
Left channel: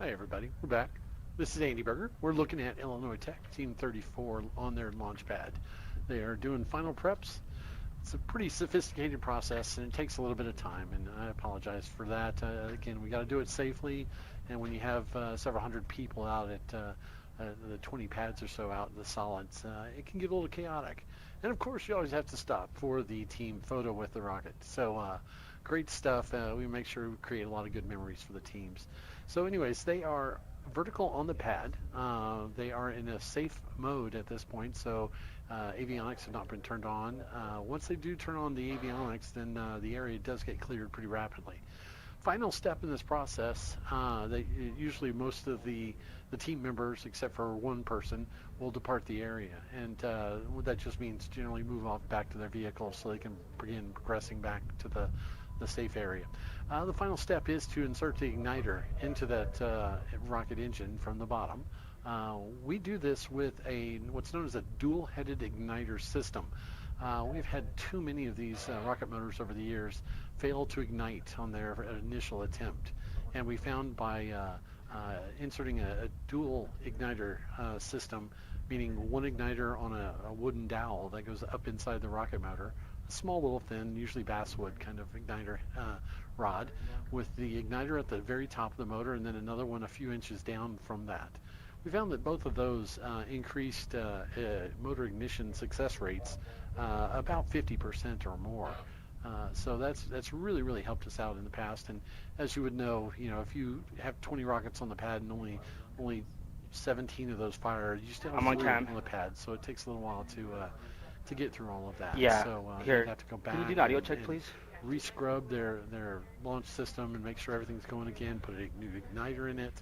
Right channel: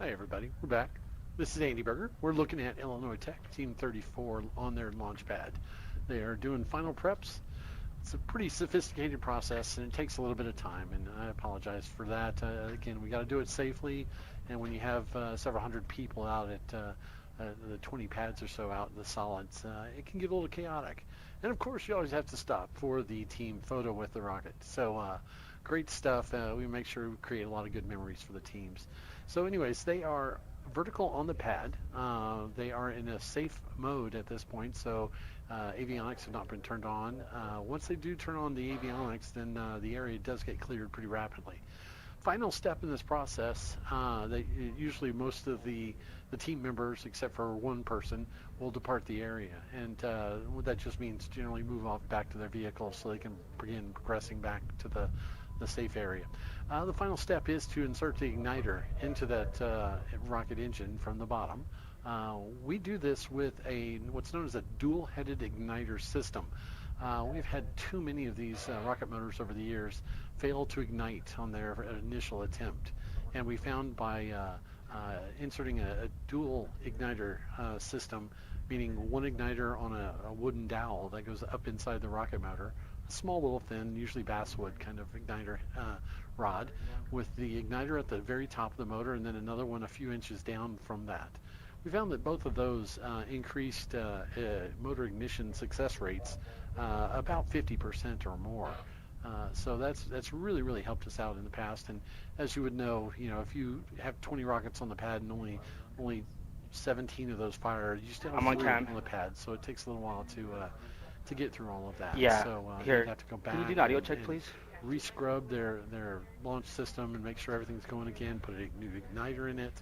Hi everybody, we're back. This is Andy Berger. We're looking at Illinois Tech Team 34 on their launch pad. They are doing final preps. It's a pretty sophisticated process and it takes a little bit of time, and I apologize for that. Again, we got to do it safely, and when you have several hundred people out at the 20 pads or so out in the solids, it can get a little chaotic. And of course, you always have to stop for the team photo with the rocket. So great stuff. We make sure we create a lot of good memories for the teams. So anyways, they are vertical on the pad. They are in a safe mode at this point, so avionics have not been turned on. Once they do turn on the avionics, then the area does get cleared pretty rapidly. Final step in this process, usually most of the team members, except for one person, will depart the area, and what that just means generally move off back to their vehicles so they can begin progressing back to the safe area. The final step is to insert the igniter into that rocket engine from the bottom. We do this with what's known as a dual-headed igniter system. We've had too many of these rocket motors over the years fail to ignite on their initial attempt, and we found by inserting a dual igniter system, meaning one igniter on a wooden dowel that goes up inside the rocket motor, a small little thin, usually basswood kind of igniter rod, with the igniter at the very top of the motor, and then another one a few inches down from that. We found that both of those increased motor ignition success rates about 50% or more. So that's really helped us out in the past. And as you would know, if you have 20 rockets on the pad and only 17 of those fire, you still have 3 on the pad. So it takes a little while to get through all of that. Yeah. So Here, you have to go back. can you do an audio check, please? Rescrub their launch system and make sure everything's going again. Put a new igniter in it.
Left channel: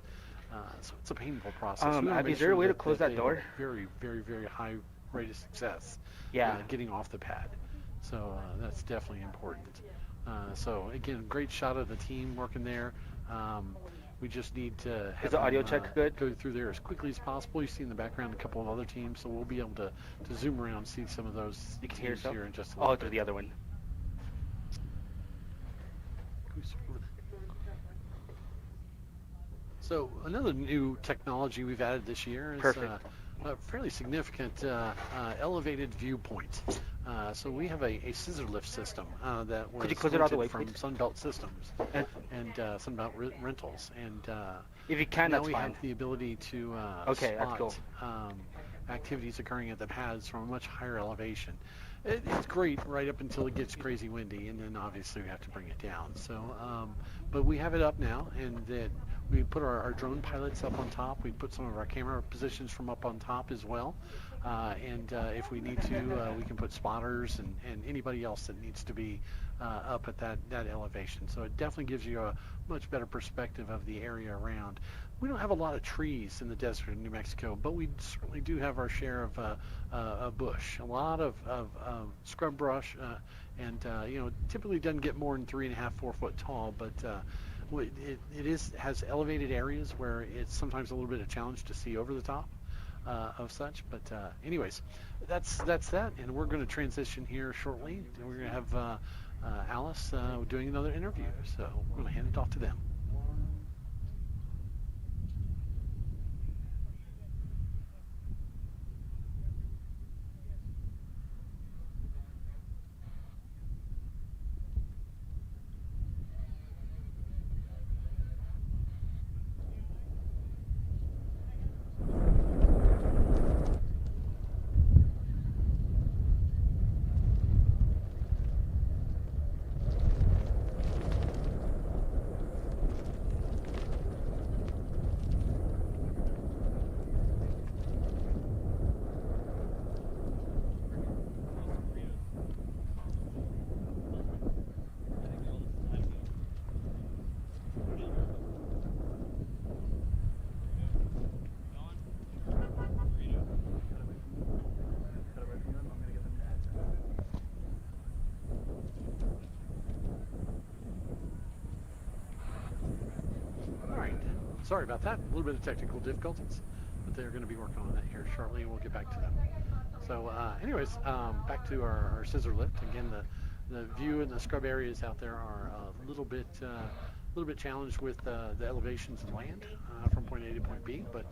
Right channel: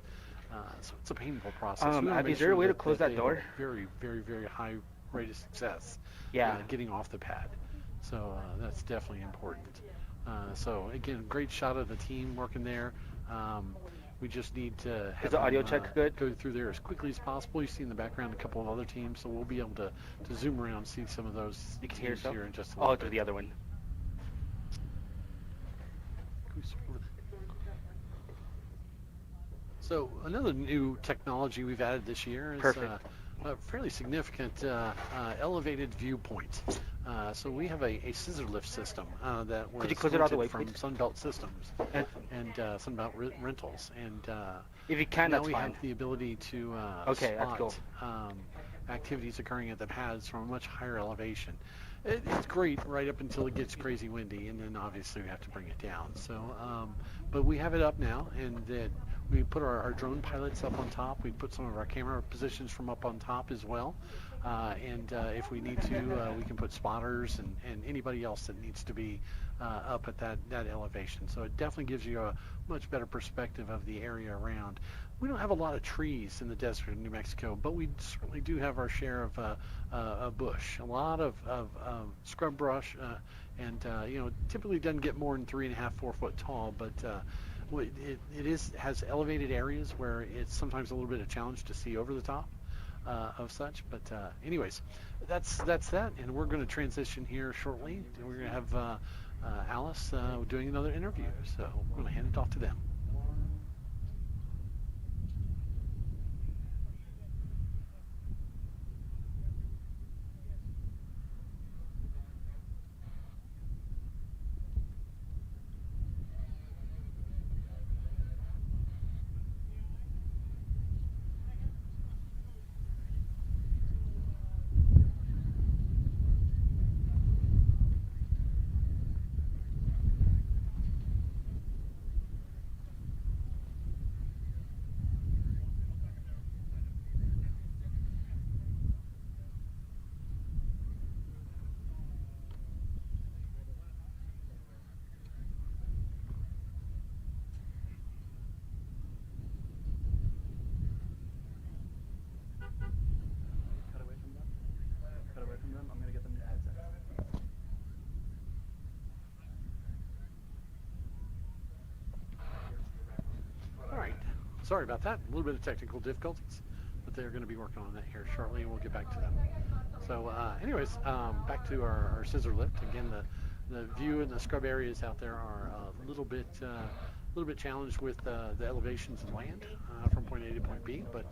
So it's a painful process. Is there a way to close that door? Very high rate of success. Yeah. Getting off the pad. So that's definitely important. So again, great shot of the team working there. We just need to Is the audio check good? Go through there as quickly as possible. You see in the background a couple of other teams, so we'll be able to zoom around and see some of those teams here in just a little bit. Through the other one. So another new technology we've added this year is a fairly significant elevated viewpoint. So we have a scissor lift system that was rented from Sunbelt Systems and Sunbelt Rentals, and if you can, now we have the ability to spot activities occurring at the pads from a much higher elevation. It's great right up until it gets crazy windy, and then obviously we have to bring it down. So, but we have it up now, and we put our drone pilots up on top. We put some of our camera positions from up on top as well. And if we need to, we can put spotters and anybody else that needs to be up at that elevation. So it definitely gives you a much better perspective of the area around. We don't have a lot of trees in the desert of New Mexico, but we certainly do have our share of bush. A lot of scrub brush, and typically doesn't get more than 3.5, 4 foot tall, but it has elevated areas where it's sometimes a little bit of a challenge to see over the top of such. But anyways, that's that, and we're going to transition here shortly. We're going to have Alice doing another interview, so I'm going to hand it off to them. sorry about that. A little bit of technical difficulties, but they're going to be working on that here shortly, and we'll get back to them. So, anyways, back to our scissor lift. Again, the view in the scrub areas out there are a little bit challenged with the elevations and land from point A to point B, but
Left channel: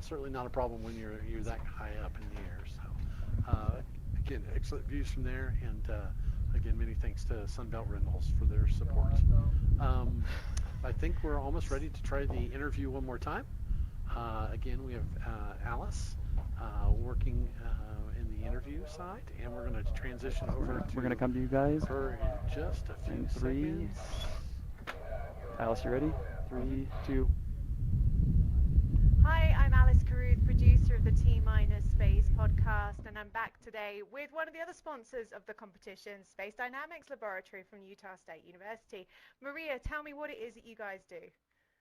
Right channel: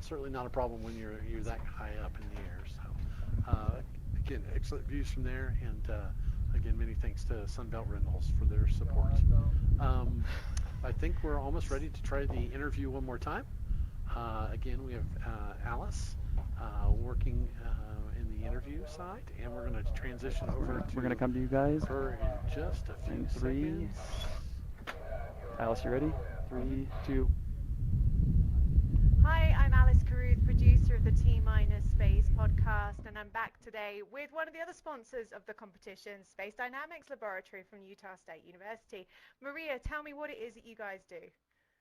certainly not a problem when you're that high up in the air. So, again, excellent views from there, and again, many thanks to Sunbelt Rentals for their support. I think we're almost ready to try the interview one more time. Again, we have Alice working in the interview side, and we're going to transition over to. We're going to come to you guys. Her in just a few seconds. Alice, you ready? 3, 2. Hi, I'm Alice Caruth, producer of the T-Minus Space podcast, and I'm back today with one of the other sponsors of the competition, Space Dynamics Laboratory from Utah State University. Maria, tell me what it is that you guys do.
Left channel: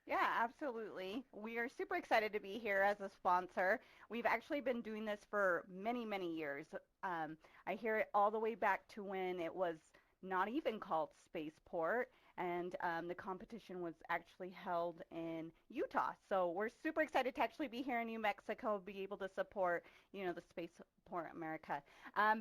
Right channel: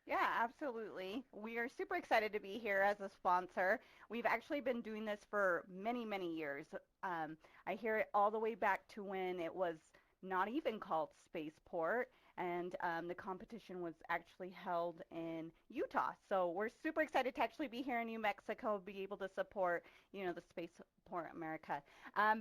Yeah, absolutely. We are super excited to be here as a sponsor. We've actually been doing this for many, many years. I hear it all the way back to when it was not even called Spaceport, and the competition was actually held in Utah. So we're super excited to actually be here in New Mexico, be able to support, the Spaceport America.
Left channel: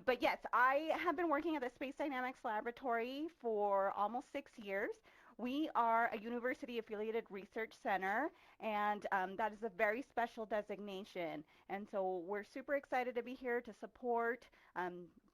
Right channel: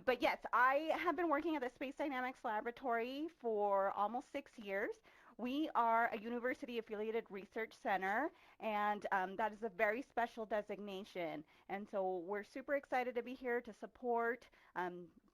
But yes, I have been working at the Space Dynamics Laboratory for almost 6 years. We are a university-affiliated research center, and that is a very special designation. And so we're super excited to be here to support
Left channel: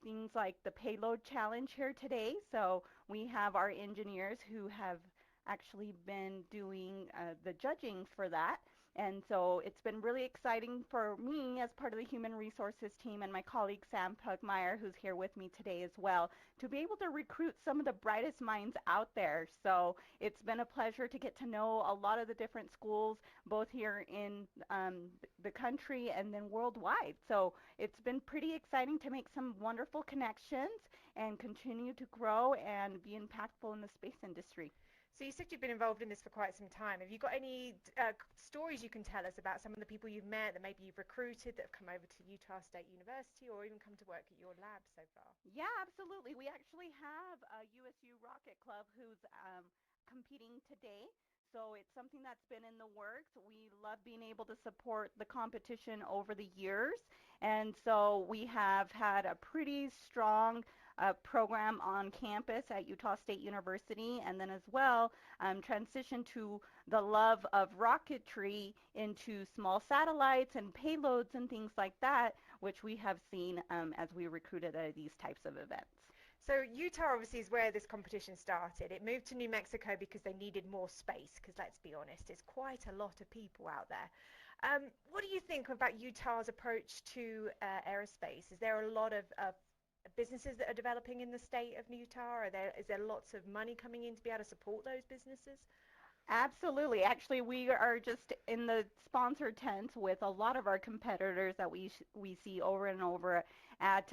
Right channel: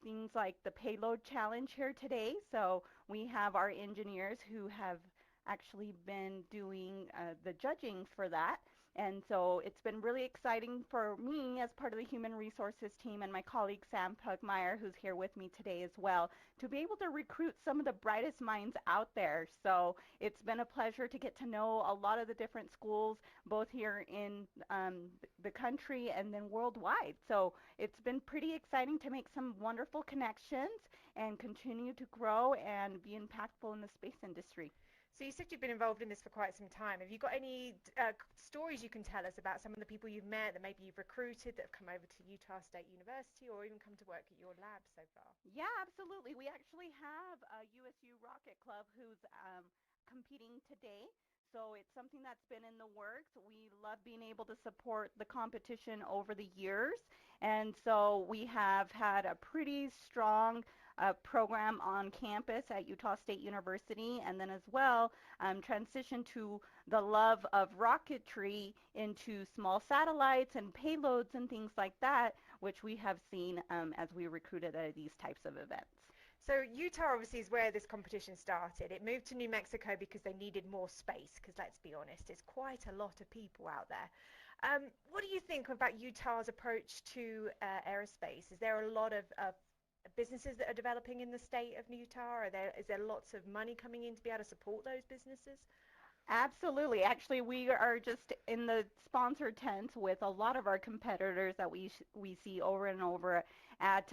things like the payload challenge here today. So we have our engineers who have actually been doing the judging for that. And so it's been really exciting for me as part of the human resources team and my colleague Sam Pugmire, who's here with me today as well, to be able to recruit some of the brightest minds out there. So it's been a pleasure to get to know a lot of the different schools, both here in the country and then worldwide. So it's been pretty exciting to make some wonderful connections and continue to grow and be impactful in the space industry. So you said you've been involved in this for quite some time. Have you got any stories you can tell us about some of the people you've met that maybe you've recruited that have come over to Utah State University or even come to work at your lab so far? Yeah, absolutely. We actually have a USU Rocket Club who's competing today. So it's something that's been in the works. We love being able to support the competition over the years. And so we have had a pretty strong program on campus at Utah State University, and then as well transition to the love of rocketry into small satellites and payloads and things like that, which we have seen as we recruited at these types of events. So Utah obviously is where this competition started. It moved to New Mexico because they needed more space, because let's be honest, it's quite a lot of people out there. What do you think about Utah's approach to aerospace? Is there a lot of businesses that are developing in the state of Utah? Is there lots of money coming in to be able to support those businesses? Absolutely. Actually, we are just in the sponsor tent with a lot of our competitors that we see over and over at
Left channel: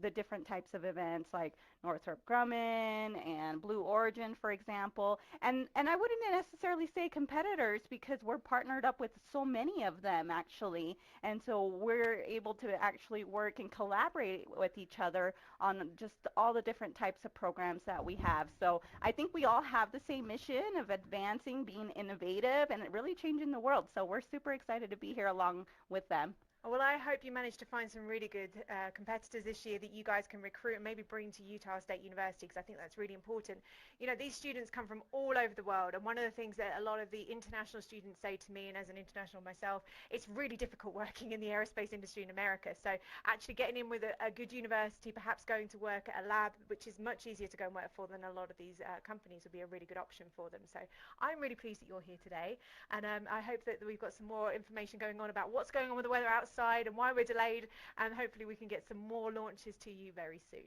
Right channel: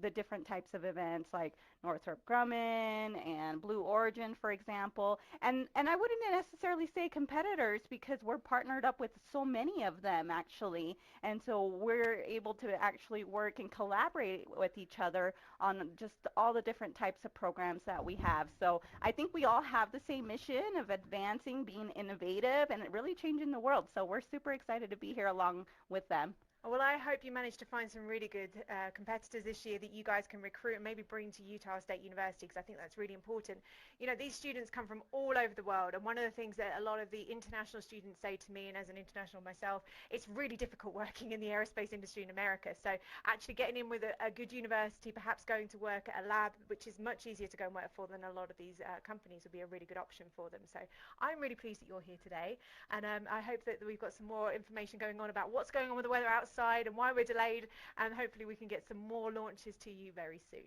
the different types of events like Northrop Grumman and Blue Origin, for example. And I wouldn't necessarily say competitors because we're partnered up with so many of them, actually. And so we're able to actually work and collaborate with each other on just all the different types of programs that we have. So I think we all have the same mission of advancing, being innovative, and really changing the world. So we're super excited to be here along with them. Well, I hope you manage to find some really good competitors this year that you guys can recruit and maybe bring to Utah State University, because I think that's really important. These students come from all over the world, and one of the things that a lot of the international students say to me, and as an international myself, it's really difficult working in the aerospace industry in America. So actually getting in with a good university, perhaps going to work at a lab, which is much easier to go and work for than a lot of these companies, would be a really good option for them. So I'm really pleased that you're here today, and I hope that we've got some more information going on about what's going on with the weather outside and why we're delayed, and hopefully we can get some more launches to you very soon.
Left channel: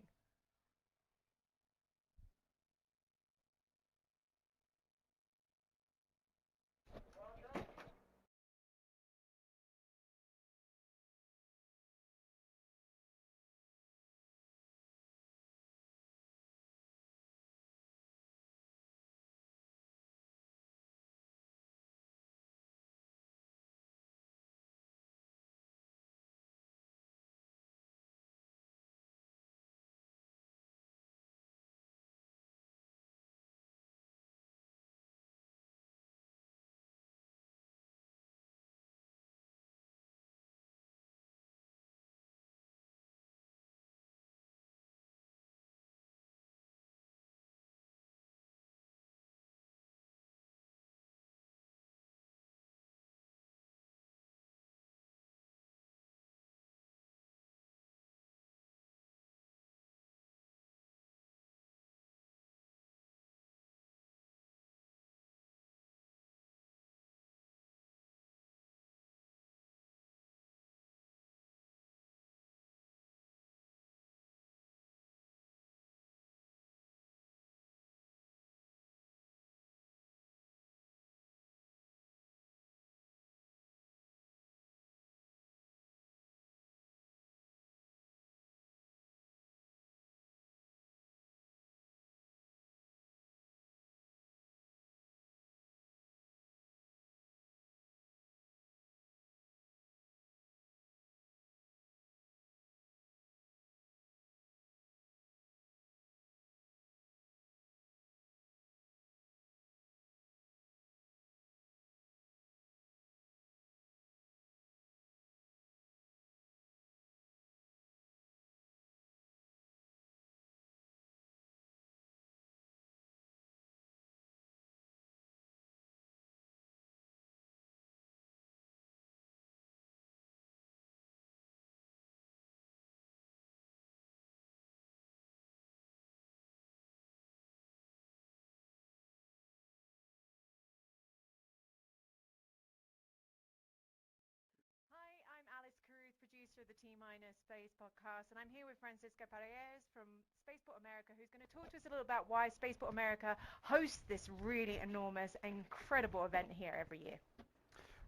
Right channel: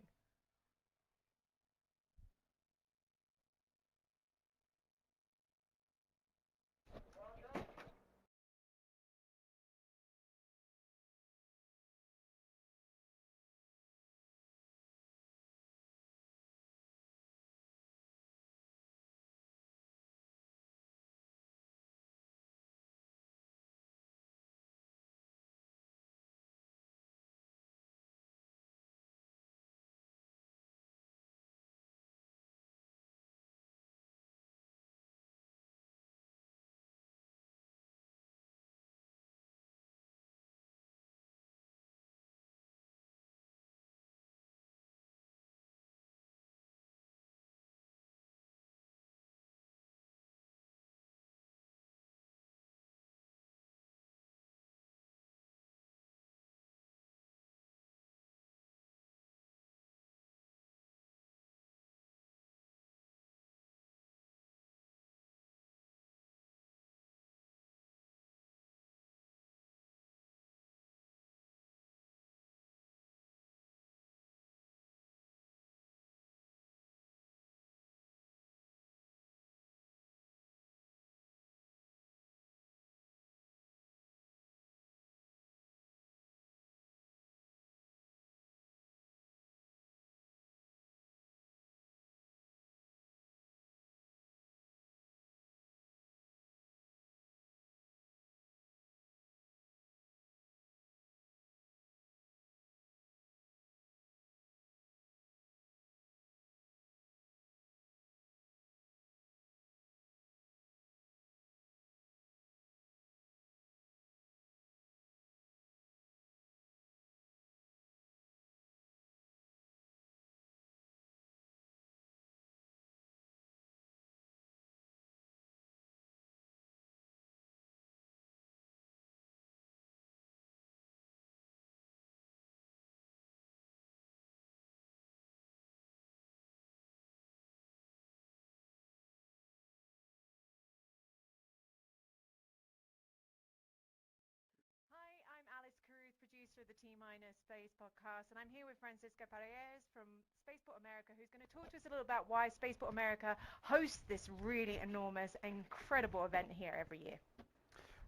Minor Space Podcast, and I'm here with Francisco Paredes from Spaceport America, who's going to talk to us a little about why Spaceport America hosts this really enormous, incredible event here every year.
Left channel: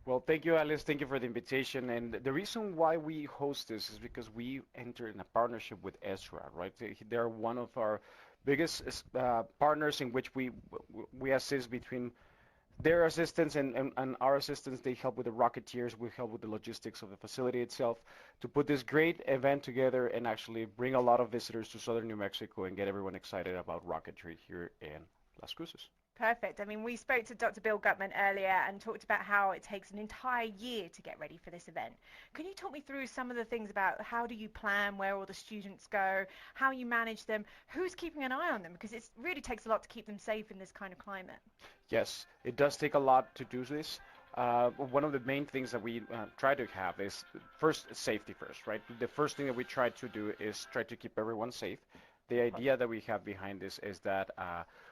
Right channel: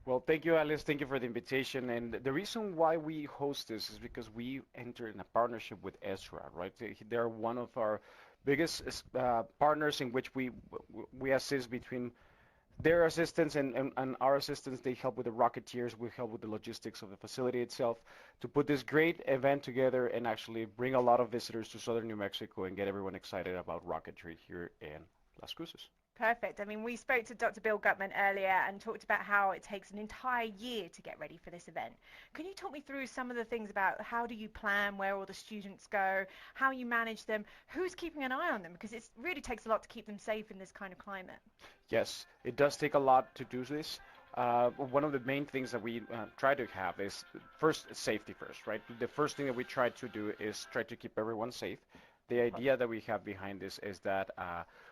Well, thank you, Alice. Thank you for the invitation. And the reason why we host this is because we entered in a partnership with ESRA, right? They're one of our biggest partners in which we assist between their assistance and our assistance. They help with the Rocketeers. We help with the logistics of the facility itself to put this great event together and actually bring a lot of visitors to southern New Mexico and get everyone excited about rocketry here in Las Cruces. Perfect. I mean, we spoke to Dr. Bill Gutman earlier and talked about how it takes an entire year to get ready for this event. Can you talk me through some of the things about how do you plan, where all the students go, how you manage them, who's keeping an eye on them? Because it really takes a lot to keep them safe in this kind of climate. Yes, it does take a lot to do this. One of the main things that we try to have is first safety first, right? The first thing that we try to do is try to keep everyone safe. The idea that we have behind this is that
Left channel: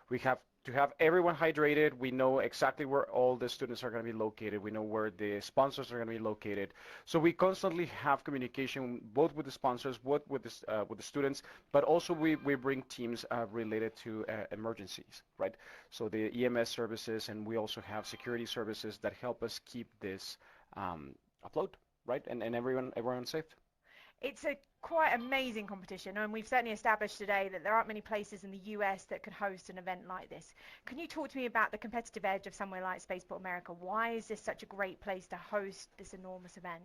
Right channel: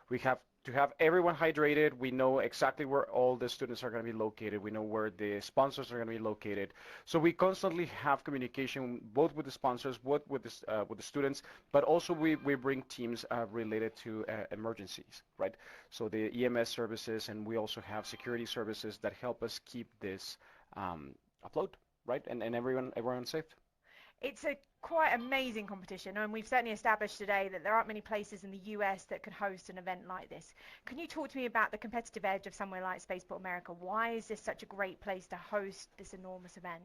we have to have everyone hydrated. We know exactly where all the students are going to be located. We know where the sponsors are going to be located. So we constantly have communication both with the sponsors, both with the students, but also we bring teams related to emergencies, right? So the EMS services, and we also have security services that help us keep this afloat, right? And everyone safe. It's a quite amazing competition, and we've certainly established today that there aren't many places in the US that could host an event like this. Can you talk to me about the competitive edge of somewhere like Spaceport America? Why is this such a great place to host this enormous event?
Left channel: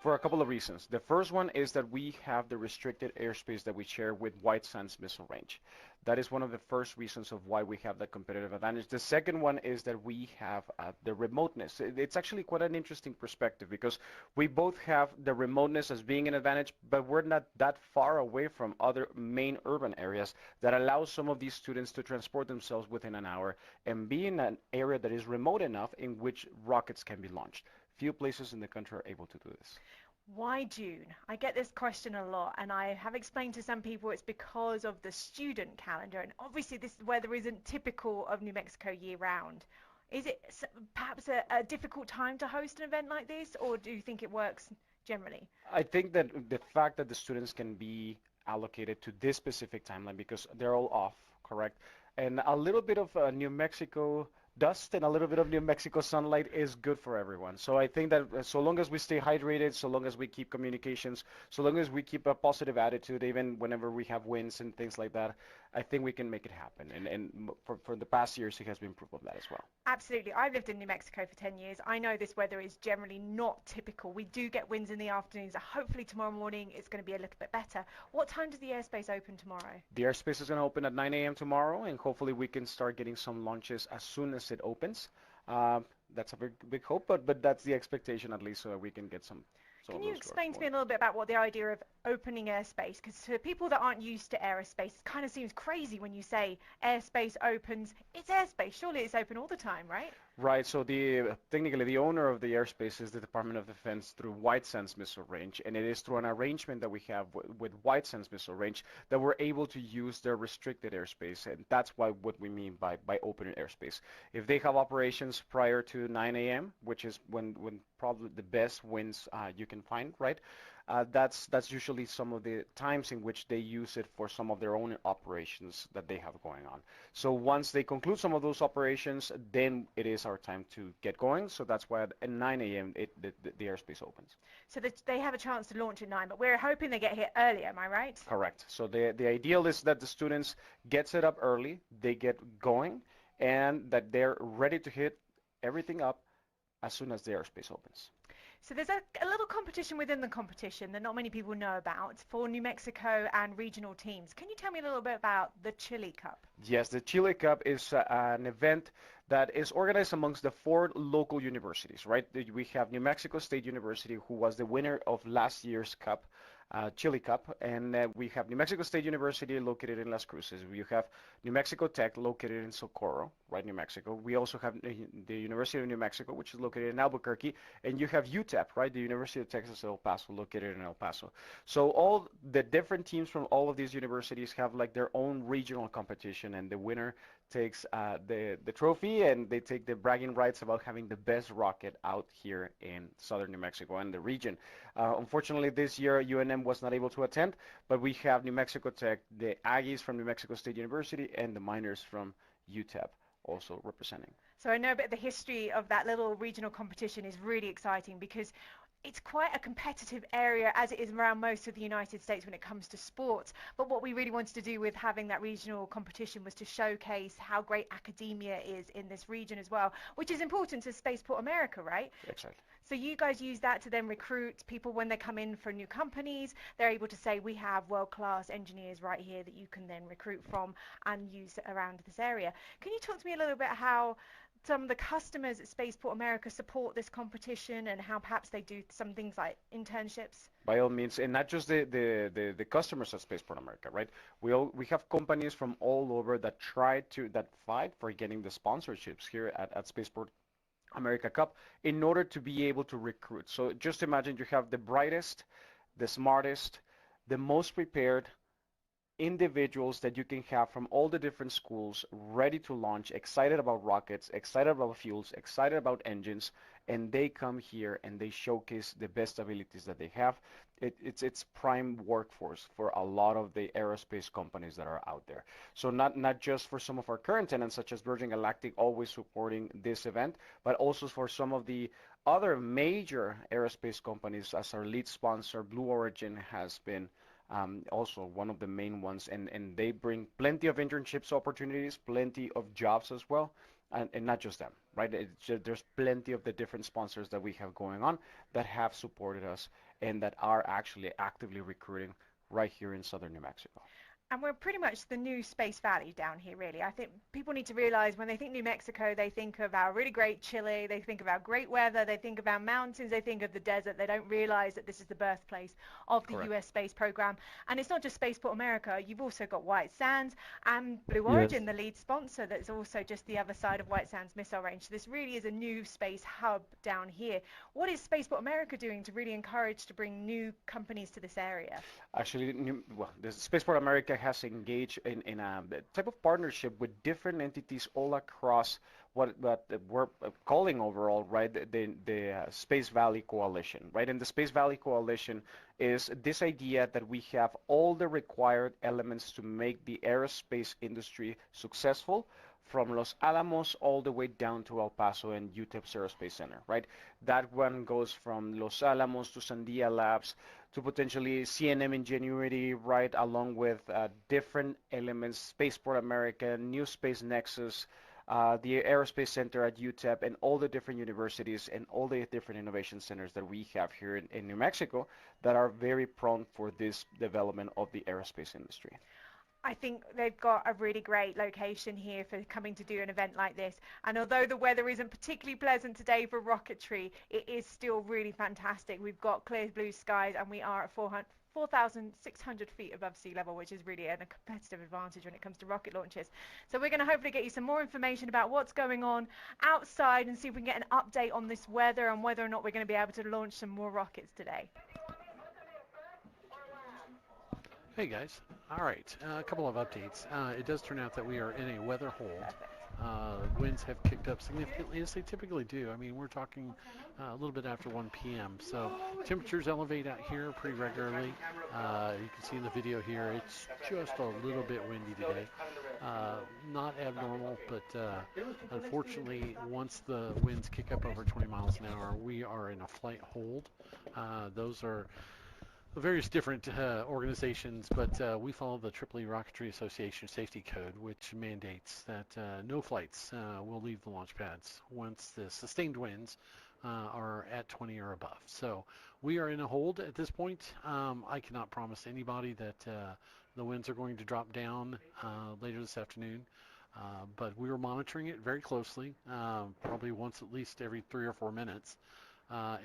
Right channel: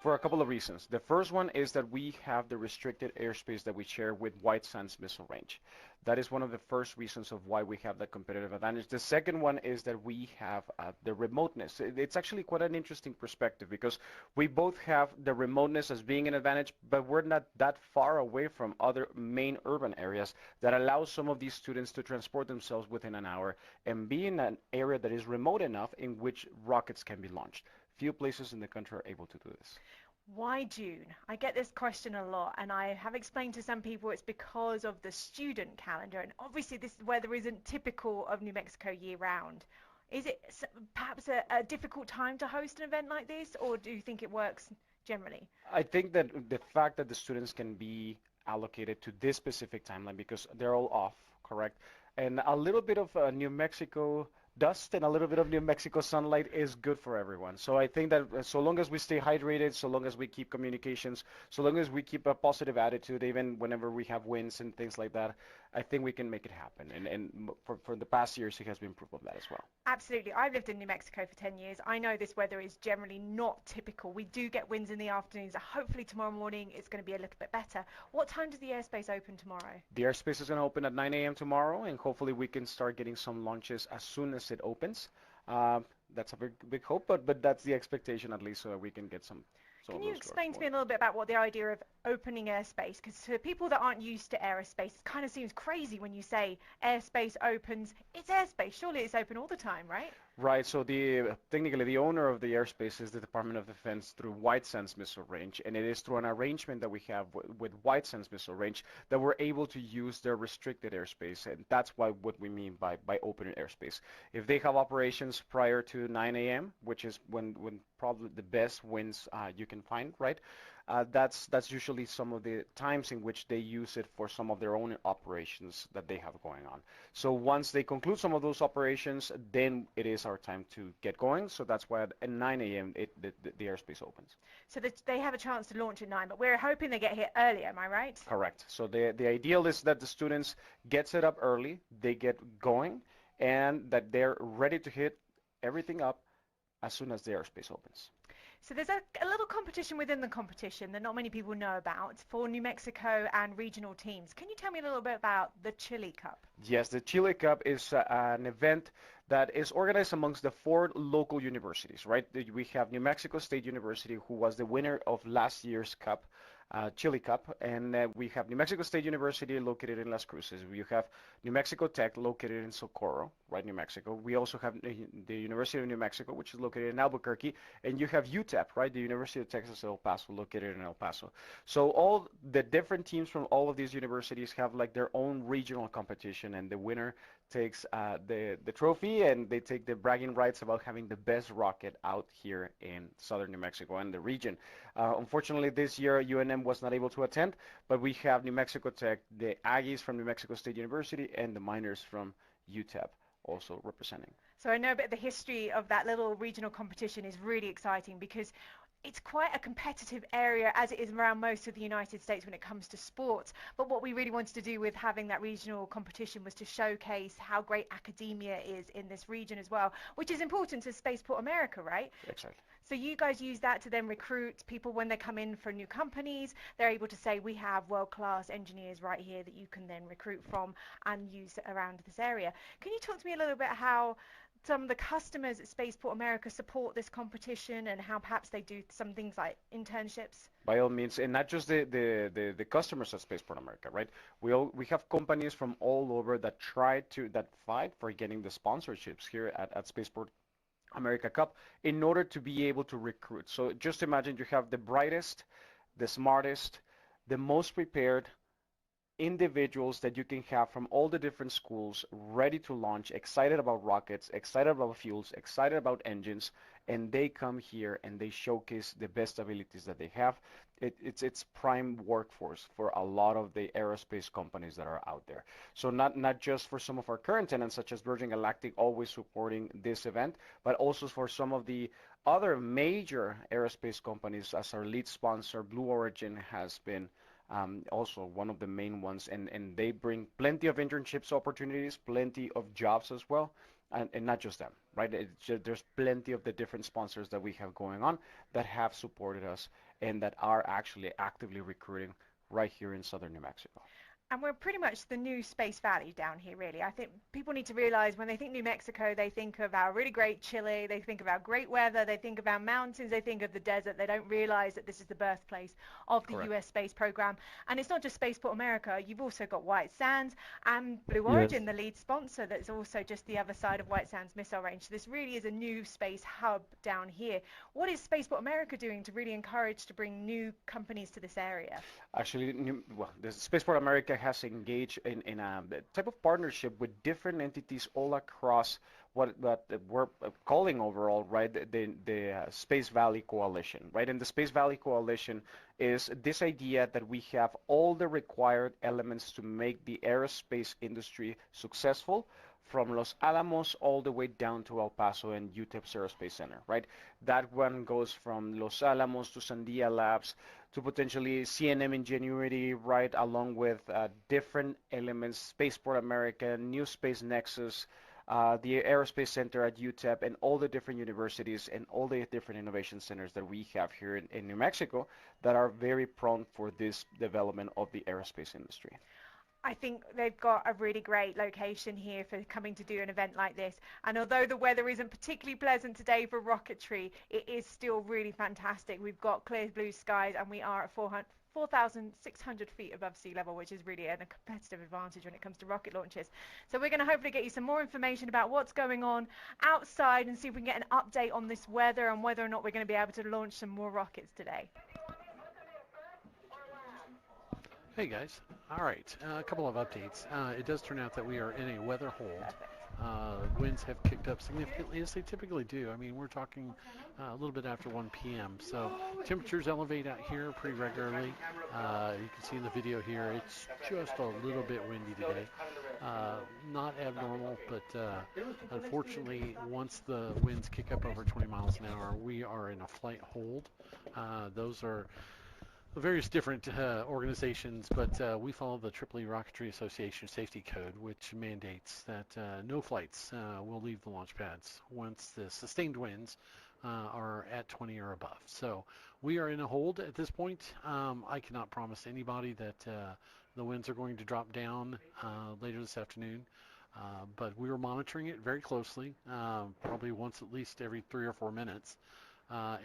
For a couple of reasons. The first one is that we have the restricted airspace that we share with White Sands Missile Range. That is one of the first reasons of why we have that competitive advantage. The second one is that we have the remoteness. It's actually quite an interesting perspective because we both have the remoteness as being an advantage, but we're not that far away from other main urban areas that allow some of these students to transport themselves within an hour and be in an area that is remote enough in which rockets can be launched. Few places in the country are able to do this. Why June? I get this question a lot, and I have explained to some people it's because of the student calendar, and obviously this weather isn't typical of New Mexico year-round. Is it perhaps a difficult time to host an event like this, or do you think it works generally? I think that the fact that the students can be allocated to this specific timeline because they're all off, correct? And a little bit of New Mexico dust and a little bit of New Mexico sunlight is good for everyone. So I think that so long as we stay hydrated, so long as we keep communications, so long as we keep a positive attitude, even whenever we have winds and things like that, I think we can make it happen. And for the past years, it has been proof of that as well. Absolutely. I've lived in New Mexico for 10 years. I know this weather is generally not typical. We do get winds in the afternoons. Hopefully tomorrow morning it's going to be a little bit better. What time does the airspace open tomorrow? The airspace is going to open at 9 a.m. tomorrow, and hopefully we can start getting some launches as soon as it opens. That's a big hope, but that's the expectation at least, so that we can get some. Can you explain to me a little bit about what the idea of opening airspace? Because for people that aren't used to aerospace, it kind of seems crazy when you say airspace opens. It's airspace. Surely it's open all the time, right? Right. So technically the owner of the airspace is the Department of Defense through White Sands Missile Range, and it is through an arrangement that we have with White Sands Missile Range that we're able to use their restricted airspace, and that's what we mean by opening airspace. If they have operations prior to 9 a.m., which is when probably the best winds you can find, right? That's usually some of the times in which they use it for some of their own operations that they have going on. So once they conclude some of those operations, then it is our time to get going. So that's why at 9 a.m. the airspace opens. So they have a chance to launch at 9, but we're hoping they get here earlier, am I right? Correct. So the ideal is that the students get set up early, they get going, and that they're ready to hit everything up as soon as the airspace opens. So there's a little competition within the competition that not many people know about for New Mexico and regional teams. Can you tell me a little bit about the Chili Cup? Yes, the Chili Cup is an event that is organized amongst the 4 local universities, right? We have New Mexico State University, who was the winner of last year's Cup, Chili Cup, and we have New Mexico State University located in Las Cruces. We have New Mexico Tech located in Socorro, right, New Mexico. We also have the University of New Mexico, which is located in Albuquerque, and you have UTEP, right, the University of Texas El Paso, located in El Paso. So all the different teams from all of these universities have like their own regional competition, and the winner takes the trophy, and they take the bragging rights about having the best rocket out here in southern New Mexico and the region. Unfortunately, this year UNM was not able to attend, but we have New Mexico Tech, the Aggies from New Mexico State University, and the Miners from UTEP also representing. So I know a bit of the history of that little regional competition is really exciting because it's quite a competitive area, as it is around most of the United States when it comes to sports. But what we really wanted to do with having that regional competition was to showcase how great academia is in this region as well, which is important to Spaceport America, right? Exactly. So you guys use that to then recruit people when they come in for new companies. They're able to say, we have world-class engineers right here that you can then recruit from and use around this area. Can you talk to me a little bit how some of the customers at Spaceport America support this competition and how perhaps they do some things like internships? By all means, and not just the customers at Spaceport America, right? We have companies from all over that fight for getting the sponsorships here at Spaceport America Cup in order to be able to recruit. So just imagine you have the brightest, the smartest, the most prepared individuals that you can have from all the different schools ready to launch, excited about rockets, excited about fuels, excited about engines, and they come here and they showcase the best abilities that they have. It's prime workforce for a lot of the aerospace companies that are out there. So not just for some of our current tenants such as Virgin Galactic always supporting this event, but also for some of the other major aerospace companies, as our lead sponsor Blue Origin has been also one of the main ones, and they bring plenty of internships opportunities, plenty of jobs as well, and not just them, right? There's plenty of the different sponsors that we have going on that have supported us and that are actually actively recruiting right here in southern New Mexico. And we're pretty much the new Space Valley down here, really. I think people need to realize when they think New Mexico, they think of our really great chili, they think of our great weather, they think of our mountains, they think of the desert. They don't realize that this is the birthplace of the US space program. And it's not just Spaceport America. You've also got White Sands and Blue Origin, the lead sponsor, that's also just the other side of White Sands Missile Range. So this really is a new space hub down here. What is Spaceport America doing to really encourage to bring new companies to this area? Actually, the Spaceport America has engaged in a type of partnership with different entities all across what we're calling overall, right, the Space Valley Coalition, right? And the Space Valley Coalition is this idea that we have all the required elements to make the aerospace industry successful, from Los Alamos all the way down to El Paso and UTEP's Aerospace Center, right? That one goes from Los Alamos to Sandia Labs to potentially CNM Ingenuity, right, along with different elements, Spaceport America, New Space Nexus, the Aerospace Center at UTEP, and all the different universities and all the different innovation centers that we have here in New Mexico that are very prone for this development of the aerospace industry. I think they've got a really great location here for coming to do an event like this. And although the weather isn't particularly pleasant today for rocketry, it is still really fantastic. We've got clear blue skies and we are at 4,600 feet above sea level, which is really a competitive advantage when it comes to rocket launches. So we're going to hopefully get you some more information about what's going on outside and see if we can get an update on this weather and whether or not we're going to be able to launch some more rockets today. Hey guys, all right, a couple of updates. It does turn out that we are in a weather hold. Winds have kicked up significantly, as they typically do. I mean, we're talking a little bit after 1 p.m. So temperatures elevate out here pretty regularly. You can see in the video here, it's just a little bit windy today. Not abnormal, but unfortunately, once the winds kick up over 20 miles an hour, we are in a flight hold. Those are various different organizations, but we follow the EEE Rocketry Association Safety Code, which mandates that no flights will leave the launch pads once the sustained winds are at 20 or above. So we are in a hold at this point. I cannot promise anybody that the winds are going to drop down later this afternoon, but we are monitoring it very closely, probably once at least every 3 or 4 minutes.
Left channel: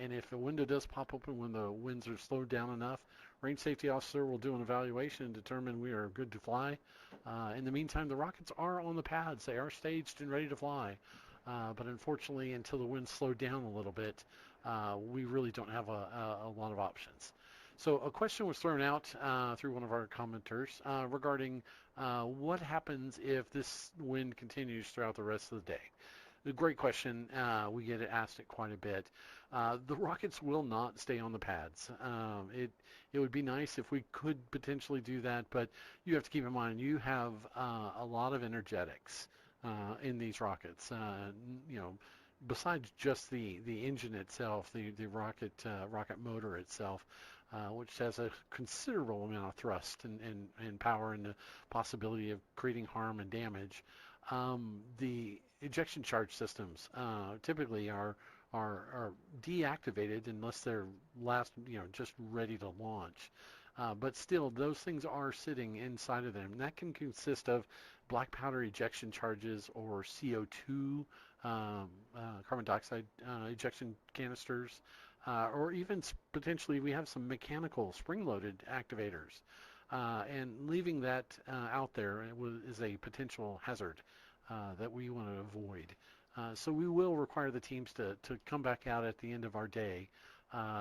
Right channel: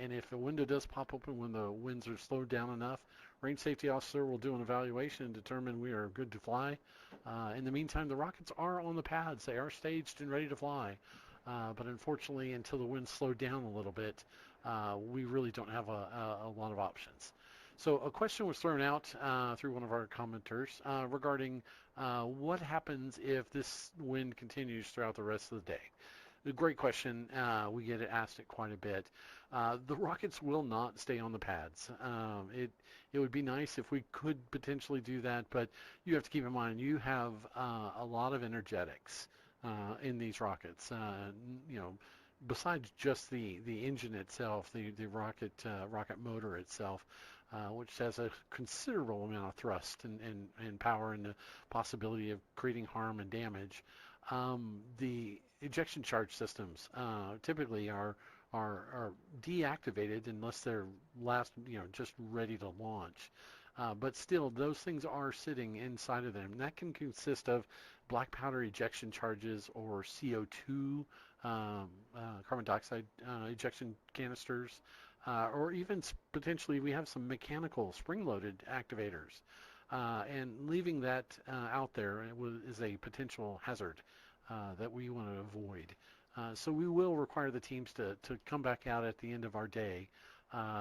And if a window does pop open when the winds are slowed down enough, range safety officer will do an evaluation and determine we are good to fly. In the meantime, the rockets are on the pads. They are staged and ready to fly. But unfortunately, until the winds slow down a little bit, we really don't have a lot of options. So a question was thrown out through one of our commenters regarding what happens if this wind continues throughout the rest of the day. a great question. We get asked it quite a bit. The rockets will not stay on the pads. It would be nice if we could potentially do that, but you have to keep in mind you have a lot of energetics in these rockets. Besides just the engine itself, the rocket motor itself, which has a considerable amount of thrust and power and the possibility of creating harm and damage. The ejection charge systems typically are deactivated unless they're just ready to launch. But still, those things are sitting inside of them. And that can consist of black powder ejection charges or CO2, carbon dioxide ejection canisters, or even potentially we have some mechanical spring-loaded activators. And leaving that out there is a potential hazard that we want to avoid. So we will require the teams to come back out at the end of our day.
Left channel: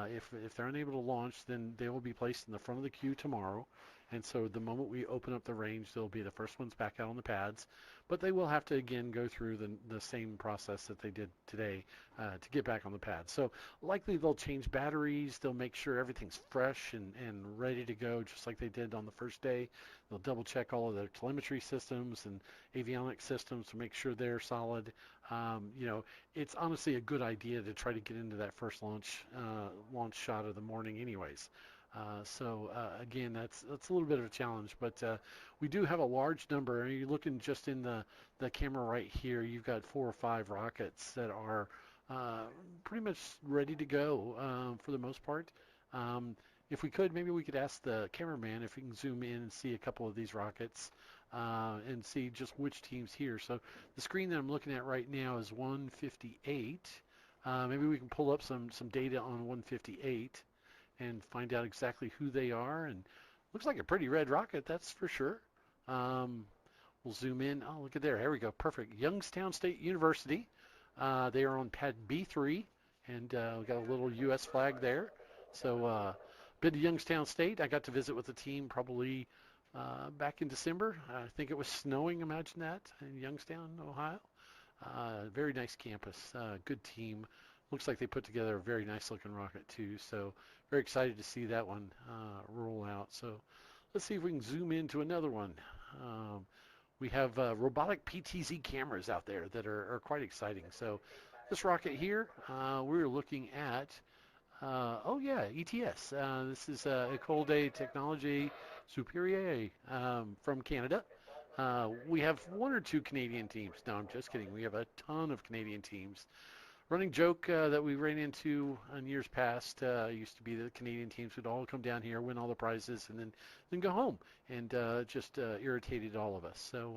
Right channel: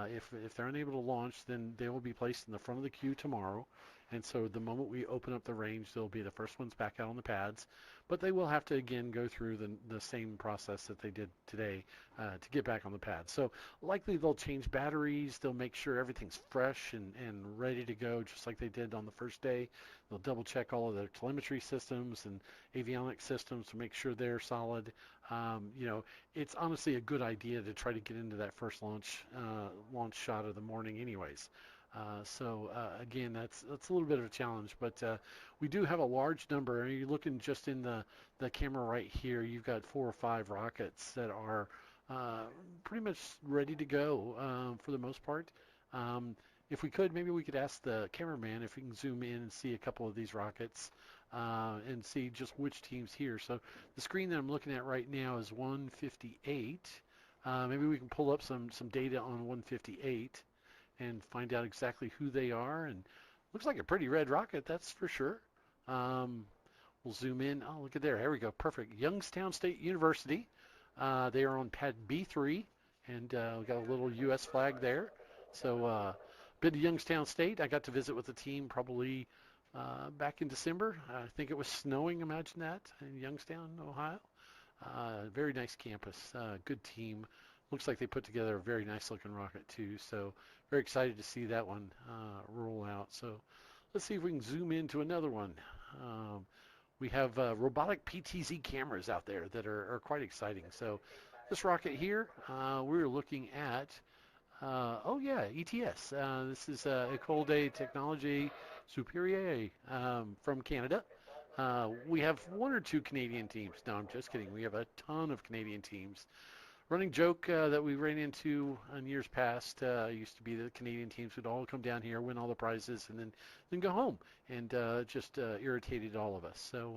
If they're unable to launch, then they will be placed in the front of the queue tomorrow. And so the moment we open up the range, they'll be the first ones back out on the pads. But they will have to, again, go through the same process that they did today to get back on the pads. So likely they'll change batteries. They'll make sure everything's fresh and ready to go, just like they did on the first day. They'll double-check all of their telemetry systems and avionics systems to make sure they're solid. It's honestly a good idea to try to get into that first launch shot of the morning anyways. Again, that's a little bit of a challenge, but we do have a large number. You're looking just in the camera right here, you've got 4 or 5 rockets that are pretty much ready to go for the most part. If we could, maybe we could ask the cameraman if he can zoom in and see a couple of these rockets and see just which team's here. So the screen that I'm looking at right now is 158. Maybe we can pull up some data on 158 and find out exactly who they are. And looks like a pretty red rocket, that's for sure. We'll zoom in. Oh, look at there. Here we go. Perfect. Youngstown State University. They are on pad B3, and we got a little U.S. flag there. So been to Youngstown State. I got to visit with the team probably back in December. I think it was snowing, imagine that, in Youngstown, Ohio. Very nice campus. Good team. Looks like they put together a very nice looking rocket too. So very excited to see that one roll out. So let's see if we can zoom into another one. We have robotic PTZ cameras out there that are quite exciting. So this rocket here, we're looking at, ETS. This is École des Technologies Supérieures from Canada. We have 1 or 2 Canadian teams. No, I'm just kidding. We have a ton of Canadian teams. Running joke that we ran into in years past used to be that the Canadian teams would all come down here, win all the prizes, and then go home, and just irritated all of us. So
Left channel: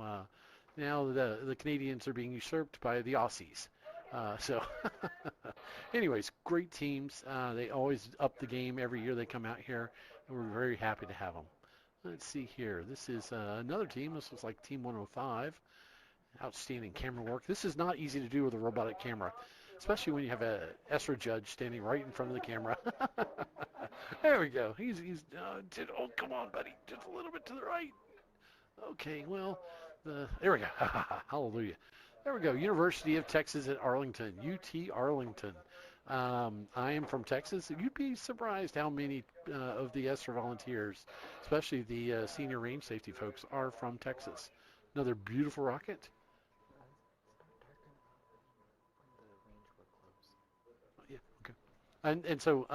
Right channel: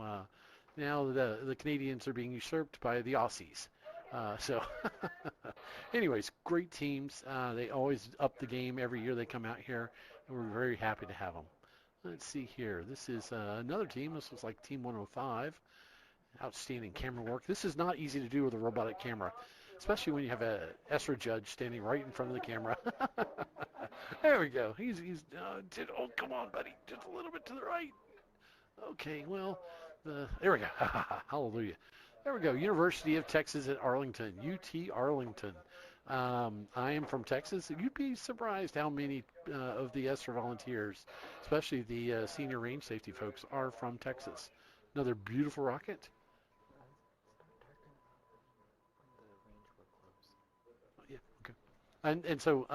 now the Canadians are being usurped by the Aussies. Anyways, great teams. They always up the game every year they come out here, and we're very happy to have them. Let's see here. This is another team. This was like Team 105. Outstanding camera work. This is not easy to do with a robotic camera, especially when you have a ESRA judge standing right in front of the camera. There we go. He's come on, buddy. Just a little bit to the right. Okay, well, there we go. Hallelujah. There we go. University of Texas at Arlington, UT Arlington. I am from Texas. You'd be surprised how many of the ESRA volunteers, especially the senior range safety folks, are from Texas. Another beautiful rocket. And so,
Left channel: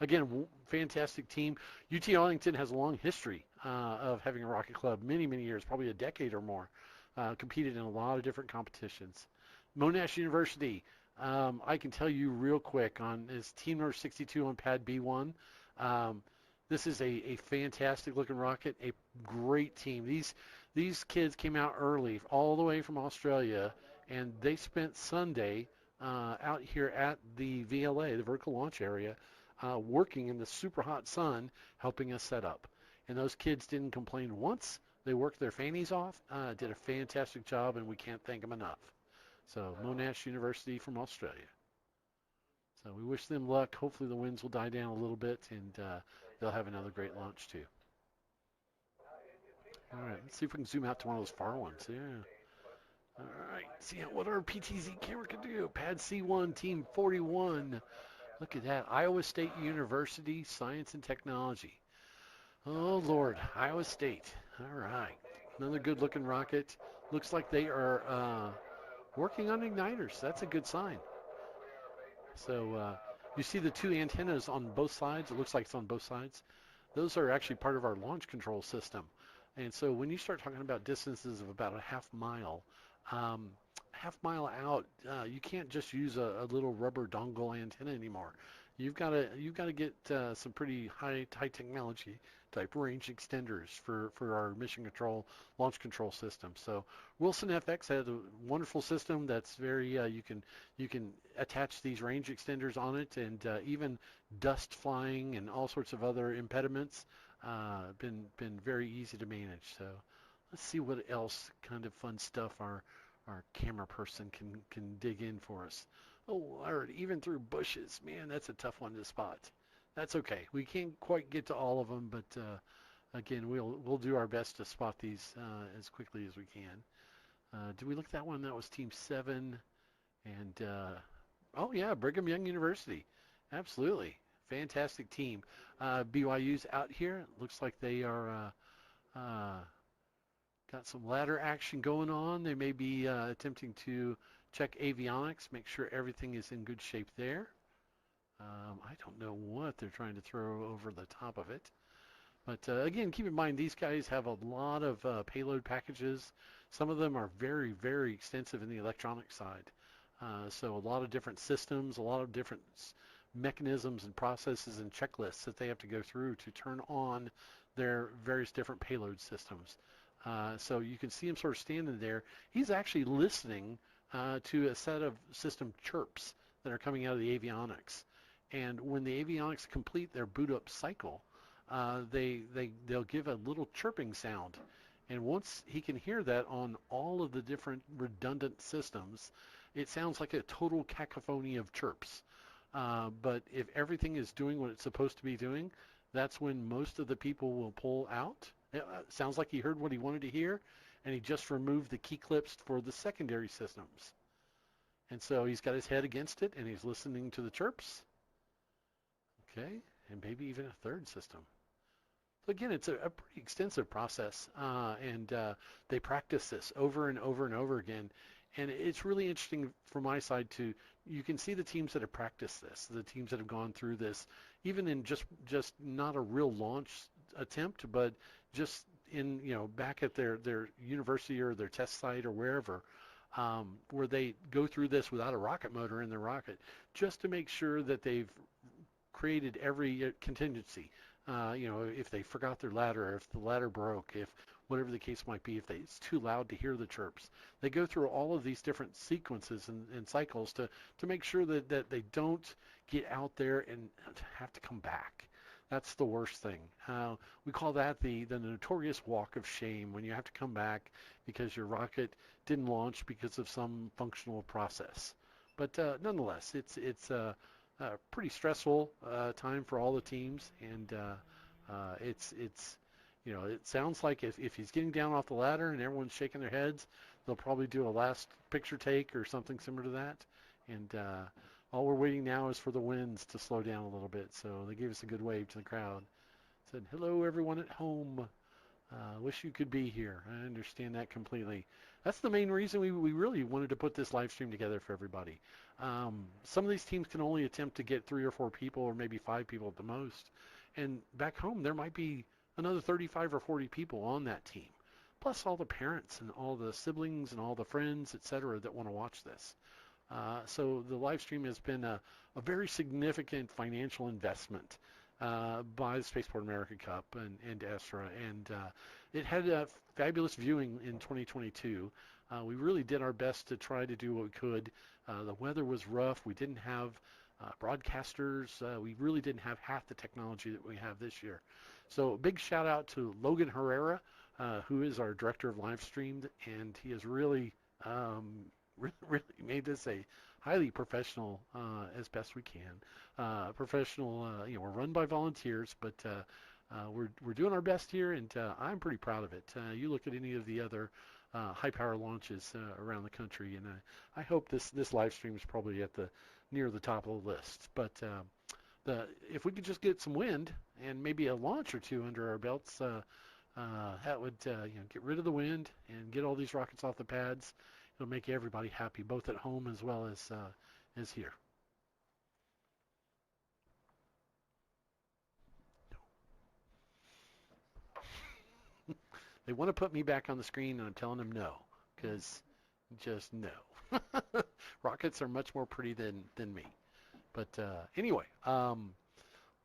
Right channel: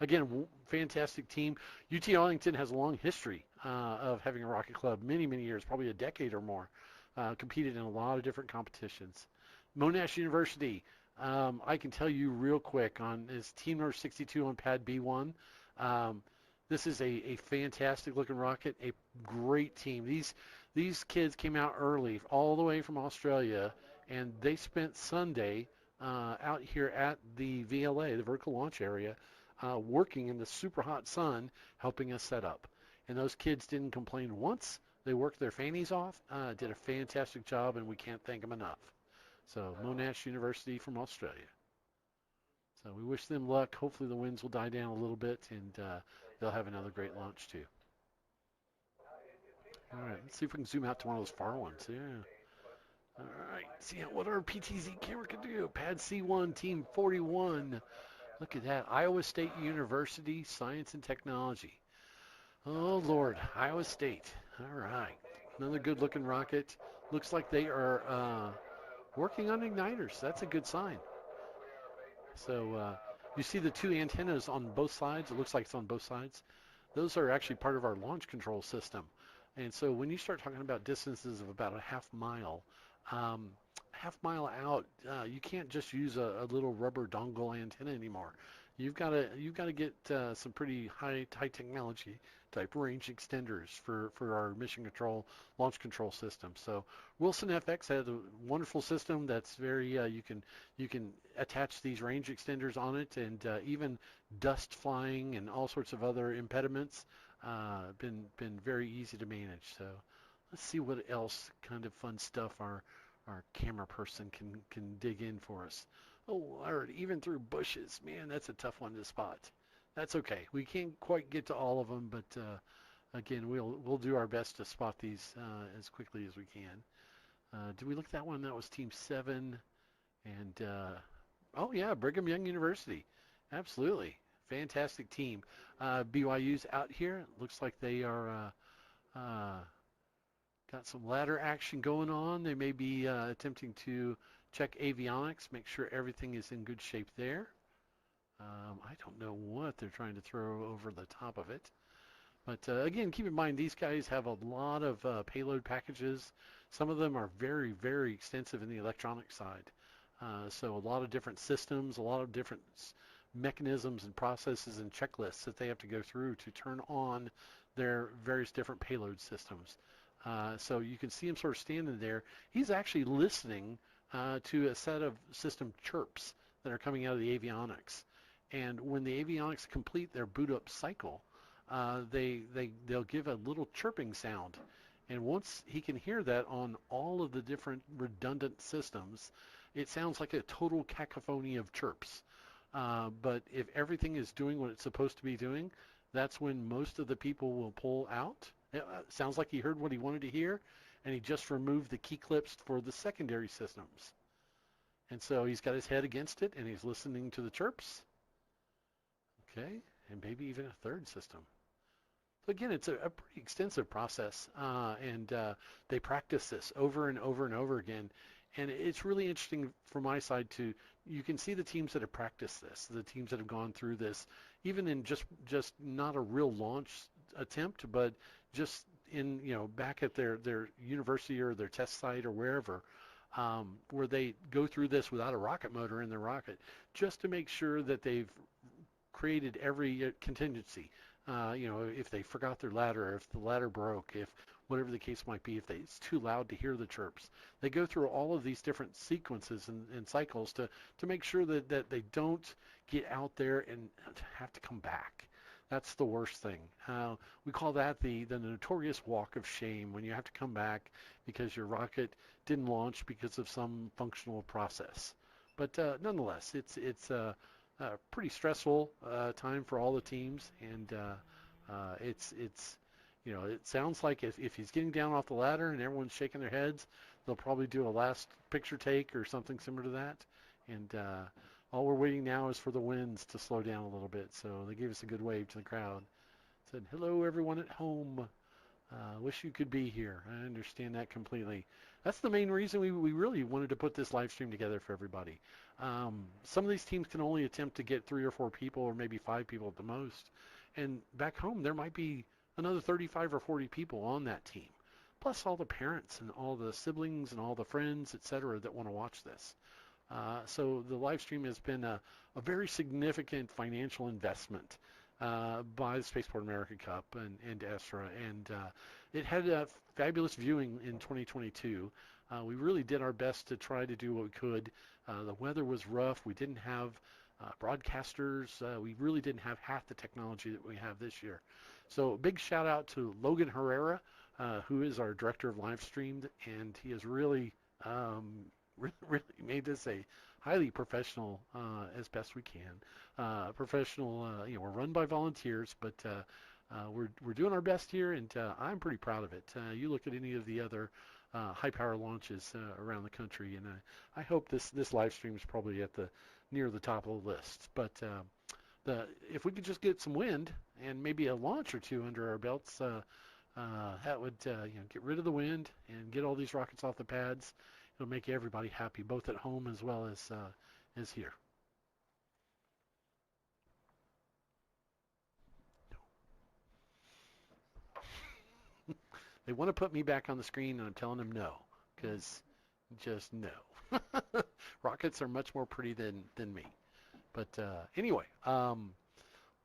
again, fantastic team. UT Arlington has a long history of having a rocket club, many years, probably a decade or more. Competed in a lot of different competitions. Monash University, I can tell you real quick, is team number 62 on pad B1. This is a fantastic looking rocket, a great team. These kids came out early, all the way from Australia, and they spent Sunday out here at the VLA, the vertical launch area, working in the super hot sun, helping us set up. And those kids didn't complain once. They worked their fannies off, did a fantastic job, and we can't thank them enough. So Monash University from Australia. So we wish them luck. Hopefully the winds will die down a little bit, and they'll have another great launch too. All right, let's see if we can zoom out to one of those far ones. Yeah. All right, see what our PTZ camera can do. Pad C1, Team 41. Look at that. Iowa State University, Science and Technology. Oh, Lord, Iowa State. All right. Another good-looking rocket. Looks like they are working on igniters. That's a good sign. So you see the two antennas on both sides. It looks like it's on both sides. Those are actually part of our launch control system. And so when you start talking about distances of about a half mile out, you can't just use a little rubber dongle antenna anymore. You've got to get some pretty high technology type range extenders for our mission control launch control system. So Wilson FX has a wonderful system that's very you can attach these range extenders on it, and even dust flying and all sorts of other impediments been very easy to manage. So let's see what else kind of fun stuff our camera person can dig in for us. Oh, Lord, even through bushes. Man, that's a tough one to spot. That's okay. We can't quite get to all of them, but again, we'll do our best to spot these as quickly as we can. Did we look at that one? That was Team 7. And, oh, yeah, Brigham Young University. Absolutely. Fantastic team. BYU's out here. Looks like they are got some ladder action going on. They may be attempting to check avionics, make sure everything is in good shape there. I don't know what they're trying to throw over the top of it. But again, keep in mind, these guys have a lot of payload packages. Some of them are very, very extensive in the electronic side. So a lot of different systems, a lot of different mechanisms and processes and checklists that they have to go through to turn on their various different payload systems. So you can see him sort of standing there. He's actually listening to a set of system chirps that are coming out of the avionics. And when the avionics complete their boot up cycle, they'll give a little chirping sound. And once he can hear that on all of the different redundant systems, it sounds like a total cacophony of chirps. But if everything is doing what it's supposed to be doing, that's when most of the people will pull out. It sounds like he heard what he wanted to hear, and he just removed the key clips for the secondary systems. And so he's got his head against it, and he's listening to the chirps. Okay, and maybe even a third system. So again, it's a pretty extensive process, and they practice this over and over and over again. And it's really interesting from my side you can see the teams that have practiced this, the teams that have gone through this, even in just not a real launch attempt, but just in, back at their university or their test site or wherever, where they go through this without a rocket motor in their rocket, just to make sure that they've created every contingency. If they forgot their ladder, if the ladder broke, if whatever the case might be, if it's too loud to hear the chirps. They go through all of these different sequences and cycles to make sure that they don't get out there and have to come back. That's the worst thing. We call that the notorious walk of shame, when you have to come back because your rocket didn't launch because of some functional process. But nonetheless, it's a pretty stressful time for all the teams, and it sounds like if he's getting down off the ladder and everyone's shaking their heads, they'll probably do a last picture take or something similar to that. And all we're waiting now is for the winds to slow down a little bit. So they gave us a good wave to the crowd. Said, hello, everyone at home. Wish you could be here. I understand that completely. That's the main reason we really wanted to put this live stream together for everybody. Some of these teams can only attempt to get 3 or 4 people or maybe 5 people at the most. And back home, there might be another 35 or 40 people on that team, plus all the parents and all the siblings and all the friends, etc., that want to watch this. So the live stream has been a very significant financial investment by the Spaceport America Cup and ESRA, and it had a fabulous viewing in 2022. We really did our best to try to do what we could. The weather was rough. We didn't have broadcasters. We really didn't have half the technology that we have this year. So a big shout out to Logan Herrera, who is our director of live stream, and he has really made this a highly professional, as best we can. Professional, we're run by volunteers, but we're doing our best here, and I'm pretty proud of it. You look at any of the other high power launches around the country, and I hope this live stream is probably near the top of the list. But if we could just get some wind and maybe a launch or two under our belts, that would get rid of the wind and get all these rockets off the pads. It'll make everybody happy, both at home as well as here. They want to put me back on the screen, and I'm telling them no, because just no. Rockets are much more pretty than me. But anyway,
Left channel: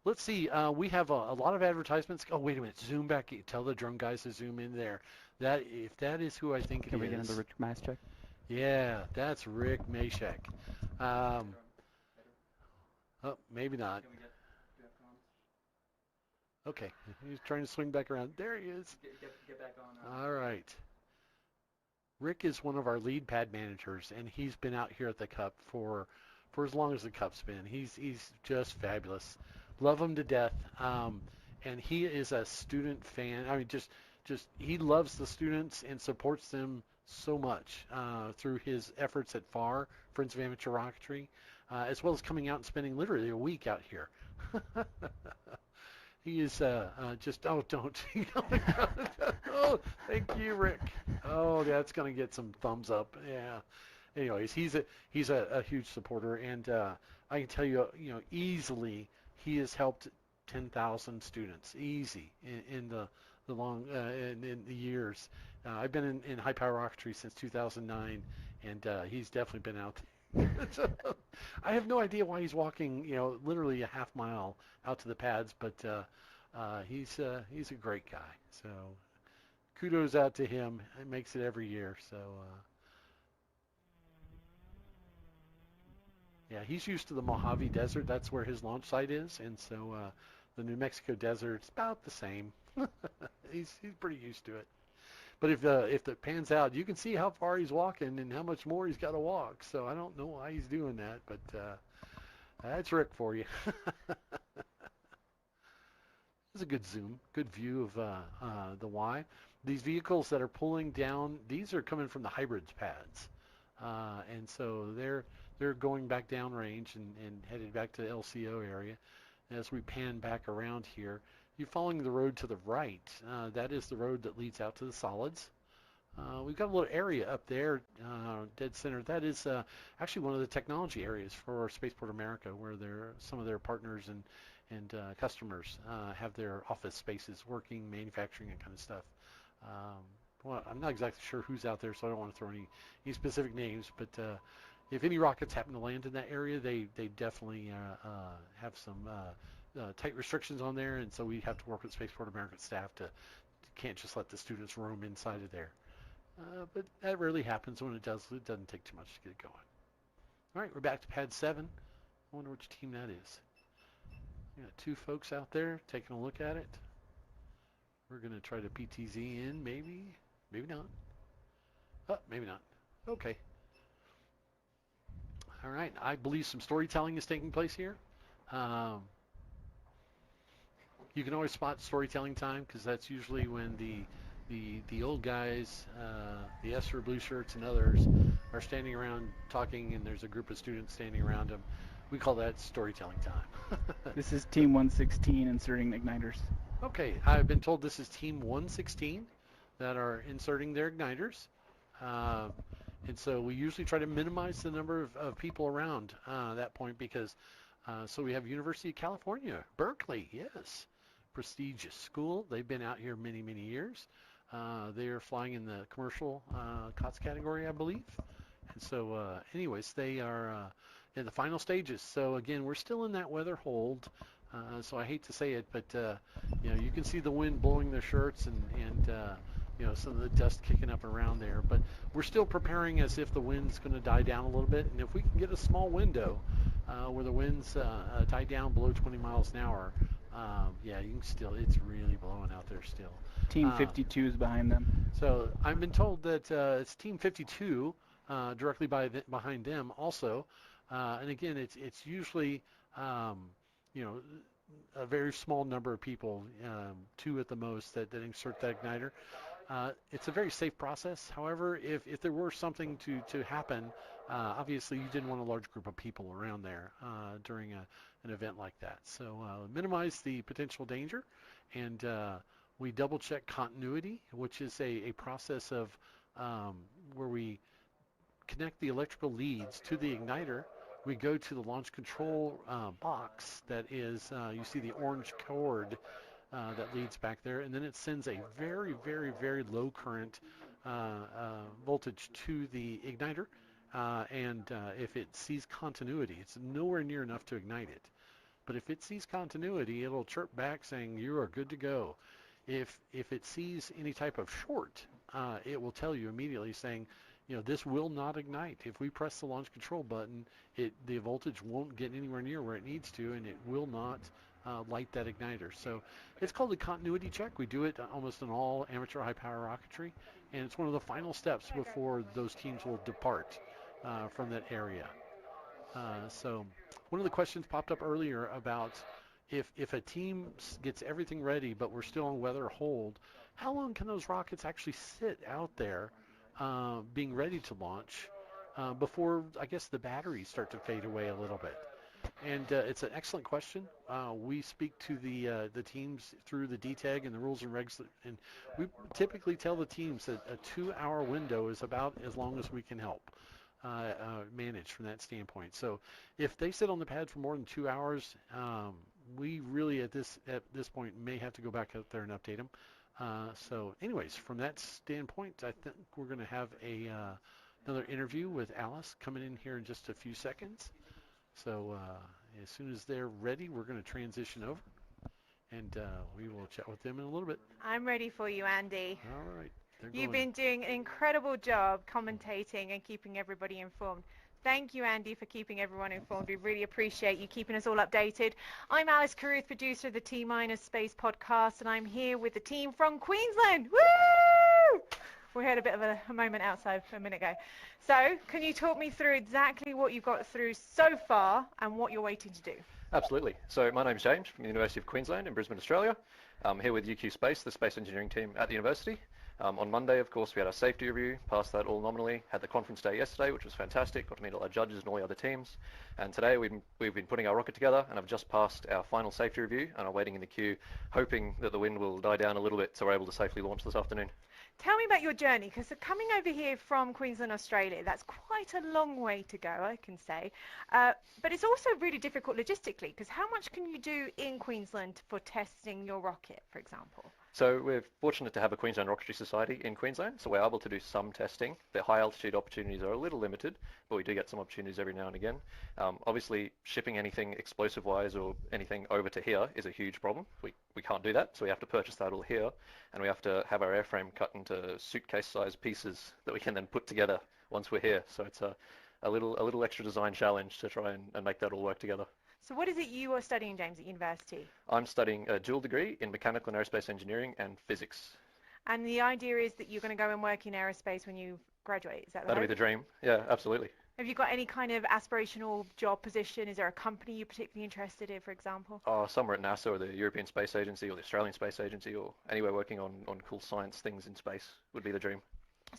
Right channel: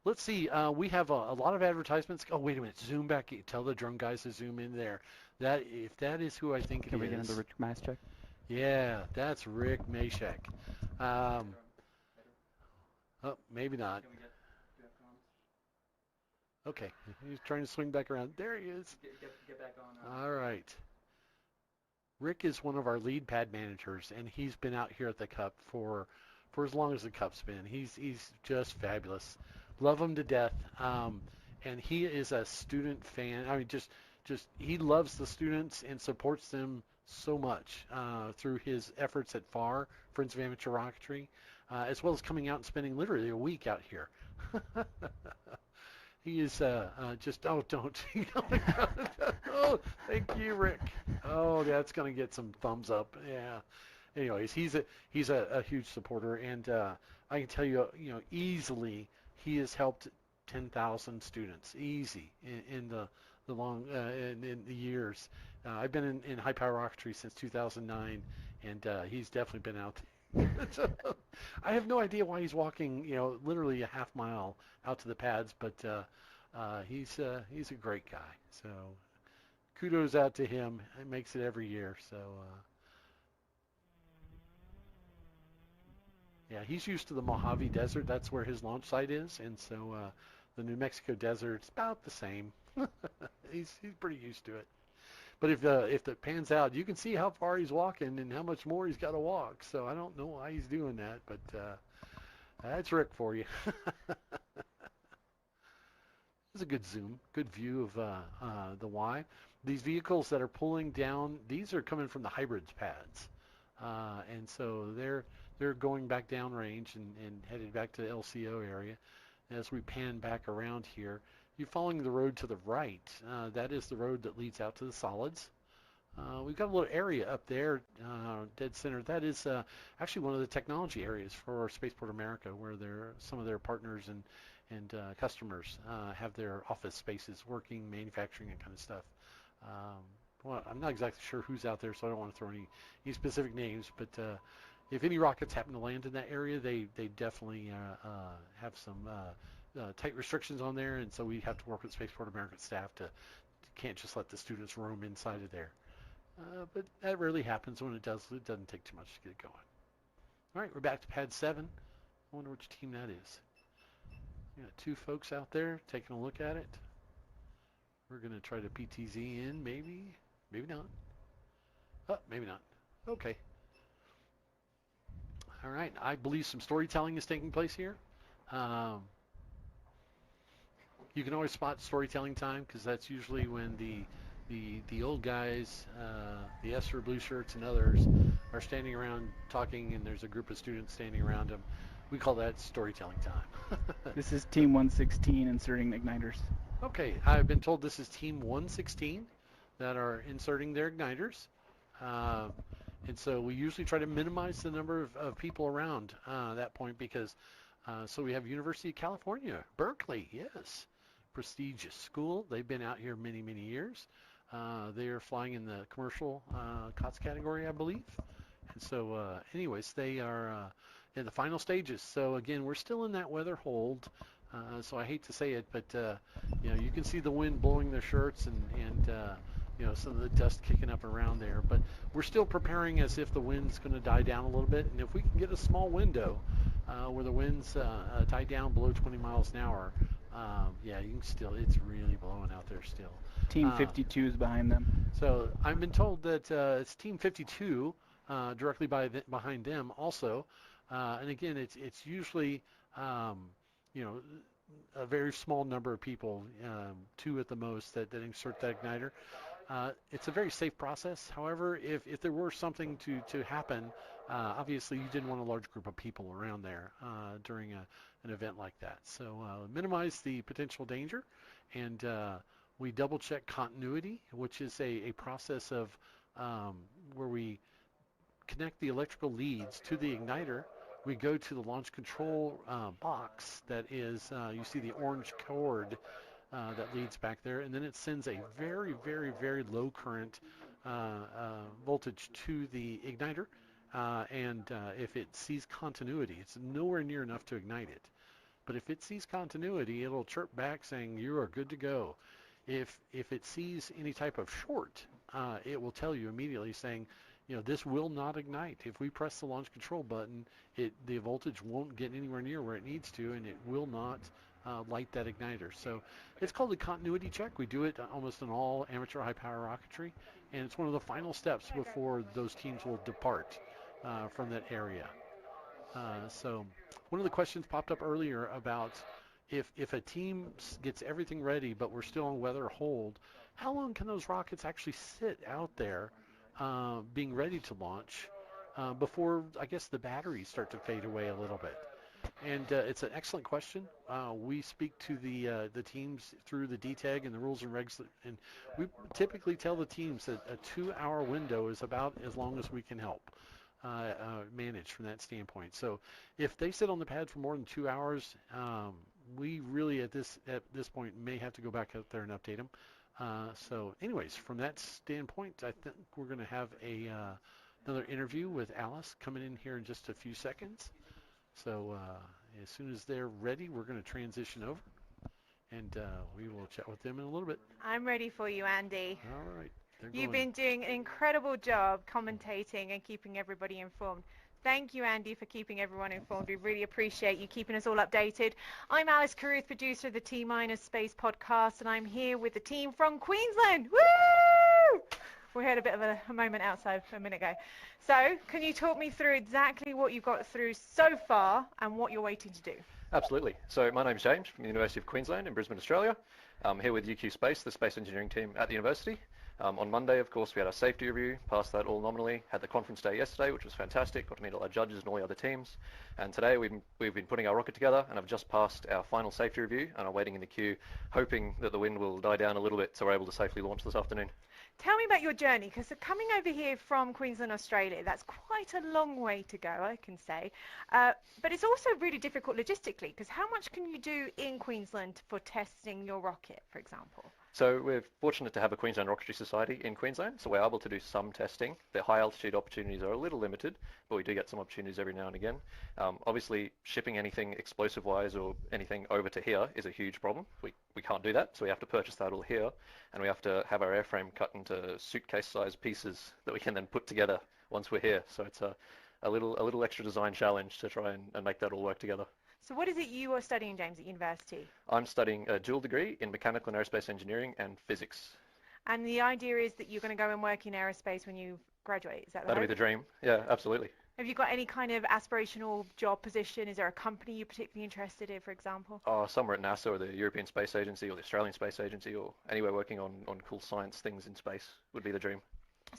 let's see. We have a lot of advertisements. Oh, wait a minute. Zoom back. Tell the drone guys to zoom in there. If that is who I think it is. Can we get another Rick Maschek? Yeah, that's Rick Maschek. Oh, maybe not. Okay, he's trying to swing back around. There he is. Get back on. All right. Rick is one of our lead pad managers, and he's been out here at the Cup for as long as the Cup's been. He's just fabulous. Love him to death. And he is a student fan. I mean, just he loves the students and supports them so much through his efforts at FAR, Friends of Amateur Rocketry, as well as coming out and spending literally a week out here. He is just, don't. Oh, thank you, Rick. Oh, that's going to get some thumbs up. Yeah. Anyways, he's a huge supporter, and I can tell you, easily he has helped 10,000 students, easy, in the long in the years. I've been in high power rocketry since 2009, and he's definitely been out there. I have no idea why he's walking, literally a half mile out to the pads, but he's a great guy. So kudos out to him. It makes it every year. So yeah, he's used to the Mojave Desert. That's where his launch site is, and so the New Mexico Desert's about the same. He's pretty used to it. But if it pans out, you can see how far he's walking and how much more he's got to walk. So I don't know why he's doing that, but that's Rick for you. This is a good zoom, good view of the Y. These vehicles that are pulling down, these are coming from the hybrids pads, and so they're going back downrange and headed back to the LCO area. As we pan back around here, you're following the road to the right. That is the road that leads out to the solids. We've got a little area up there, dead center. That is actually one of the technology areas for Spaceport America, where some of their partners and customers have their office spaces, working, manufacturing, that kind of stuff. Well, I'm not exactly sure who's out there, so I don't want to throw any specific names, but if any rockets happen to land in that area, they definitely have some tight restrictions on there, and so we have to work with Spaceport America staff can't just let the students roam inside of there. But that rarely happens. When it does, it doesn't take too much to get it going. All right, we're back to pad 7. I wonder which team that is. We got 2 folks out there taking a look at it. We're going to try to PTZ in, maybe not. Oh, maybe not. Okay. All right, I believe some storytelling is taking place here. You can always spot storytelling time, because that's usually when the old guys, the ESRA blue shirts and others, are standing around talking, and there's a group of students standing around them. We call that storytelling time. This is Team 116 inserting igniters. Okay, I've been told this is Team 116 that are inserting their igniters. And so we usually try to minimize the number of people around that point, because so we have University of California, Berkeley, yes, prestigious school. They've been out here many, many years. They are flying in the commercial COTS category, I believe. And so anyways, they are in the final stages. So again, we're still in that weather hold. So I hate to say it, but you can see the wind blowing their shirts and some of the dust kicking up around there. But we're still preparing as if the wind's going to die down a little bit. And if we can get a small window where the winds die down below 20 miles an hour, you can still, it's really blowing out there still. Team 52 is behind them. So I've been told that it's Team 52 directly behind them also. And again, it's usually, a very small number of people, 2 at the most, that insert that igniter. It's a very safe process. However, if there were something to happen, obviously you didn't want a large group of people around there during an event like that. So minimize the potential danger, and we double check continuity, which is a process of where we connect the electrical leads to the igniter. We go to the launch control box that is, you see the orange cord that leads back there, and then it sends a very, very, very low current voltage to the igniter, and if it sees continuity, it's nowhere near enough to ignite it. But if it sees continuity, it'll chirp back saying you are good to go. If it sees any type of short, it will tell you immediately saying, this will not ignite. If we press the launch control button, the voltage won't get anywhere near where it needs to, and it will not light that igniter. So it's called a continuity check. We do it almost in all amateur high-power rocketry, and it's one of the final steps before those teams will depart from that area. So one of the questions popped up earlier about if a team gets everything ready but we're still on weather hold, how long can those rockets actually sit out there being ready to launch before, I guess, the batteries start to fade away a little bit? And it's an excellent question. We speak to the teams through the DTAG and the rules and regs, and we typically tell the teams that a 2-hour window is about as long as we can help manage from that standpoint. So if they sit on the pad for more than 2 hours, we really at this point may have to go back out there and update them. So anyways, from that standpoint, I think we're going to have another interview with Alice coming in here in just a few seconds. So as soon as they're ready, we're going to transition over, and we will chat with them in a little bit. I'm ready for you, Andy. All right. You've been doing an incredible job commentating and keeping everybody informed. Thank you, Andy, for keeping everyone informed. We really appreciate you keeping us all updated. I'm Alice Carruth, producer of the T-Minus Space podcast, and I'm here with the team from Queensland. Woo! We had a bit of a moment outside a minute ago. So, can you talk me through exactly what you've got through so far and what you're waiting to do? Absolutely. So, my name's James from the University of Queensland in Brisbane, Australia. I'm here with UQ Space, the space engineering team at the university. On Monday, of course, we had our safety review, passed that all nominally, had the conference day yesterday, which was fantastic, got to meet all our judges and all the other teams. And today we've been putting our rocket together, and I've just passed our final safety review, and I'm waiting in the queue, hoping that the wind will die down a little bit so we're able to safely launch this afternoon. Tell me about your journey, because coming over here from Queensland, Australia, that's quite a long way to go, I can say. But it's also really difficult logistically, because how much can you do in Queensland for testing your rocket, for example? So we're fortunate to have a Queensland Rocketry Society in Queensland, so we're able to do some testing. The high altitude opportunities are a little limited, but we do get some opportunities every now and again. Obviously, shipping anything explosive-wise or anything over to here is a huge problem. We can't do that, so we have to purchase that all here, and we have to have our airframe cut into suitcase-sized pieces that we can then put together once we're here. So it's a little extra design challenge to try and make that all work together. So what is it you are studying, James, at university? I'm studying a dual degree in mechanical and aerospace engineering and physics. And the idea is that you're going to go and work in aerospace when you graduate, is that right? That'll be the dream. Yeah, absolutely. Have you got any kind of aspirational job position? Is there a company you're particularly interested in, for example? Somewhere at NASA or the European Space Agency or the Australian Space Agency or anywhere working on cool science things in space would be the dream.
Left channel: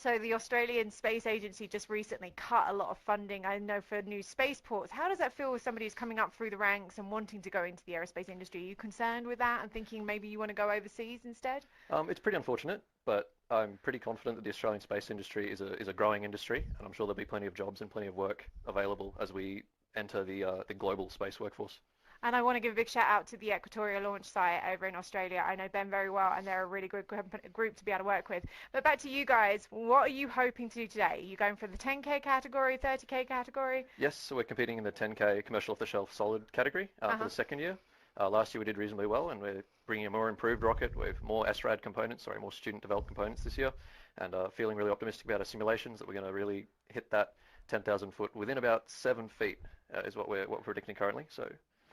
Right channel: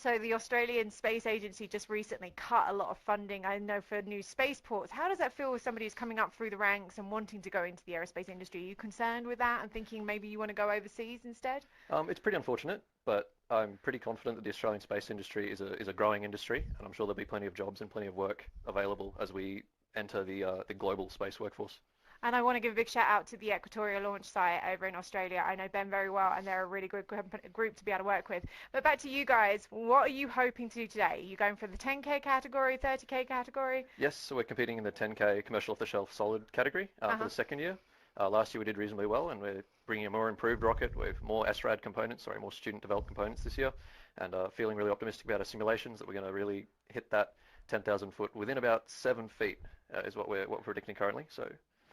So the Australian Space Agency just recently cut a lot of funding, I know, for new spaceports. How does that feel with somebody who's coming up through the ranks and wanting to go into the aerospace industry? Are you concerned with that and thinking maybe you want to go overseas instead? It's pretty unfortunate, but I'm pretty confident that the Australian space industry is a growing industry, and I'm sure there'll be plenty of jobs and plenty of work available as we enter the global space workforce. And I want to give a big shout out to the Equatorial Launch Site over in Australia. I know Ben very well, and they're a really good group to be able to work with. But back to you guys, what are you hoping to do today? Are you going for the 10K category, 30K category? Yes, so we're competing in the 10K commercial off-the-shelf solid category for the second year. Last year we did reasonably well, and we're bringing a more improved rocket with more SRAD components, more student-developed components this year, and feeling really optimistic about our simulations that we're going to really hit that 10,000 foot within about 7 feet is what we're predicting currently. So.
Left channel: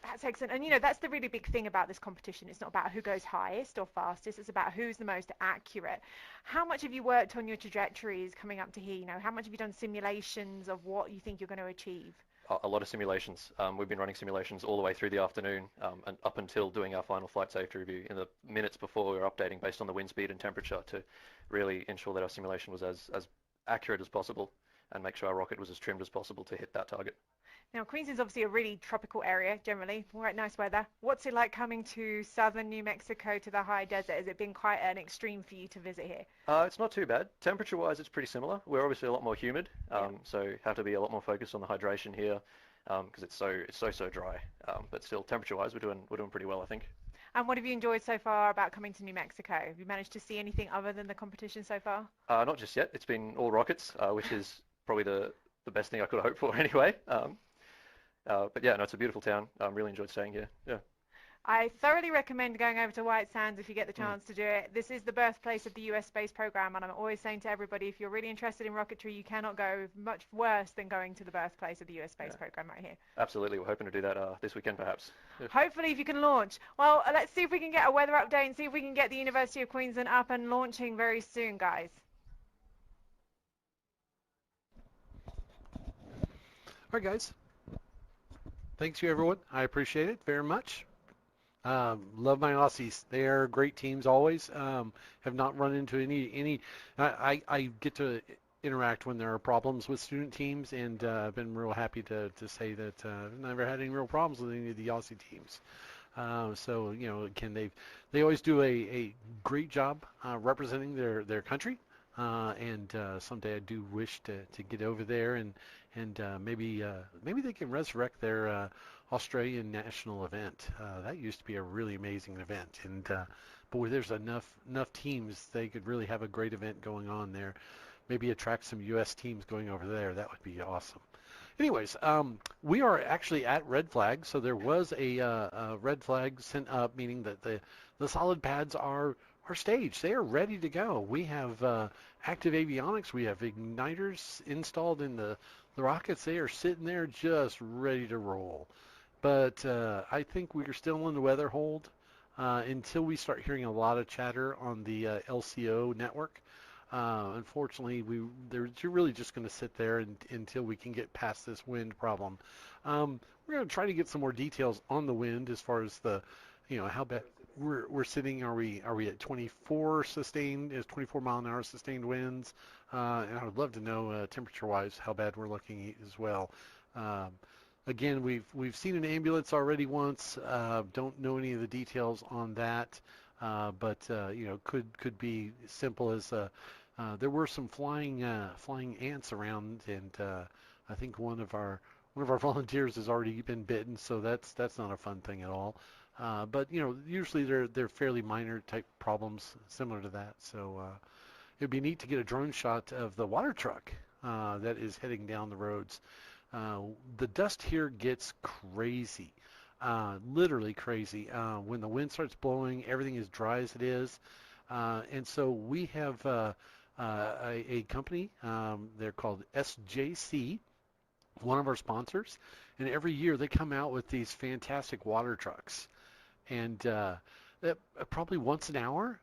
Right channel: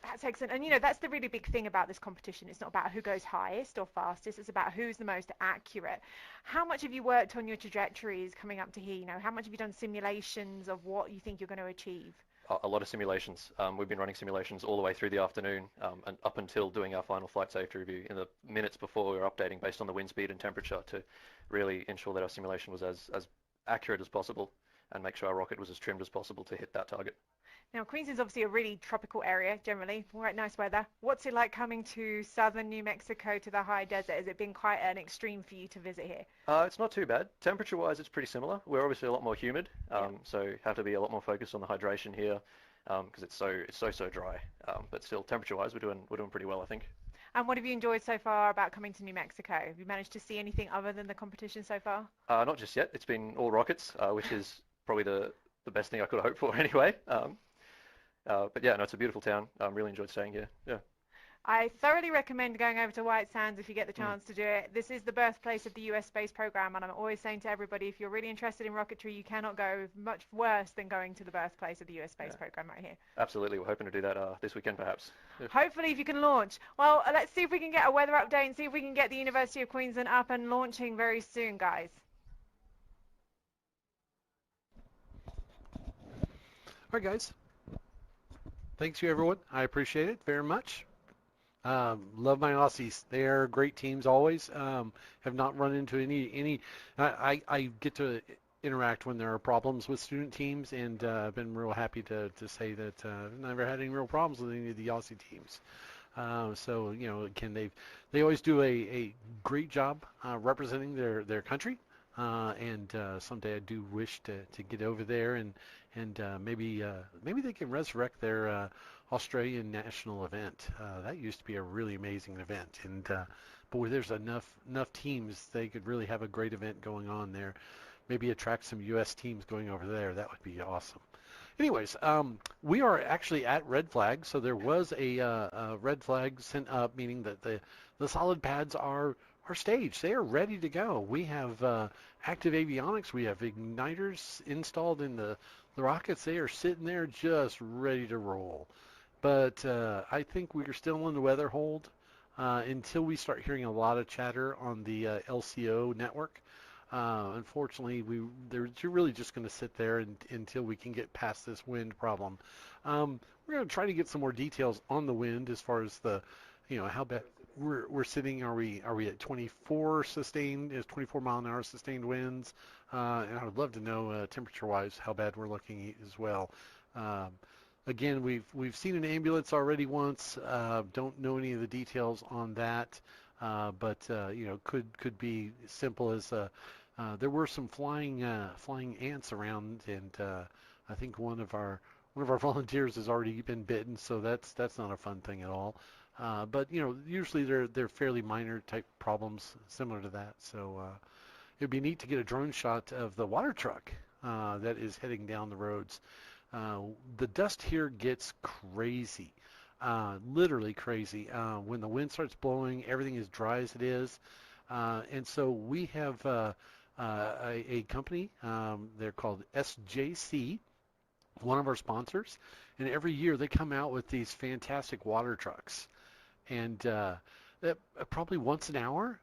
That's excellent. And, you know, that's the really big thing about this competition. It's not about who goes highest or fastest. It's about who's the most accurate. How much have you worked on your trajectories coming up to here? You know, how much have you done simulations of what you think you're going to achieve? a lot of simulations. We've been running simulations all the way through the afternoon and up until doing our final flight safety review in the minutes before we were updating based on the wind speed and temperature to really ensure that our simulation was as accurate as possible and make sure our rocket was as trimmed as possible to hit that target. Now, Queensland's obviously a really tropical area, generally, quite nice weather. What's it like coming to southern New Mexico to the high desert? Has it been quite an extreme for you to visit here? It's not too bad. Temperature-wise, it's pretty similar. We're obviously a lot more humid, so have to be a lot more focused on the hydration here because it's so dry. But still, temperature-wise, we're doing pretty well, I think. And what have you enjoyed so far about coming to New Mexico? Have you managed to see anything other than the competition so far? Not just yet. It's been all rockets, which is probably the best thing I could hope for anyway. But yeah, no, it's a beautiful town. I really enjoyed staying here. Yeah. I thoroughly recommend going over to White Sands if you get the chance to do it. This is the birthplace of the US space program, and I'm always saying to everybody, if you're really interested in rocketry, you cannot go much worse than going to the birthplace of the US space program right here. Absolutely. We're hoping to do that this weekend, perhaps. Yeah. Hopefully, if you can launch. Well, let's see if we can get a weather update and see if we can get the University of Queensland up and launching very soon, guys. All right, guys. Thanks you, everyone. I appreciate it very much. Love my Aussies. They are great teams always. Have not run into any. I get to interact when there are problems with student teams, and I've been real happy to say that I've never had any real problems with any of the Aussie teams. So again, they always do a great job representing their country. And someday I do wish to get over there and maybe they can resurrect their Australian national event. That used to be a really amazing event, and boy, there's enough teams they could really have a great event going on there. Maybe attract some U.S. teams going over there. That would be awesome. Anyways, we are actually at red flag, so there was a red flag sent up, meaning that the solid pads are staged. They are ready to go. We have active avionics. We have igniters installed in the rockets. They are sitting there just ready to roll. But I think we're still in the weather hold until we start hearing a lot of chatter on the LCO network. Unfortunately, they're really just going to sit there until we can get past this wind problem. We're going to try to get some more details on the wind as far as the, how bad we're sitting. Are we at 24 sustained? Is 24 mile an hour sustained winds? And I would love to know temperature-wise how bad we're looking as well. Again, we've seen an ambulance already once. Don't know any of the details on that, but could be simple as there were some flying ants around, and I think one of our volunteers has already been bitten, so that's not a fun thing at all. But usually they're fairly minor type problems similar to that. So it'd be neat to get a drone shot of the water truck that is heading down the roads. The dust here gets crazy, literally crazy. When the wind starts blowing, everything is dry as it is, and so we have a company. They're called SJC, one of our sponsors, and every year they come out with these fantastic water trucks. And probably once an hour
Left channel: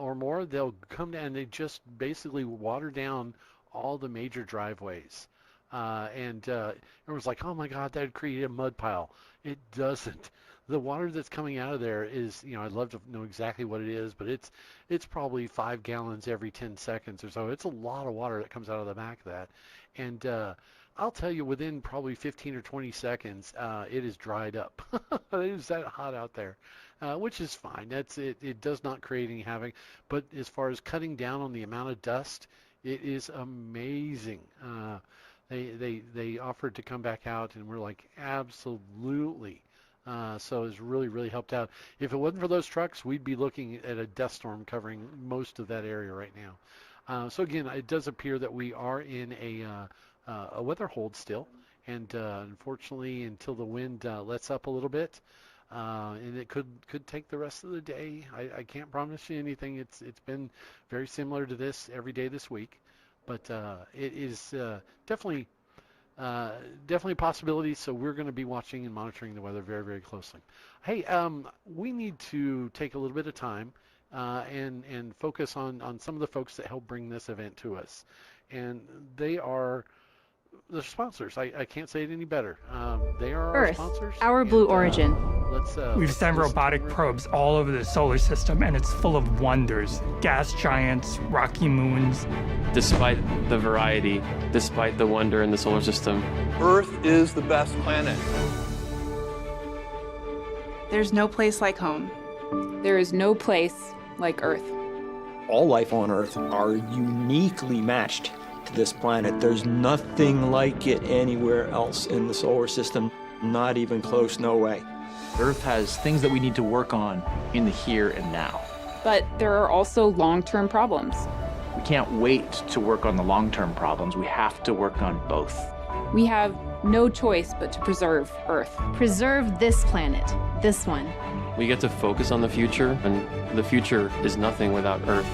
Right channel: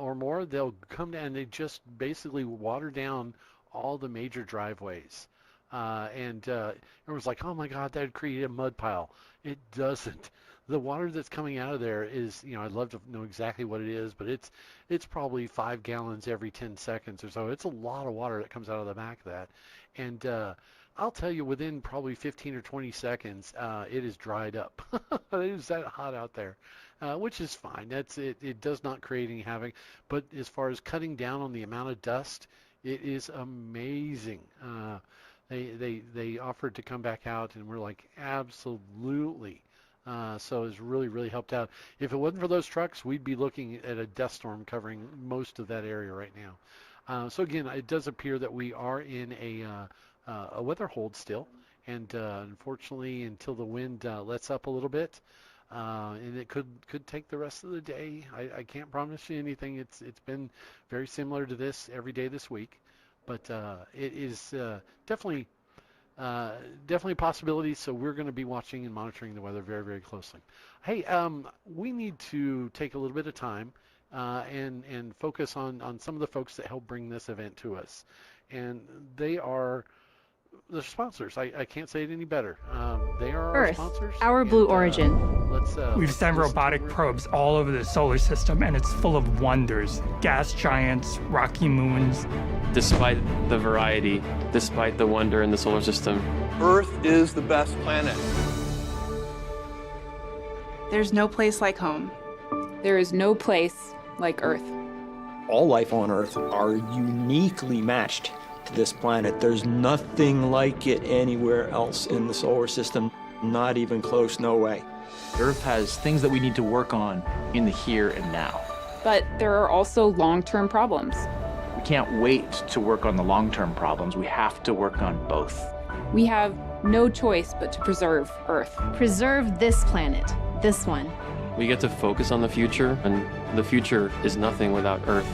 or more, they'll come down and they just basically water down all the major driveways. And everyone's like, oh my God, that'd create a mud pile. It doesn't. The water that's coming out of there is, I'd love to know exactly what it is, but it's probably 5 gallons every 10 seconds or so. It's a lot of water that comes out of the back of that. And I'll tell you, within probably 15 or 20 seconds, it is dried up. It is that hot out there, which is fine. It does not create any havoc. But as far as cutting down on the amount of dust, it is amazing. They offered to come back out, and we're like, absolutely. So it's really, really helped out. If it wasn't for those trucks, we'd be looking at a dust storm covering most of that area right now. So again, it does appear that we are in a weather hold still, and unfortunately, until the wind lets up a little bit, and it could take the rest of the day. I can't promise you anything. It's been very similar to this every day this week, but it is definitely a possibility. So we're going to be watching and monitoring the weather very, very closely. Hey, we need to take a little bit of time and focus on some of the folks that help bring this event to us, and they are the sponsors. I can't say it any better. They are our Earth, sponsors. our blue origin. We've sent robotic probes all over the solar system, and it's full of wonders. Gas giants, rocky moons. Despite the variety, despite the wonder in the solar system, Earth is the best planet. There's no place like home. There is no place like Earth. All life on Earth are uniquely matched to this planet. There's nothing like it anywhere else in the solar system. Not even close, no way. Earth has things that we need to work on in the here and now. But there are also long-term problems. We can't wait to work on the long-term problems. We have to work on both. We have no choice but to preserve Earth. Preserve this planet, this one. we get to focus on the future, and the future is nothing without Earth.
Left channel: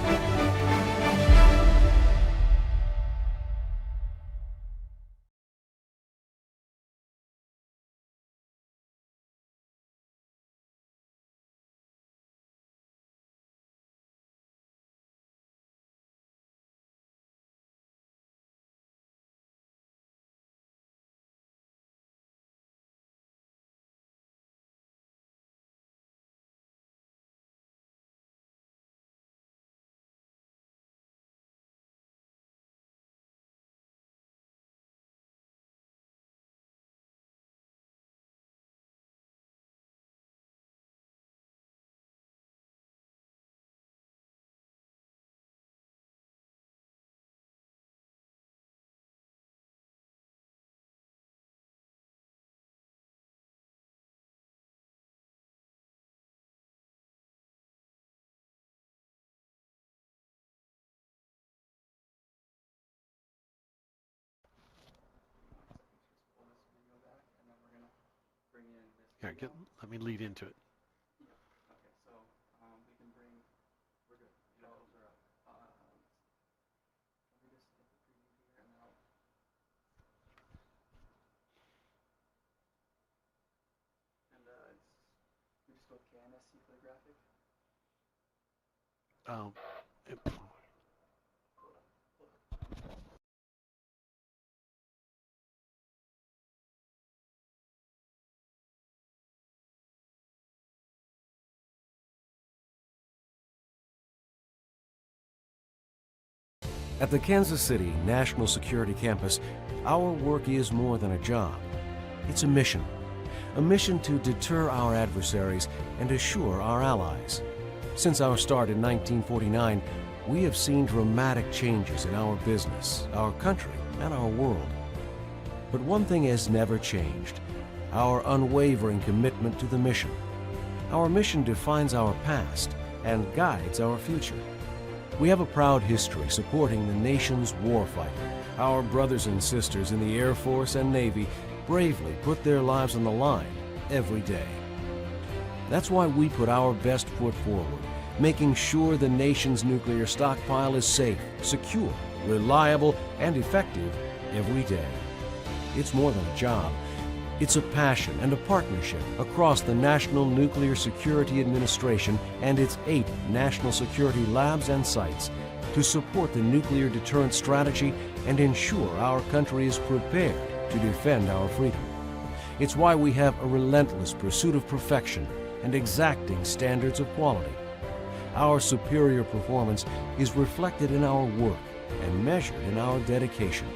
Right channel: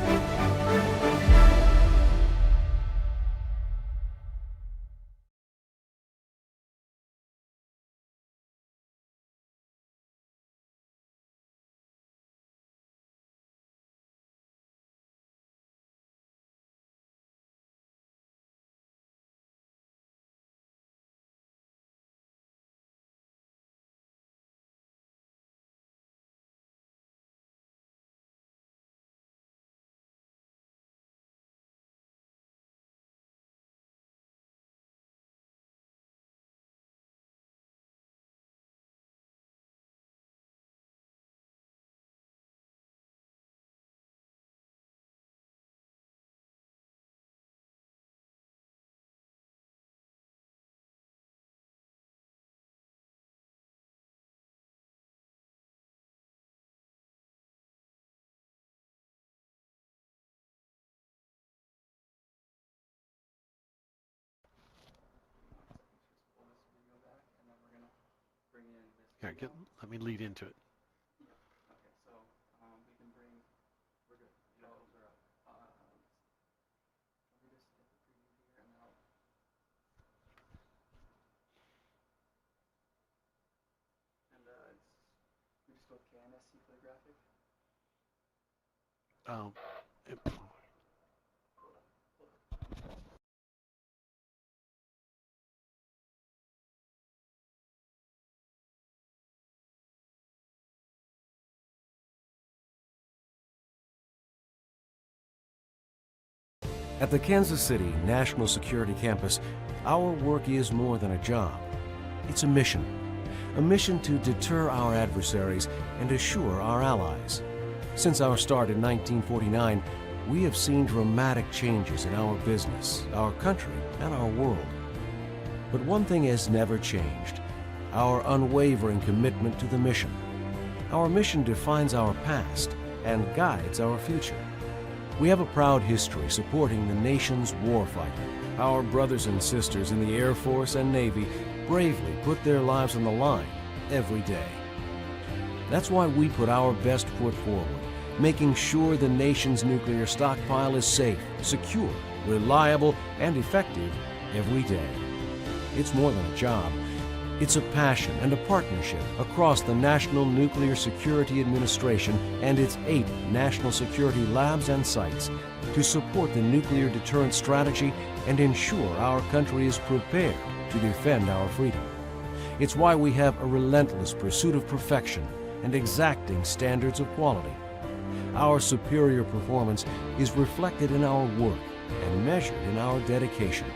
Here, let me lead into it. At the Kansas City National Security Campus, our work is more than a job. It's a mission to deter our adversaries and assure our allies. Since our start in 1949, we have seen dramatic changes in our business, our country, and our world. But one thing has never changed: our unwavering commitment to the mission. Our mission defines our past and guides our future. We have a proud history supporting the nation's warfighter. Our brothers and sisters in the Air Force and Navy bravely put their lives on the line every day. That's why we put our best foot forward, making sure the nation's nuclear stockpile is safe, secure, reliable, and effective every day. It's more than a job. It's a passion and a partnership across the National Nuclear Security Administration and its 8 national security labs and sites to support the nuclear deterrent strategy and ensure our country is prepared to defend our freedom. It's why we have a relentless pursuit of perfection and exacting standards of quality. Our superior performance is reflected in our work and measured in our dedication.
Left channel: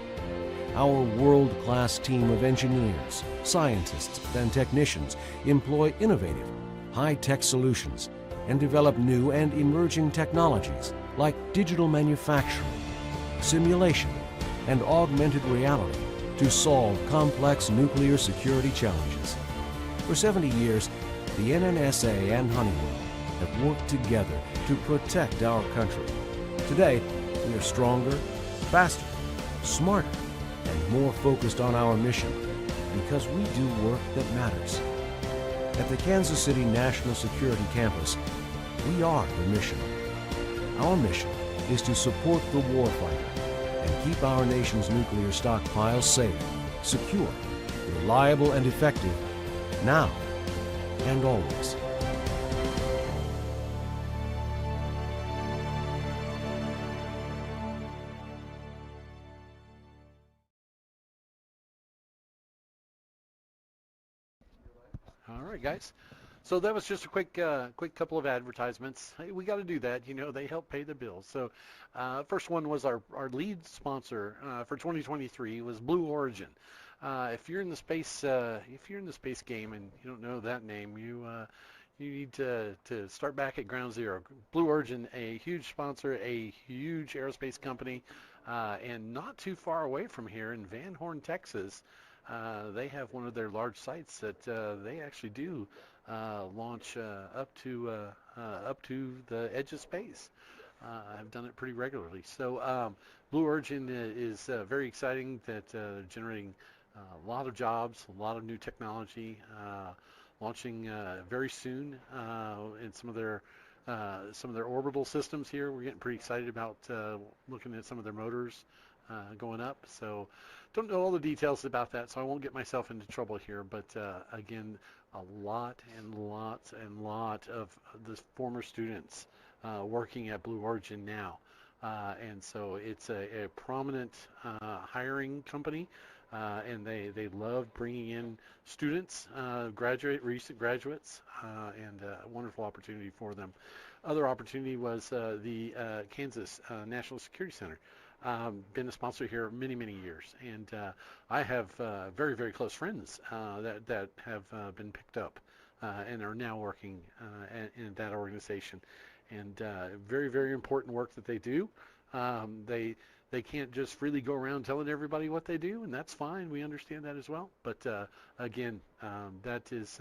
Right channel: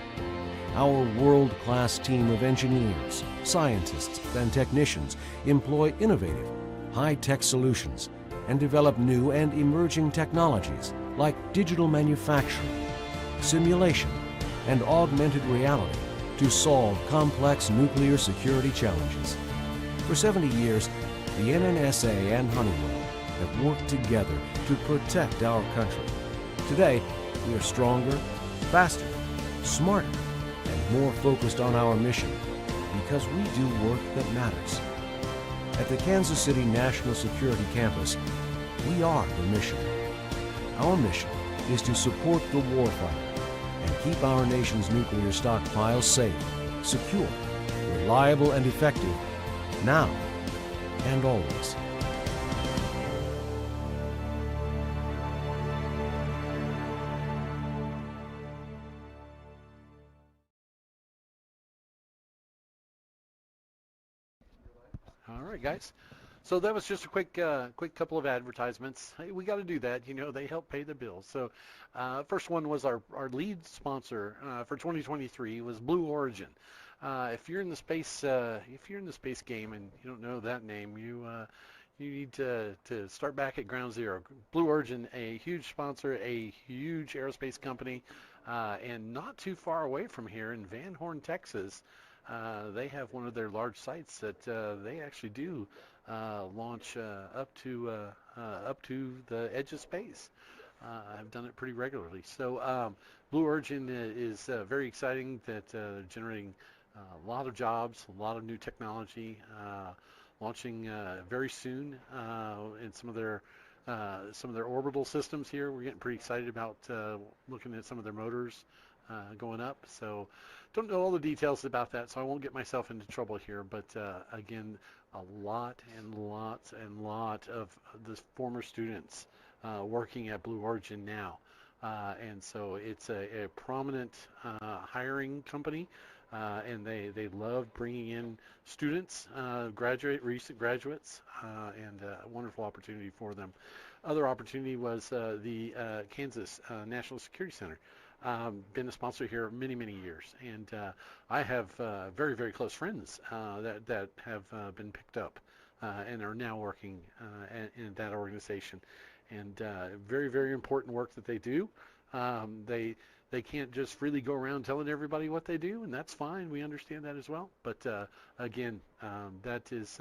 Our world-class team of engineers, scientists, and technicians employ innovative, high-tech solutions and develop new and emerging technologies like digital manufacturing, simulation, and augmented reality to solve complex nuclear security challenges. For 70 years, the NNSA and Honeywell have worked together to protect our country. Today, we are stronger, faster, smarter, and more focused on our mission because we do work that matters. At the Kansas City National Security Campus, we are the mission. Our mission is to support the warfighter and keep our nation's nuclear stockpiles safe, secure, reliable, and effective now and always. All right, guys. So that was just a quick couple of advertisements. Hey, we got to do that. They help pay the bills. So first one was our lead sponsor for 2023 was Blue Origin. If you're in the space game and you don't know that name, you need to start back at ground zero. Blue Origin, a huge sponsor, a huge aerospace company, and not too far away from here in Van Horn, Texas. They have one of their large sites that they actually do launch up to the edge of space. I've done it pretty regularly. So Blue Origin is very exciting, that generating a lot of jobs, a lot of new technology, launching very soon in some of their orbital systems here. We're getting pretty excited about looking at some of their motors going up. So don't know all the details about that, so I won't get myself into trouble here. But again, a lot of the former students working at Blue Origin now. And so it's a prominent hiring company, and they love bringing in students, recent graduates, and a wonderful opportunity for them. Other opportunity was the Kansas National Security Center. Been a sponsor here many years, and I have very, very close friends that have been picked up and are now working in that organization. And very, very important work that they do. They can't just freely go around telling everybody what they do, and that's fine. We understand that as well. But again, that is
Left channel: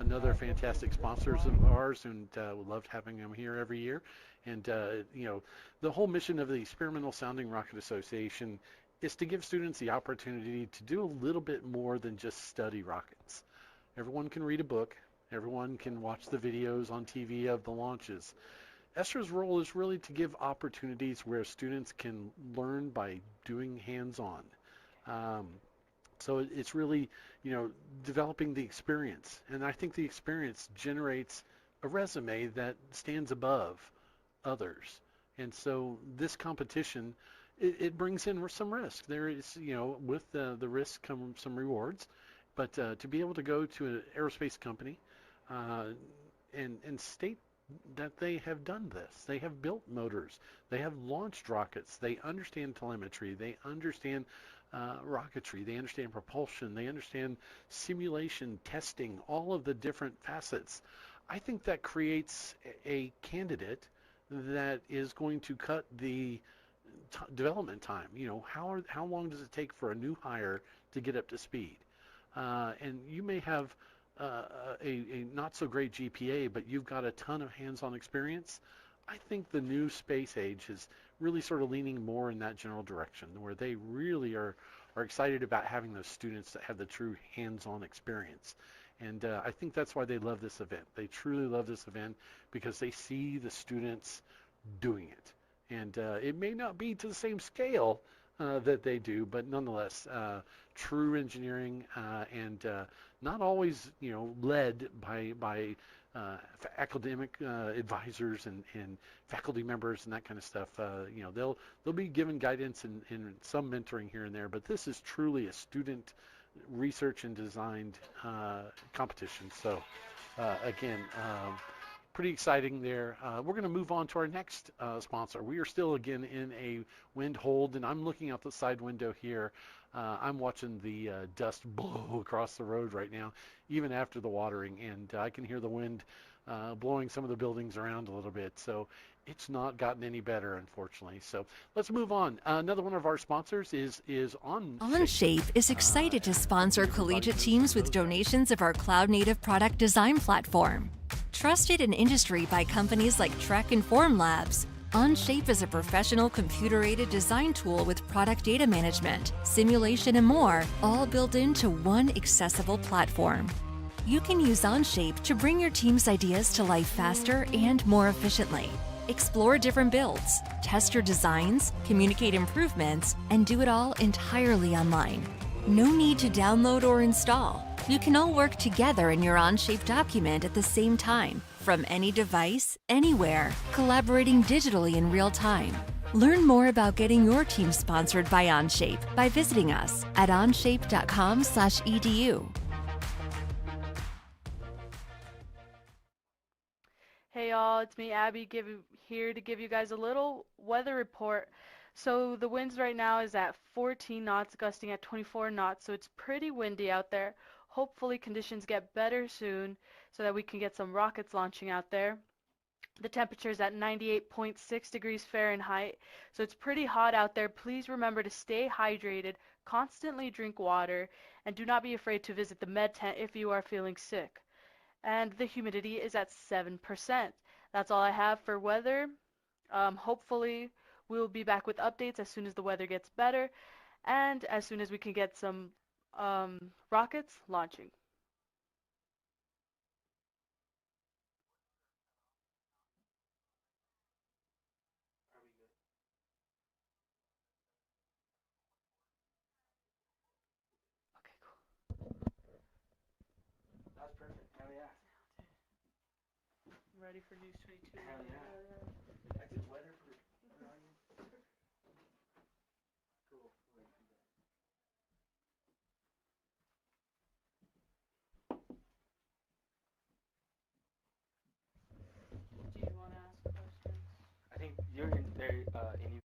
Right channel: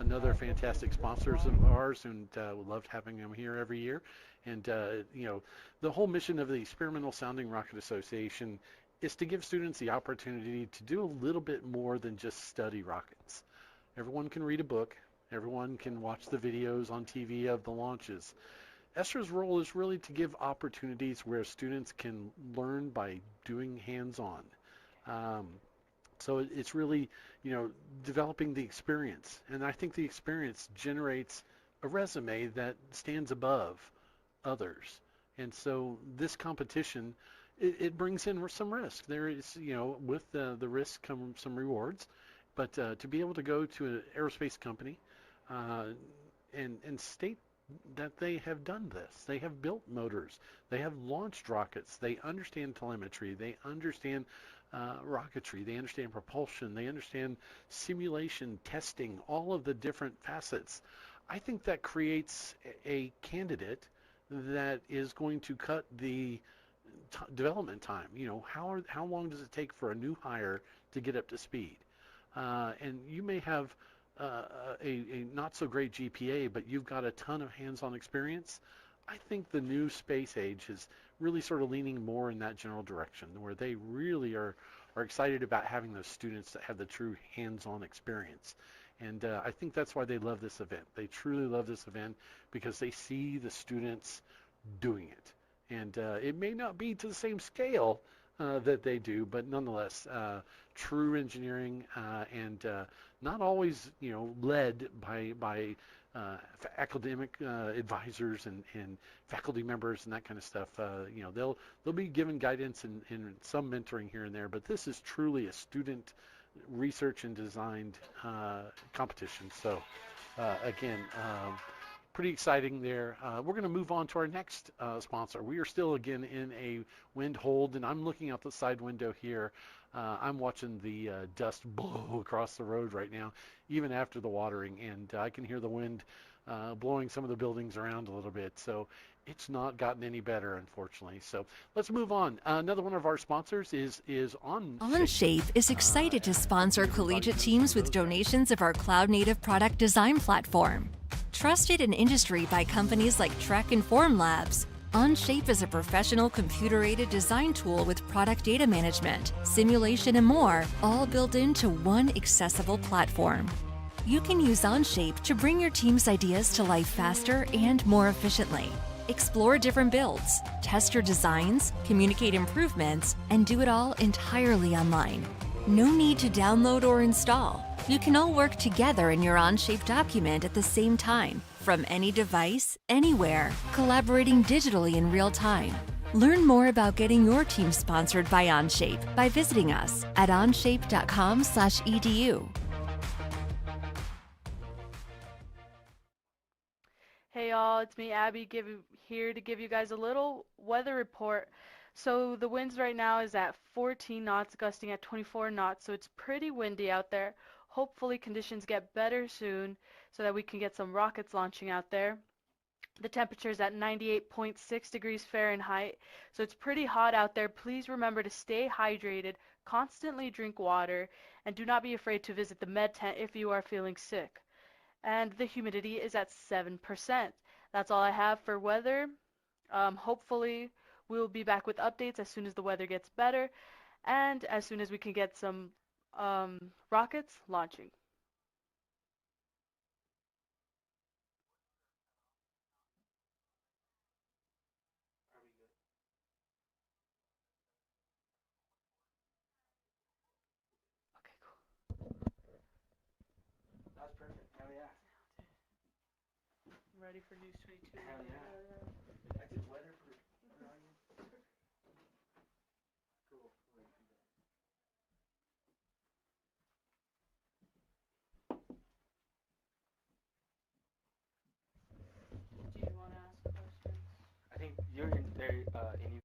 another fantastic sponsor of ours, and we love having them here every year. And the whole mission of the Experimental Sounding Rocket Association is to give students the opportunity to do a little bit more than just study rockets. Everyone can read a book. Everyone can watch the videos on TV of the launches. ESRA's role is really to give opportunities where students can learn by doing hands-on. So it's really, developing the experience. And I think the experience generates a resume that stands above others. And so this competition, it brings in some risk. There is, with the risk come some rewards. But to be able to go to an aerospace company and state that they have done this. They have built motors. They have launched rockets. They understand telemetry. They understand rocketry. They understand propulsion. They understand simulation, testing, all of the different facets. I think that creates a candidate that is going to cut the development time. How long does it take for a new hire to get up to speed? And you may have a not so great GPA, but you've got a ton of hands-on experience. I think the new space age is really sort of leaning more in that general direction, where they really are excited about having those students that have the true hands-on experience. And I think that's why they love this event. They truly love this event because they see the students doing it. And it may not be to the same scale that they do, but nonetheless, true engineering and not always, led by academic advisors and faculty members and that kind of stuff. They'll be given guidance and some mentoring here and there, but this is truly a student research and designed competition. So again, pretty exciting there. We're going to move on to our next sponsor. We are still again in a wind hold, and I'm looking out the side window here. I'm watching the dust blow across the road right now, even after the watering, and I can hear the wind blowing some of the buildings around a little bit. So it's not gotten any better, unfortunately. So let's move on. Another one of our sponsors is OnShape is excited to sponsor collegiate teams with donations of our cloud-native product design platform. Trusted in industry by companies like Trek and Form Labs, OnShape is a professional computer-aided design tool with product data management, simulation, and more, all built into one accessible platform. You can use OnShape to bring your team's ideas to life faster and more efficiently. Explore different builds, test your designs, communicate improvements, and do it all entirely online. No need to download or install. You can all work together in your OnShape document at the same time, from any device, anywhere, collaborating digitally in real time. Learn more about getting your team sponsored by OnShape by visiting us at onshape.com/edu. it's me, Abby, here to give you guys a little weather report. So the winds right now is at 14 knots, gusting at 24 knots, so it's pretty windy out there. Hopefully conditions get better soon so that we can get some rockets launching out there. The temperature is at 98.6 degrees Fahrenheit, so it's pretty hot out there. Please remember to stay hydrated, constantly drink water, and do not be afraid to visit the med tent if you are feeling sick. And the humidity is at 7%. That's all I have for weather. Hopefully we'll be back with updates as soon as the weather gets better and as soon as we can get some rockets launching. Ready for News 22? I did weather for cool. Do you want to ask questions? I think you're in very in.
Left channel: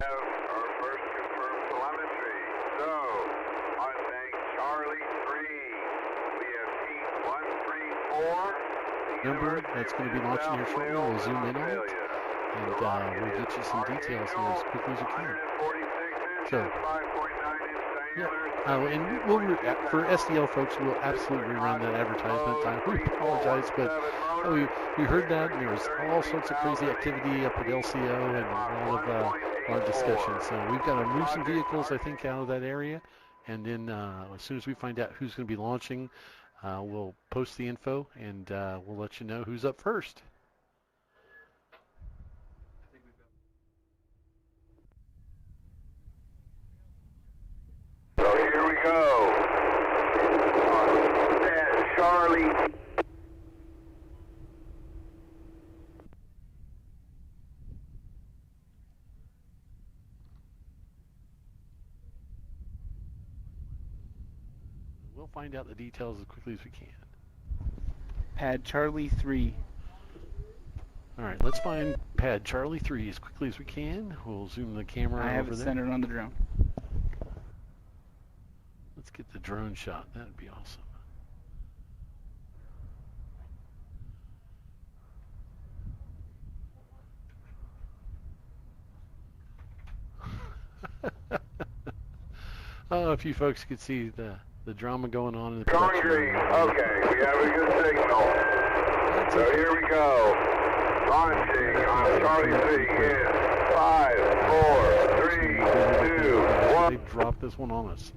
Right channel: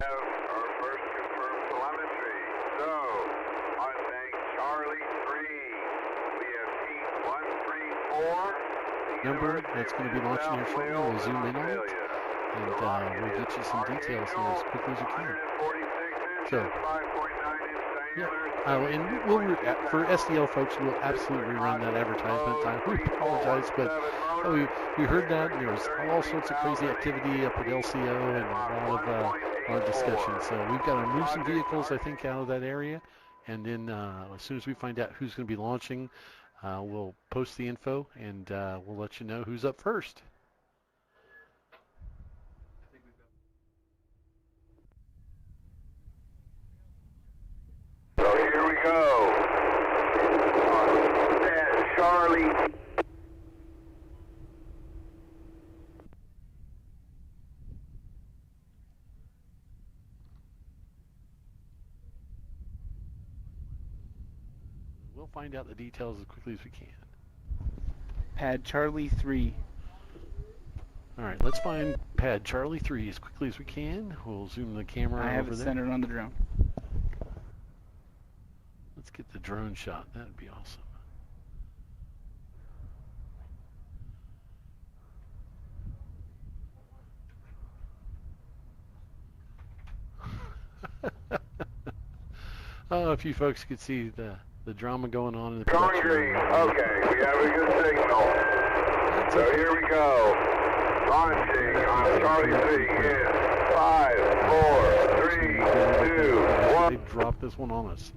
Our first confirmed telemetry. So, on bank Charlie 3, we have heat 134. Number that's going to be launching our show. We'll zoom in on it, and we'll get you some details here as quickly as we can. So, yeah, and for SDL folks, we'll absolutely run that advertisement. I apologize, but we heard that, and there was all sorts of crazy activity up at LCO and a lot of discussion. So we've got to move some vehicles, I think, out of that area, and then as soon as we find out who's going to be launching, we'll post the info, and we'll let you know who's up first. So here we go. we'll find out the details as quickly as we can. Pad Charlie 3. All right, let's find Pad Charlie 3 as quickly as we can. We'll zoom the camera over there. I have it centered on the drone. Let's get the drone shot. That'd be awesome. Oh, if you folks could see the drama going on in the Going green. Okay, we have a good signal. So here we go. Launching on Charlie 3 in 5, 4, 3, 2, 1. They dropped this one on us.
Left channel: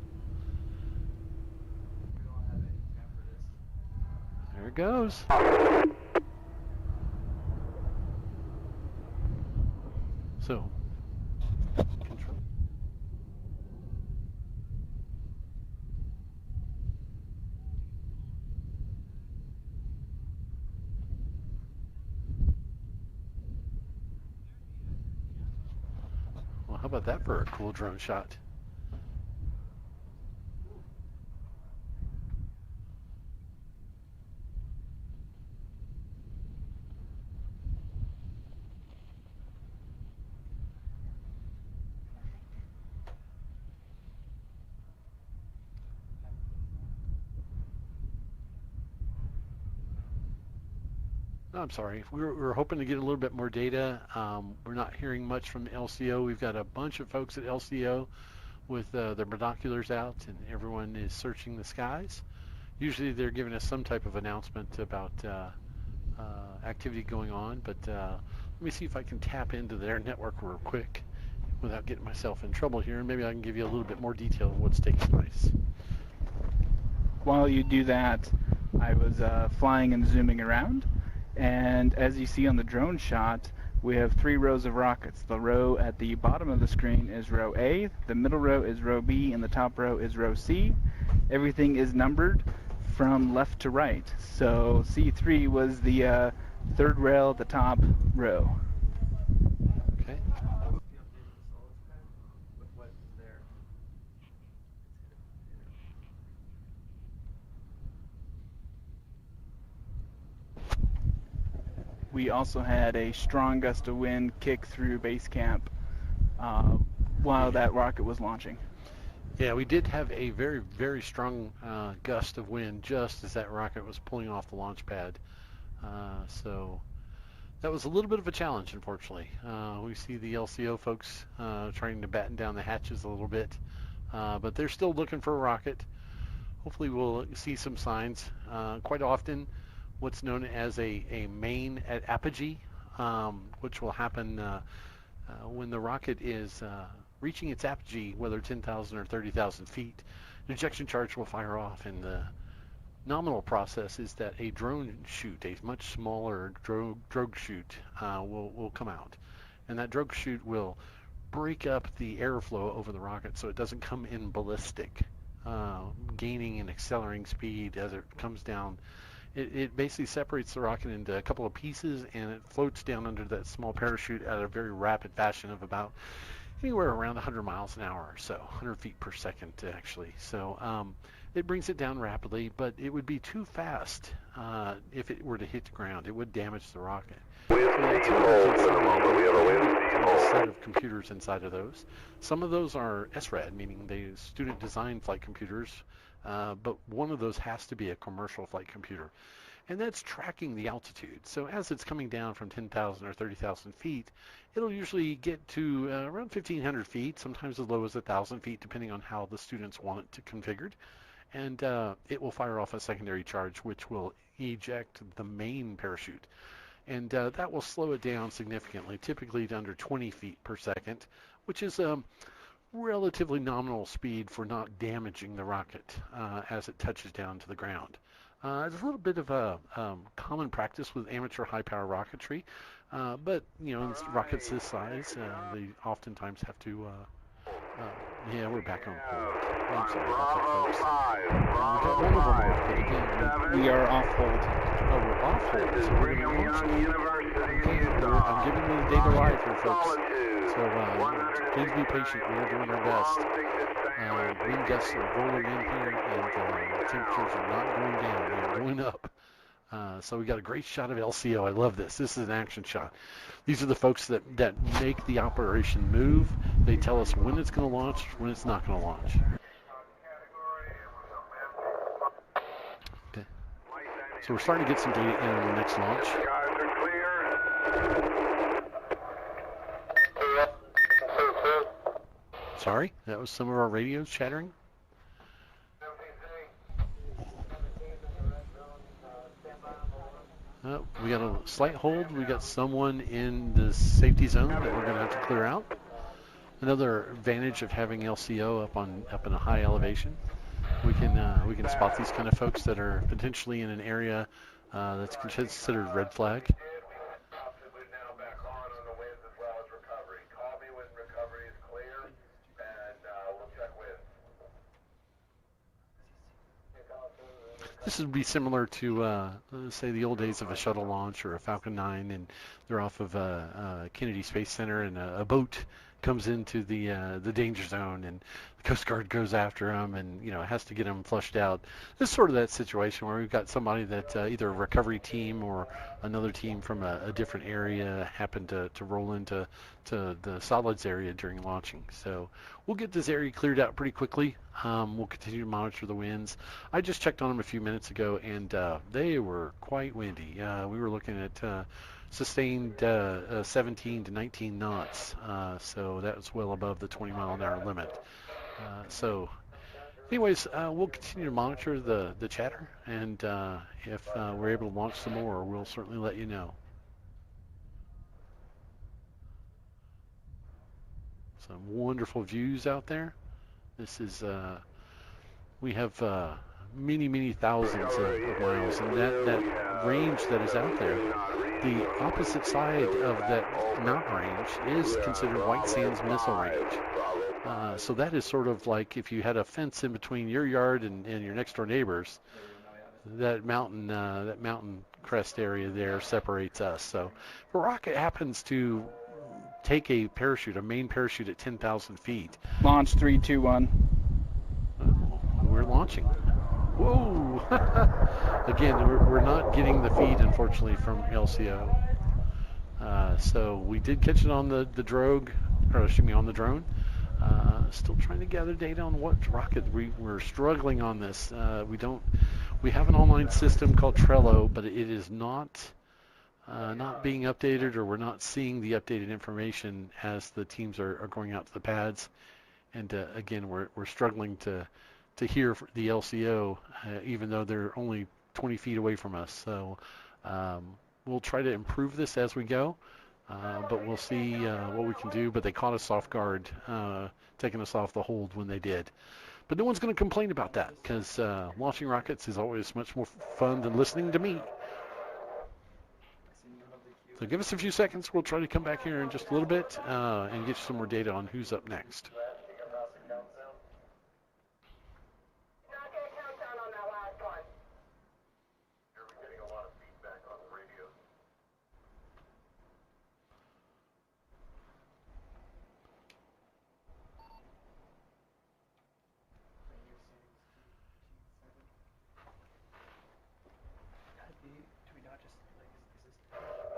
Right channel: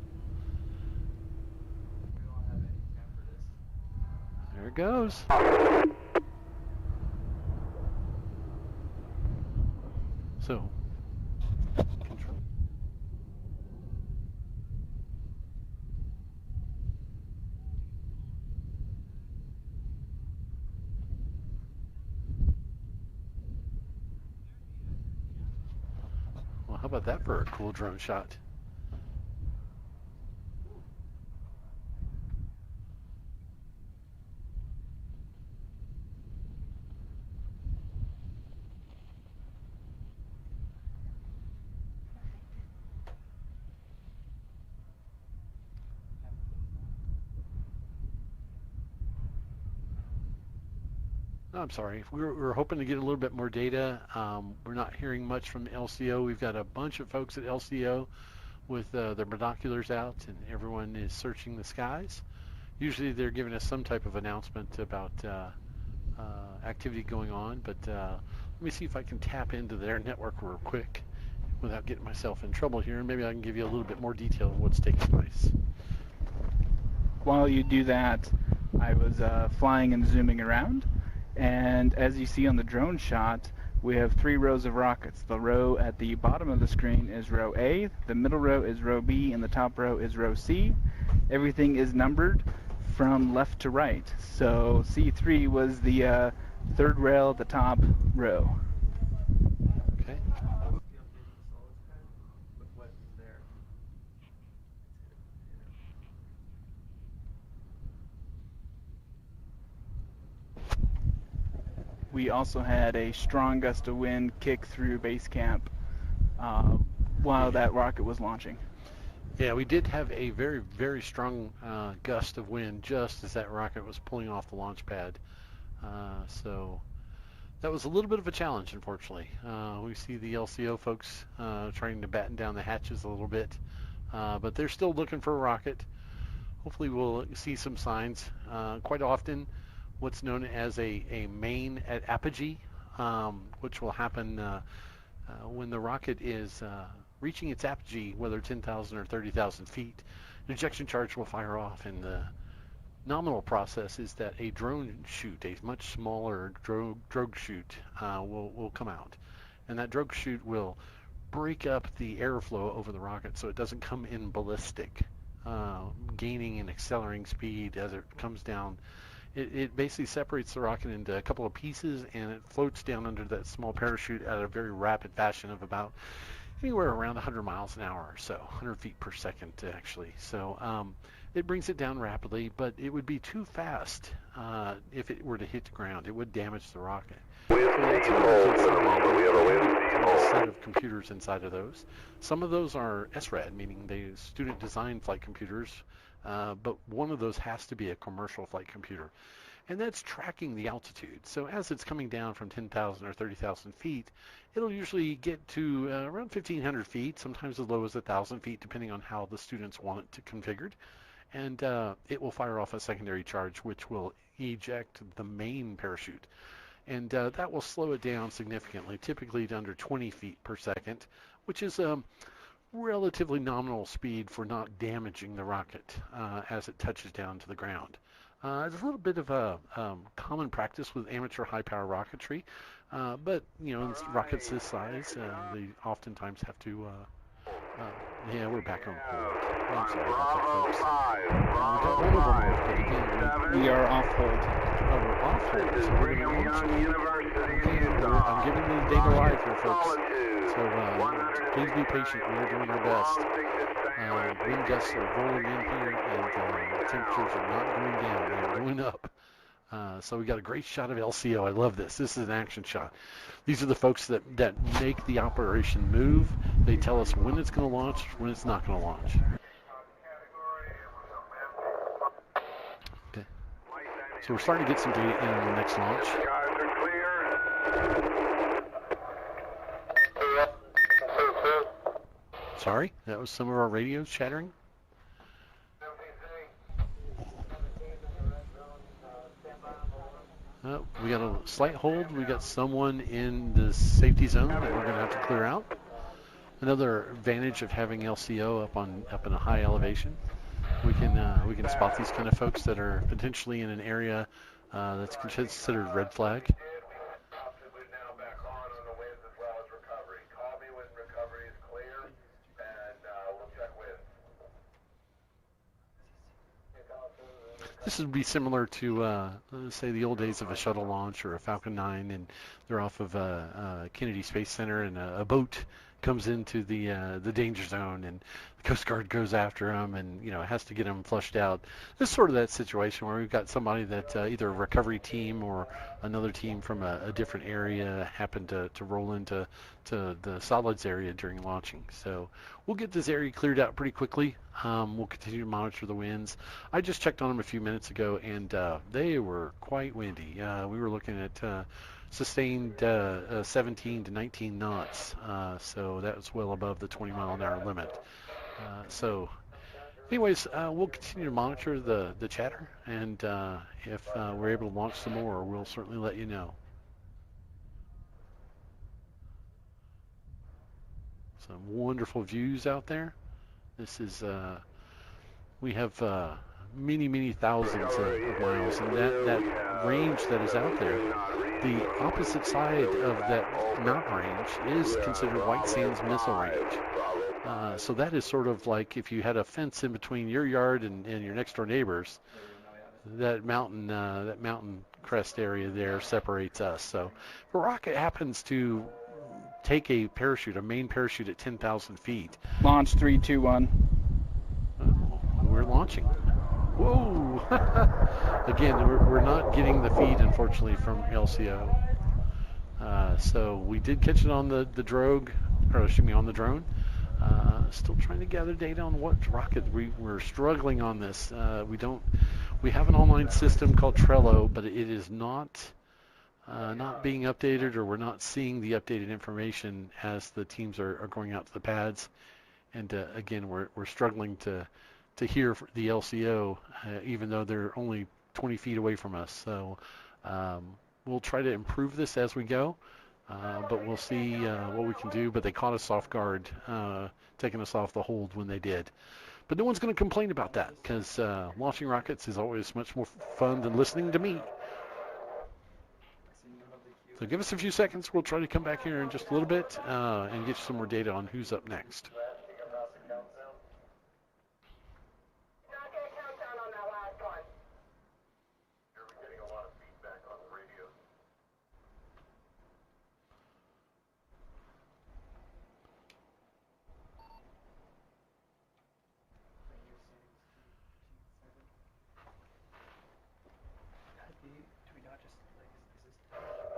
There it goes. So. How about that for a cool drone shot? I'm sorry. We're hoping to get a little bit more data. We're not hearing much from LCO. We've got a bunch of folks at LCO with their binoculars out, and everyone is searching the skies. Usually they're giving us some type of announcement about activity going on, but let me see if I can tap into their network real quick without getting myself in trouble here. Maybe I can give you a little bit more detail of what's taking place. While you do that, I was flying and zooming around. And as you see on the drone shot, we have 3 rows of rockets. The row at the bottom of the screen is row A, the middle row is row B, and the top row is row C. Everything is numbered from left to right. So C3 was the third rail at the top row. Okay. We also had a strong gust of wind kick through base camp while that rocket was launching. Yeah, we did have a very, very strong gust of wind just as that rocket was pulling off the launch pad. So that was a little bit of a challenge, unfortunately. We see the LCO folks trying to batten down the hatches a little bit, but they're still looking for a rocket. Hopefully we'll see some signs. Quite often, what's known as a main at apogee, which will happen when the rocket is reaching its apogee, whether 10,000 or 30,000 feet. An ejection charge will fire off, and the nominal process is that a drone chute, a much smaller drogue chute, will come out, and that drogue chute will break up the airflow over the rocket so it doesn't come in ballistic, gaining and accelerating speed as it comes down. It basically separates the rocket into a couple of pieces, and it floats down under that small parachute at a very rapid fashion of about anywhere around 100 miles an hour or so, 100 feet per second actually. So it brings it down rapidly, but it would be too fast if it were to hit the ground. It would damage the rocket. We have a set of computers inside of those. Some of those are SRAD, meaning they student designed flight computers, but one of those has to be a commercial flight computer, and that's tracking the altitude. So as it's coming down from 10,000 or 30,000 feet, it'll usually get to around 1,500 feet, sometimes as low as 1,000 feet, depending on how the students want it configured. And it will fire off a secondary charge, which will eject the main parachute. And that will slow it down significantly, typically to under 20 feet per second, which is relatively nominal speed for not damaging the rocket as it touches down to the ground. It's a little bit of a common practice with amateur high-power rocketry, but you know, rockets this size, they oftentimes have to. Yeah, we're back on. Bravo 5, Bravo 5, 7. We are off hold. This is Brigham Young University in Utah. I'm giving you data live here, folks. So please be patient. We're doing our best. Wind gusts are rolling in here, and temperatures are not going down. They're going up. So we got a great shot of LCO. I love this. This is an action shot. These are the folks that make the operation move. They tell us when it's going to launch, when it's not going to launch. Okay. So we're starting to get some data in on the next launch. Sorry, that was some of our radios chattering. We got a slight hold. We got someone in the safety zone that we're going to have to clear out. Another advantage of having LCO up in a high elevation. We can spot these kind of folks that are potentially in an area that's considered red flag. This would be similar to, say, the old days of a shuttle launch or a Falcon 9, and they're off of Kennedy Space Center, and a boat comes into the danger zone, and the Coast Guard goes after them, and has to get them flushed out. This is sort of that situation where we've got somebody that either a recovery team or another team from a different area happened to roll into the solids area during launching. So we'll get this area cleared out pretty quickly. We'll continue to monitor the winds. I just checked on them a few minutes ago, and they were quite windy. We were looking at sustained 17 to 19 knots, so that was well above the 20-mile-an-hour limit. So anyways, we'll continue to monitor the chatter, and if we're able to launch some more, we'll certainly let you know. Some wonderful views out there. This is, we have many thousands of miles, and that range that is out there, the opposite side of that mountain range is considered White Sands Missile Range. So that is sort of like if you had a fence in between your yard and your next door neighbors. That mountain crest area there separates us. So if a rocket happens to take a main parachute at 10,000 feet. Launch 3, 2, 1. We're launching. Whoa! Again, we're not getting the feed, unfortunately, from LCO. So we did catch it on the drogue, or excuse me, on the drone. Still trying to gather data on what rocket. We're struggling on this. We have an online system called Trello, but it is not being updated, or we're not seeing the updated information as the teams are going out to the pads. And again, we're struggling to hear the LCO, even though they're only 20 feet away from us. So we'll try to improve this as we go, but we'll see what we can do. But they caught us off guard, taking us off the hold when they did. But no one's going to complain about that, because launching rockets is always much more fun than listening to me. So give us a few seconds. We'll try to come back here in just a little bit and get you some more data on who's up next.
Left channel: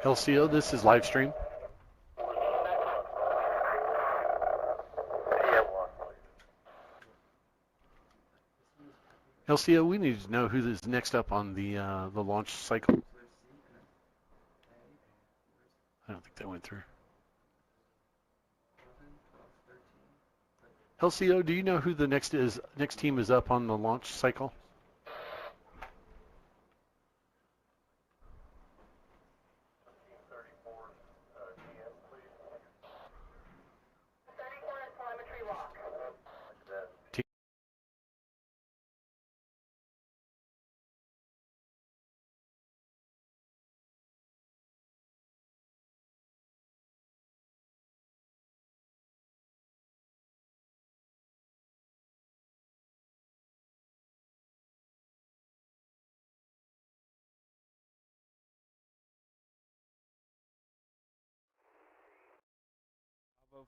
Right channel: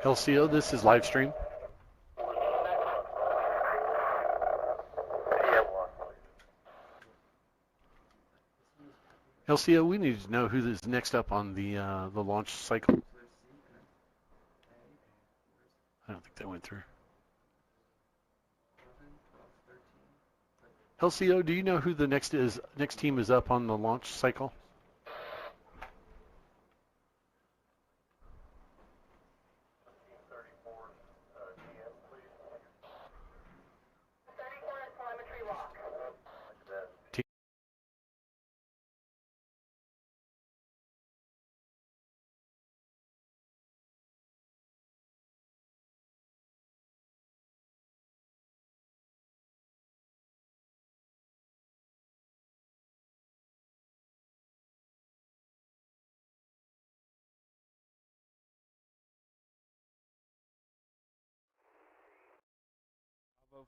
LCO, this is LiveStream. LCO, we need to know who is next up on the launch cycle. I don't think that went through. LCO, do you know who the next team is up on the launch cycle?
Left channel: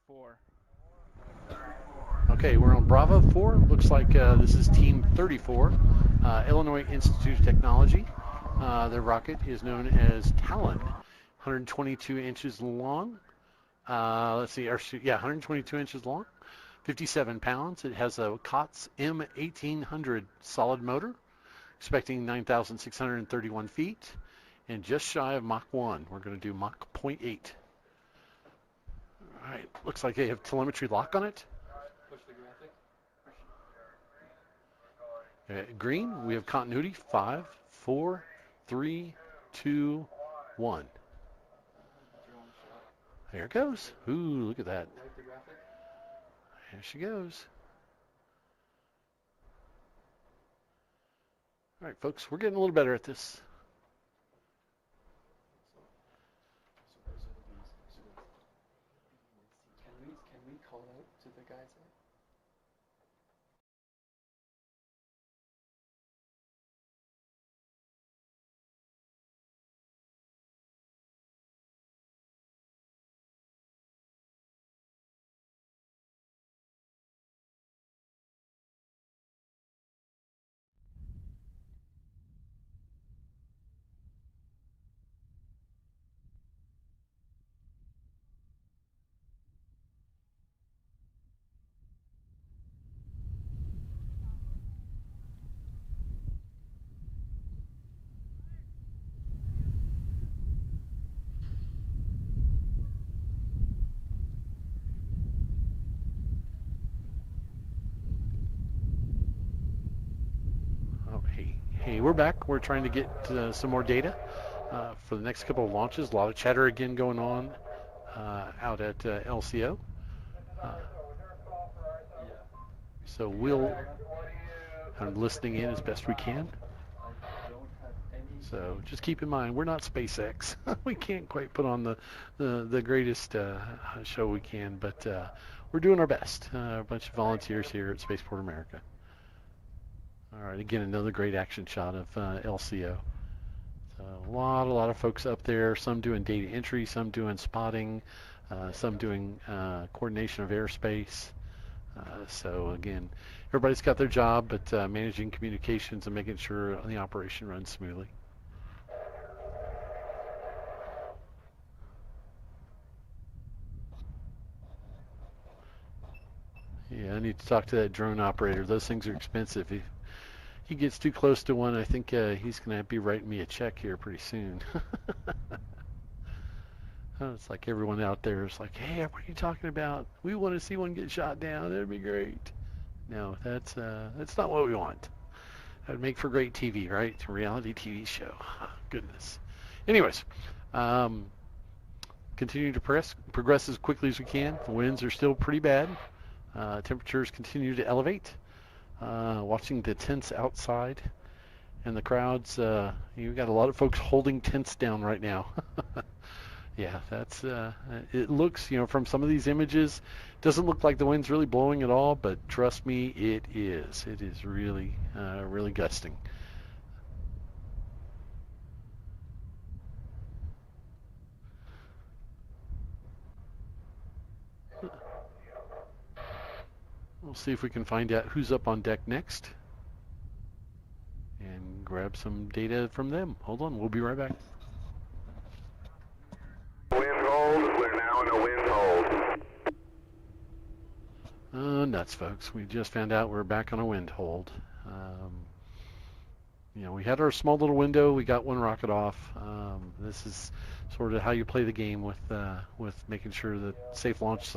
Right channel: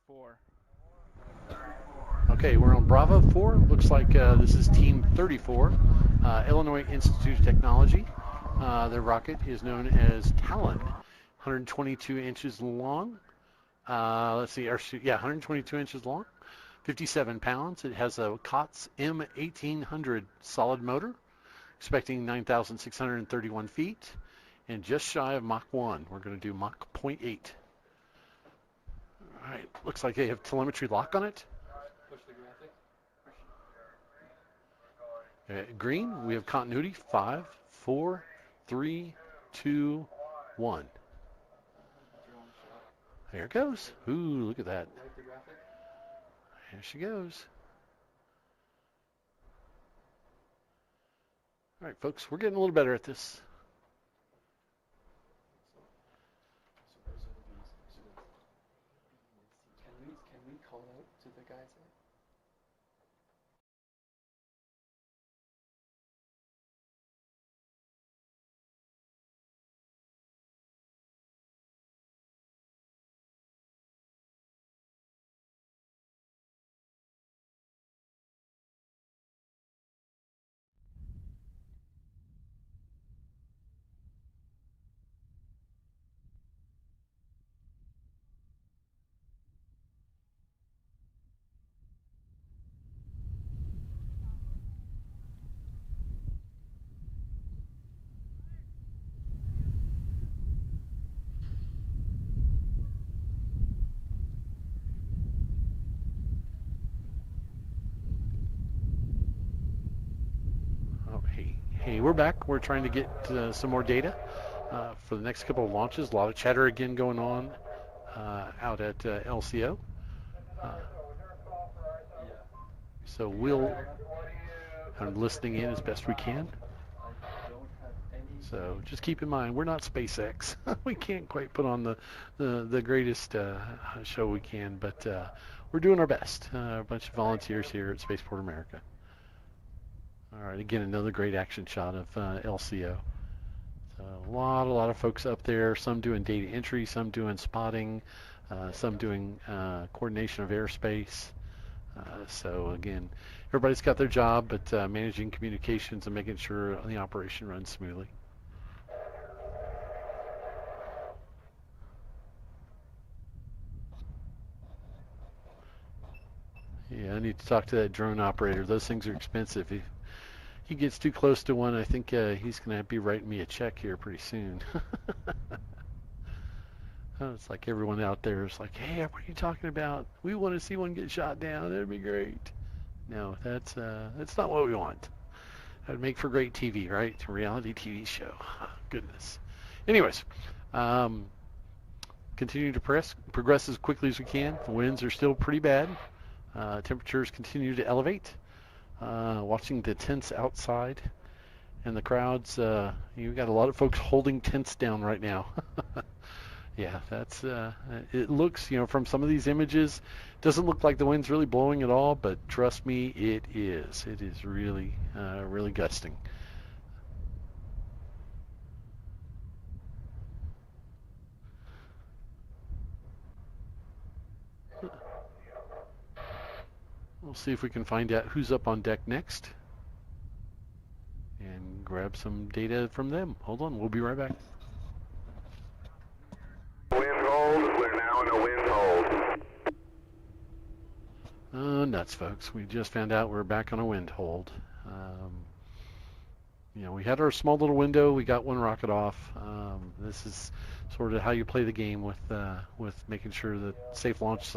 4. Okay, we're on Bravo 4. Looks like this is Team 34, Illinois Institute of Technology. Their rocket is known as Talon, 122 inches long. 122 inches long, 57 pounds. It has a COTS M1800 solid motor, expecting 9,631 feet, and just shy of Mach 1. We're going to do Mach 0.8. All right, looks like they have telemetry lock on it. Green, we have continuity. 5, 4, 3, 2, 1. There it goes. Ooh, look at that. There she goes. All right, folks, we're getting a little better at this. Can we call out to the guys? Hey, we're back. We're trying to get some more data for the next couple of launches. A lot of chatter again going on out at LCO. So I'm listening in as best we can. So just keep in mind, we're not SpaceX. We can't quite put on the greatest show we can, but we're doing our best. A bunch of volunteers here at Spaceport America. All right, again, another great action shot of LCO. So a lot of folks up there, some doing data entry, some doing spotting, some doing coordination of airspace. So again, everybody's got their job, but managing communications and making sure the operation runs smoothly. Yeah, I need to talk to that drone operator. Those things are expensive. If he gets too close to one, I think he's going to be writing me a check here pretty soon. It's like everyone out there is like, hey, what are you talking about? We want to see one get shot down. That'd be great. No, that's not what we want. That would make for great TV, right? A reality TV show. Goodness. Anyways, continue to progress as quickly as we can. The winds are still pretty bad. Temperatures continue to elevate. Watching the tents outside and the crowds. You've got a lot of folks holding tents down right now. Yeah, that's it looks, from some of these images, doesn't look like the wind's really blowing at all, but trust me, it is. It is really, really gusting. We'll see if we can find out who's up on deck next and grab some data from them. Hold on, we'll be right back. Wind hold, we're now in a wind hold. Nuts, folks. We just found out we're back on a wind hold. We had our small little window. We got one rocket off. This is sort of how you play the game with making sure that safe launch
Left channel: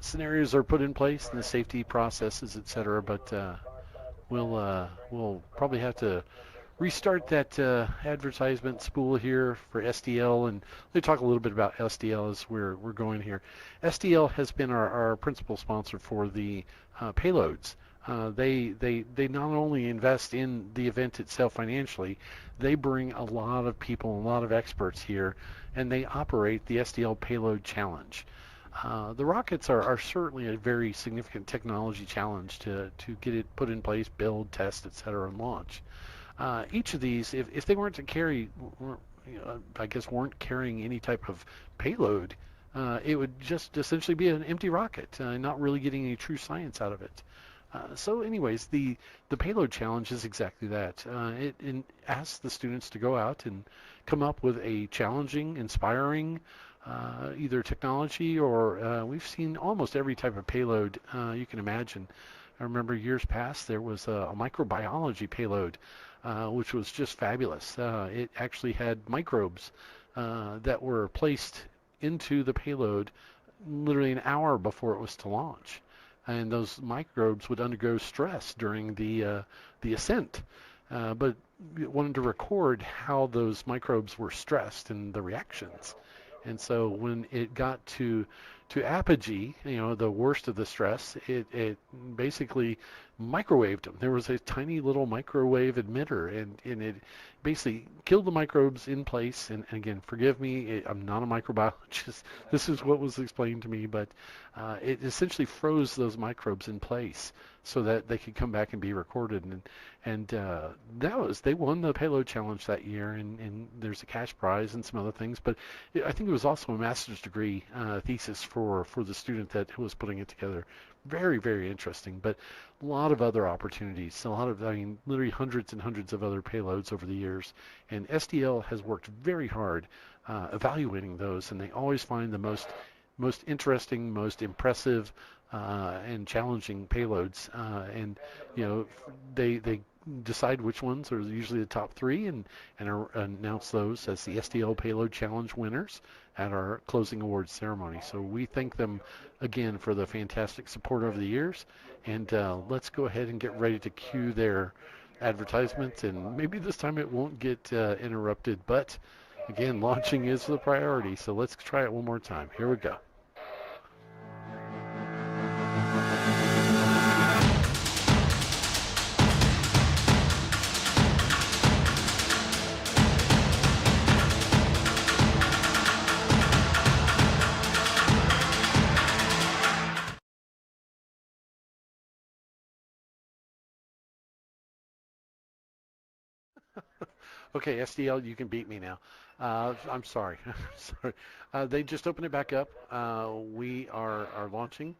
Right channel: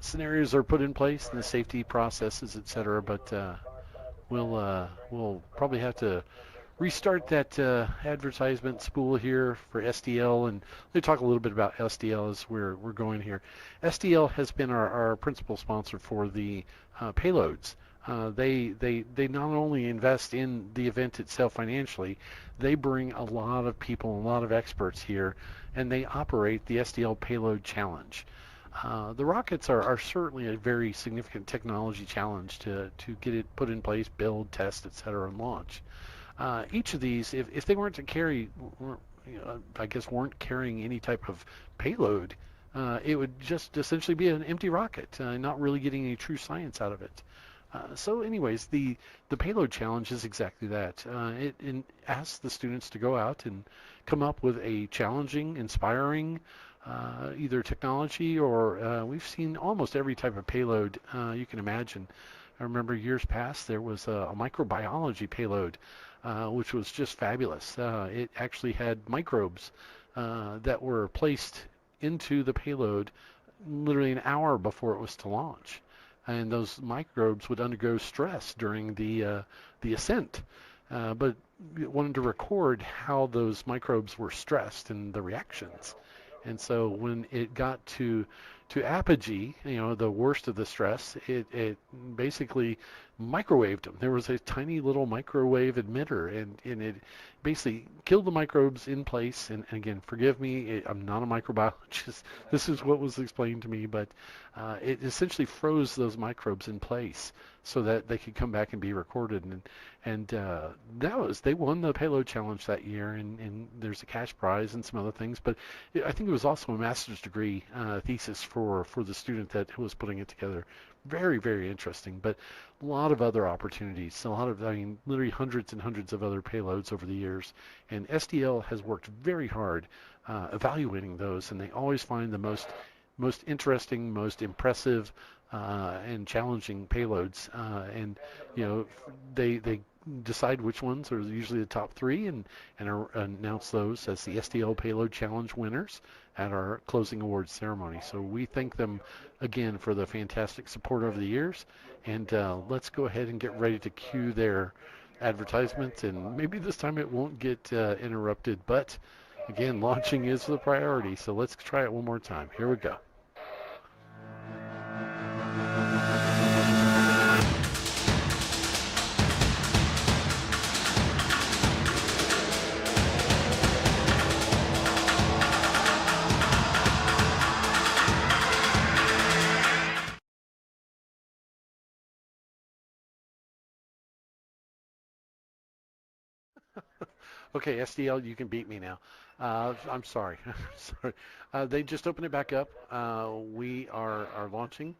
scenarios are put in place and the safety processes, etc. But we'll probably have to restart that advertisement spool here for SDL, and let me talk a little bit about SDL as we're going here. SDL has been our principal sponsor for the payloads. They not only invest in the event itself financially, they bring a lot of people, a lot of experts here, and they operate the SDL Payload Challenge. The rockets are certainly a very significant technology challenge to get it put in place, build, test, etc., and launch. Each of these, if they weren't to carry, I guess weren't carrying any type of payload, it would just essentially be an empty rocket, not really getting any true science out of it. So anyways, the payload challenge is exactly that. It asks the students to go out and come up with a challenging, inspiring, either technology or we've seen almost every type of payload you can imagine. I remember years past there was a microbiology payload, which was just fabulous. It actually had microbes that were placed into the payload literally an hour before it was to launch. And those microbes would undergo stress during the ascent. But it wanted to record how those microbes were stressed and the reactions. And so when it got to apogee, the worst of the stress, it basically microwaved them. There was a tiny little microwave emitter, and it basically killed the microbes in place. And again, forgive me, I'm not a microbiologist. This is what was explained to me, but it essentially froze those microbes in place so that they could come back and be recorded. And they won the payload challenge that year, and there's a cash prize and some other things. But I think it was also a master's degree thesis for the student that was putting it together. Very, very interesting, but a lot of other opportunities, literally hundreds and hundreds of other payloads over the years. And SDL has worked very hard evaluating those, and they always find the most interesting, most impressive, and challenging payloads. And they decide which ones are usually the top three, and announce those as the SDL Payload Challenge winners at our closing awards ceremony. So we thank them again for the fantastic support over the years. And let's go ahead and get ready to cue their advertisement. And maybe this time it won't get interrupted, but again, launching is the priority. So let's try it one more time. Here we go. Okay, SDL, you can beat me now. I'm sorry. Sorry. They just opened it back up. We are launching.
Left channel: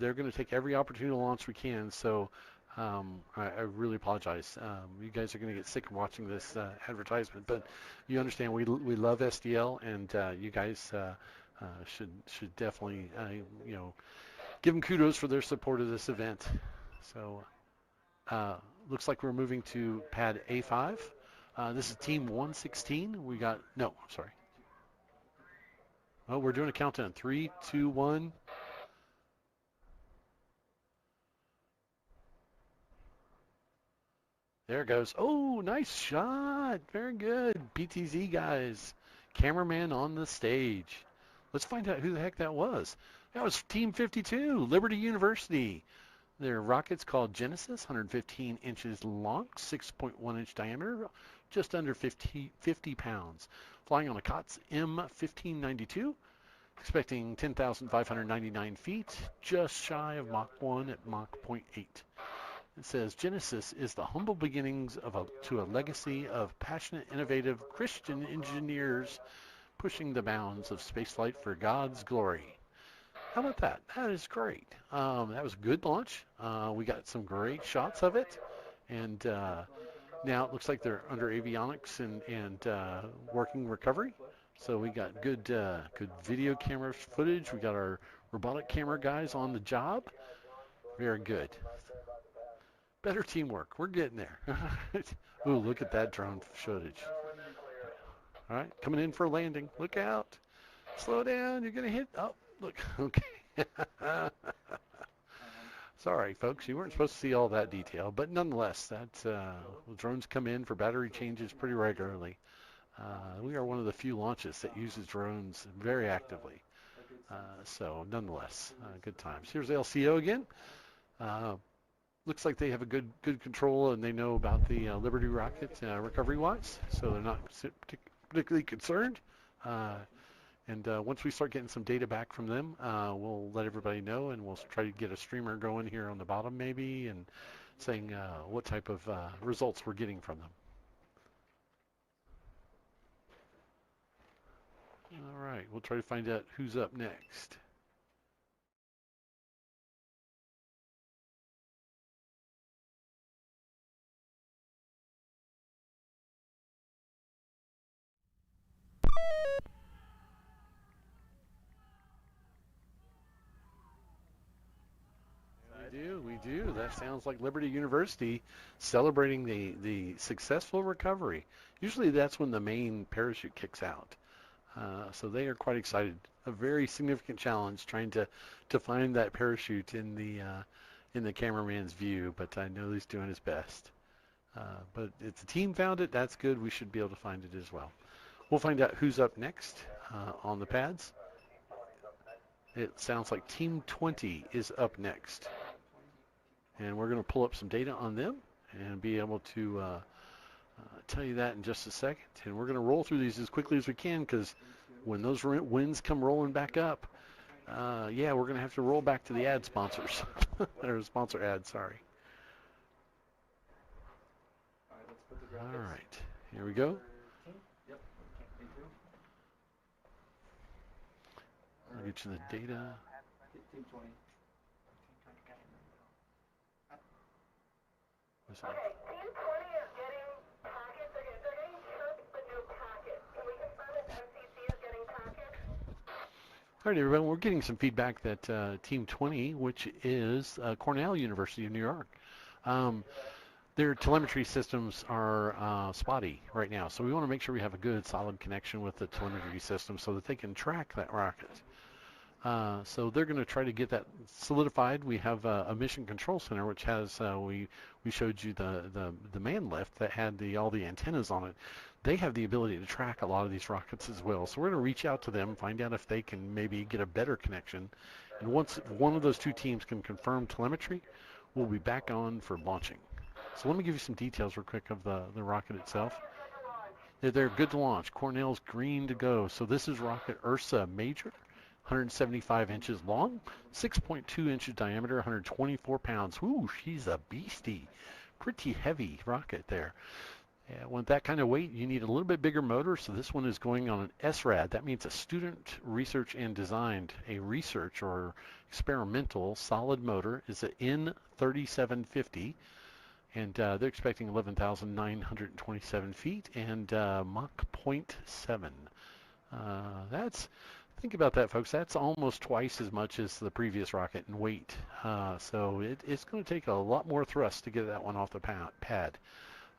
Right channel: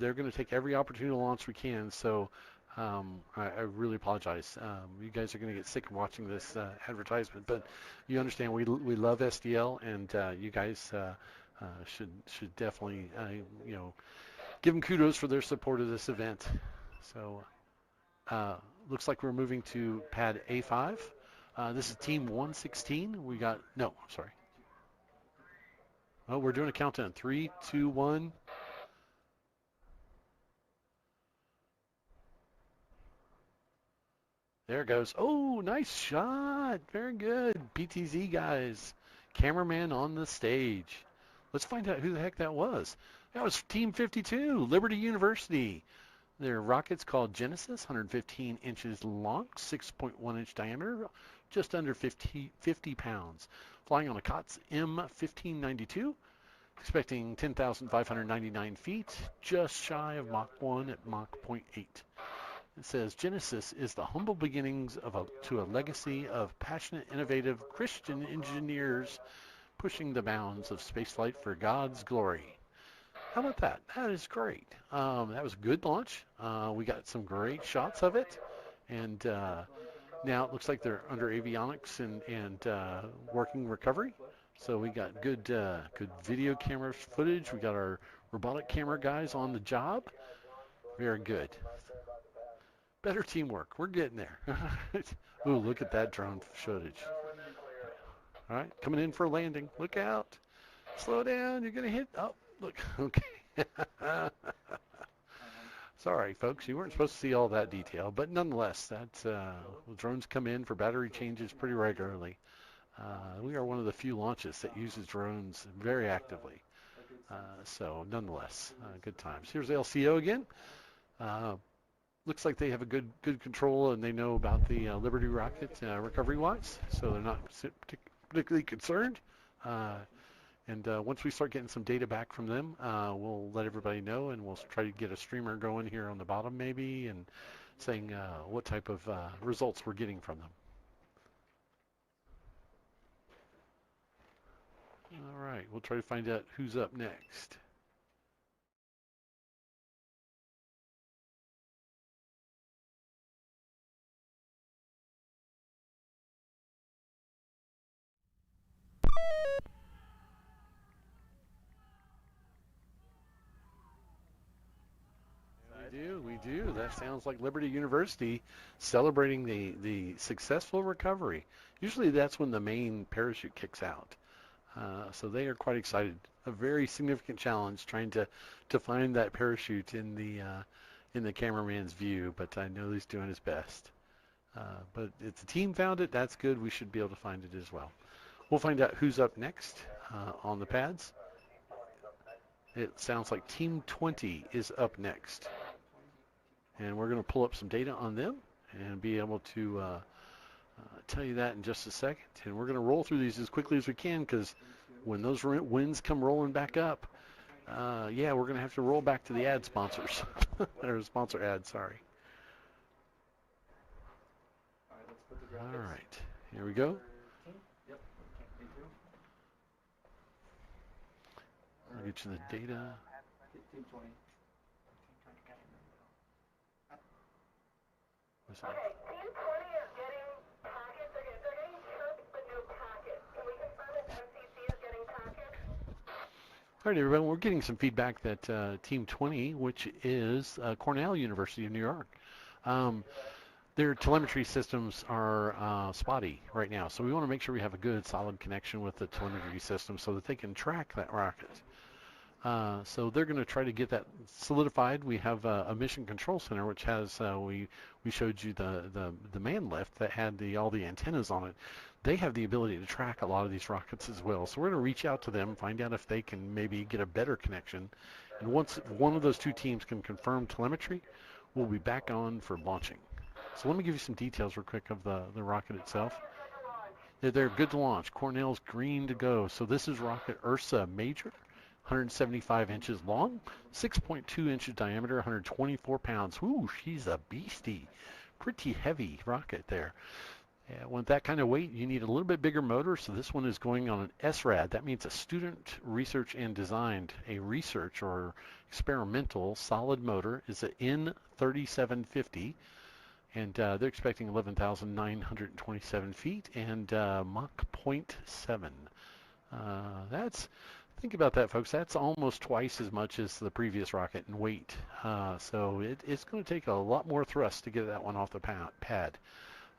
They're going to take every opportunity to launch we can, so I really apologize. You guys are going to get sick of watching this advertisement, but you understand we love SDL, and you guys should definitely give them kudos for their support of this event. So looks like we're moving to pad A5. This is team 116. Oh, we're doing a countdown. 3, 2, 1. There it goes. Oh, nice shot. Very good. PTZ guys. Cameraman on the stage. Let's find out who the heck that was. That was Team 52, Liberty University. Their rocket's called Genesis, 115 inches long, 6.1 inch diameter, just under 50 pounds. Flying on a COTS M1592, expecting 10,599 feet, just shy of Mach 1 at Mach 0.8. It says Genesis is the humble beginnings to a legacy of passionate, innovative Christian engineers pushing the bounds of spaceflight for God's glory. How about that? That is great. That was a good launch. We got some great shots of it, and now it looks like they're under avionics and working recovery. So we got good video camera footage. We got our robotic camera guys on the job. Very good. Better teamwork. We're getting there. Ooh, look at that drone footage. All right, coming in for a landing. Look out. Slow down. You're going to hit. Oh, look. Okay. Sorry, folks. You weren't supposed to see all that detail. But nonetheless, drones come in for battery changes pretty regularly. We are one of the few launches that uses drones very actively. So nonetheless, good times. Here's LCO again. Looks like they have a good control, and they know about the Liberty rocket recovery-wise, so they're not particularly concerned. And once we start getting some data back from them, we'll let everybody know, and we'll try to get a streamer going here on the bottom maybe, and saying what type of results we're getting from them. All right, we'll try to find out who's up next. We do. That sounds like Liberty University celebrating the successful recovery. Usually that's when the main parachute kicks out. So they are quite excited. A very significant challenge trying to find that parachute in the cameraman's view, but I know he's doing his best. But if the team found it, that's good. We should be able to find it as well. We'll find out who's up next on the pads. It sounds like Team 20 is up next. And we're going to pull up some data on them and be able to tell you that in just a second. And we're going to roll through these as quickly as we can, because when those winds come rolling back up, yeah, we're going to have to roll back to the ad sponsors. Or sponsor ads, sorry. All right, here we go. I'll get you the data. What's that? All right, everyone, we're getting some feedback that Team 20, which is Cornell University of New York, their telemetry systems are spotty right now. So we want to make sure we have a good, solid connection with the telemetry system so that they can track that rocket. So they're going to try to get that solidified. We have a mission control center, which has we showed you the man lift that had all the antennas on it. They have the ability to track a lot of these rockets as well. So we're going to reach out to them, find out if they can maybe get a better connection. And once one of those two teams can confirm telemetry, we'll be back on for launching. So let me give you some details real quick of the rocket itself. They're good to launch. Cornell's green to go. So this is rocket Ursa Major. 175 inches long, 6.2 inches diameter, 124 pounds. Ooh, she's a beastie. Pretty heavy rocket there. Yeah, with that kind of weight, you need a little bit bigger motor, so this one is going on an SRAD. That means a Student Research and Designed. A research or experimental solid motor is an N3750, and they're expecting 11,927 feet and Mach 0.7. Think about that, folks. That's almost twice as much as the previous rocket in weight. So it's going to take a lot more thrust to get that one off the pad.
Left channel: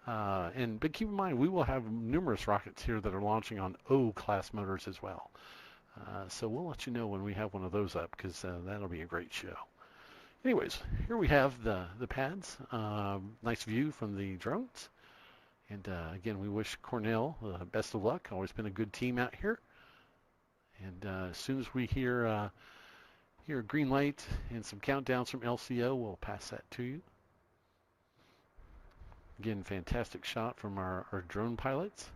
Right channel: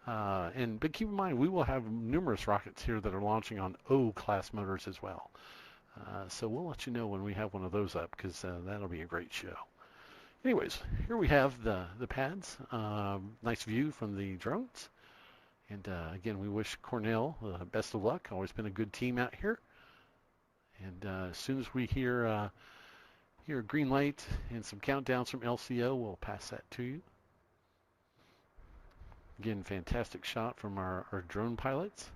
But keep in mind, we will have numerous rockets here that are launching on O-class motors as well. So we'll let you know when we have one of those up, because that'll be a great show. Anyways, here we have the pads. Nice view from the drones. And again, we wish Cornell best of luck. Always been a good team out here. And as soon as we hear a green light and some countdowns from LCO, we'll pass that to you. Again, fantastic shot from our drone pilots.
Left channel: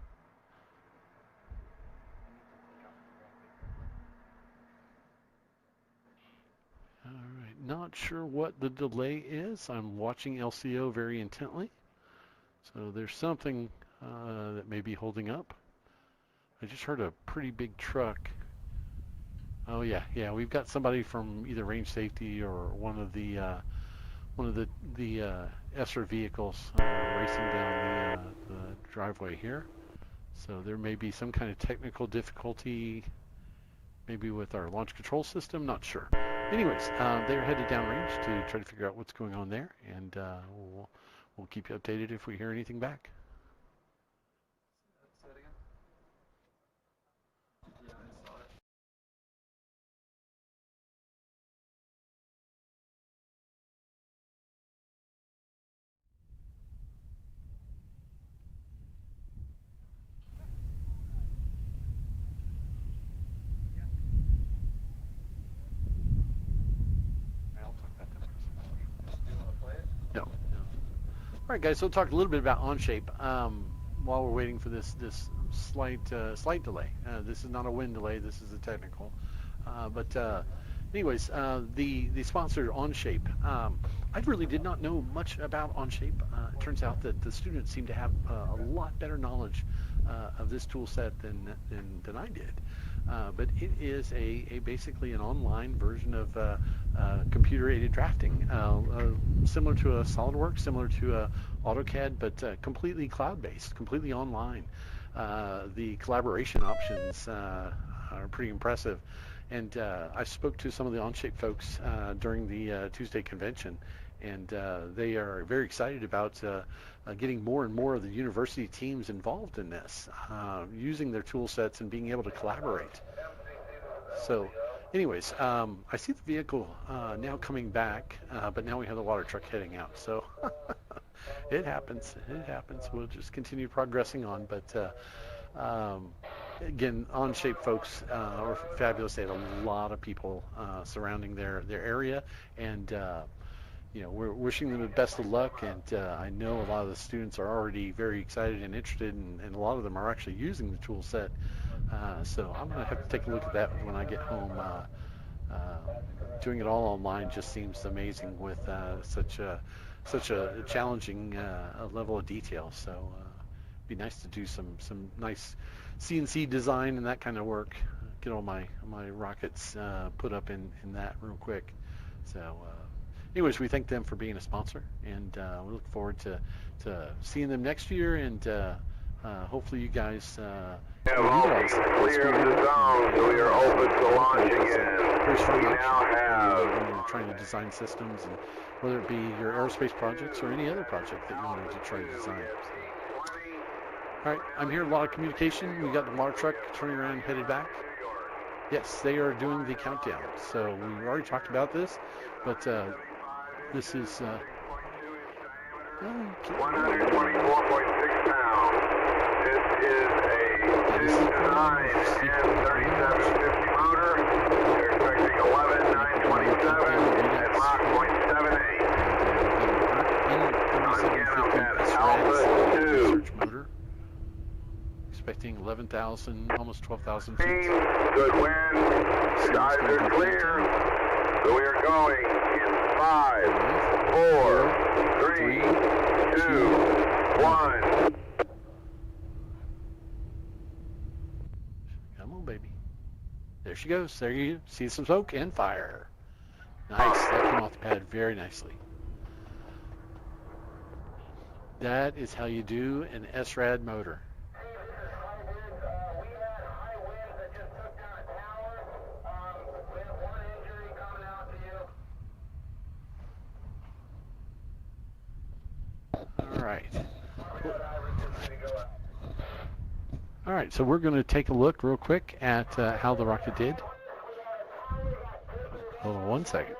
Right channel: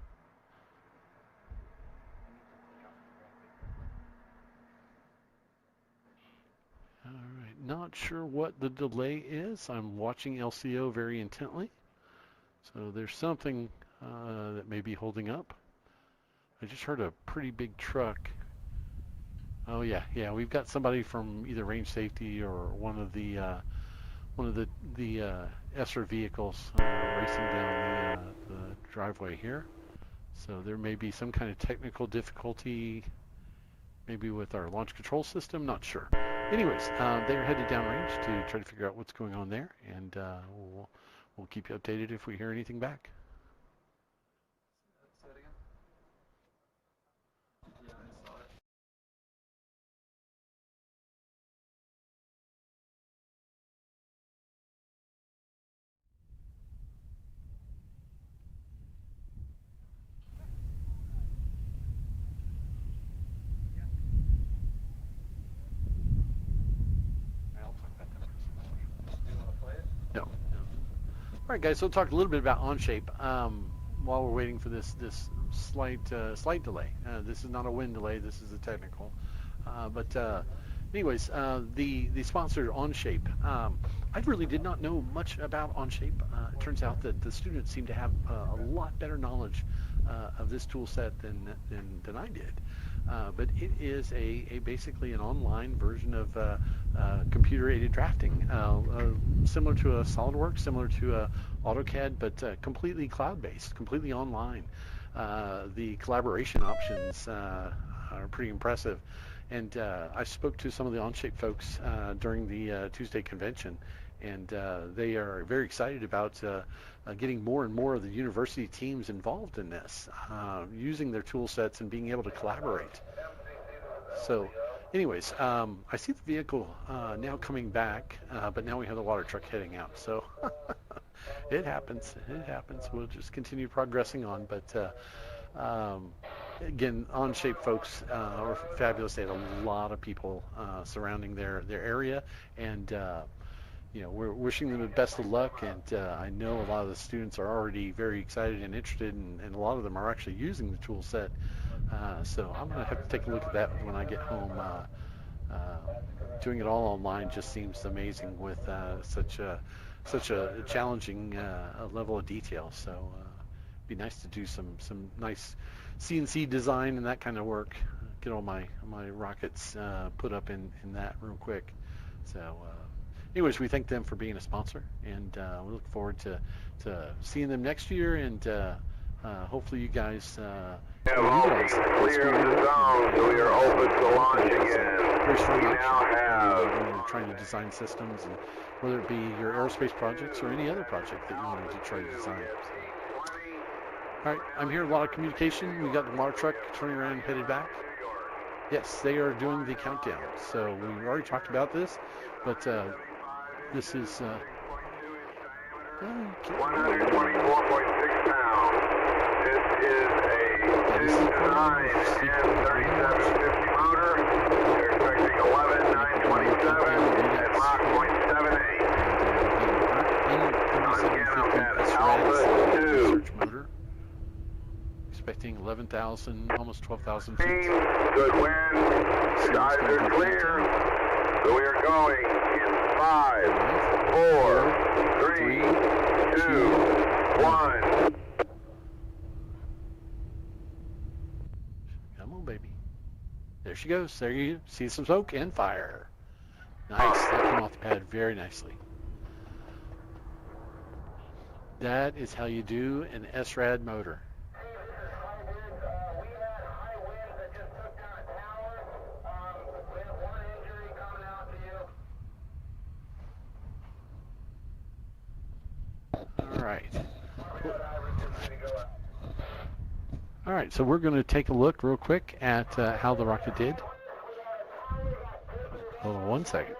All right, not sure what the delay is. I'm watching LCO very intently. So there's something that may be holding up. I just heard a pretty big truck. Oh yeah, we've got somebody from either range safety or one of the ESRA vehicles racing down the driveway here. So there may be some kind of technical difficulty, maybe with our launch control system. Not sure. Anyways, they're headed downrange to try to figure out what's going on there, and we'll keep you updated if we hear anything back. All right, guys, so we'll talk a little bit about on-shape while we're waiting for this slight delay. This is not a wind delay. This is a technical. Anyways, the sponsor on-shape. I really did not know much about on-shape. It turns out that the students seem to have a lot better knowledge of this tool set than I did. but it is basically an online version of computer-aided drafting, similar to a SolidWorks, similar to AutoCAD, but completely cloud-based, completely online. The collaboration options are pretty impressive. And I spoke to some of the Onshape folks during the Tuesday convention, and they are very excited about getting more and more of the university teams involved in this, using their tool sets and being able to collaborate. So anyways, I see the vehicle now coming back, but now we have the water truck heading out. So it happens. We'll just continue progressing on. But again, Onshape folks are fabulous. They have a lot of people surrounding their area, and we're wishing them the best of luck. And I know a lot of the students are already very excited and interested, and a lot of them are actually using the tool set. So I'm going to have to take a look at that when I get home. Doing it all online just seems amazing with such a challenging level of detail. So it'd be nice to do some nice CNC design and that kind of work. Get all my rockets put up in that real quick. So anyways, we thank them for being a sponsor, and we look forward to seeing them next year, and hopefully you guys have all these clear of the zone, so we are open to launch again. We now have trying to design systems, and whether it be your aerospace projects or any other project that you wanted to try to design. All right, I'm hearing a lot of communication. We got the water truck turning around and headed back. Yes, they are doing the countdown. So we already talked about this, but this is 124.6 pounds. This is a 2.9 and 3750 motor. They're expecting 11,927 at Mach 0.78. Again, I'm at Alpha 2. Expecting 11,000, almost 12,000 feet. Good wind. Skies are clear. So we are going in 5, 4, 3, 2, 1. Come on, baby. There she goes. There you see some smoke and fire. Nice. That came off the pad very nicely. That is how you do an SRAD motor. All right, so we're going to take a look real quick at how the rocket did. Hold on one second.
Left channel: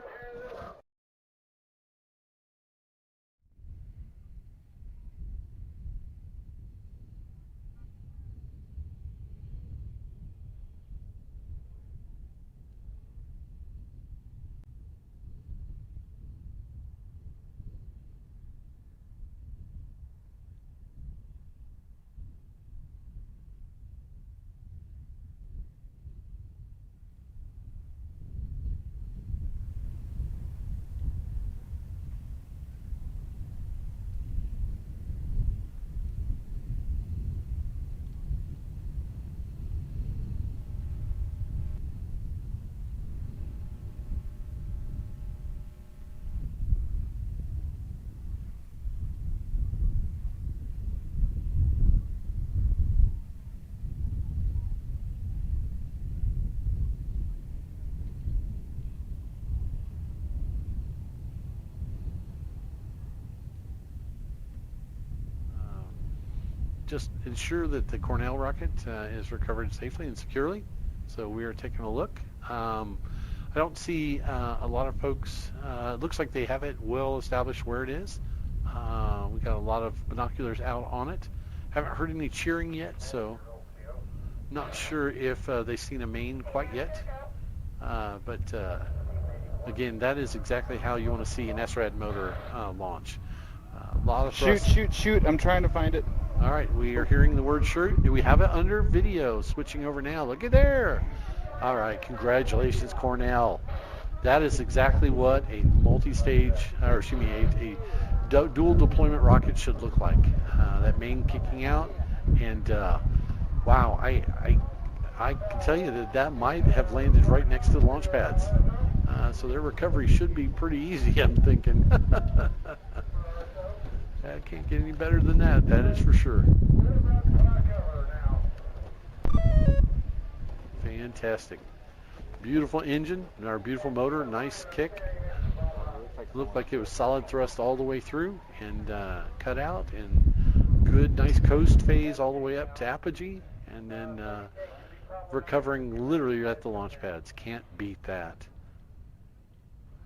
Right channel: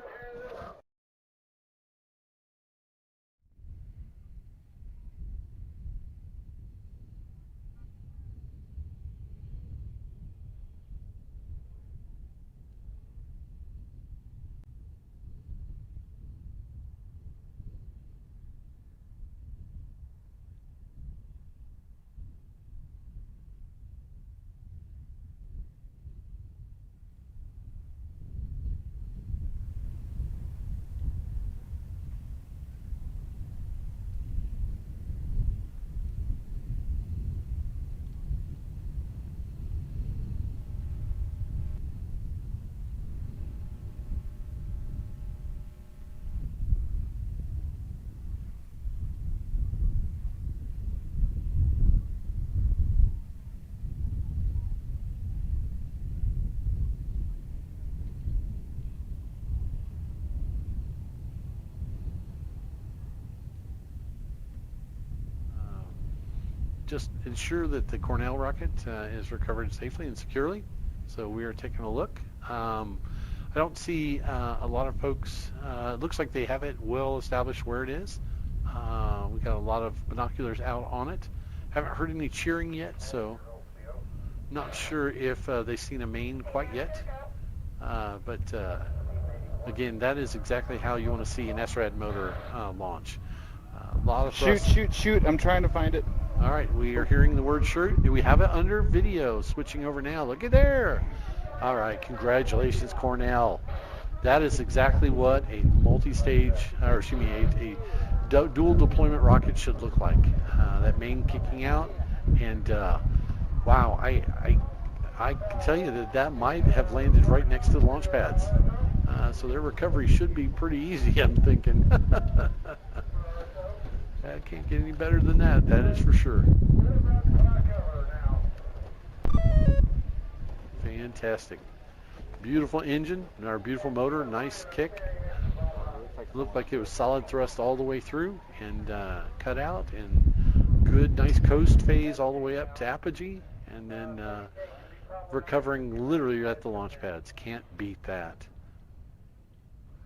Just ensure that the Cornell rocket is recovered safely and securely. So we are taking a look. I don't see a lot of folks. It looks like they have it well established where it is. We got a lot of binoculars out on it. Haven't heard any cheering yet, so not sure if they've seen a main quite yet. But again, that is exactly how you want to see an SRAD motor launch. A lot of shoot! I'm trying to find it. All right, we are hearing the word shoot. Do we have it under video? Switching over now. Look at there. All right, congratulations, Cornell. That is exactly what a multi-stage, or excuse me, a dual deployment rocket should look like. That main kicking out, and wow, I can tell you that might have landed right next to the launch pads. So their recovery should be pretty easy, I'm thinking. I can't get any better than that is for sure. Fantastic. Beautiful engine, our beautiful motor, nice kick. Looked like it was solid thrust all the way through and cut out, and good, nice coast phase all the way up to apogee, and then recovering literally at the launch pads. Can't beat that.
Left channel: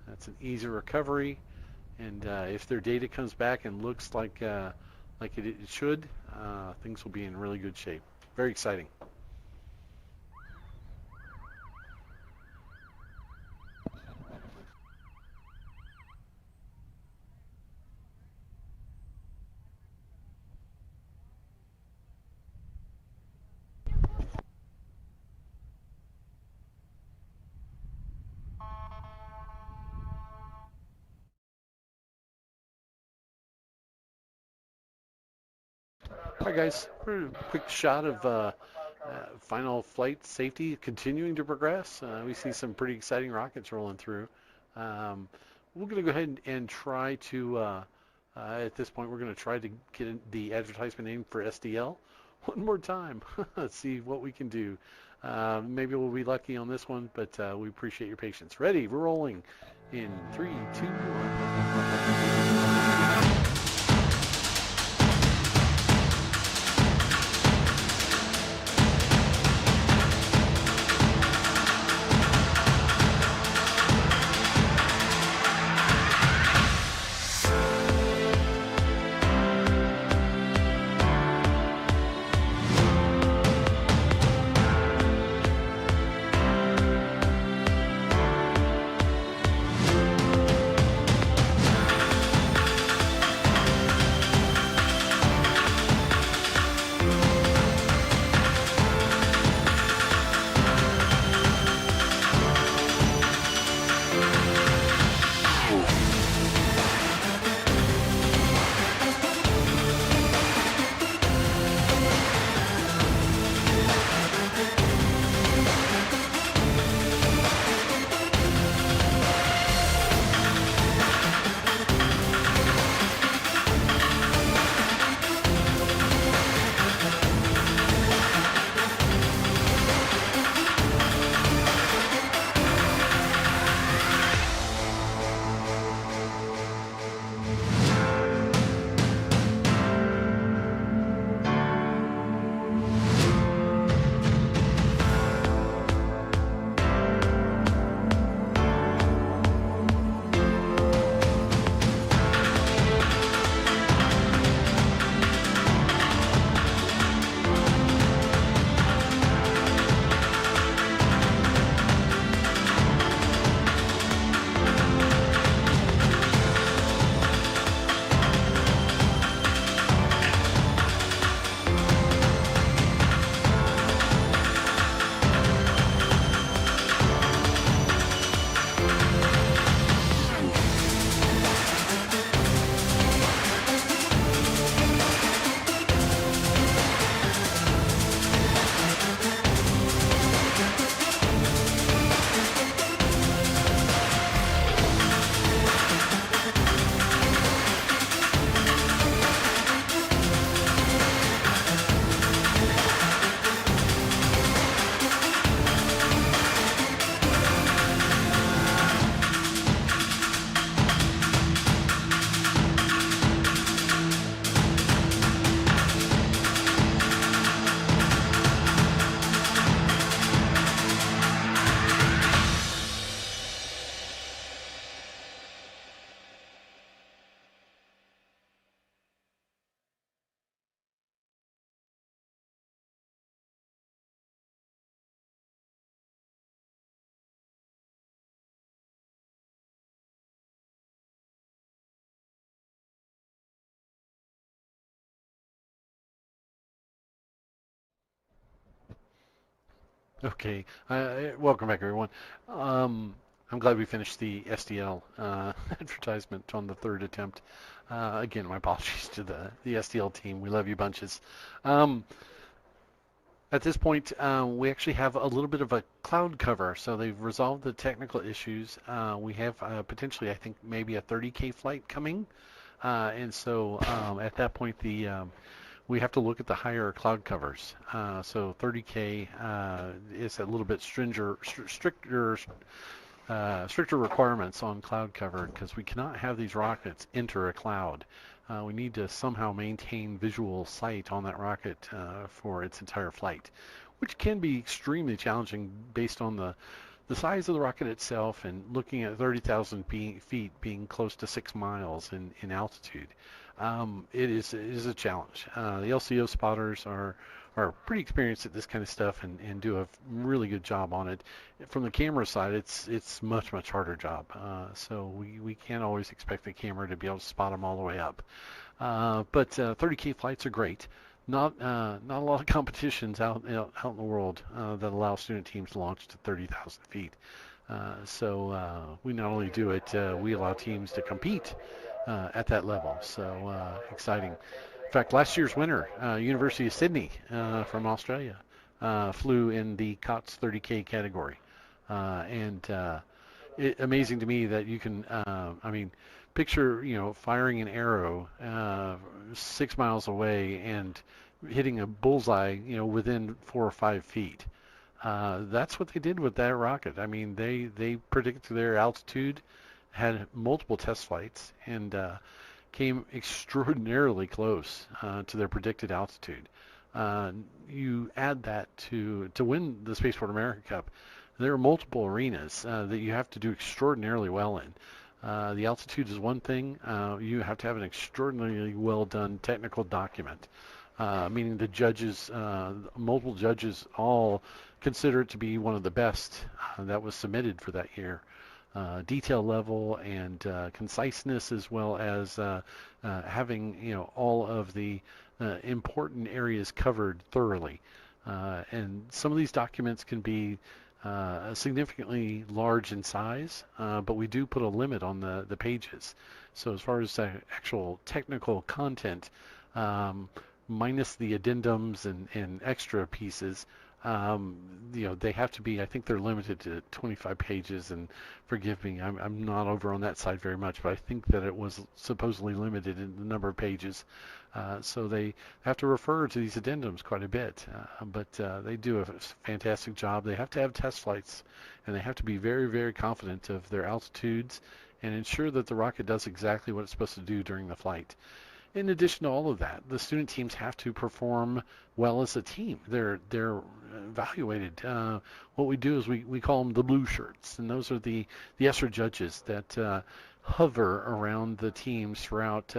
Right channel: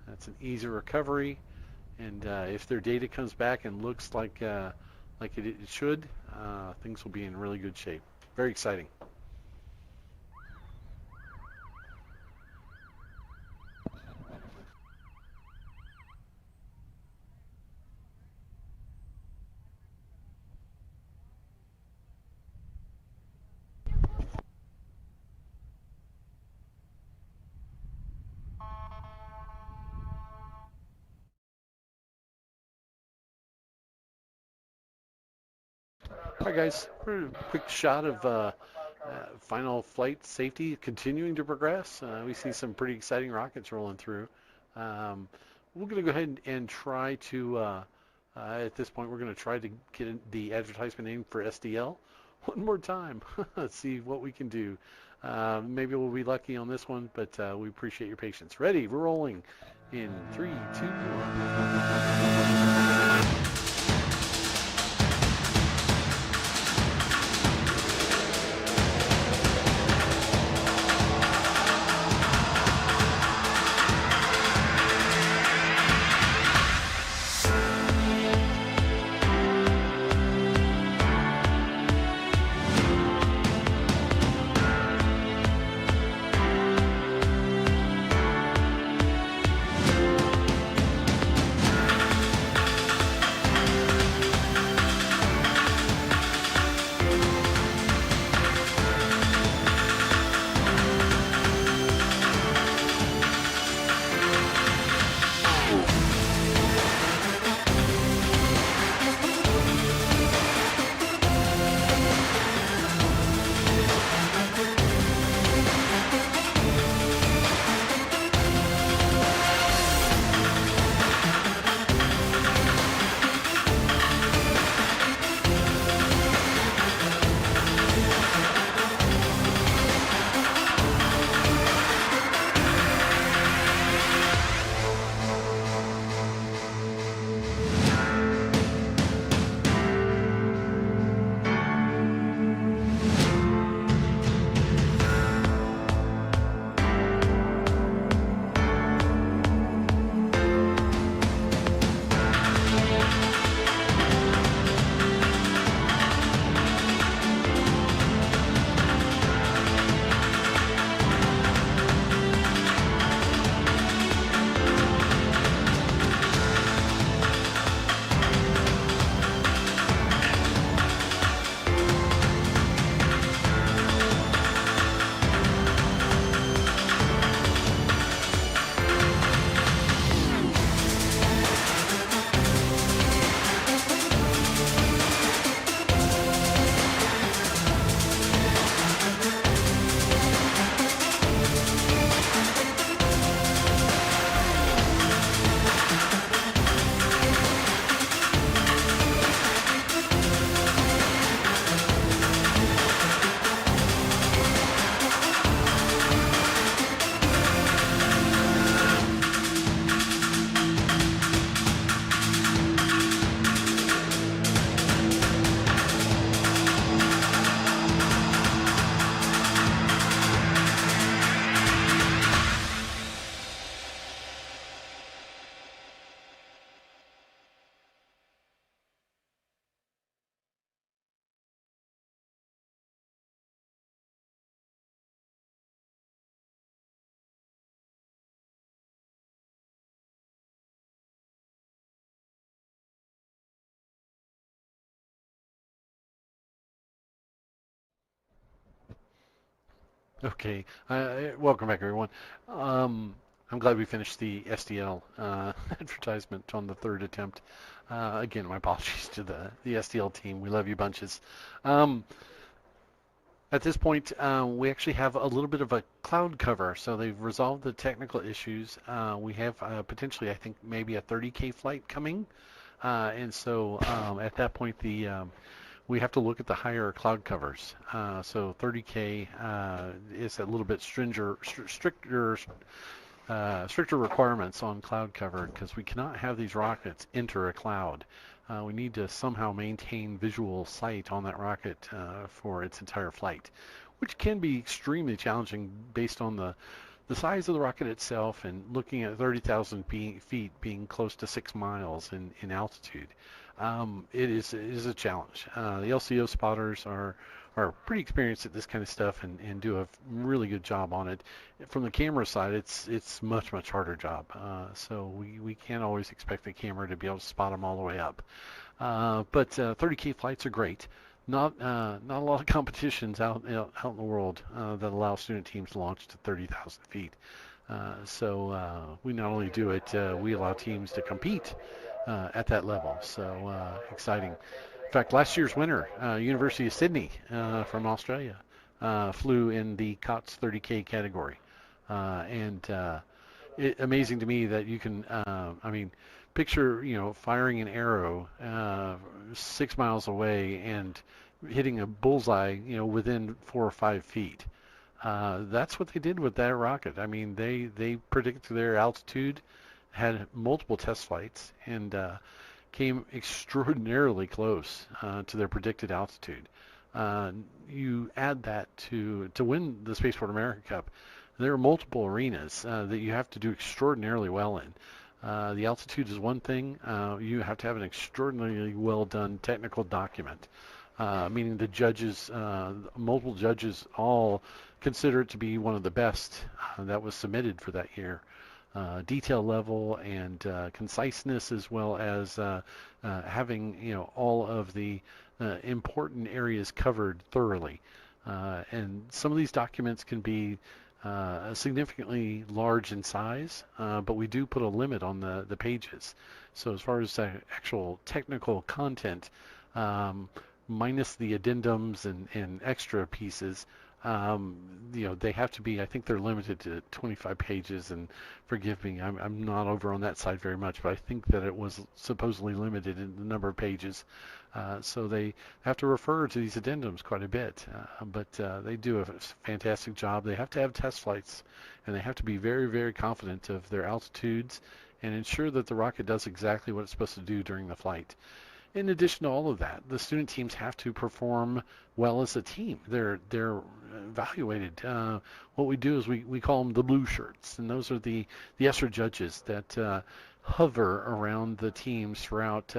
That's an easy recovery, and if their data comes back and looks like it should, things will be in really good shape. Very exciting. Alright guys, a quick shot of final flight safety continuing to progress. We see some pretty exciting rockets rolling through. We're going to go ahead and try to, at this point, we're going to try to get the advertisement aimed for SDL one more time. Let's see what we can do. Maybe we'll be lucky on this one, but we appreciate your patience. Ready, we're rolling in 3, 2, 1. Okay, welcome back everyone. I'm glad we finished the SDL advertisement on the third attempt. Again, my apologies to the SDL team. We love you bunches. At this point, we actually have a little bit of a cloud cover, so they've resolved the technical issues. We have potentially, I think, maybe a 30K flight coming, and so at that point, we have to look at the higher cloud covers. So 30K is a little bit stricter requirements on cloud cover because we cannot have these rockets enter a cloud. We need to somehow maintain visual sight on that rocket for its entire flight, which can be extremely challenging based on the size of the rocket itself and looking at 30,000 feet being close to 6 miles in altitude. It is a challenge. The LCO spotters are pretty experienced at this kind of stuff and do a really good job on it. From the camera side, it's much harder job. So we can't always expect the camera to be able to spot them all the way up. But 30K flights are great. Not a lot of competitions out in the world that allow student teams to launch to 30,000 feet. So we not only do it, we allow teams to compete at that level. So exciting. In fact, last year's winner, University of Sydney from Australia, flew in the COTS 30K category. Amazing to me that you can, picture, firing an arrow 6 miles away and hitting a bullseye, within 4 or 5 feet. That's what they did with that rocket. They predicted their altitude, had multiple test flights, and came extraordinarily close to their predicted altitude. You add that to win the Spaceport America Cup, there are multiple arenas that you have to do extraordinarily well in. The altitude is one thing. You have to have an extraordinarily well done technical document, meaning the judges, multiple judges, all consider it to be one of the best that was submitted for that year. Detail level and conciseness, as well as having all of the important areas covered thoroughly. And some of these documents can be significantly large in size, but we do put a limit on the pages. So as far as actual technical content, minus the addendums and extra pieces, they have to be, I think they're limited to 25 pages, and forgive me, I'm not over on that side very much, but I think that it was supposedly limited in the number of pages. So they have to refer to these addendums quite a bit, but they do a fantastic job. They have to have test flights, and they have to be very confident of their altitudes and ensure that the rocket does exactly what it's supposed to do during the flight. In addition to all of that, the student teams have to perform well as a team. They're evaluated. What we do is we call them the blue shirts, and those are the ESRA judges that hover around the teams throughout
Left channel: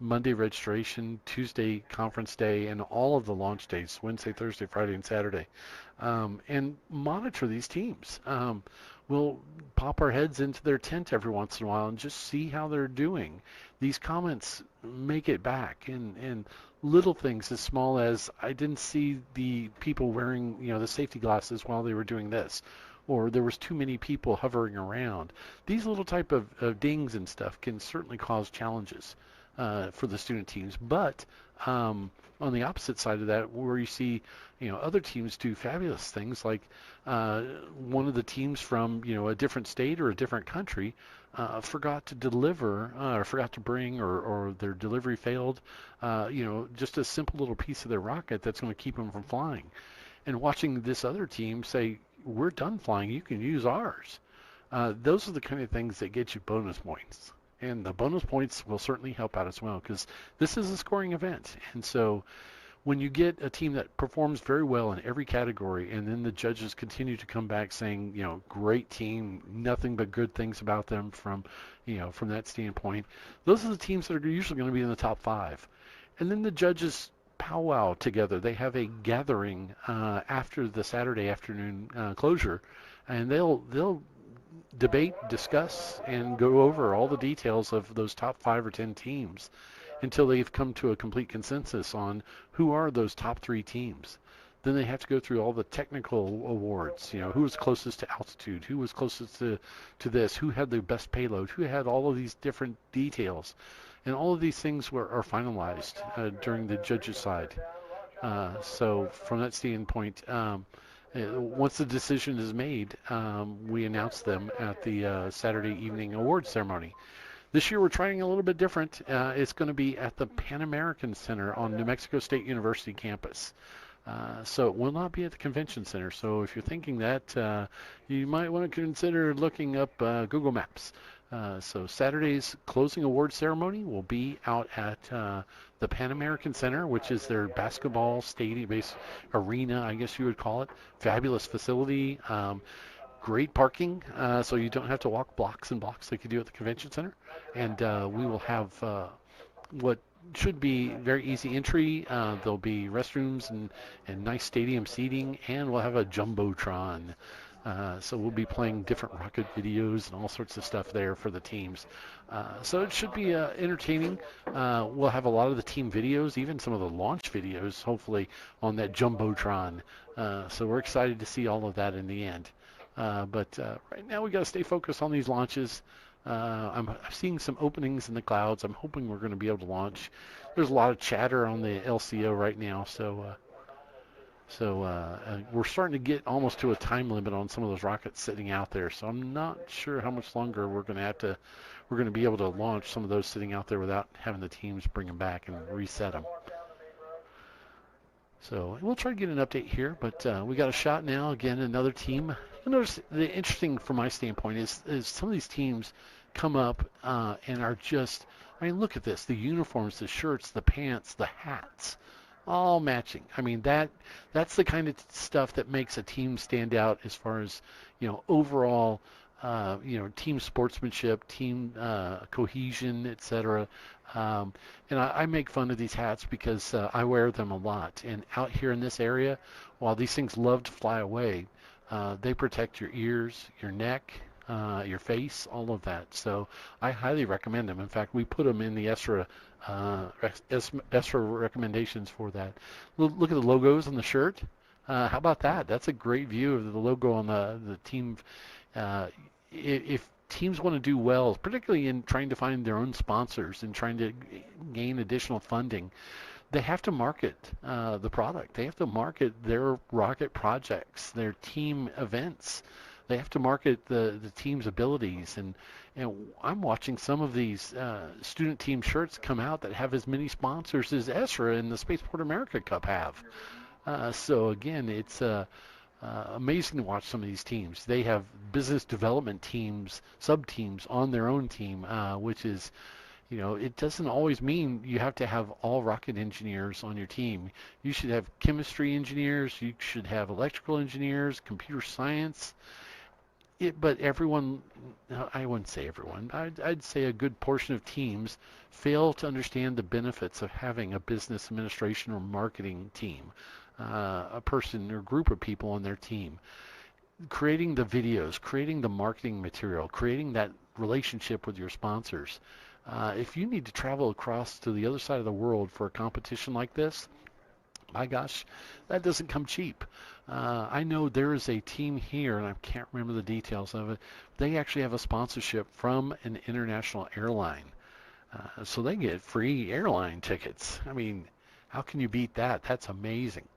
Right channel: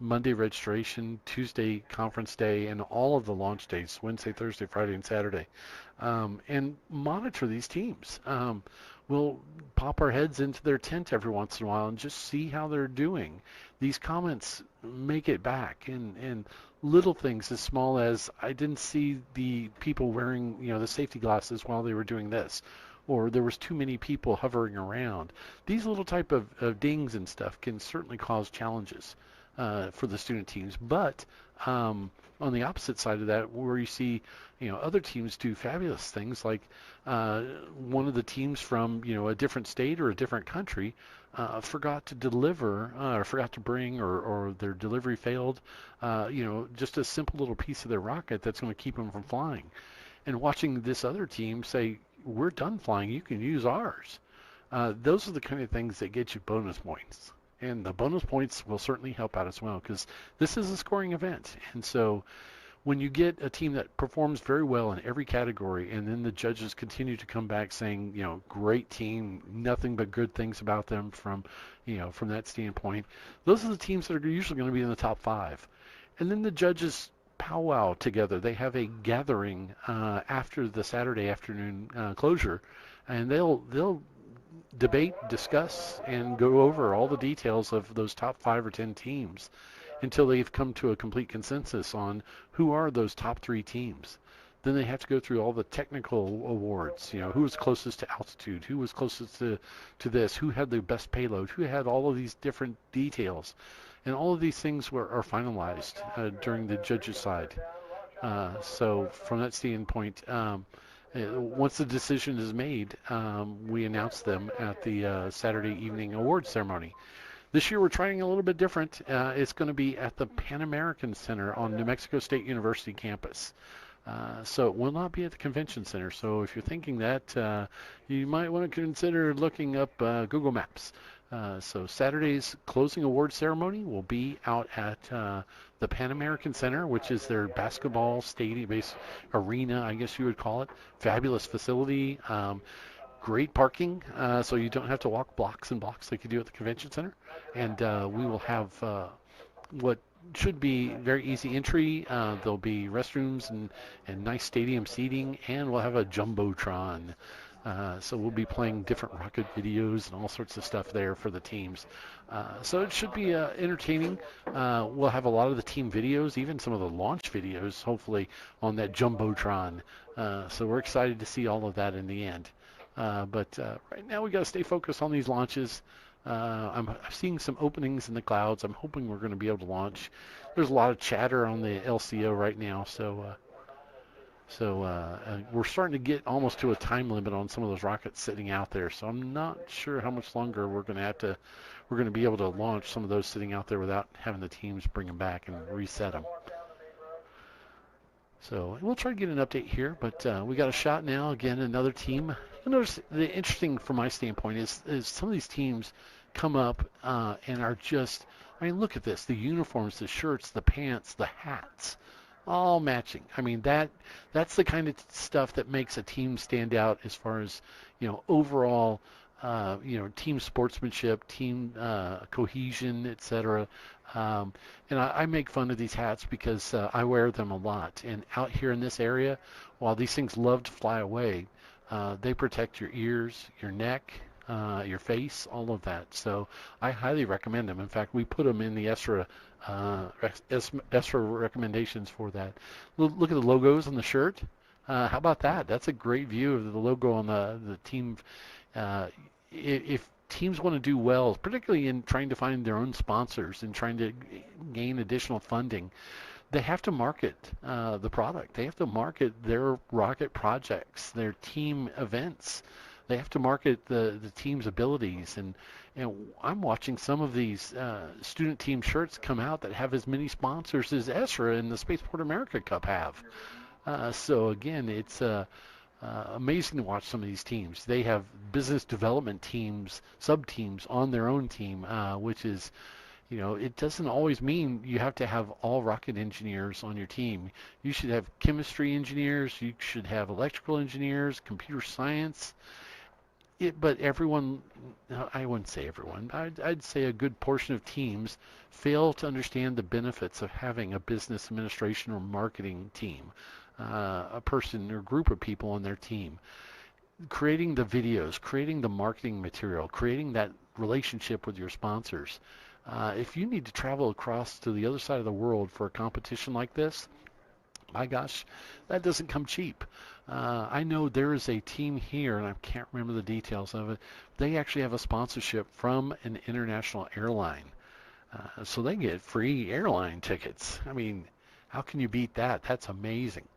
Monday registration, Tuesday conference day, and all of the launch days, Wednesday, Thursday, Friday, and Saturday, and monitor these teams. We'll pop our heads into their tent every once in a while and just see how they're doing. These comments make it back, and little things as small as, I didn't see the people wearing the safety glasses while they were doing this, or there was too many people hovering around. These little type of dings and stuff can certainly cause challenges for the student teams. But on the opposite side of that, where you see other teams do fabulous things, like one of the teams from a different state or a different country forgot to deliver, or forgot to bring, or their delivery failed, just a simple little piece of their rocket that's going to keep them from flying. And watching this other team say, we're done flying, you can use ours. Those are the kind of things that get you bonus points. And the bonus points will certainly help out as well, because this is a scoring event. And so when you get a team that performs very well in every category, and then the judges continue to come back saying, great team, nothing but good things about them from that standpoint, those are the teams that are usually going to be in the top 5. And then the judges powwow together. They have a gathering after the Saturday afternoon closure, and they'll debate, discuss, and go over all the details of those top 5 or 10 teams until they've come to a complete consensus on who are those top 3 teams. Then they have to go through all the technical awards, who was closest to altitude, who was closest to this, who had the best payload, who had all of these different details. And all of these things are finalized during the judges' side. So from that standpoint, once the decision is made, we announce them at the Saturday evening awards ceremony. This year we're trying a little bit different. It's going to be at the Pan American Center on New Mexico State University campus. So it will not be at the convention center. So if you're thinking that, you might want to consider looking up Google Maps. So Saturday's closing award ceremony will be out at the Pan American Center, which is their basketball stadium-based arena, I guess you would call it. Fabulous facility, great parking, so you don't have to walk blocks and blocks like you do at the convention center. And we will have what should be very easy entry. There'll be restrooms and nice stadium seating, and we'll have a jumbotron. So we'll be playing different rocket videos and all sorts of stuff there for the teams. So it should be entertaining. We'll have a lot of the team videos, even some of the launch videos, hopefully, on that jumbotron. So we're excited to see all of that in the end. But right now we got to stay focused on these launches. I'm seeing some openings in the clouds. I'm hoping we're going to be able to launch. There's a lot of chatter on the LCO right now, so we're starting to get almost to a time limit on some of those rockets sitting out there. So I'm not sure how much longer we're going to be able to launch some of those sitting out there without having the teams bring them back and reset them. So we'll try to get an update here, but we got a shot now. Again, another team. You notice the interesting from my standpoint is some of these teams come up and are just, I mean, look at this. The uniforms, the shirts, the pants, the hats, all matching. I mean, that's the kind of stuff that makes a team stand out as far as, overall, team sportsmanship, team cohesion, etc. And I make fun of these hats because I wear them a lot. And out here in this area, while these things love to fly away, they protect your ears, your neck, your face, all of that. So I highly recommend them. In fact, we put them in the ESRA recommendations for that. Look at the logos on the shirt. How about that? That's a great view of the logo on the team. If teams want to do well, particularly in trying to find their own sponsors and trying to gain additional funding, they have to market the product. They have to market their rocket projects, their team events. They have to market the team's abilities. And I'm watching some of these student team shirts come out that have as many sponsors as ESRA and the Spaceport America Cup have. So again, it's amazing to watch some of these teams. They have business development teams, sub-teams on their own team, which is, it doesn't always mean you have to have all rocket engineers on your team. You should have chemistry engineers, you should have electrical engineers, computer science. But everyone, I wouldn't say everyone, I'd say a good portion of teams fail to understand the benefits of having a business administration or marketing team, a person or group of people on their team. Creating the videos, creating the marketing material, creating that relationship with your sponsors. If you need to travel across to the other side of the world for a competition like this, my gosh, that doesn't come cheap. I know there is a team here, and I can't remember the details of it. They actually have a sponsorship from an international airline. So they get free airline tickets. I mean, how can you beat that? That's amazing.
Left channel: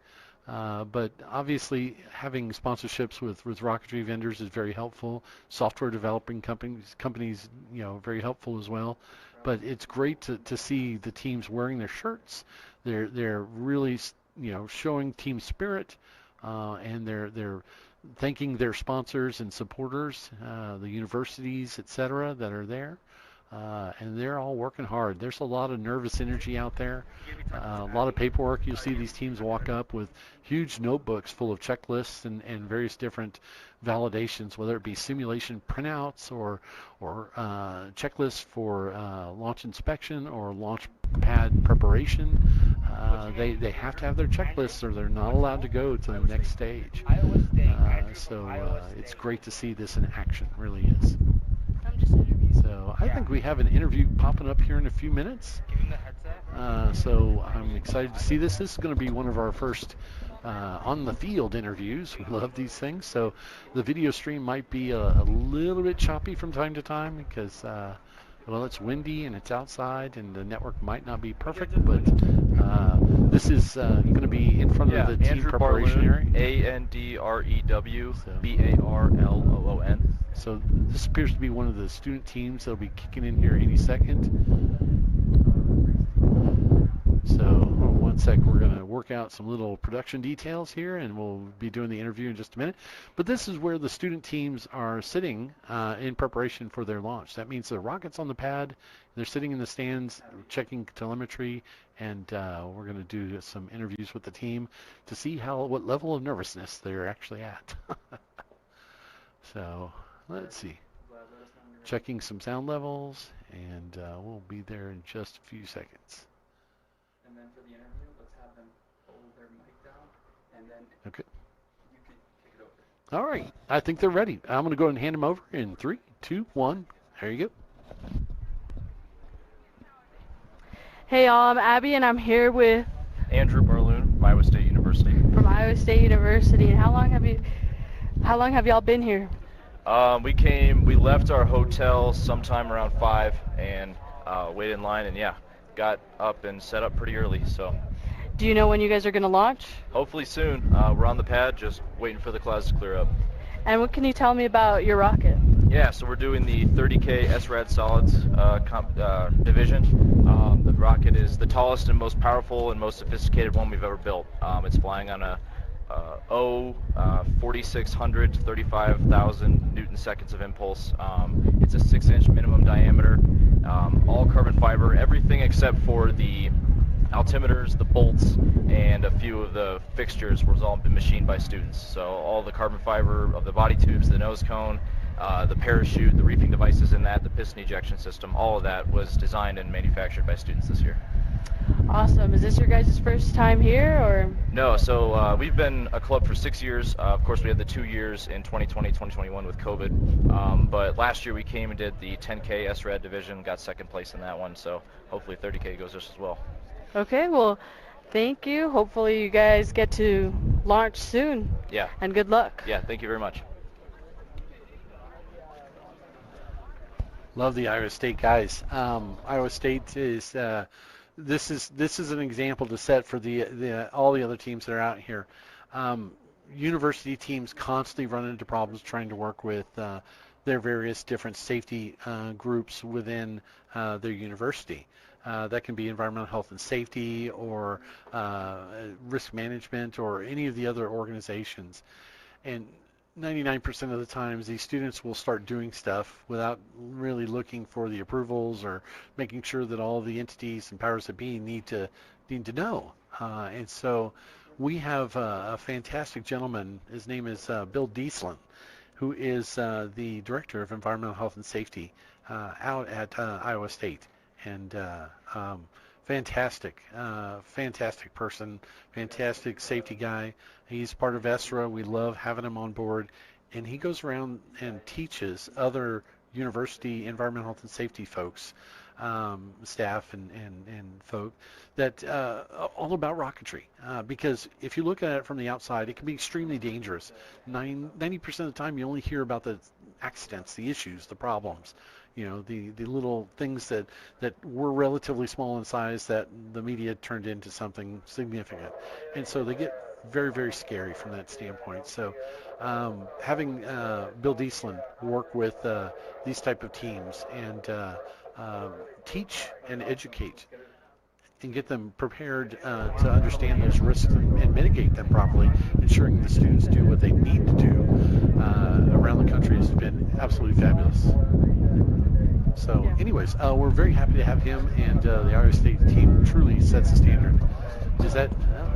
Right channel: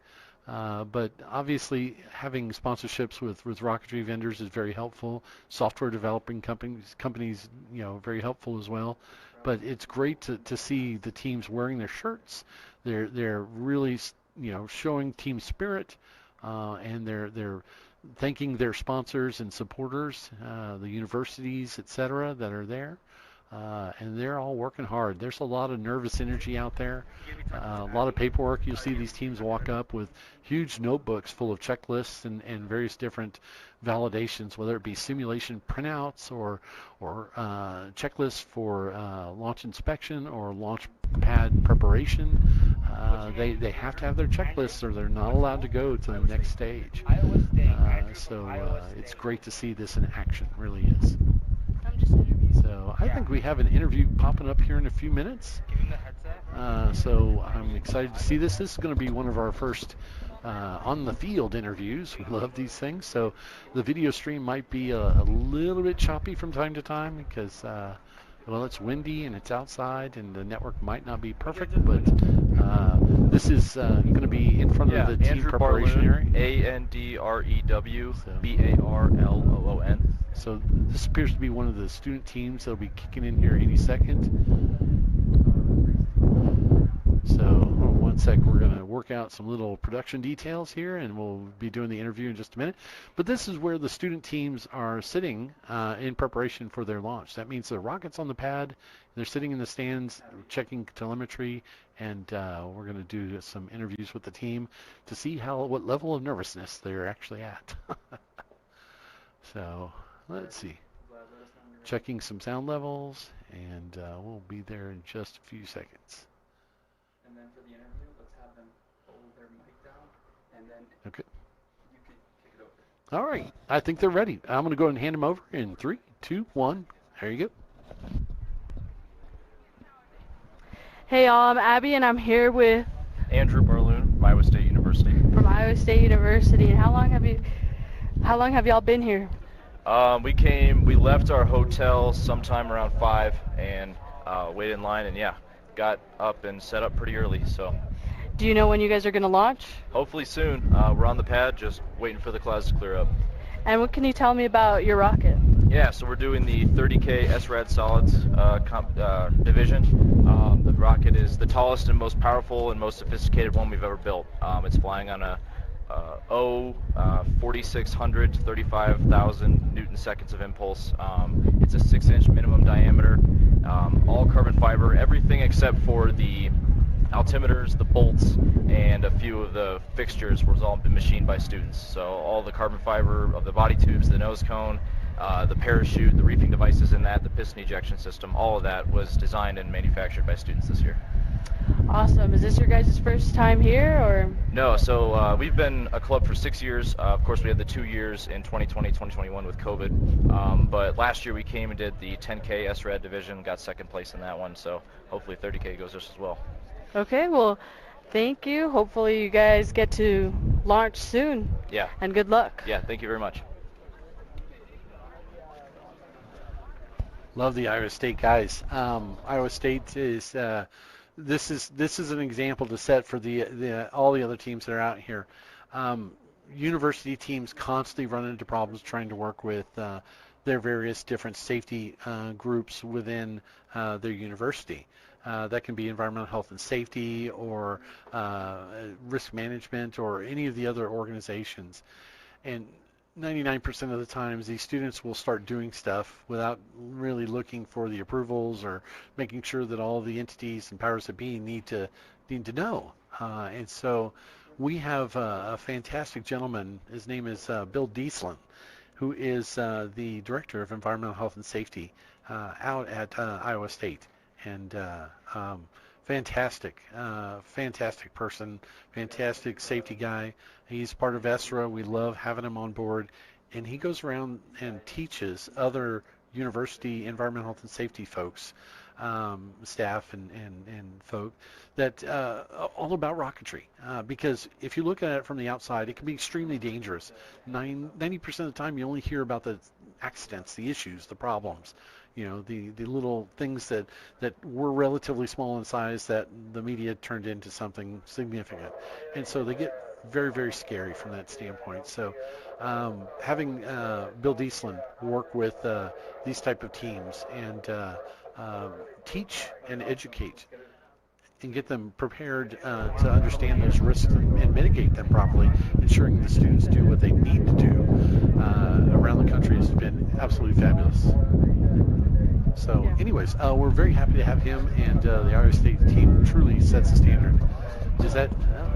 But obviously, having sponsorships with rocketry vendors is very helpful. Software developing companies, very helpful as well. But it's great to see the teams wearing their shirts. They're really, showing team spirit, and they're thanking their sponsors and supporters, the universities, etc., that are there. And they're all working hard. There's a lot of nervous energy out there, a lot of paperwork. You'll see these teams walk up with huge notebooks full of checklists and various different validations, whether it be simulation printouts or checklists for launch inspection or launch pad preparation. They have to have their checklists or they're not allowed to go to the next stage. So it's great to see this in action, really is. So I think we have an interview popping up here in a few minutes. So I'm excited to see this. This is going to be one of our first on the field interviews. We love these things. So the video stream might be a little bit choppy from time to time because Well, it's windy and it's outside, and the network might not be perfect, but this is going to be in front of the team Andrew preparation area. ANDREWBARLOON. So this appears to be one of the student teams that'll be kicking in here any second. So one sec, we're going to work out some little production details here, and we'll be doing the interview in just a minute. But this is where the student teams are sitting in preparation for their launch. That means the rocket's on the pad, they're sitting in the stands checking telemetry, and we're going to do some interviews with the team to see what level of nervousness they're actually at. So let's see. Checking some sound levels, and we'll be there in just a few seconds. And then for the interview, let's have them hold their mic down, and then Okay. you can kick it over. All right. I think they're ready. I'm going to go ahead and hand them over in 3, 2, 1. There you go. Hey y'all, I'm Abby, and I'm here with Andrew Barloon, Iowa State University. from Iowa State University. And how long have y'all been here? We left our hotel sometime around 5 and waited in line, and got up and set up pretty early. So Do you know when you guys are going to launch? hopefully soon. We're on the pad, just waiting for the clouds to clear up. And what can you tell me about your rocket? Yeah, so we're doing the 30K SRAD solids division. The rocket is the tallest and most powerful and most sophisticated one we've ever built. It's flying on a 4600 to 35,000 Newton seconds of impulse. It's a 6-inch minimum diameter, all carbon fiber, everything except for the altimeters, the bolts, and a few of the fixtures was all been machined by students. So all the carbon fiber of the body tubes, the nose cone, the parachute, the reefing devices in that, the piston ejection system, all of that was designed and manufactured by students this year. Awesome. Is this your guys' first time here, or? No, so we've been a club for 6 years. Of course, we had the 2 years in 2020, 2021 with COVID. But last year we came and did the 10K SRAD division, got second place in that one. So hopefully 30K goes just as well. Okay, well, thank you. Hopefully you guys get to launch soon. Yeah. And good luck. Yeah, thank you very much. Love the Iowa State guys. Iowa State is this is an example to set for all the other teams that are out here. University teams constantly run into problems trying to work with their various different safety groups within their university. That can be environmental health and safety, or risk management, or any of the other organizations. And 99% of the times, these students will start doing stuff without really looking for the approvals or making sure that all the entities and powers that be need to know. And so we have a fantastic gentleman. His name is Bill Dustin, who is the Director of Environmental Health and Safety out at Iowa State. And fantastic person, fantastic safety guy. He's part of ESRA. We love having him on board. And he goes around and teaches other university environmental health and safety folks, staff and folk, that all about rocketry. Because if you look at it from the outside, it can be extremely dangerous. 90% of the time you only hear about the accidents, the issues, the problems. You know, the little things that were relatively small in size that the media turned into something significant. And so they get very, very scary from that standpoint. So having Bill Dustin work with these type of teams and teach and educate and get them prepared to understand those risks and mitigate them properly, ensuring the students do what they need to do around the country has been absolutely fabulous. So anyways, we're very happy to have him, and the Iowa State team truly sets the standard. Is that...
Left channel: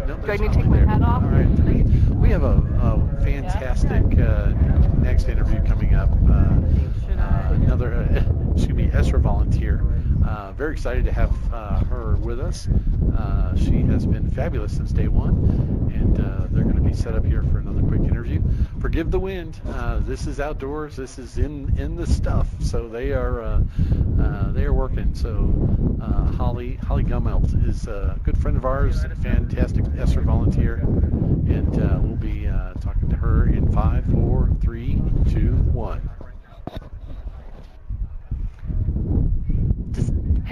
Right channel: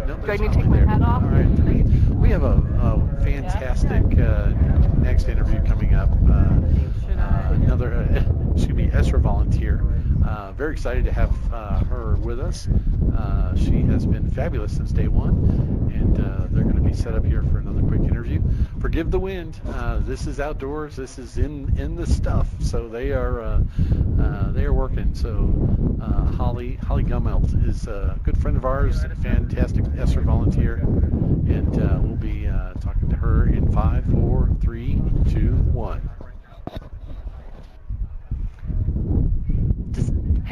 No, do I need to take my hat off? All right, we have a fantastic next interview coming up. Another, ESRA volunteer. Very excited to have her with us. She has been fabulous since day one, and they're going to be set up here for another quick interview. Forgive the wind. This is outdoors. This is in the stuff. So they are working. So Holly Gummelt is a good friend of ours, a fantastic ESRA volunteer, and we'll be talking to her in 5, 4, 3, 2, 1.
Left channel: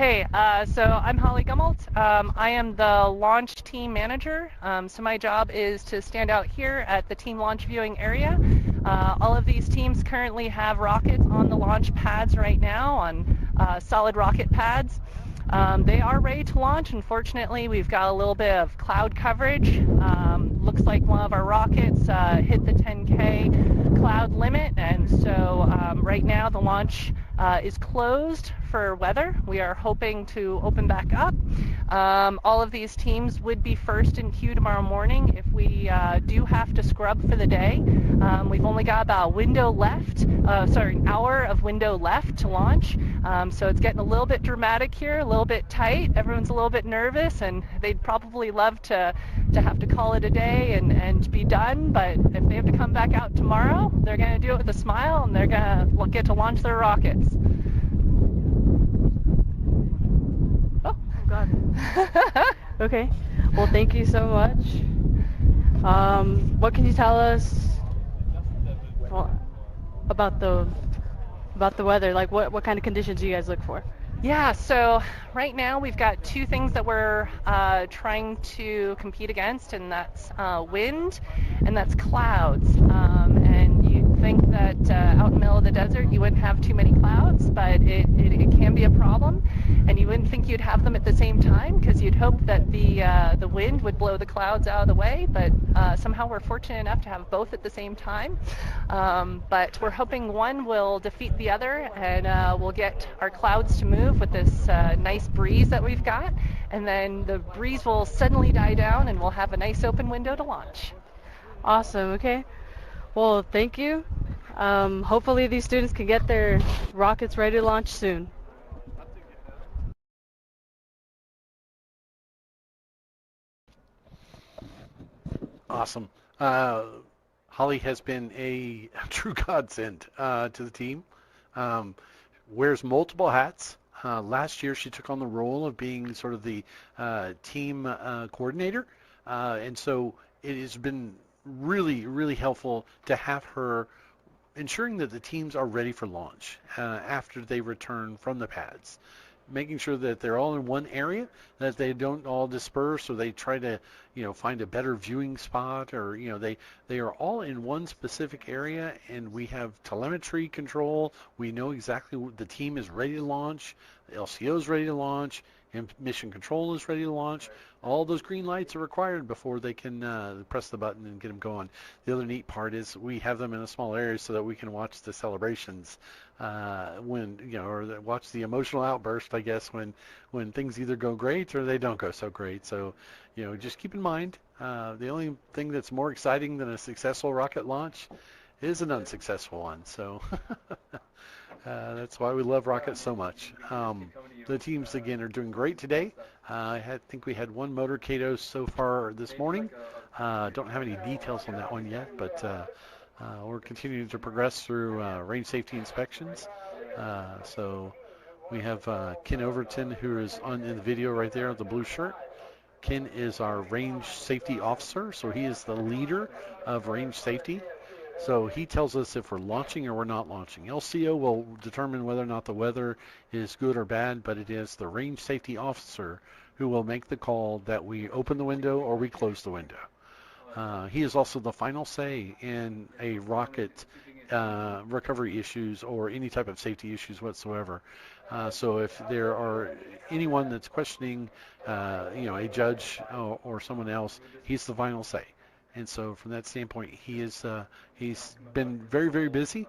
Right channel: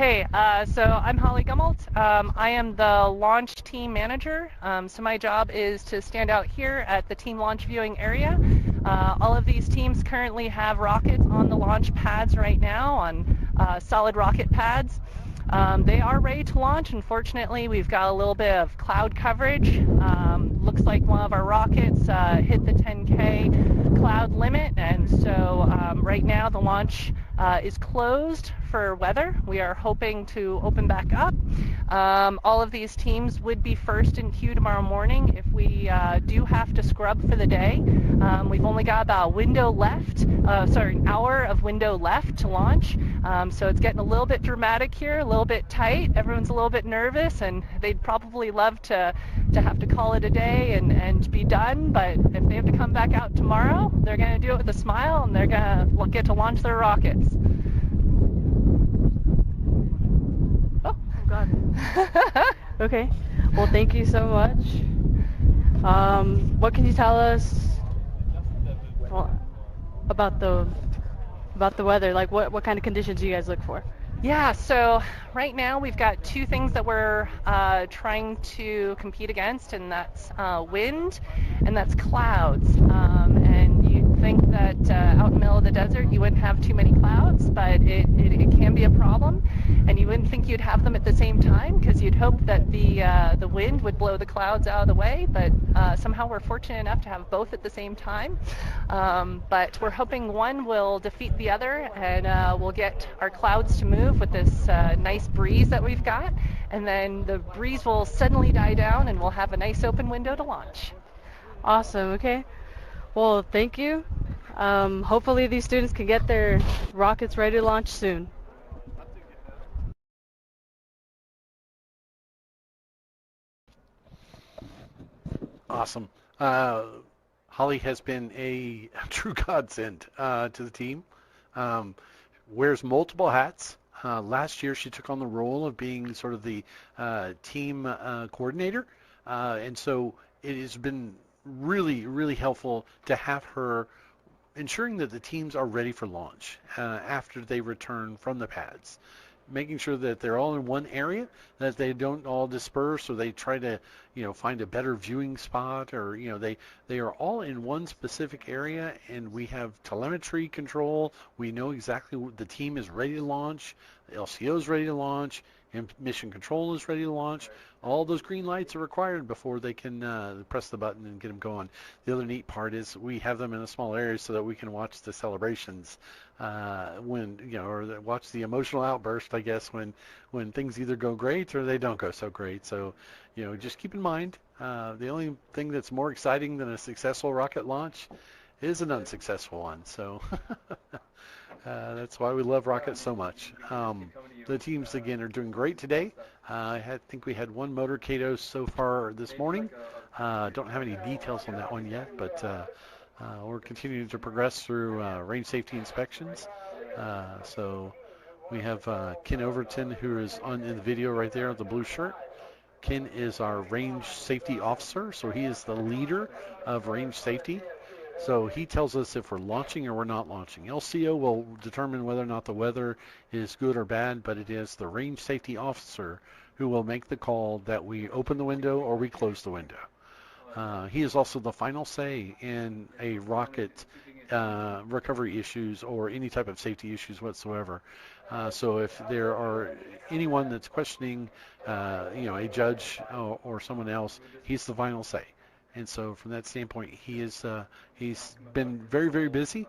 Okay, so I'm Holly Gummelt. I am the launch team manager. So my job is to stand out here at the team launch viewing area. All of these teams currently have rockets on the launch pads right now, on solid rocket pads. They are ready to launch. Unfortunately, we've got a little bit of cloud coverage. Looks like one of our rockets hit the 10K cloud limit, and so right now the launch is closed for weather. We are hoping to open back up. All of these teams would be first in queue tomorrow morning if we do have to scrub for the day. We've only got about a window left, an hour of window left to launch. So it's getting a little bit dramatic here, a little bit tight. Everyone's a little bit nervous, and they'd probably love to have to call it a day and be done. But if they have to come back out tomorrow, they're going to do it with a smile, and they're going to get to launch their rockets. Oh God. Okay. Well, thank you so much. What can you tell us about the weather? Like, what kind of conditions do you guys look for? Yeah, so right now we've got two things that we're trying to compete against, and that's wind and that's clouds. And you'd think that out in the middle of the desert you wouldn't have too many clouds, but it can be a problem. And you wouldn't think you'd have them at the same time, because you'd hope that the wind would blow the clouds out of the way, but somehow we're fortunate enough to have both at the same time. But we're hoping one will defeat the other, and we'll get our clouds to move with this nice breeze that we've got, and then the breeze will suddenly die down and we'll have a nice open window to launch. Awesome. Okay. Well, thank you. Hopefully these students can get their rockets ready to launch soon. Awesome. Holly has been a true godsend to the team. Wears multiple hats. Last year she took on the role of being sort of the team coordinator, and so it has been really, really helpful to have her ensuring that the teams are ready for launch after they return from the pads, making sure that they're all in one area, that they don't all disperse, or they try to find a better viewing spot, or they are all in one specific area, and we have telemetry control. We know exactly what the team is ready to launch, the LCO is ready to launch, and mission control is ready to launch. All those green lights are required before they can press the button and get them going. The other neat part is we have them in a small area so that we can watch the celebrations or watch the emotional outburst, I guess, when things either go great or they don't go so great. So, just keep in mind, the only thing that's more exciting than a successful rocket launch is an unsuccessful one. So that's why we love rockets so much. The teams, again, are doing great today. I think we had one motorcado so far this morning. Don't have any details on that one yet, but we're continuing to progress through range safety inspections. So we have Ken Overton, who is in the video right there with the blue shirt. Ken is our range safety officer, so he is the leader of range safety. So he tells us if we're launching or we're not launching. LCO will determine whether or not the weather is good or bad, but it is the range safety officer who will make the call that we open the window or we close the window. He is also the final say in a rocket recovery issues or any type of safety issues whatsoever. So if there are anyone that's questioning, a judge or someone else, he's the final say. And so from that standpoint, he's been very, very busy.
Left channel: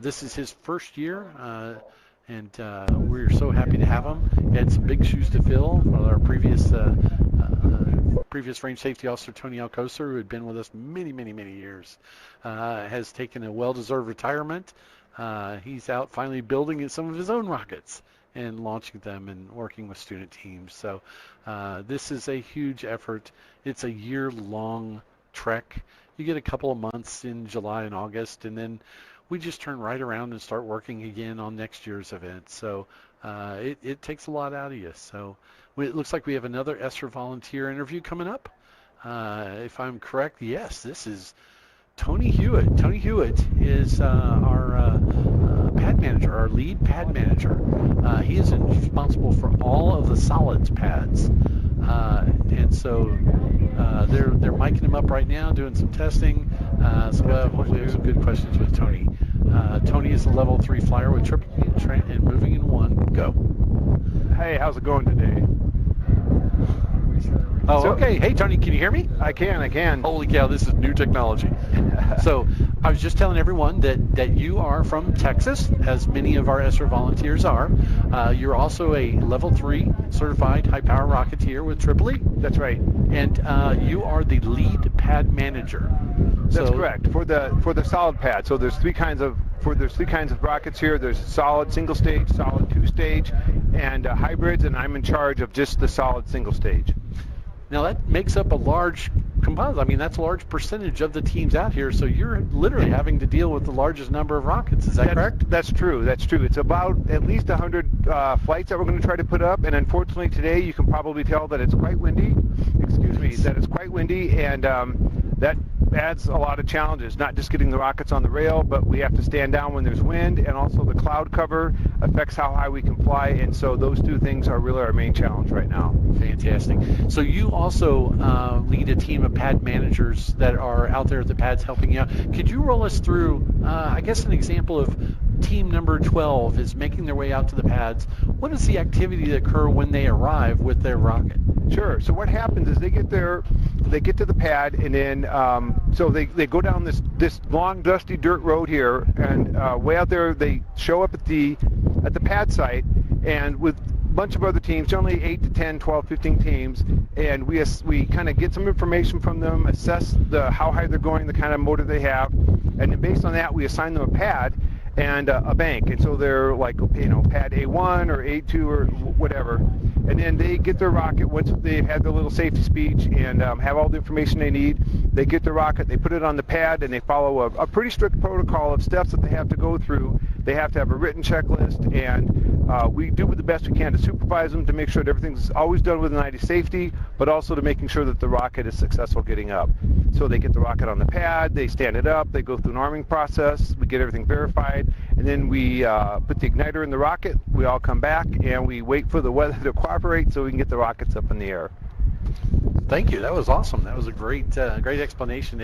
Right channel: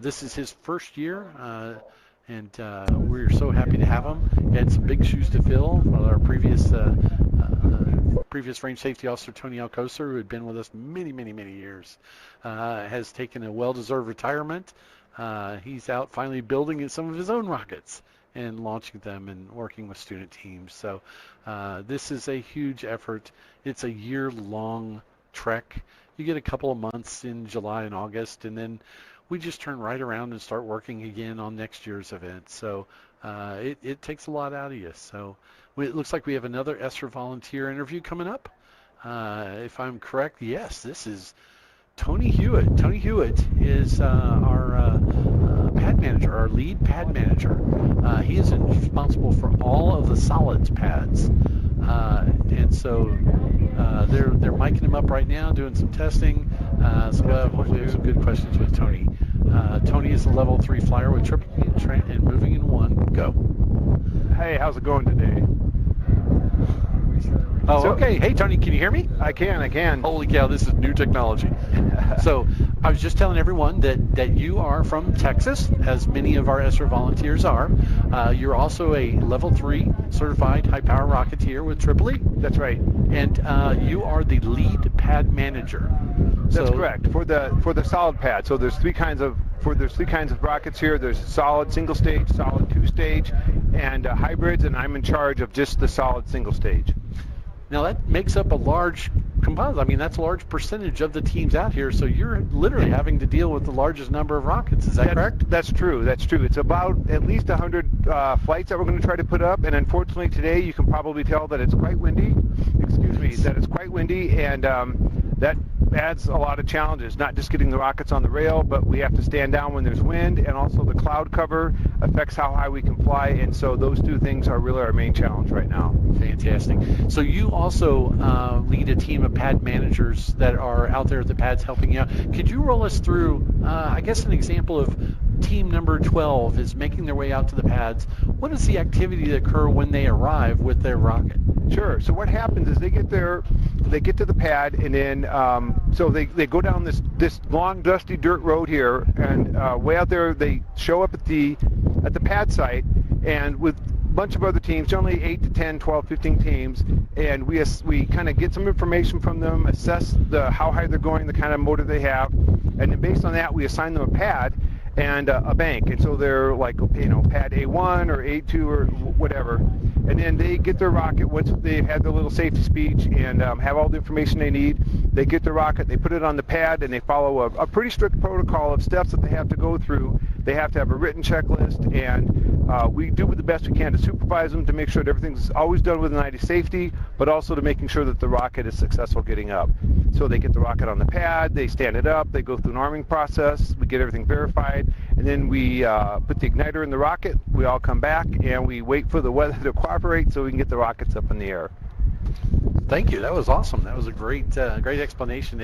This is his first year, and we're so happy to have him. He had some big shoes to fill with our previous range safety officer, Tony Alcocer, who had been with us many, many, many years, has taken a well-deserved retirement. He's out finally building some of his own rockets and launching them and working with student teams. So this is a huge effort. It's a year-long trek. You get a couple of months in July and August, and then we just turn right around and start working again on next year's event. So it takes a lot out of you. So it looks like we have another ESRA volunteer interview coming up. If I'm correct, yes, this is Tony Huet. Tony Huet is our pad manager, our lead pad manager. He is in responsible for all of the solids pads. And so they're miking them up right now, doing some testing. So hopefully there's some good questions with Tony. Tony is a level 3 flyer with triple and moving in 1. Go. Hey, how's it going today? Oh, okay. Hey, Tony, can you hear me? I can. Holy cow, this is new technology. So I was just telling everyone that you are from Texas, as many of our ESRA volunteers are. You're also a level 3 certified high-power rocketeer with Tripoli. That's right. And you are the lead pad manager. That's correct. For the solid pad. So there's three kinds of rockets here. There's solid single stage, solid 2-stage, and hybrids, and I'm in charge of just the solid single stage. Now that makes up a large composite. I mean, that's a large percentage of the teams out here. So you're literally having to deal with the largest number of rockets. Is that correct? That's true. It's about at least 100 flights that we're going to try to put up. And unfortunately today, you can probably tell that it's quite windy. And that adds a lot of challenges. Not just getting the rockets on the rail, but we have to stand down when there's wind, and also the cloud cover affects how high we can fly. And so those two things are really our main challenge right now. Fantastic. So you also lead a team of pad managers that are out there at the pads helping you out. Could you roll us through, I guess, an example of team number 12 is making their way out to the pads? What is the activity that occur when they arrive with their rocket? Sure. So what happens is they get to the pad, and then so they go down this long dusty dirt road here, and way out there they show up at the pad site, and with a bunch of other teams, generally 8 to 10, 12, 15 teams, and we kind of get some information from them, assess how high they're going, the kind of motor they have, and then based on that we assign them a pad and a bank, and so they're like, pad A1 or A2 or whatever, and then they get their rocket once they've had their little safety speech and have all the information they need. They get the rocket, they put it on the pad, and they follow a pretty strict protocol of steps that they have to go through. They have to have a written checklist, and we do the best we can to supervise them to make sure that everything's always done with an eye to safety, but also to making sure that the rocket is successful getting up. So they get the rocket on the pad, they stand it up, they go through an arming process, we get everything verified, and then we put the igniter in the rocket. We all come back, and we wait for the weather to cooperate so we can get the rockets up in the air. Thank you. That was awesome. That was a great explanation.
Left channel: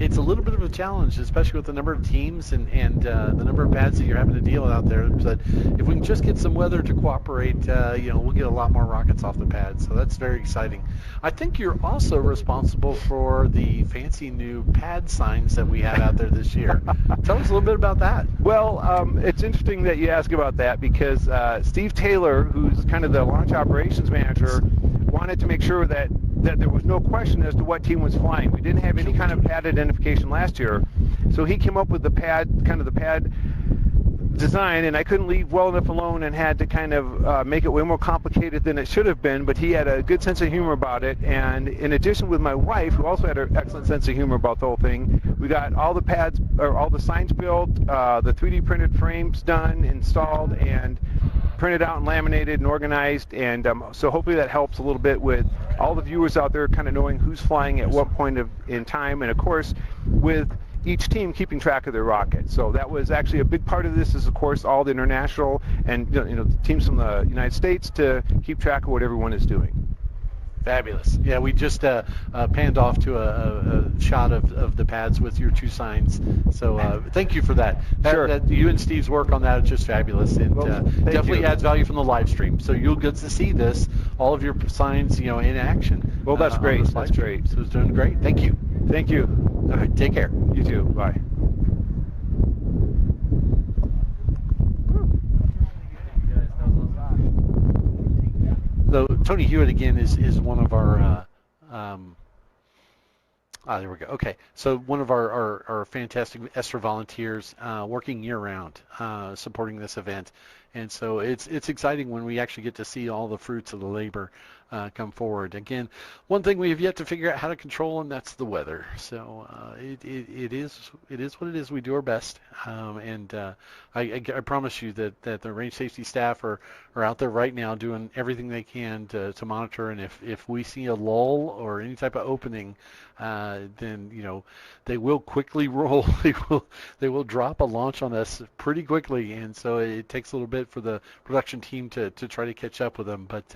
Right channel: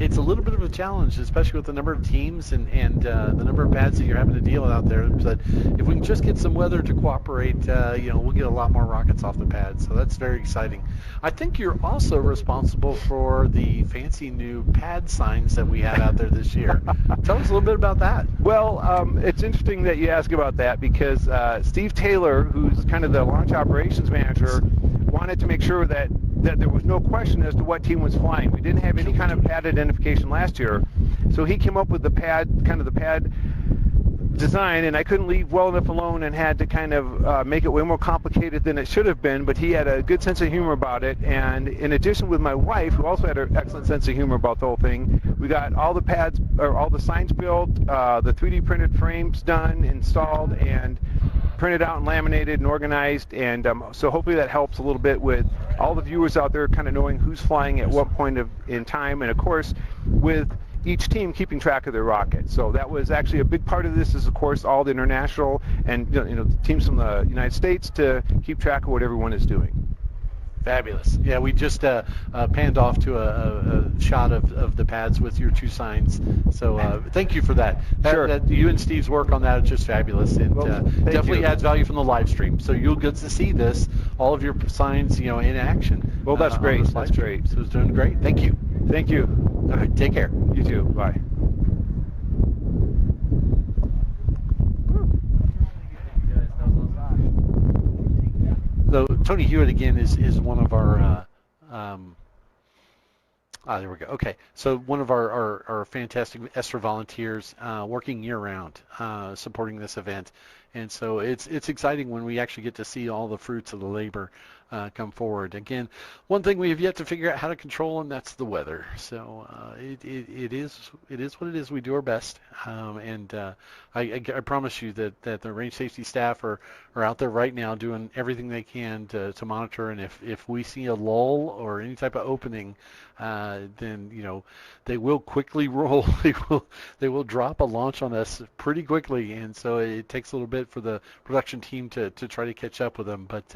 It's a little bit of a challenge, especially with the number of teams and the number of pads that you're having to deal with out there. But if we can just get some weather to cooperate, we'll get a lot more rockets off the pads. So that's very exciting. I think you're also responsible for the fancy new pad signs that we had out there this year. Tell us a little bit about that. Well, it's interesting that you ask about that because Steve Taylor, who's kind of the launch operations manager, wanted to make sure that there was no question as to what team was flying. We didn't have any kind of pad identification last year, so he came up with the pad design, and I couldn't leave well enough alone and had to kind of make it way more complicated than it should have been, but he had a good sense of humor about it, and in addition with my wife, who also had an excellent sense of humor about the whole thing, we got all the pads, or all the signs built, the 3D printed frames done, installed, and printed out and laminated and organized, and so hopefully that helps a little bit with all the viewers out there kind of knowing who's flying at what point in time, and of course with each team keeping track of their rocket. So that was actually a big part of this, is of course all the international and teams from the United States to keep track of what everyone is doing. Fabulous. Yeah, we just panned off to a shot of the pads with your two signs. So thank you for that. Sure. You and Steve's work on that is just fabulous, and definitely adds value from the live stream. So you'll get to see this, all of your signs, in action. Well, that's great. That's great. So it's doing great. Thank you. Thank you. All right. Take care. You too. Bye. So Tony Huet again is one of our there we go. Okay, so one of our fantastic ESRA volunteers working year round supporting this event, and so it's exciting when we actually get to see all the fruits of the labor come forward. Again, one thing we have yet to figure out how to control, and that's the weather. So it is what it is. We do our best, and I promise you that the range safety staff are out there right now doing everything they can to monitor. And if we see a lull or any type of opening, then they will quickly roll. They will drop a launch on us pretty quickly, and so it takes a little bit for the production team to try to catch up with them. But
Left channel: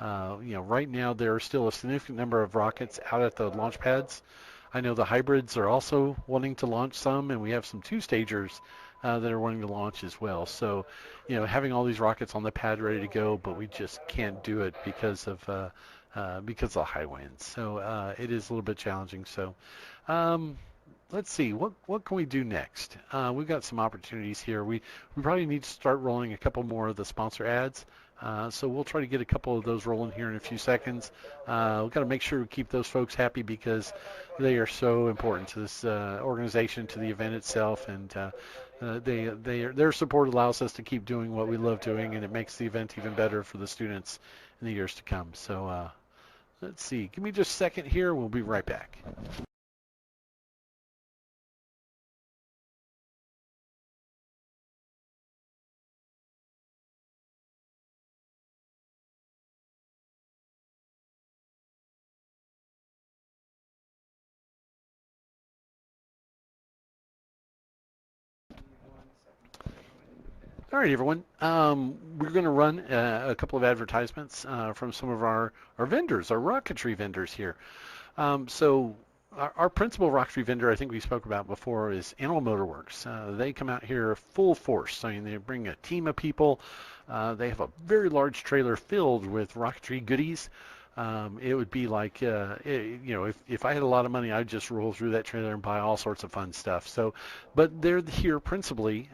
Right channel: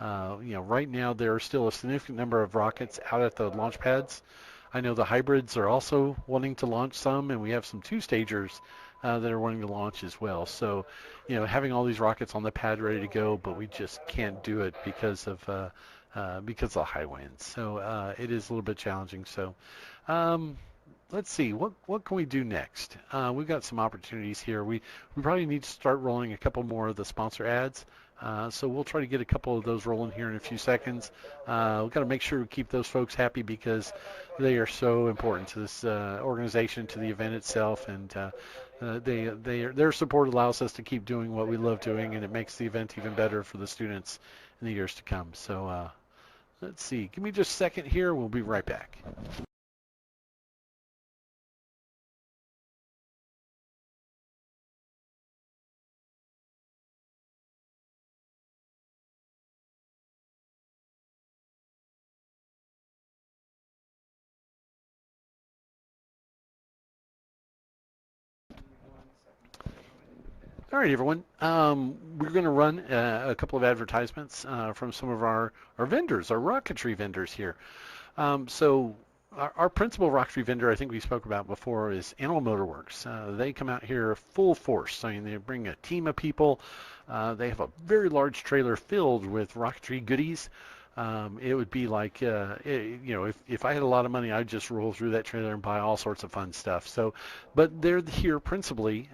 right now there are still a significant number of rockets out at the launch pads. I know the hybrids are also wanting to launch some, and we have some two-stagers that are wanting to launch as well. So, having all these rockets on the pad ready to go, but we just can't do it because of the high winds. So it is a little bit challenging. So let's see, what can we do next? We've got some opportunities here. We probably need to start rolling a couple more of the sponsor ads. So we'll try to get a couple of those rolling here in a few seconds. We've got to make sure we keep those folks happy because they are so important to this organization, to the event itself, and their support allows us to keep doing what we love doing, and it makes the event even better for the students in the years to come. So let's see. Give me just a second here. We'll be right back. All right, everyone. We're going to run a couple of advertisements from some of our vendors, our rocketry vendors here. So our principal rocketry vendor, I think we spoke about before, is Animal Motor Works. They come out here full force. I mean, they bring a team of people. They have a very large trailer filled with rocketry goodies. It would be like, if I had a lot of money, I'd just roll through that trailer and buy all sorts of fun stuff. So, but they're here principally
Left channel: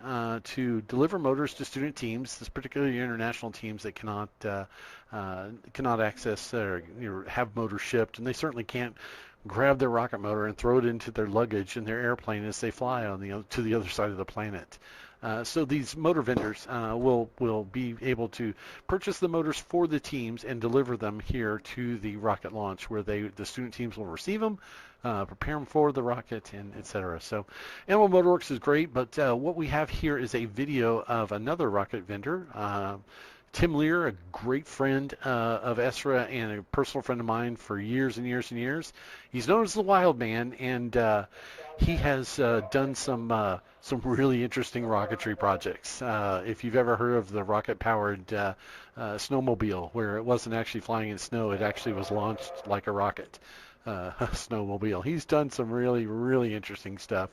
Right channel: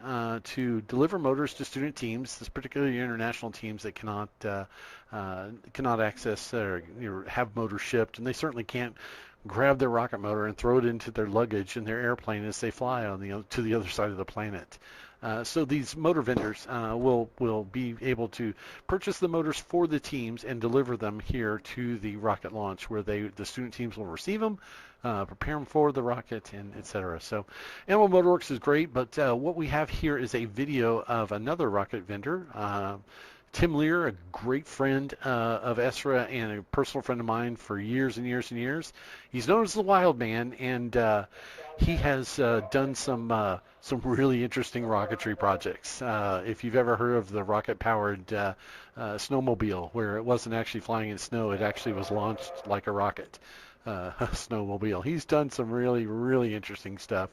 to deliver motors to student teams, particularly international teams that cannot access or have motors shipped, and they certainly can't grab their rocket motor and throw it into their luggage in their airplane as they fly to the other side of the planet. So these motor vendors will be able to purchase the motors for the teams and deliver them here to the rocket launch, where the student teams will receive them, prepare them for the rocket, and etc. So Animal Motor Works is great, but what we have here is a video of another rocket vendor, Tim Lear, a great friend of ESRA and a personal friend of mine for years and years and years. He's known as the Wild Man, and he has done some really interesting rocketry projects. If you've ever heard of the rocket-powered snowmobile, where it wasn't actually flying in snow, it actually was launched like a rocket snowmobile. He's done some really, really interesting stuff.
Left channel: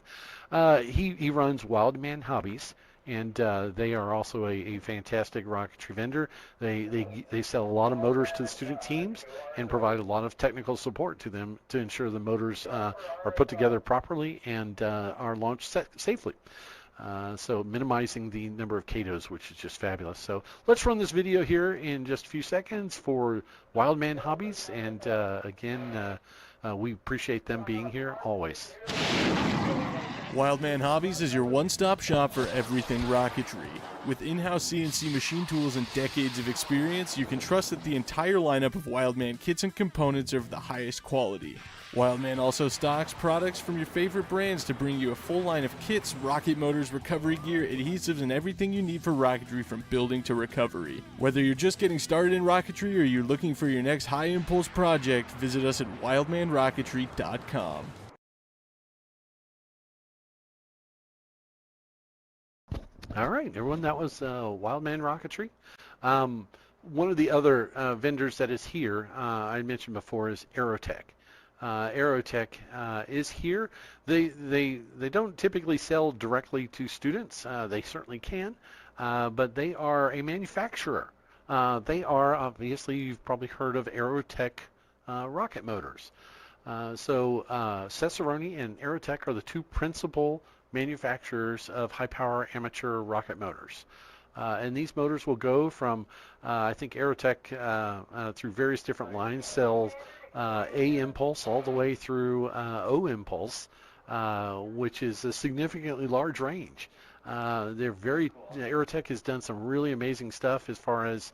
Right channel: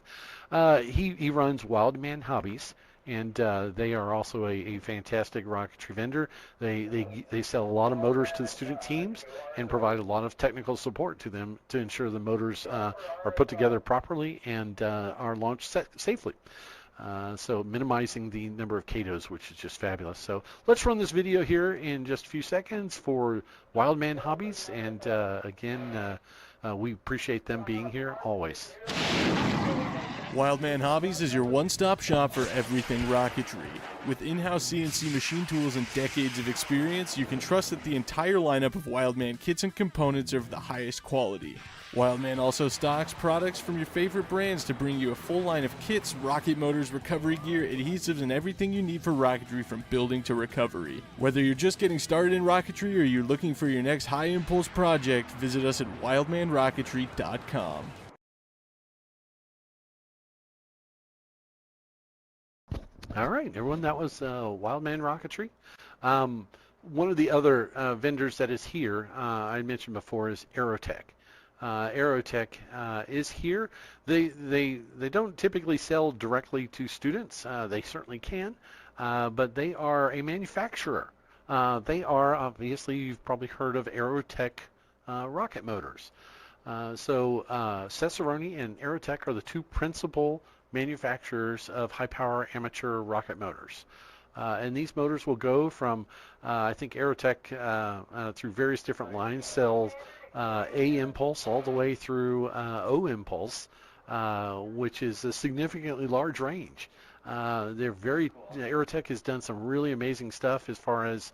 He runs Wild Man Hobbies, and they are also a fantastic rocketry vendor. They sell a lot of motors to the student teams and provide a lot of technical support to them to ensure the motors are put together properly and are launched safely. So minimizing the number of CATOs, which is just fabulous. So let's run this video here in just a few seconds for Wild Man Hobbies, and again, we appreciate them being here always. Wildman Hobbies is your one-stop shop for everything rocketry. With in-house CNC machine tools and decades of experience, you can trust that the entire lineup of Wildman kits and components are of the highest quality. Wildman also stocks products from your favorite brands to bring you a full line of kits, rocket motors, recovery gear, adhesives, and everything you need for rocketry from building to recovery. Whether you're just getting started in rocketry or you're looking for your next high-impulse project, visit us at wildmanrocketry.com. All right, everyone, that was Wildman Rocketry. One of the other vendors that is here, I mentioned before, is Aerotech. Aerotech is here. They don't typically sell directly to students. They certainly can, but they are a manufacturer. They are, obviously, you've probably heard of Aerotech rocket motors. So Cesaroni and Aerotech are the two principal manufacturers of high-power amateur rocket motors. And these motors will go from, I think Aerotech, through various different lines, sells A-impulse all the way through O-impulse, which is a significantly large range. Aerotech has done some really amazing stuff as far as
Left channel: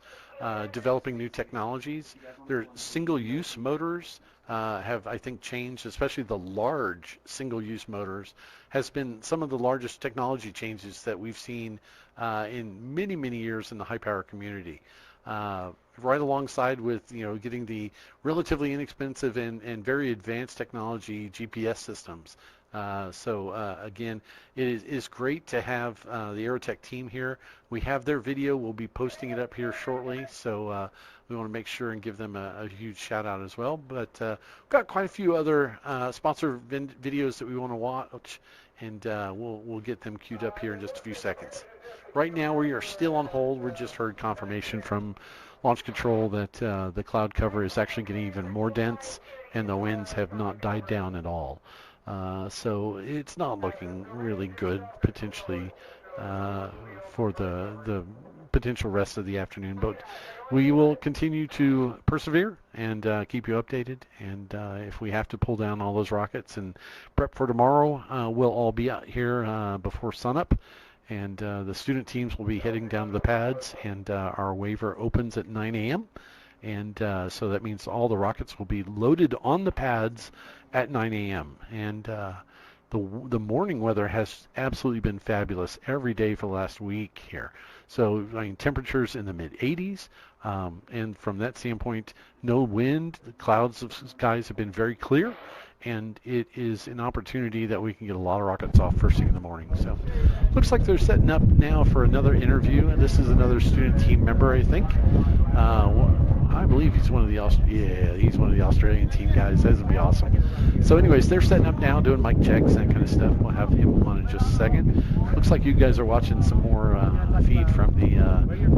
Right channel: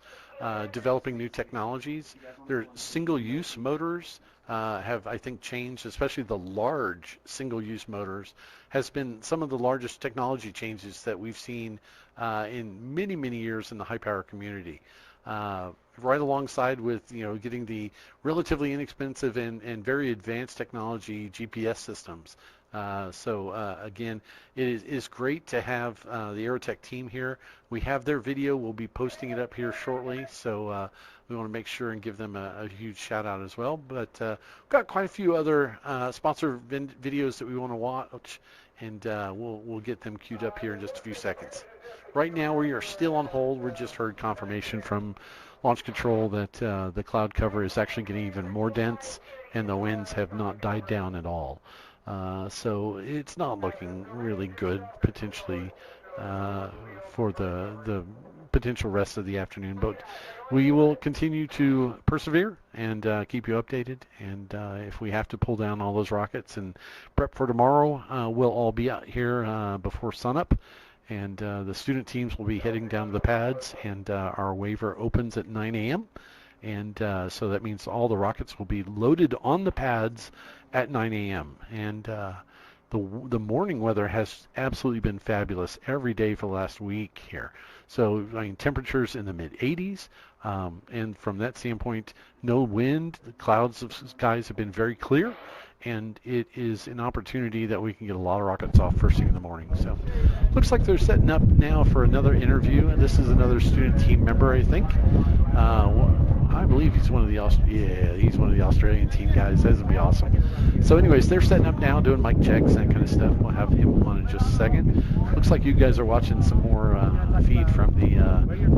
developing new technologies. Their single-use motors have, I think, changed, especially the large single-use motors, has been some of the largest technology changes that we've seen in many, many years in the high-power community. right alongside with, getting the relatively inexpensive and very advanced technology GPS systems. Again, it is great to have the Aerotech team here. We have their video. We'll be posting it up here shortly, so we want to make sure and give them a huge shout out as well. But we've got quite a few other sponsor videos that we want to watch, and we'll get them queued up here in just a few seconds. Right now, we are still on hold. We just heard confirmation from Launch Control that the cloud cover is actually getting even more dense, and the winds have not died down at all. So it's not looking really good potentially for the potential rest of the afternoon. But we will continue to persevere and keep you updated. And if we have to pull down all those rockets and prep for tomorrow, we'll all be out here before sunup. And the student teams will be heading down to the pads, and our waiver opens at 9 a.m. And so that means all the rockets will be loaded on the pads at 9 a.m. And the morning weather has absolutely been fabulous every day for the last week here. So, temperatures in the mid-80s, and from that standpoint, no wind. The clouds of skies have been very clear, and it is an opportunity that we can get a lot of rockets off first thing in the morning. So, looks like they're setting up now for another interview, and this is another student team member, I think. I believe he's one of the Australian team guys. That's gonna be awesome. So, anyways, they're setting up now, doing mic checks, that kind of stuff. We'll have him on in just a second. Looks like you guys are watching some more feed from the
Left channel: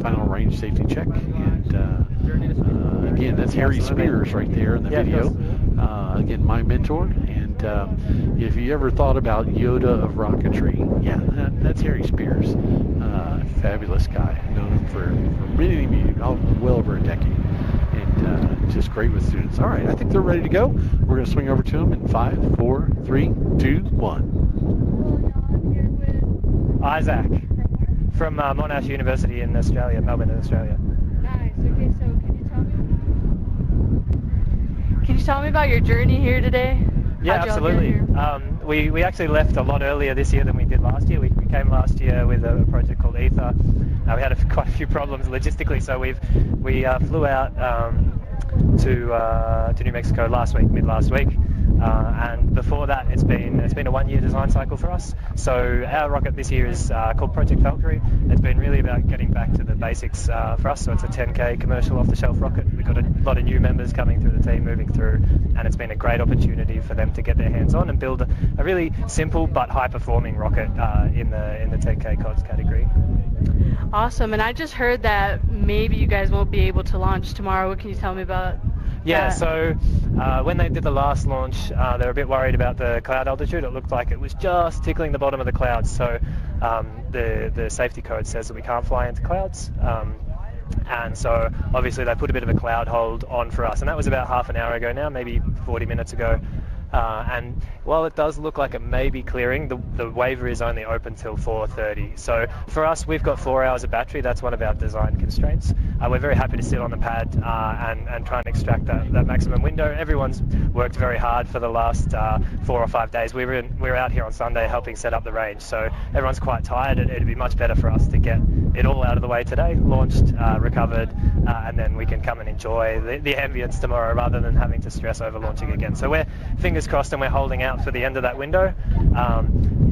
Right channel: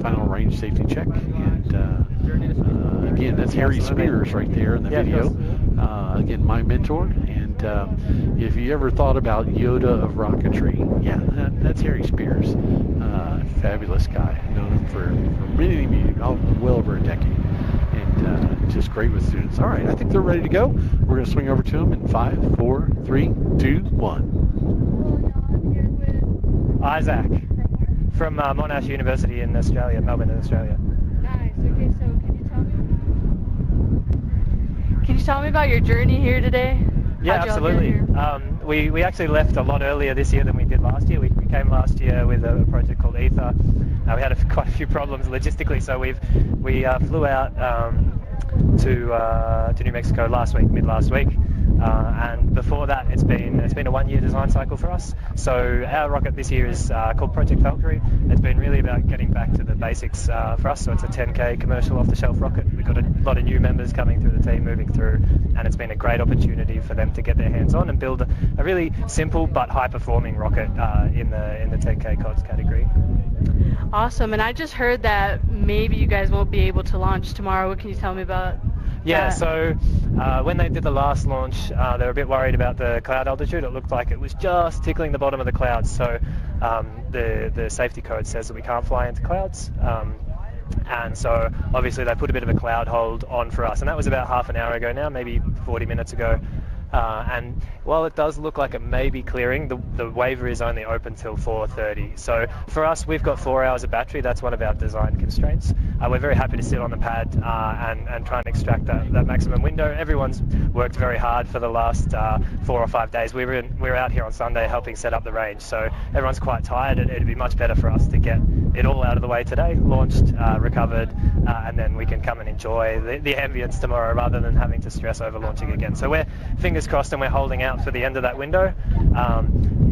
final range safety check, and again, that's Harry Spears right there in the video. Again, my mentor, and if you ever thought about Yoda of rocketry, that's Harry Spears. Fabulous guy. I've known him for many, well over a decade, and just great with students. All right, I think they're ready to go. We're going to swing over to them in 5, 4, 3, 2, 1. Isaac from Monash University in Australia, Melbourne in Australia. Nice. Okay, so can you tell me about your journey here today? Yeah, absolutely. We actually left a lot earlier this year than we did last year. We came last year with a project called ETHA. We had quite a few problems logistically, so we flew out to New Mexico mid last week. And before that, it's been a 1-year design cycle for us. So our rocket this year is called Project Valkyrie. It's been really about getting back to the basics for us. So it's a 10K commercial off-the-shelf rocket. We've got a lot of new members coming through the team, moving through, and it's been a great opportunity for them to get their hands on and build a really simple but high-performing rocket in the 10K COTS category. Awesome. And I just heard that maybe you guys won't be able to launch tomorrow. What can you tell me about? Yeah, so when they did the last launch, they were a bit worried about the cloud altitude. It looked like it was just tickling the bottom of the clouds. So the safety code says that we can't fly into clouds. And so obviously they put a bit of a cloud hold on for us. And that was about half an hour ago now, maybe 40 minutes ago. And while it does look like it may be clearing, the waiver is only open till 4:30. So for us, we've got 4 hours of battery. That's one of our design constraints. We're very happy to sit on the pad and try and extract that maximum window. Everyone's worked very hard for the last 4 or 5 days. We were out here on Sunday helping set up the range, so everyone's quite tired. It'd be much better for us to get it all out of the way today, launched, recovered, and then we can come and enjoy the ambience tomorrow rather than having to stress over launching again. So we're fingers crossed and we're holding out for the end of that window.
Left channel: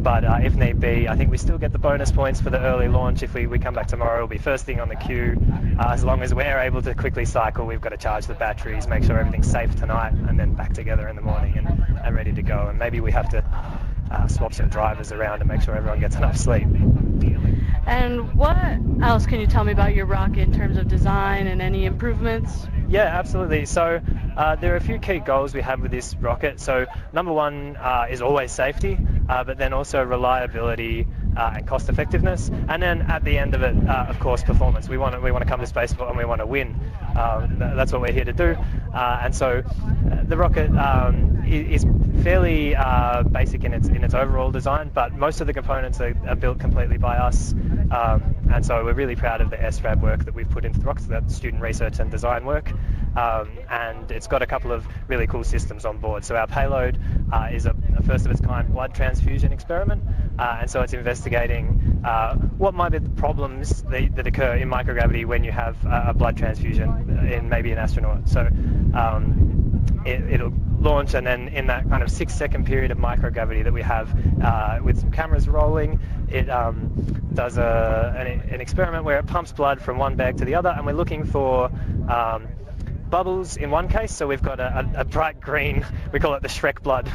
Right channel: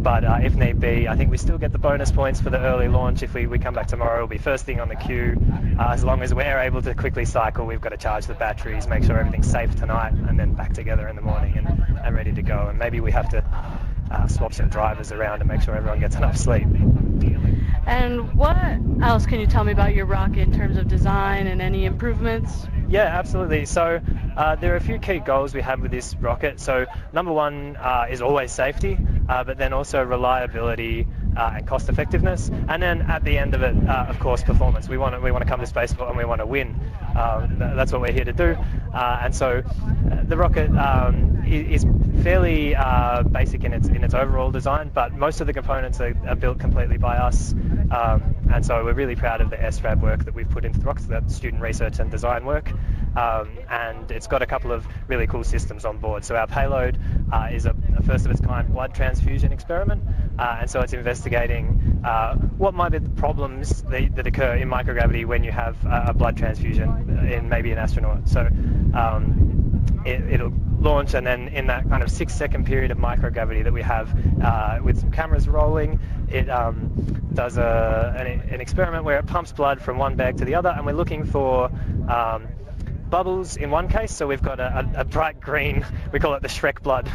But if need be, I think we still get the bonus points for the early launch. If we come back tomorrow, it'll be first thing on the queue. As long as we're able to quickly cycle, we've got to charge the batteries, make sure everything's safe tonight, and then back together in the morning and ready to go. And maybe we have to swap some drivers around and make sure everyone gets enough sleep. And what else can you tell me about your rocket in terms of design and any improvements? Yeah, absolutely. So there are a few key goals we have with this rocket. So number one is always safety, but then also reliability and cost effectiveness. And then at the end of it, of course, performance. We want to come to Spaceport and we want to win. That's what we're here to do. And so the rocket is fairly basic in its overall design, but most of the components are built completely by us. And so we're really proud of the SRAD work that we've put into the rocket, that student research and design work. And it's got a couple of really cool systems on board. So our payload is a first of its kind blood transfusion experiment, and so it's investigating what might be the problems that occur in microgravity when you have a blood transfusion in maybe an astronaut. So it'll launch, and then in that kind of 6-second period of microgravity that we have with some cameras rolling, it does an experiment where it pumps blood from one bag to the other, and we're looking for bubbles in one case. So we've got a bright green, we call it the Shrek blood,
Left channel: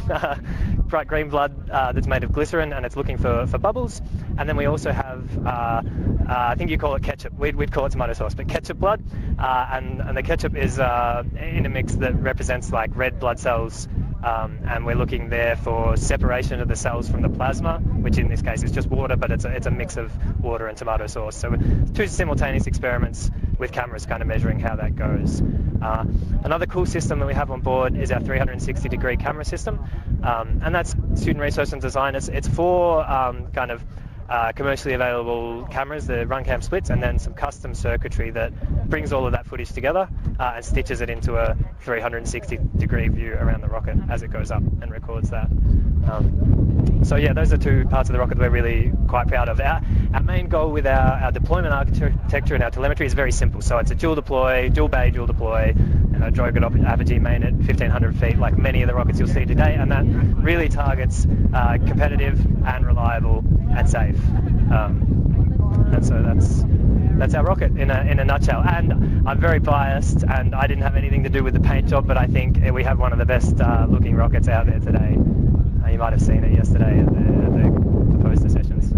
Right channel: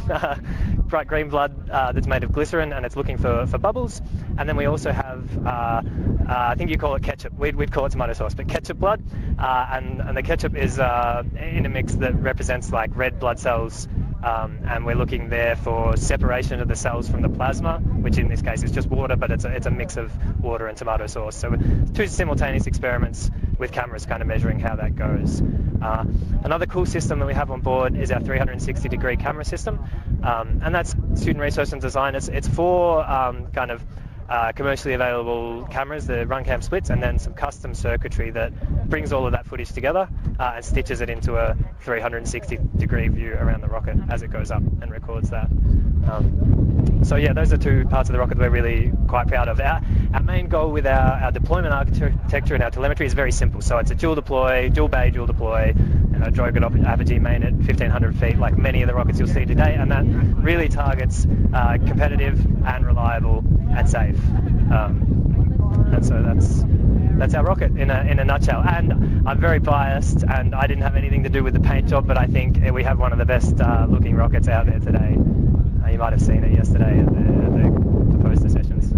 bright green blood that's made of glycerin, and it's looking for bubbles. And then we also have, I think you call it ketchup, we'd call it tomato sauce, but ketchup blood, and the ketchup is in a mix that represents like red blood cells, and we're looking there for separation of the cells from the plasma, which in this case is just water, but it's a mix of water and tomato sauce. So 2 simultaneous experiments with cameras kind of measuring how that goes. Another cool system that we have on board is our 360-degree camera system, and that's student research and design. It's 4 kind of commercially available cameras, the RunCam splits, and then some custom circuitry that brings all of that footage together and stitches it into a 360-degree view around the rocket as it goes up and records that. So yeah, those are 2 parts of the rocket that we're really quite proud of. Our main goal with our deployment architecture and our telemetry is very simple. So it's a dual deploy, dual bay, dual deploy, drogue at apogee main at 1,500 feet, like many of the rockets you'll see today, and that really targets competitive and reliable and safe. And so that's our rocket in a nutshell. And I'm very biased, and I didn't have anything to do with the paint job, but I think we have one of the best looking rockets out there today. You might have seen it yesterday at the poster sessions.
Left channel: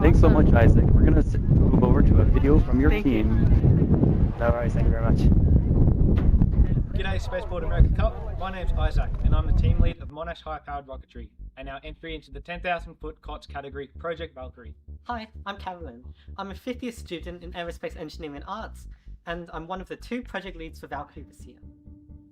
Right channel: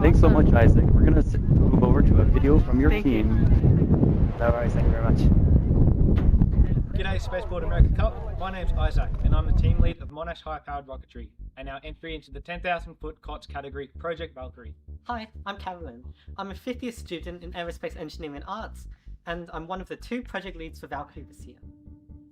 Thanks so much, Isaac. We're going to move over to a video from your team. No worries, thank you very much. G'day Spaceport America Cup, my name's Isaac and I'm the team lead of Monash high-powered rocketry and our entry into the 10,000 foot COTS category, Project Valkyrie. Hi, I'm Carolyn. I'm a 5th year student in Aerospace Engineering and Arts, and I'm one of the 2 project leads for Valkyrie this year.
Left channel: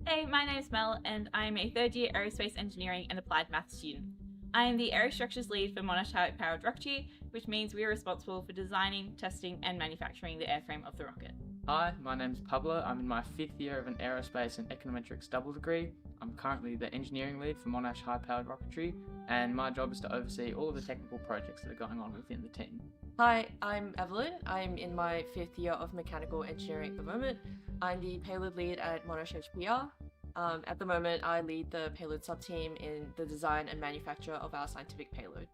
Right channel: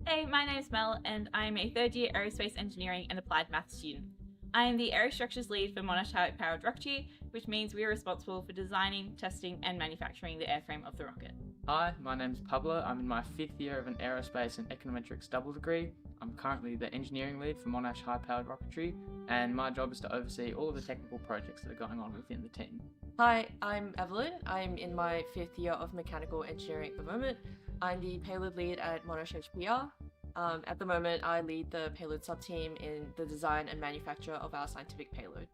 Hey, my name's Mel and I'm a 3rd year Aerospace Engineering and Applied Maths student. I am the Aerostructures lead for Monash high-powered rocketry, which means we are responsible for designing, testing and manufacturing the airframe of the rocket. Hi, my name's Pablo. I'm in my 5th year of an Aerospace and Econometrics double degree. I'm currently the engineering lead for Monash high-powered rocketry, and my job is to oversee all of the technical projects that are going on within the team. Hi, I'm Evelyn. I'm in my 5th year of mechanical engineering at the moment. I'm the payload lead at Monash HPR. At the moment, I lead the payload sub-team in the design and manufacture of our scientific payload.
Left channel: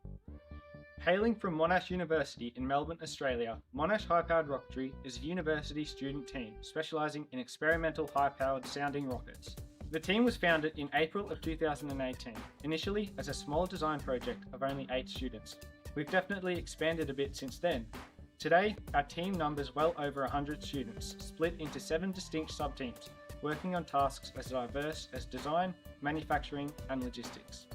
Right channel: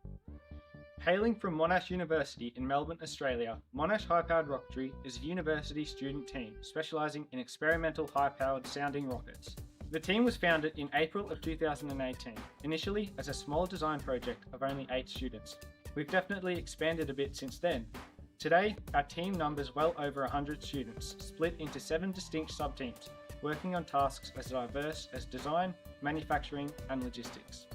Hailing from Monash University in Melbourne, Australia, Monash high-powered rocketry is a university student team specialising in experimental high-powered sounding rockets. The team was founded in April of 2018, initially as a small design project of only 8 students. We've definitely expanded a bit since then. Today, our team numbers well over 100 students, split into 7 distinct sub-teams, working on tasks as diverse as design, manufacturing and logistics.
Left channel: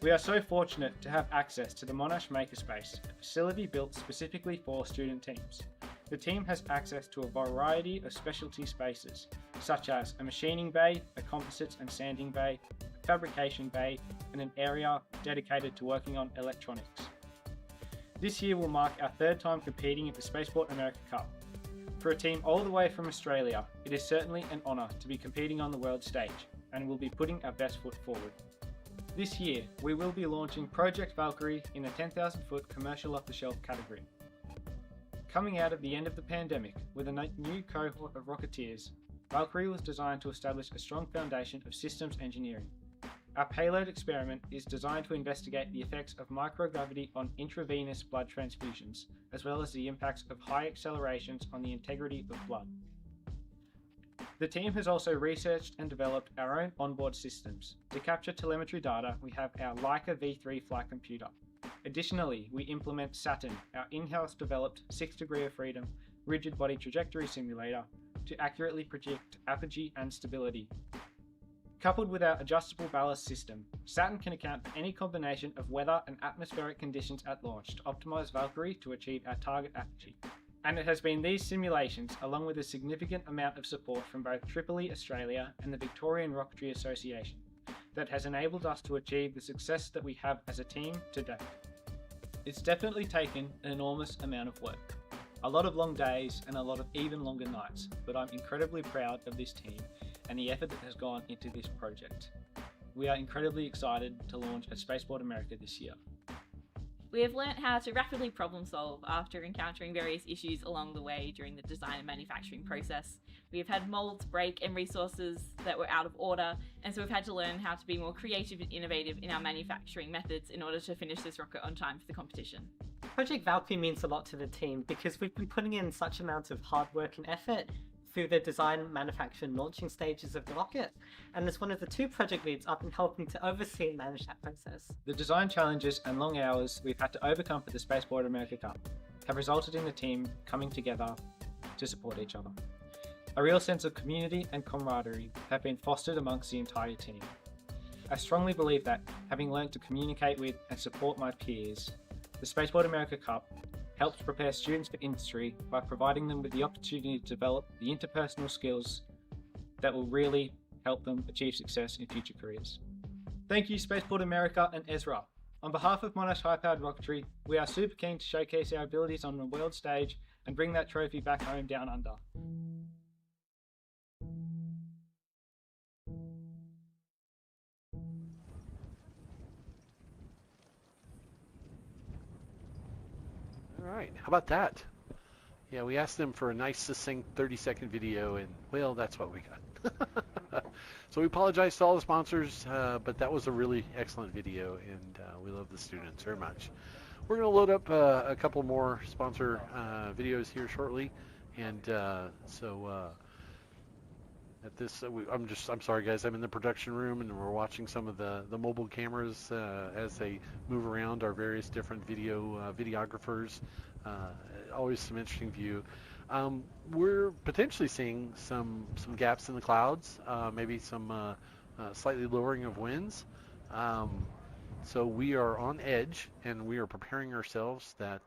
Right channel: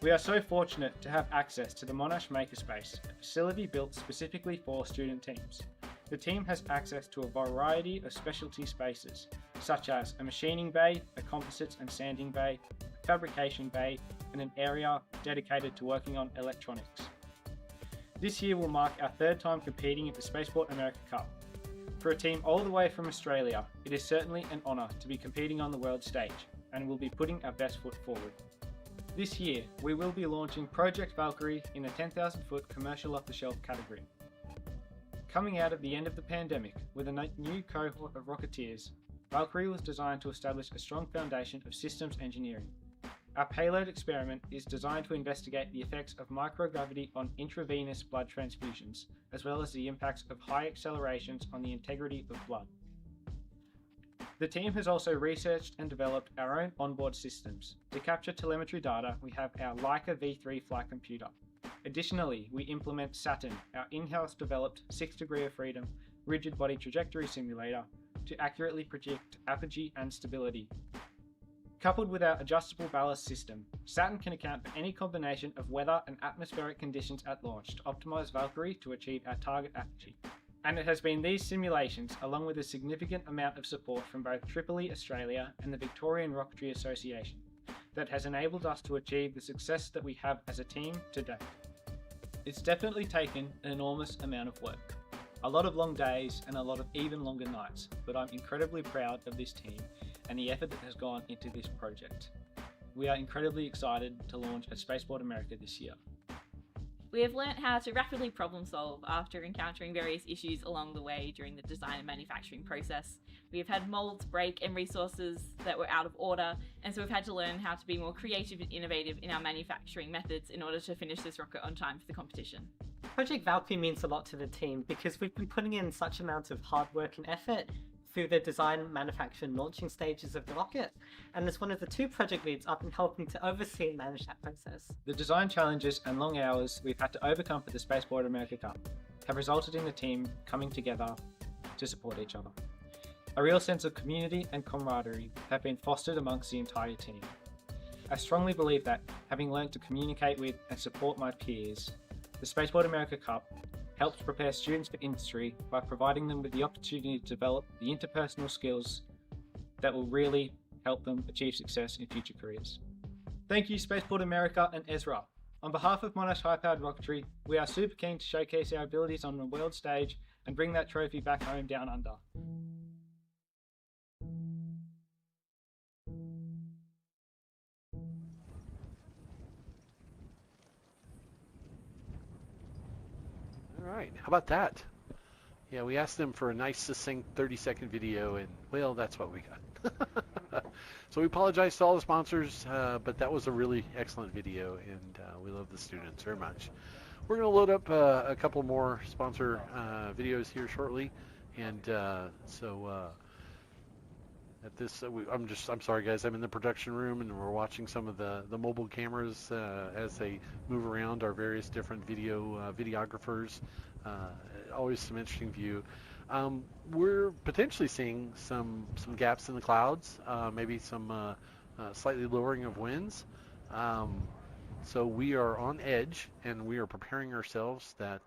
We are so fortunate to have access to the Monash Makerspace, a facility built specifically for student teams. The team has access to a variety of specialty spaces, such as a machining bay, a composites and sanding bay, a fabrication bay, and an area dedicated to working on electronics. This year will mark our 3rd time competing at the Spaceport America Cup. For a team all the way from Australia, it is certainly an honour to be competing on the world stage, and we'll be putting our best foot forward. This year, we will be launching Project Valkyrie in the 10,000 foot commercial off-the-shelf category. Coming out of the end of the pandemic with a new cohort of Rocketeers, Valkyrie was designed to establish a strong foundation of systems engineering. Our payload experiment is designed to investigate the effects of microgravity on intravenous blood transfusions, as well as the impacts of high accelerations on the integrity of blood. The team has also researched and developed our own onboard systems. To capture telemetry data, we have our Leica V3 flight computer. Additionally, we implement Saturn, our in-house developed 6 degree of freedom rigid body trajectory simulator, to accurately predict apogee and stability. Coupled with our adjustable ballast system, Saturn can account for any combination of weather and atmospheric conditions at launch to optimise Valkyrie to achieve our target apogee. And it has been these simulations, along with a significant amount of support from both Tripoli Australia and the Victorian Rocketry Association, that has enabled us to achieve the success that we have as a team today. It's definitely taken an enormous amount of work, a lot of long days and a lot of even longer nights, but I'm incredibly proud of this team and the effort that has gone into this project. we are incredibly excited to launch at Spaceport America this year. We have learnt how to rapidly problem solve after encountering various issues along the way during the design and manufacturing process. We have had molds break and resources that were out of order, and so we've had to learn how to be more creative and innovative in our manufacturing methods in order to finish this rocket on time for the competition. Project Valkyrie means a lot to the team because we've been putting in such amounts of hard work and effort through the design, manufacture and launching stages of the rocket, and as one of the 2 project leads, I've been helping to oversee and manage that process. The design challenges and long hours we've had to overcome for the Spaceport America Cup have resulted in the team coming together to support each other. A real sense of community and camaraderie have been fostered amongst the entire team. I strongly believe that, having learned to communicate with and support my peers, the Spaceport America Cup helps prepare students for industry by providing them with the opportunity to develop the interpersonal skills that will really help them achieve success in future careers. Thank you, Spaceport America and ESRA. On behalf of Monash High-Powered Rocketry, we are super keen to showcase our abilities on the world stage and bring that trophy back home down under. How about that? Yeah, we asked them for a nice, succinct 30-second video, and, well, that's what we got. So we apologize to all the sponsors, but that was a really excellent video, and we love the students very much. We're going to load up a couple more sponsor videos here shortly, and at this, I'm sorry guys, I'm in the production room, and we're watching some of the mobile cameras as they move around, our various different videographers. Always some interesting view. We're potentially seeing some gaps in the clouds, maybe some slightly lowering of winds. So we are on edge, and we are preparing ourselves that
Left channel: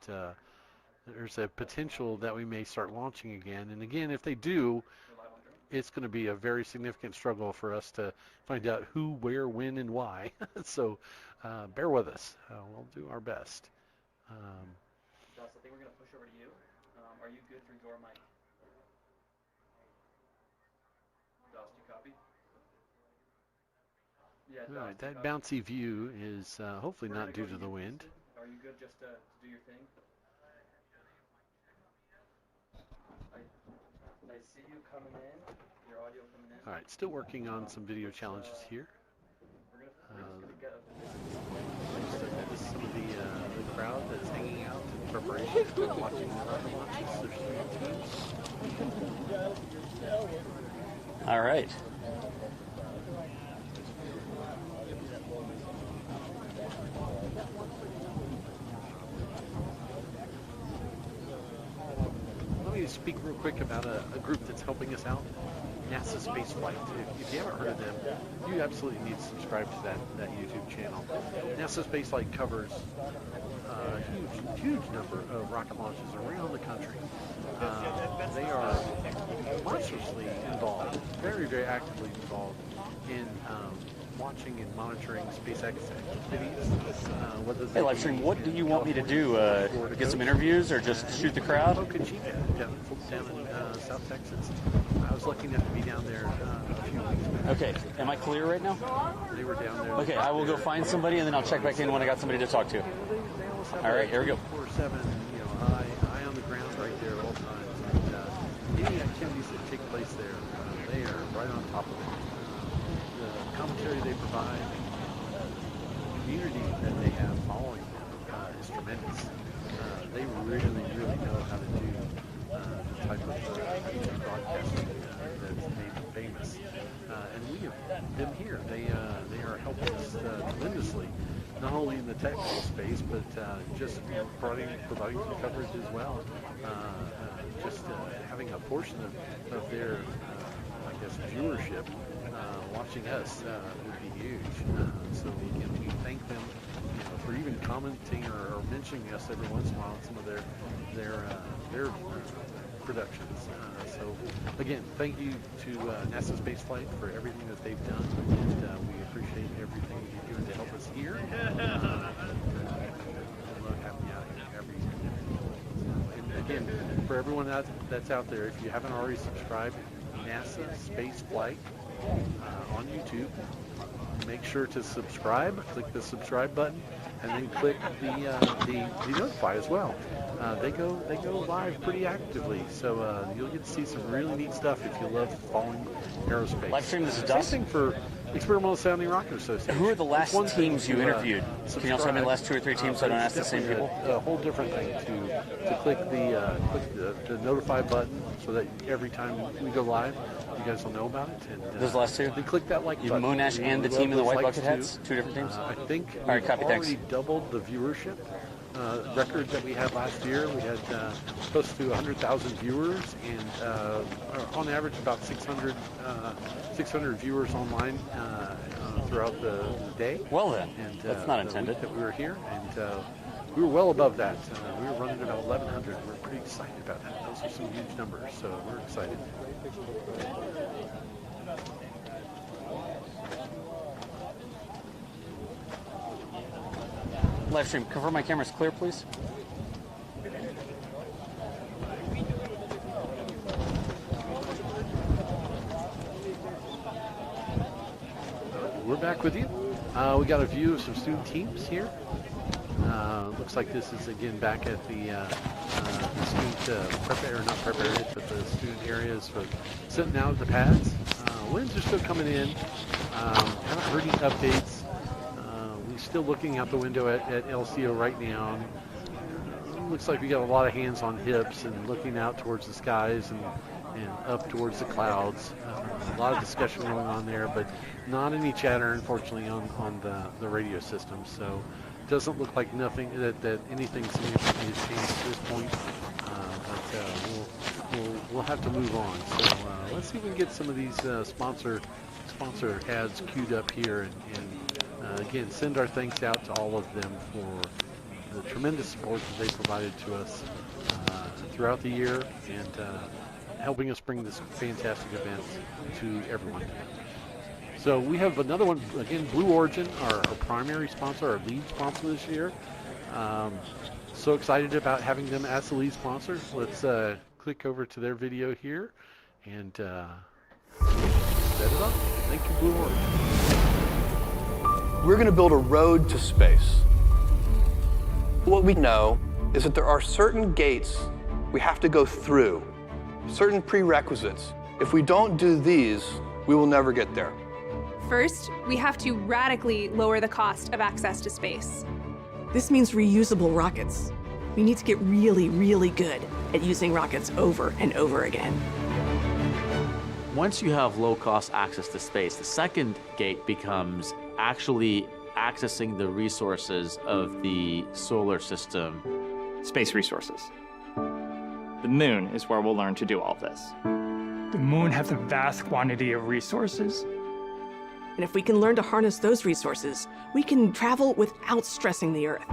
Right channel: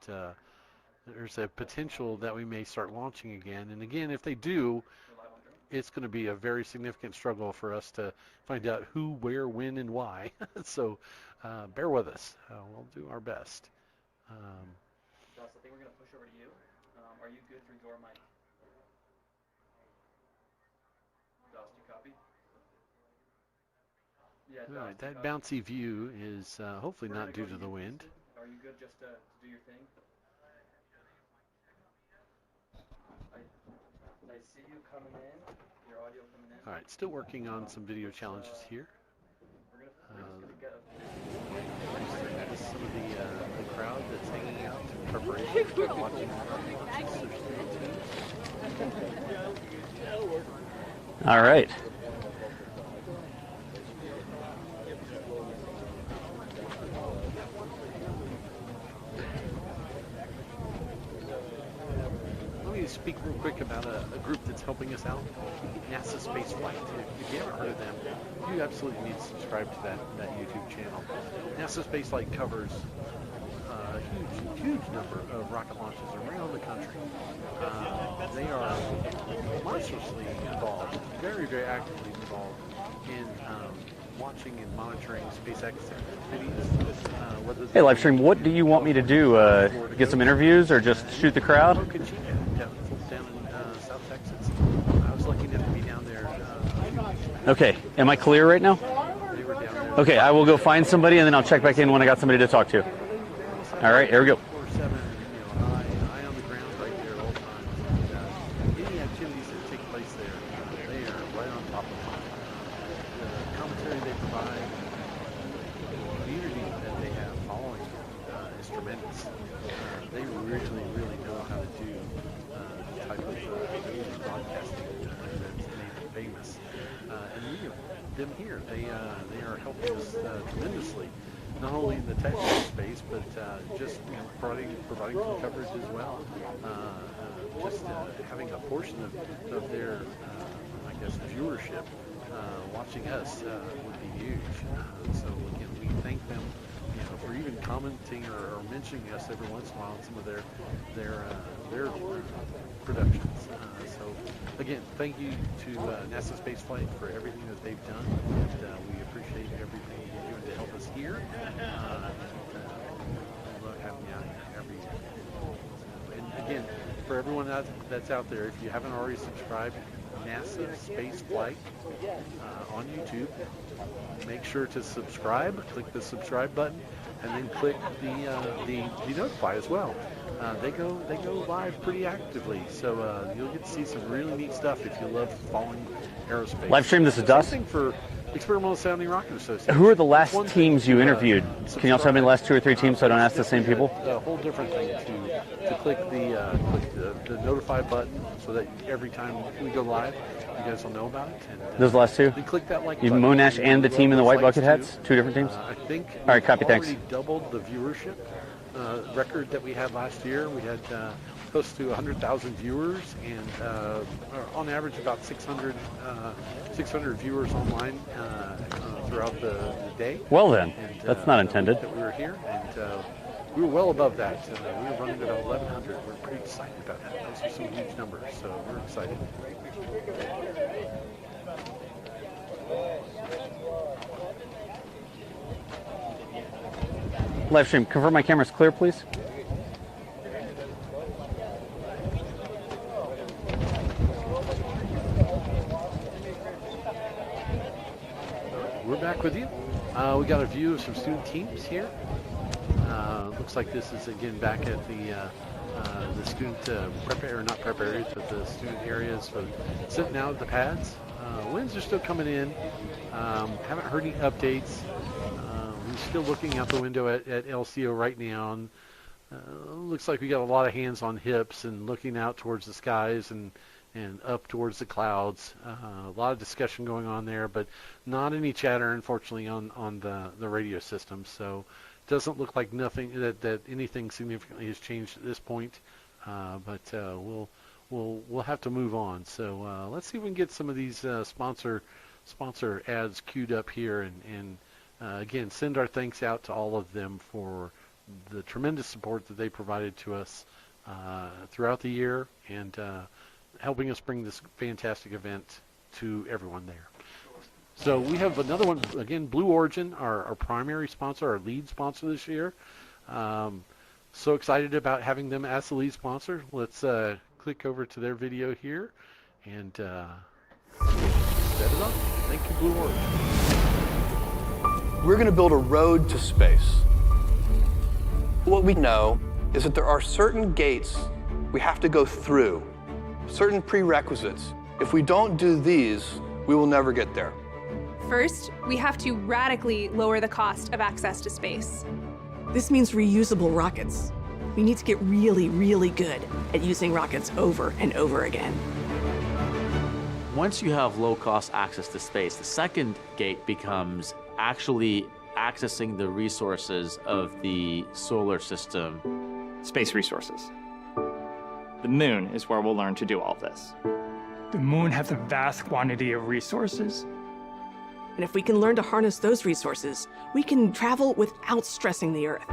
there's a potential that we may start launching again. And again, if they do, it's going to be a very significant struggle for us to find out who, where, when, and why. So bear with us. We'll do our best. Josh, I think we're going to push over to you. Are you good through door mic? Josh, do you copy? Yeah, Josh, all right, that bouncy view is hopefully not due to the wind. Are you good just to do your thing? I see you coming in, your audio coming in. All right, still working on some video challenges here. Some of the crowd that's hanging out in preparation. All right. Let me speak real quick about a group that's helping us out, NASA Space Flight. If you haven't heard of them, you absolutely need to subscribe to that YouTube channel. NASA Space Flight covers a huge number of rocket launches around the country. They are monstrously involved, very actively involved in launching and monitoring SpaceX activities. Hey, Livestream, what do you want me to do? Get some interviews or just shoot the crowd? Down in South Texas. I was lucky enough to be down there. Okay, am I clear right now? Okay, I will go find somebody and then I'll check back in when I got somebody to talk to. All right, here we go. Providing some coverage as well. Having a portion of their, viewership watching us would be huge. So again, we thank them for even commenting or mentioning us every once in a while on some of their productions. So again, thank you to NASA Spaceflight for everything that they've done, and we appreciate everything you're doing to help us here. Again, for everyone that's out there, if you haven't already subscribed, NASA Space Flight on YouTube. Make sure to subscribe. Click the subscribe button, and then click the notify as well. They go live pretty actively, so you'll get to see some really neat stuff if you love following aerospace. Livestream, this is Dustin. For Experimental Sounding Rocket Association. Who are the last teams you interviewed? Can you also tell me the last 2 or 3 teams so I don't ask the same people? A whole different thing to click the notify button so that every time we go live, you guys will know about it. And, Those last 2? Then click that like You button. Monash and the team in the white bucket hats? 2 different teams? I think all right, copy, thanks. already doubled the viewership record that we had last year. We had close to 100,000 viewers, and on average about 600 viewers online throughout the day. Well then, and, that's not intended. That we were here, and we were well above that. We were running at 1,100. We're pretty excited about that. Those are some huge numbers, so we're excited. Livestream, confirm my camera's clear, please. We're back with you. We got a view of some student teams here. Looks like this is again back at the student prep area, not prep areas, but the student areas for sitting out at the pads. Winds are still coming in. Haven't heard any updates. We're still looking out the window at LCO right now. Looks like we got a lot of hands on hips and looking out towards the skies and up towards the clouds. A lot of discussion going on there, but not any chatter, unfortunately, on the radio system. So it doesn't look like nothing that anything significant has changed at this point. But we'll have to move on. So let's see if we can get some of these sponsor ads queued up here, and again, send our thanks out to all of them for the tremendous support that they provided to us throughout the year, and helping us bring this fantastic event to everyone there. So we have another one, again, Blue Origin, our primary sponsor, our lead sponsor this year. So excited about having them as the lead sponsor. Let's click over to their video here and set it up. Thank you, Blue Origin. We're going to build a road to space. What we know is that there are certain gates we have to go through, certain prerequisites. If we don't do these, we will never get there. First, we have to radically lower the cost of access to space. This means reusable rockets. We need to get really, really good at using rockets over and over again. Once you have low-cost access to space, the second gate becomes actually accessing the resources of the solar system. Space resources. The moon is where we'll learn to do all of this. The moon has a vast quantity of resources. And if we can learn to harness those resources, we can travel without stressing the Earth.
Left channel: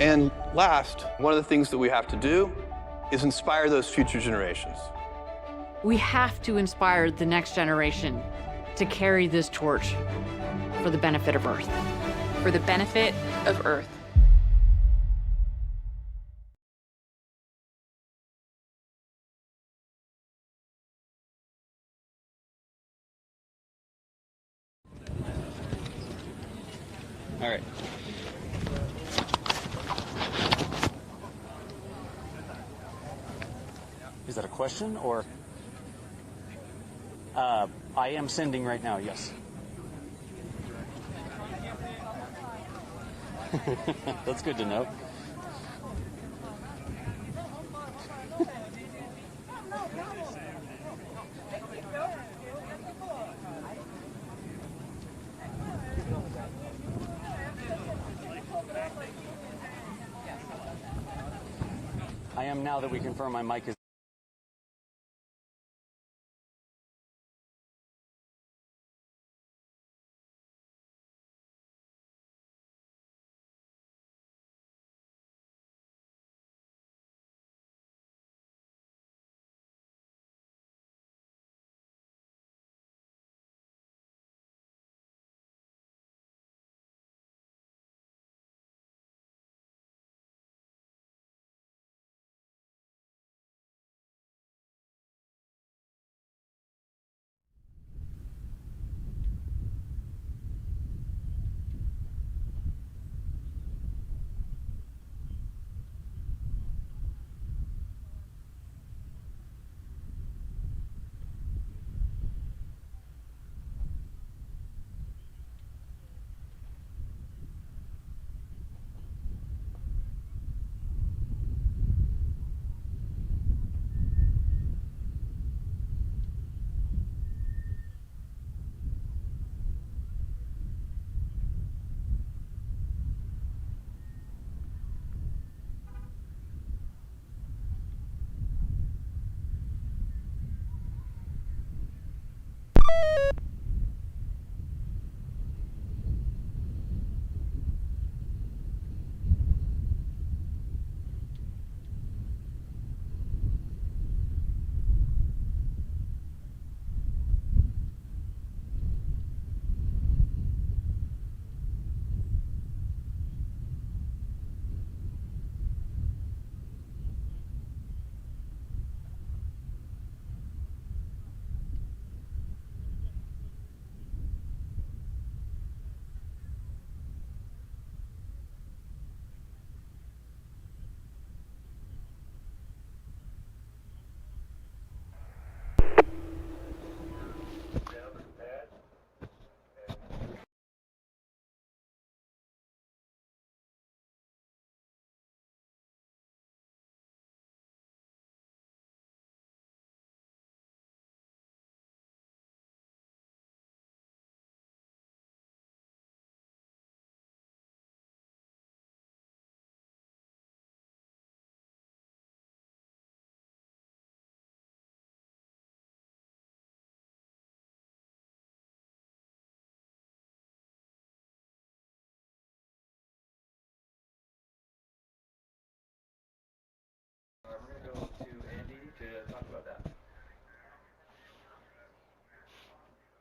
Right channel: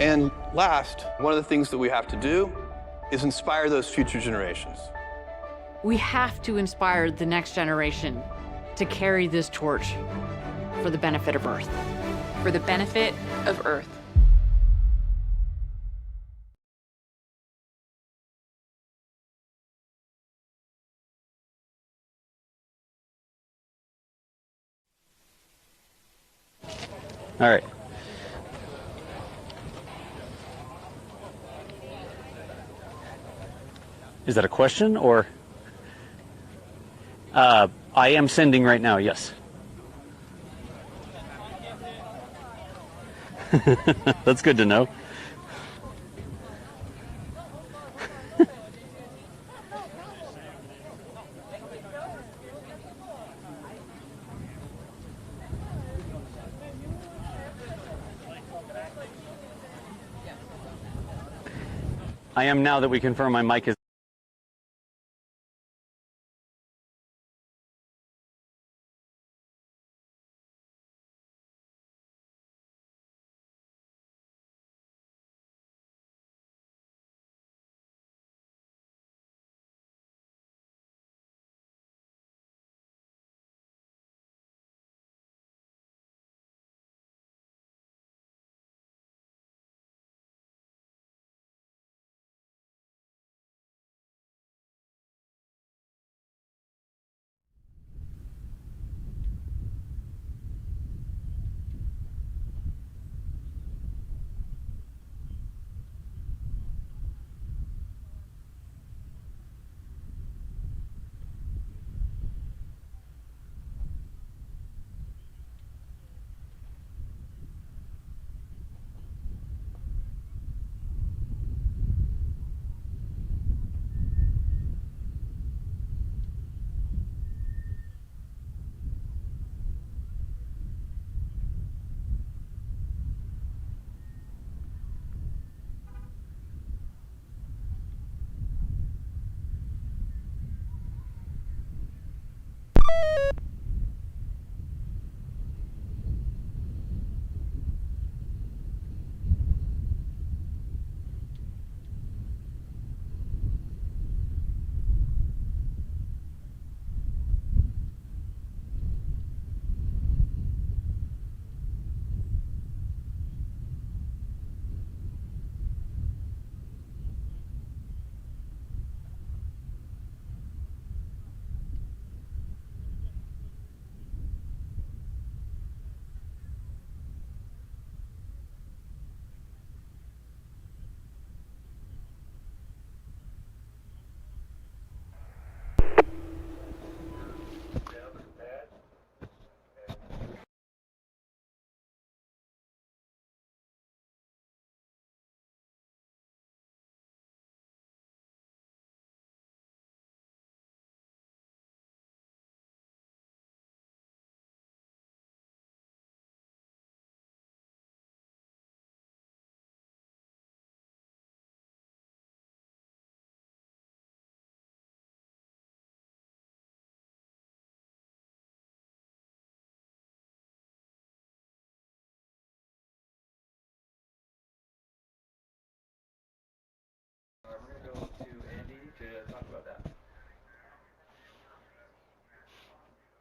And last, one of the things that we have to do is inspire those future generations. We have to inspire the next generation to carry this torch for the benefit of Earth. For the benefit of Earth. All right. Is that a question or? I am sending right now, yes. That's good to know. I am now that we confirm my mic is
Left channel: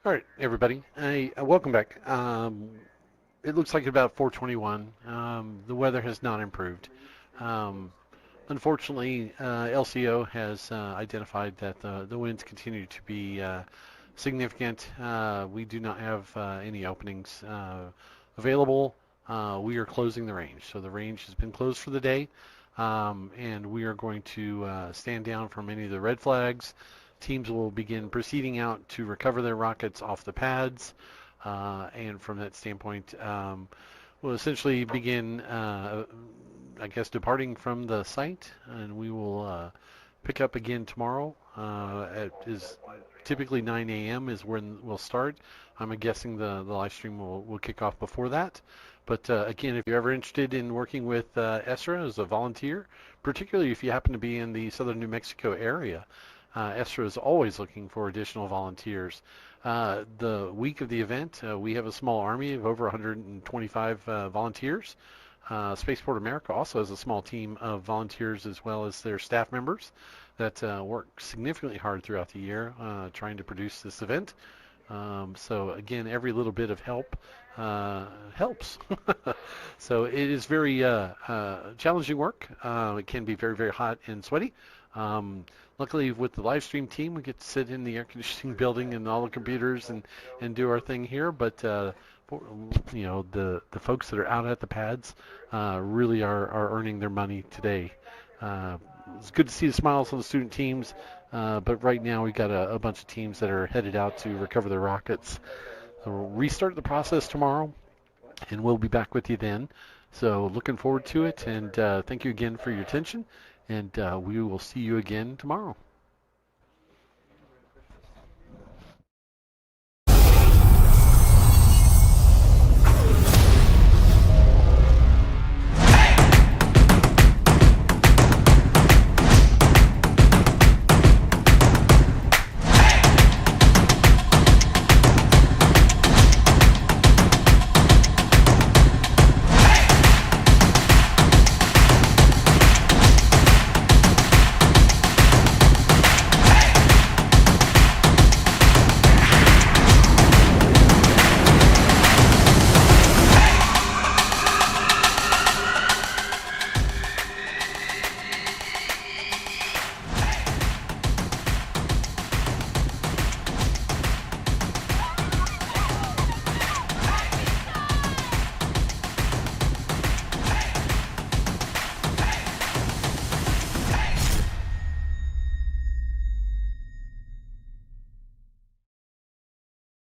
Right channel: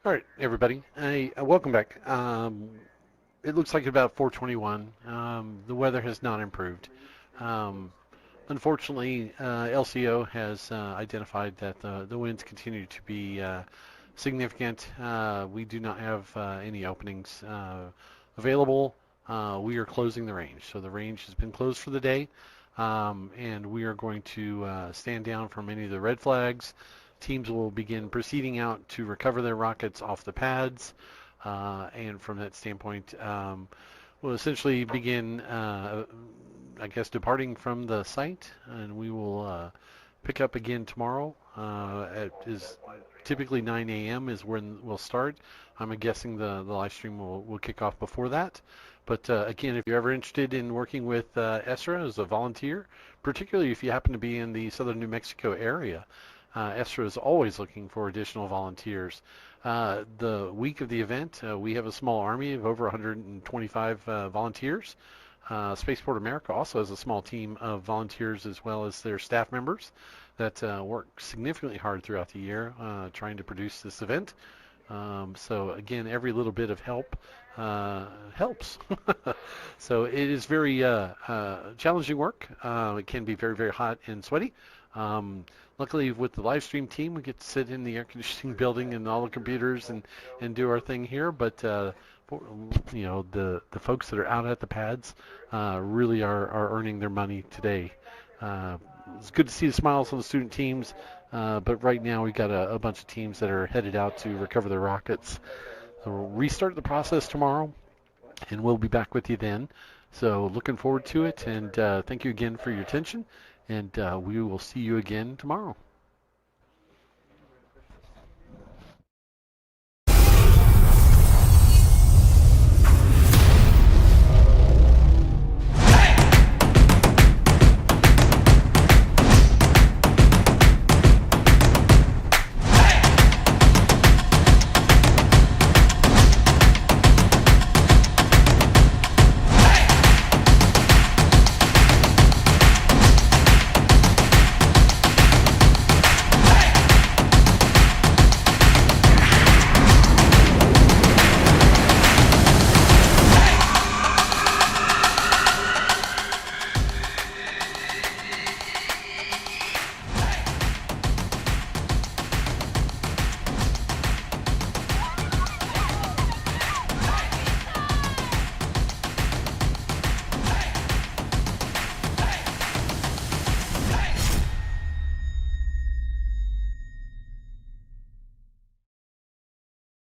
All right, everybody. Welcome back. It looks like about 4:21. The weather has not improved. Unfortunately, LCO has identified that the winds continue to be significant. We do not have any openings available. We are closing the range. So the range has been closed for the day, and we are going to stand down from any of the red flags. Teams will begin proceeding out to recover their rockets off the pads, and from that standpoint, we'll essentially begin, I guess, departing from the site, and we will pick up again tomorrow. Is typically 9 a.m. is when we'll start. I'm guessing the live stream will kick off before that. But again, if you're ever interested in working with ESRA as a volunteer, particularly if you happen to be in the southern New Mexico area, ESRA is always looking for additional volunteers. The week of the event, we have a small army of over 125 volunteers. Spaceport America also has a small team of volunteers as well as their staff members that work significantly hard throughout the year trying to produce this event. So again, every little bit of help helps. So it is very challenging work. It can be very, very hot and sweaty. Luckily, with the live stream team, we get to sit in the air conditioning building and all the computers and do our thing here. But you know, the folks that are out at the pads really are earning their money today. It's good to see the smiles on the student teams, but right now we've got a bunch of teams that are headed out to recover their rockets. So we'll restart the process tomorrow, and we'll be back with you then. So looking forward to it, and thank you again for your attention. And we will see you again tomorrow.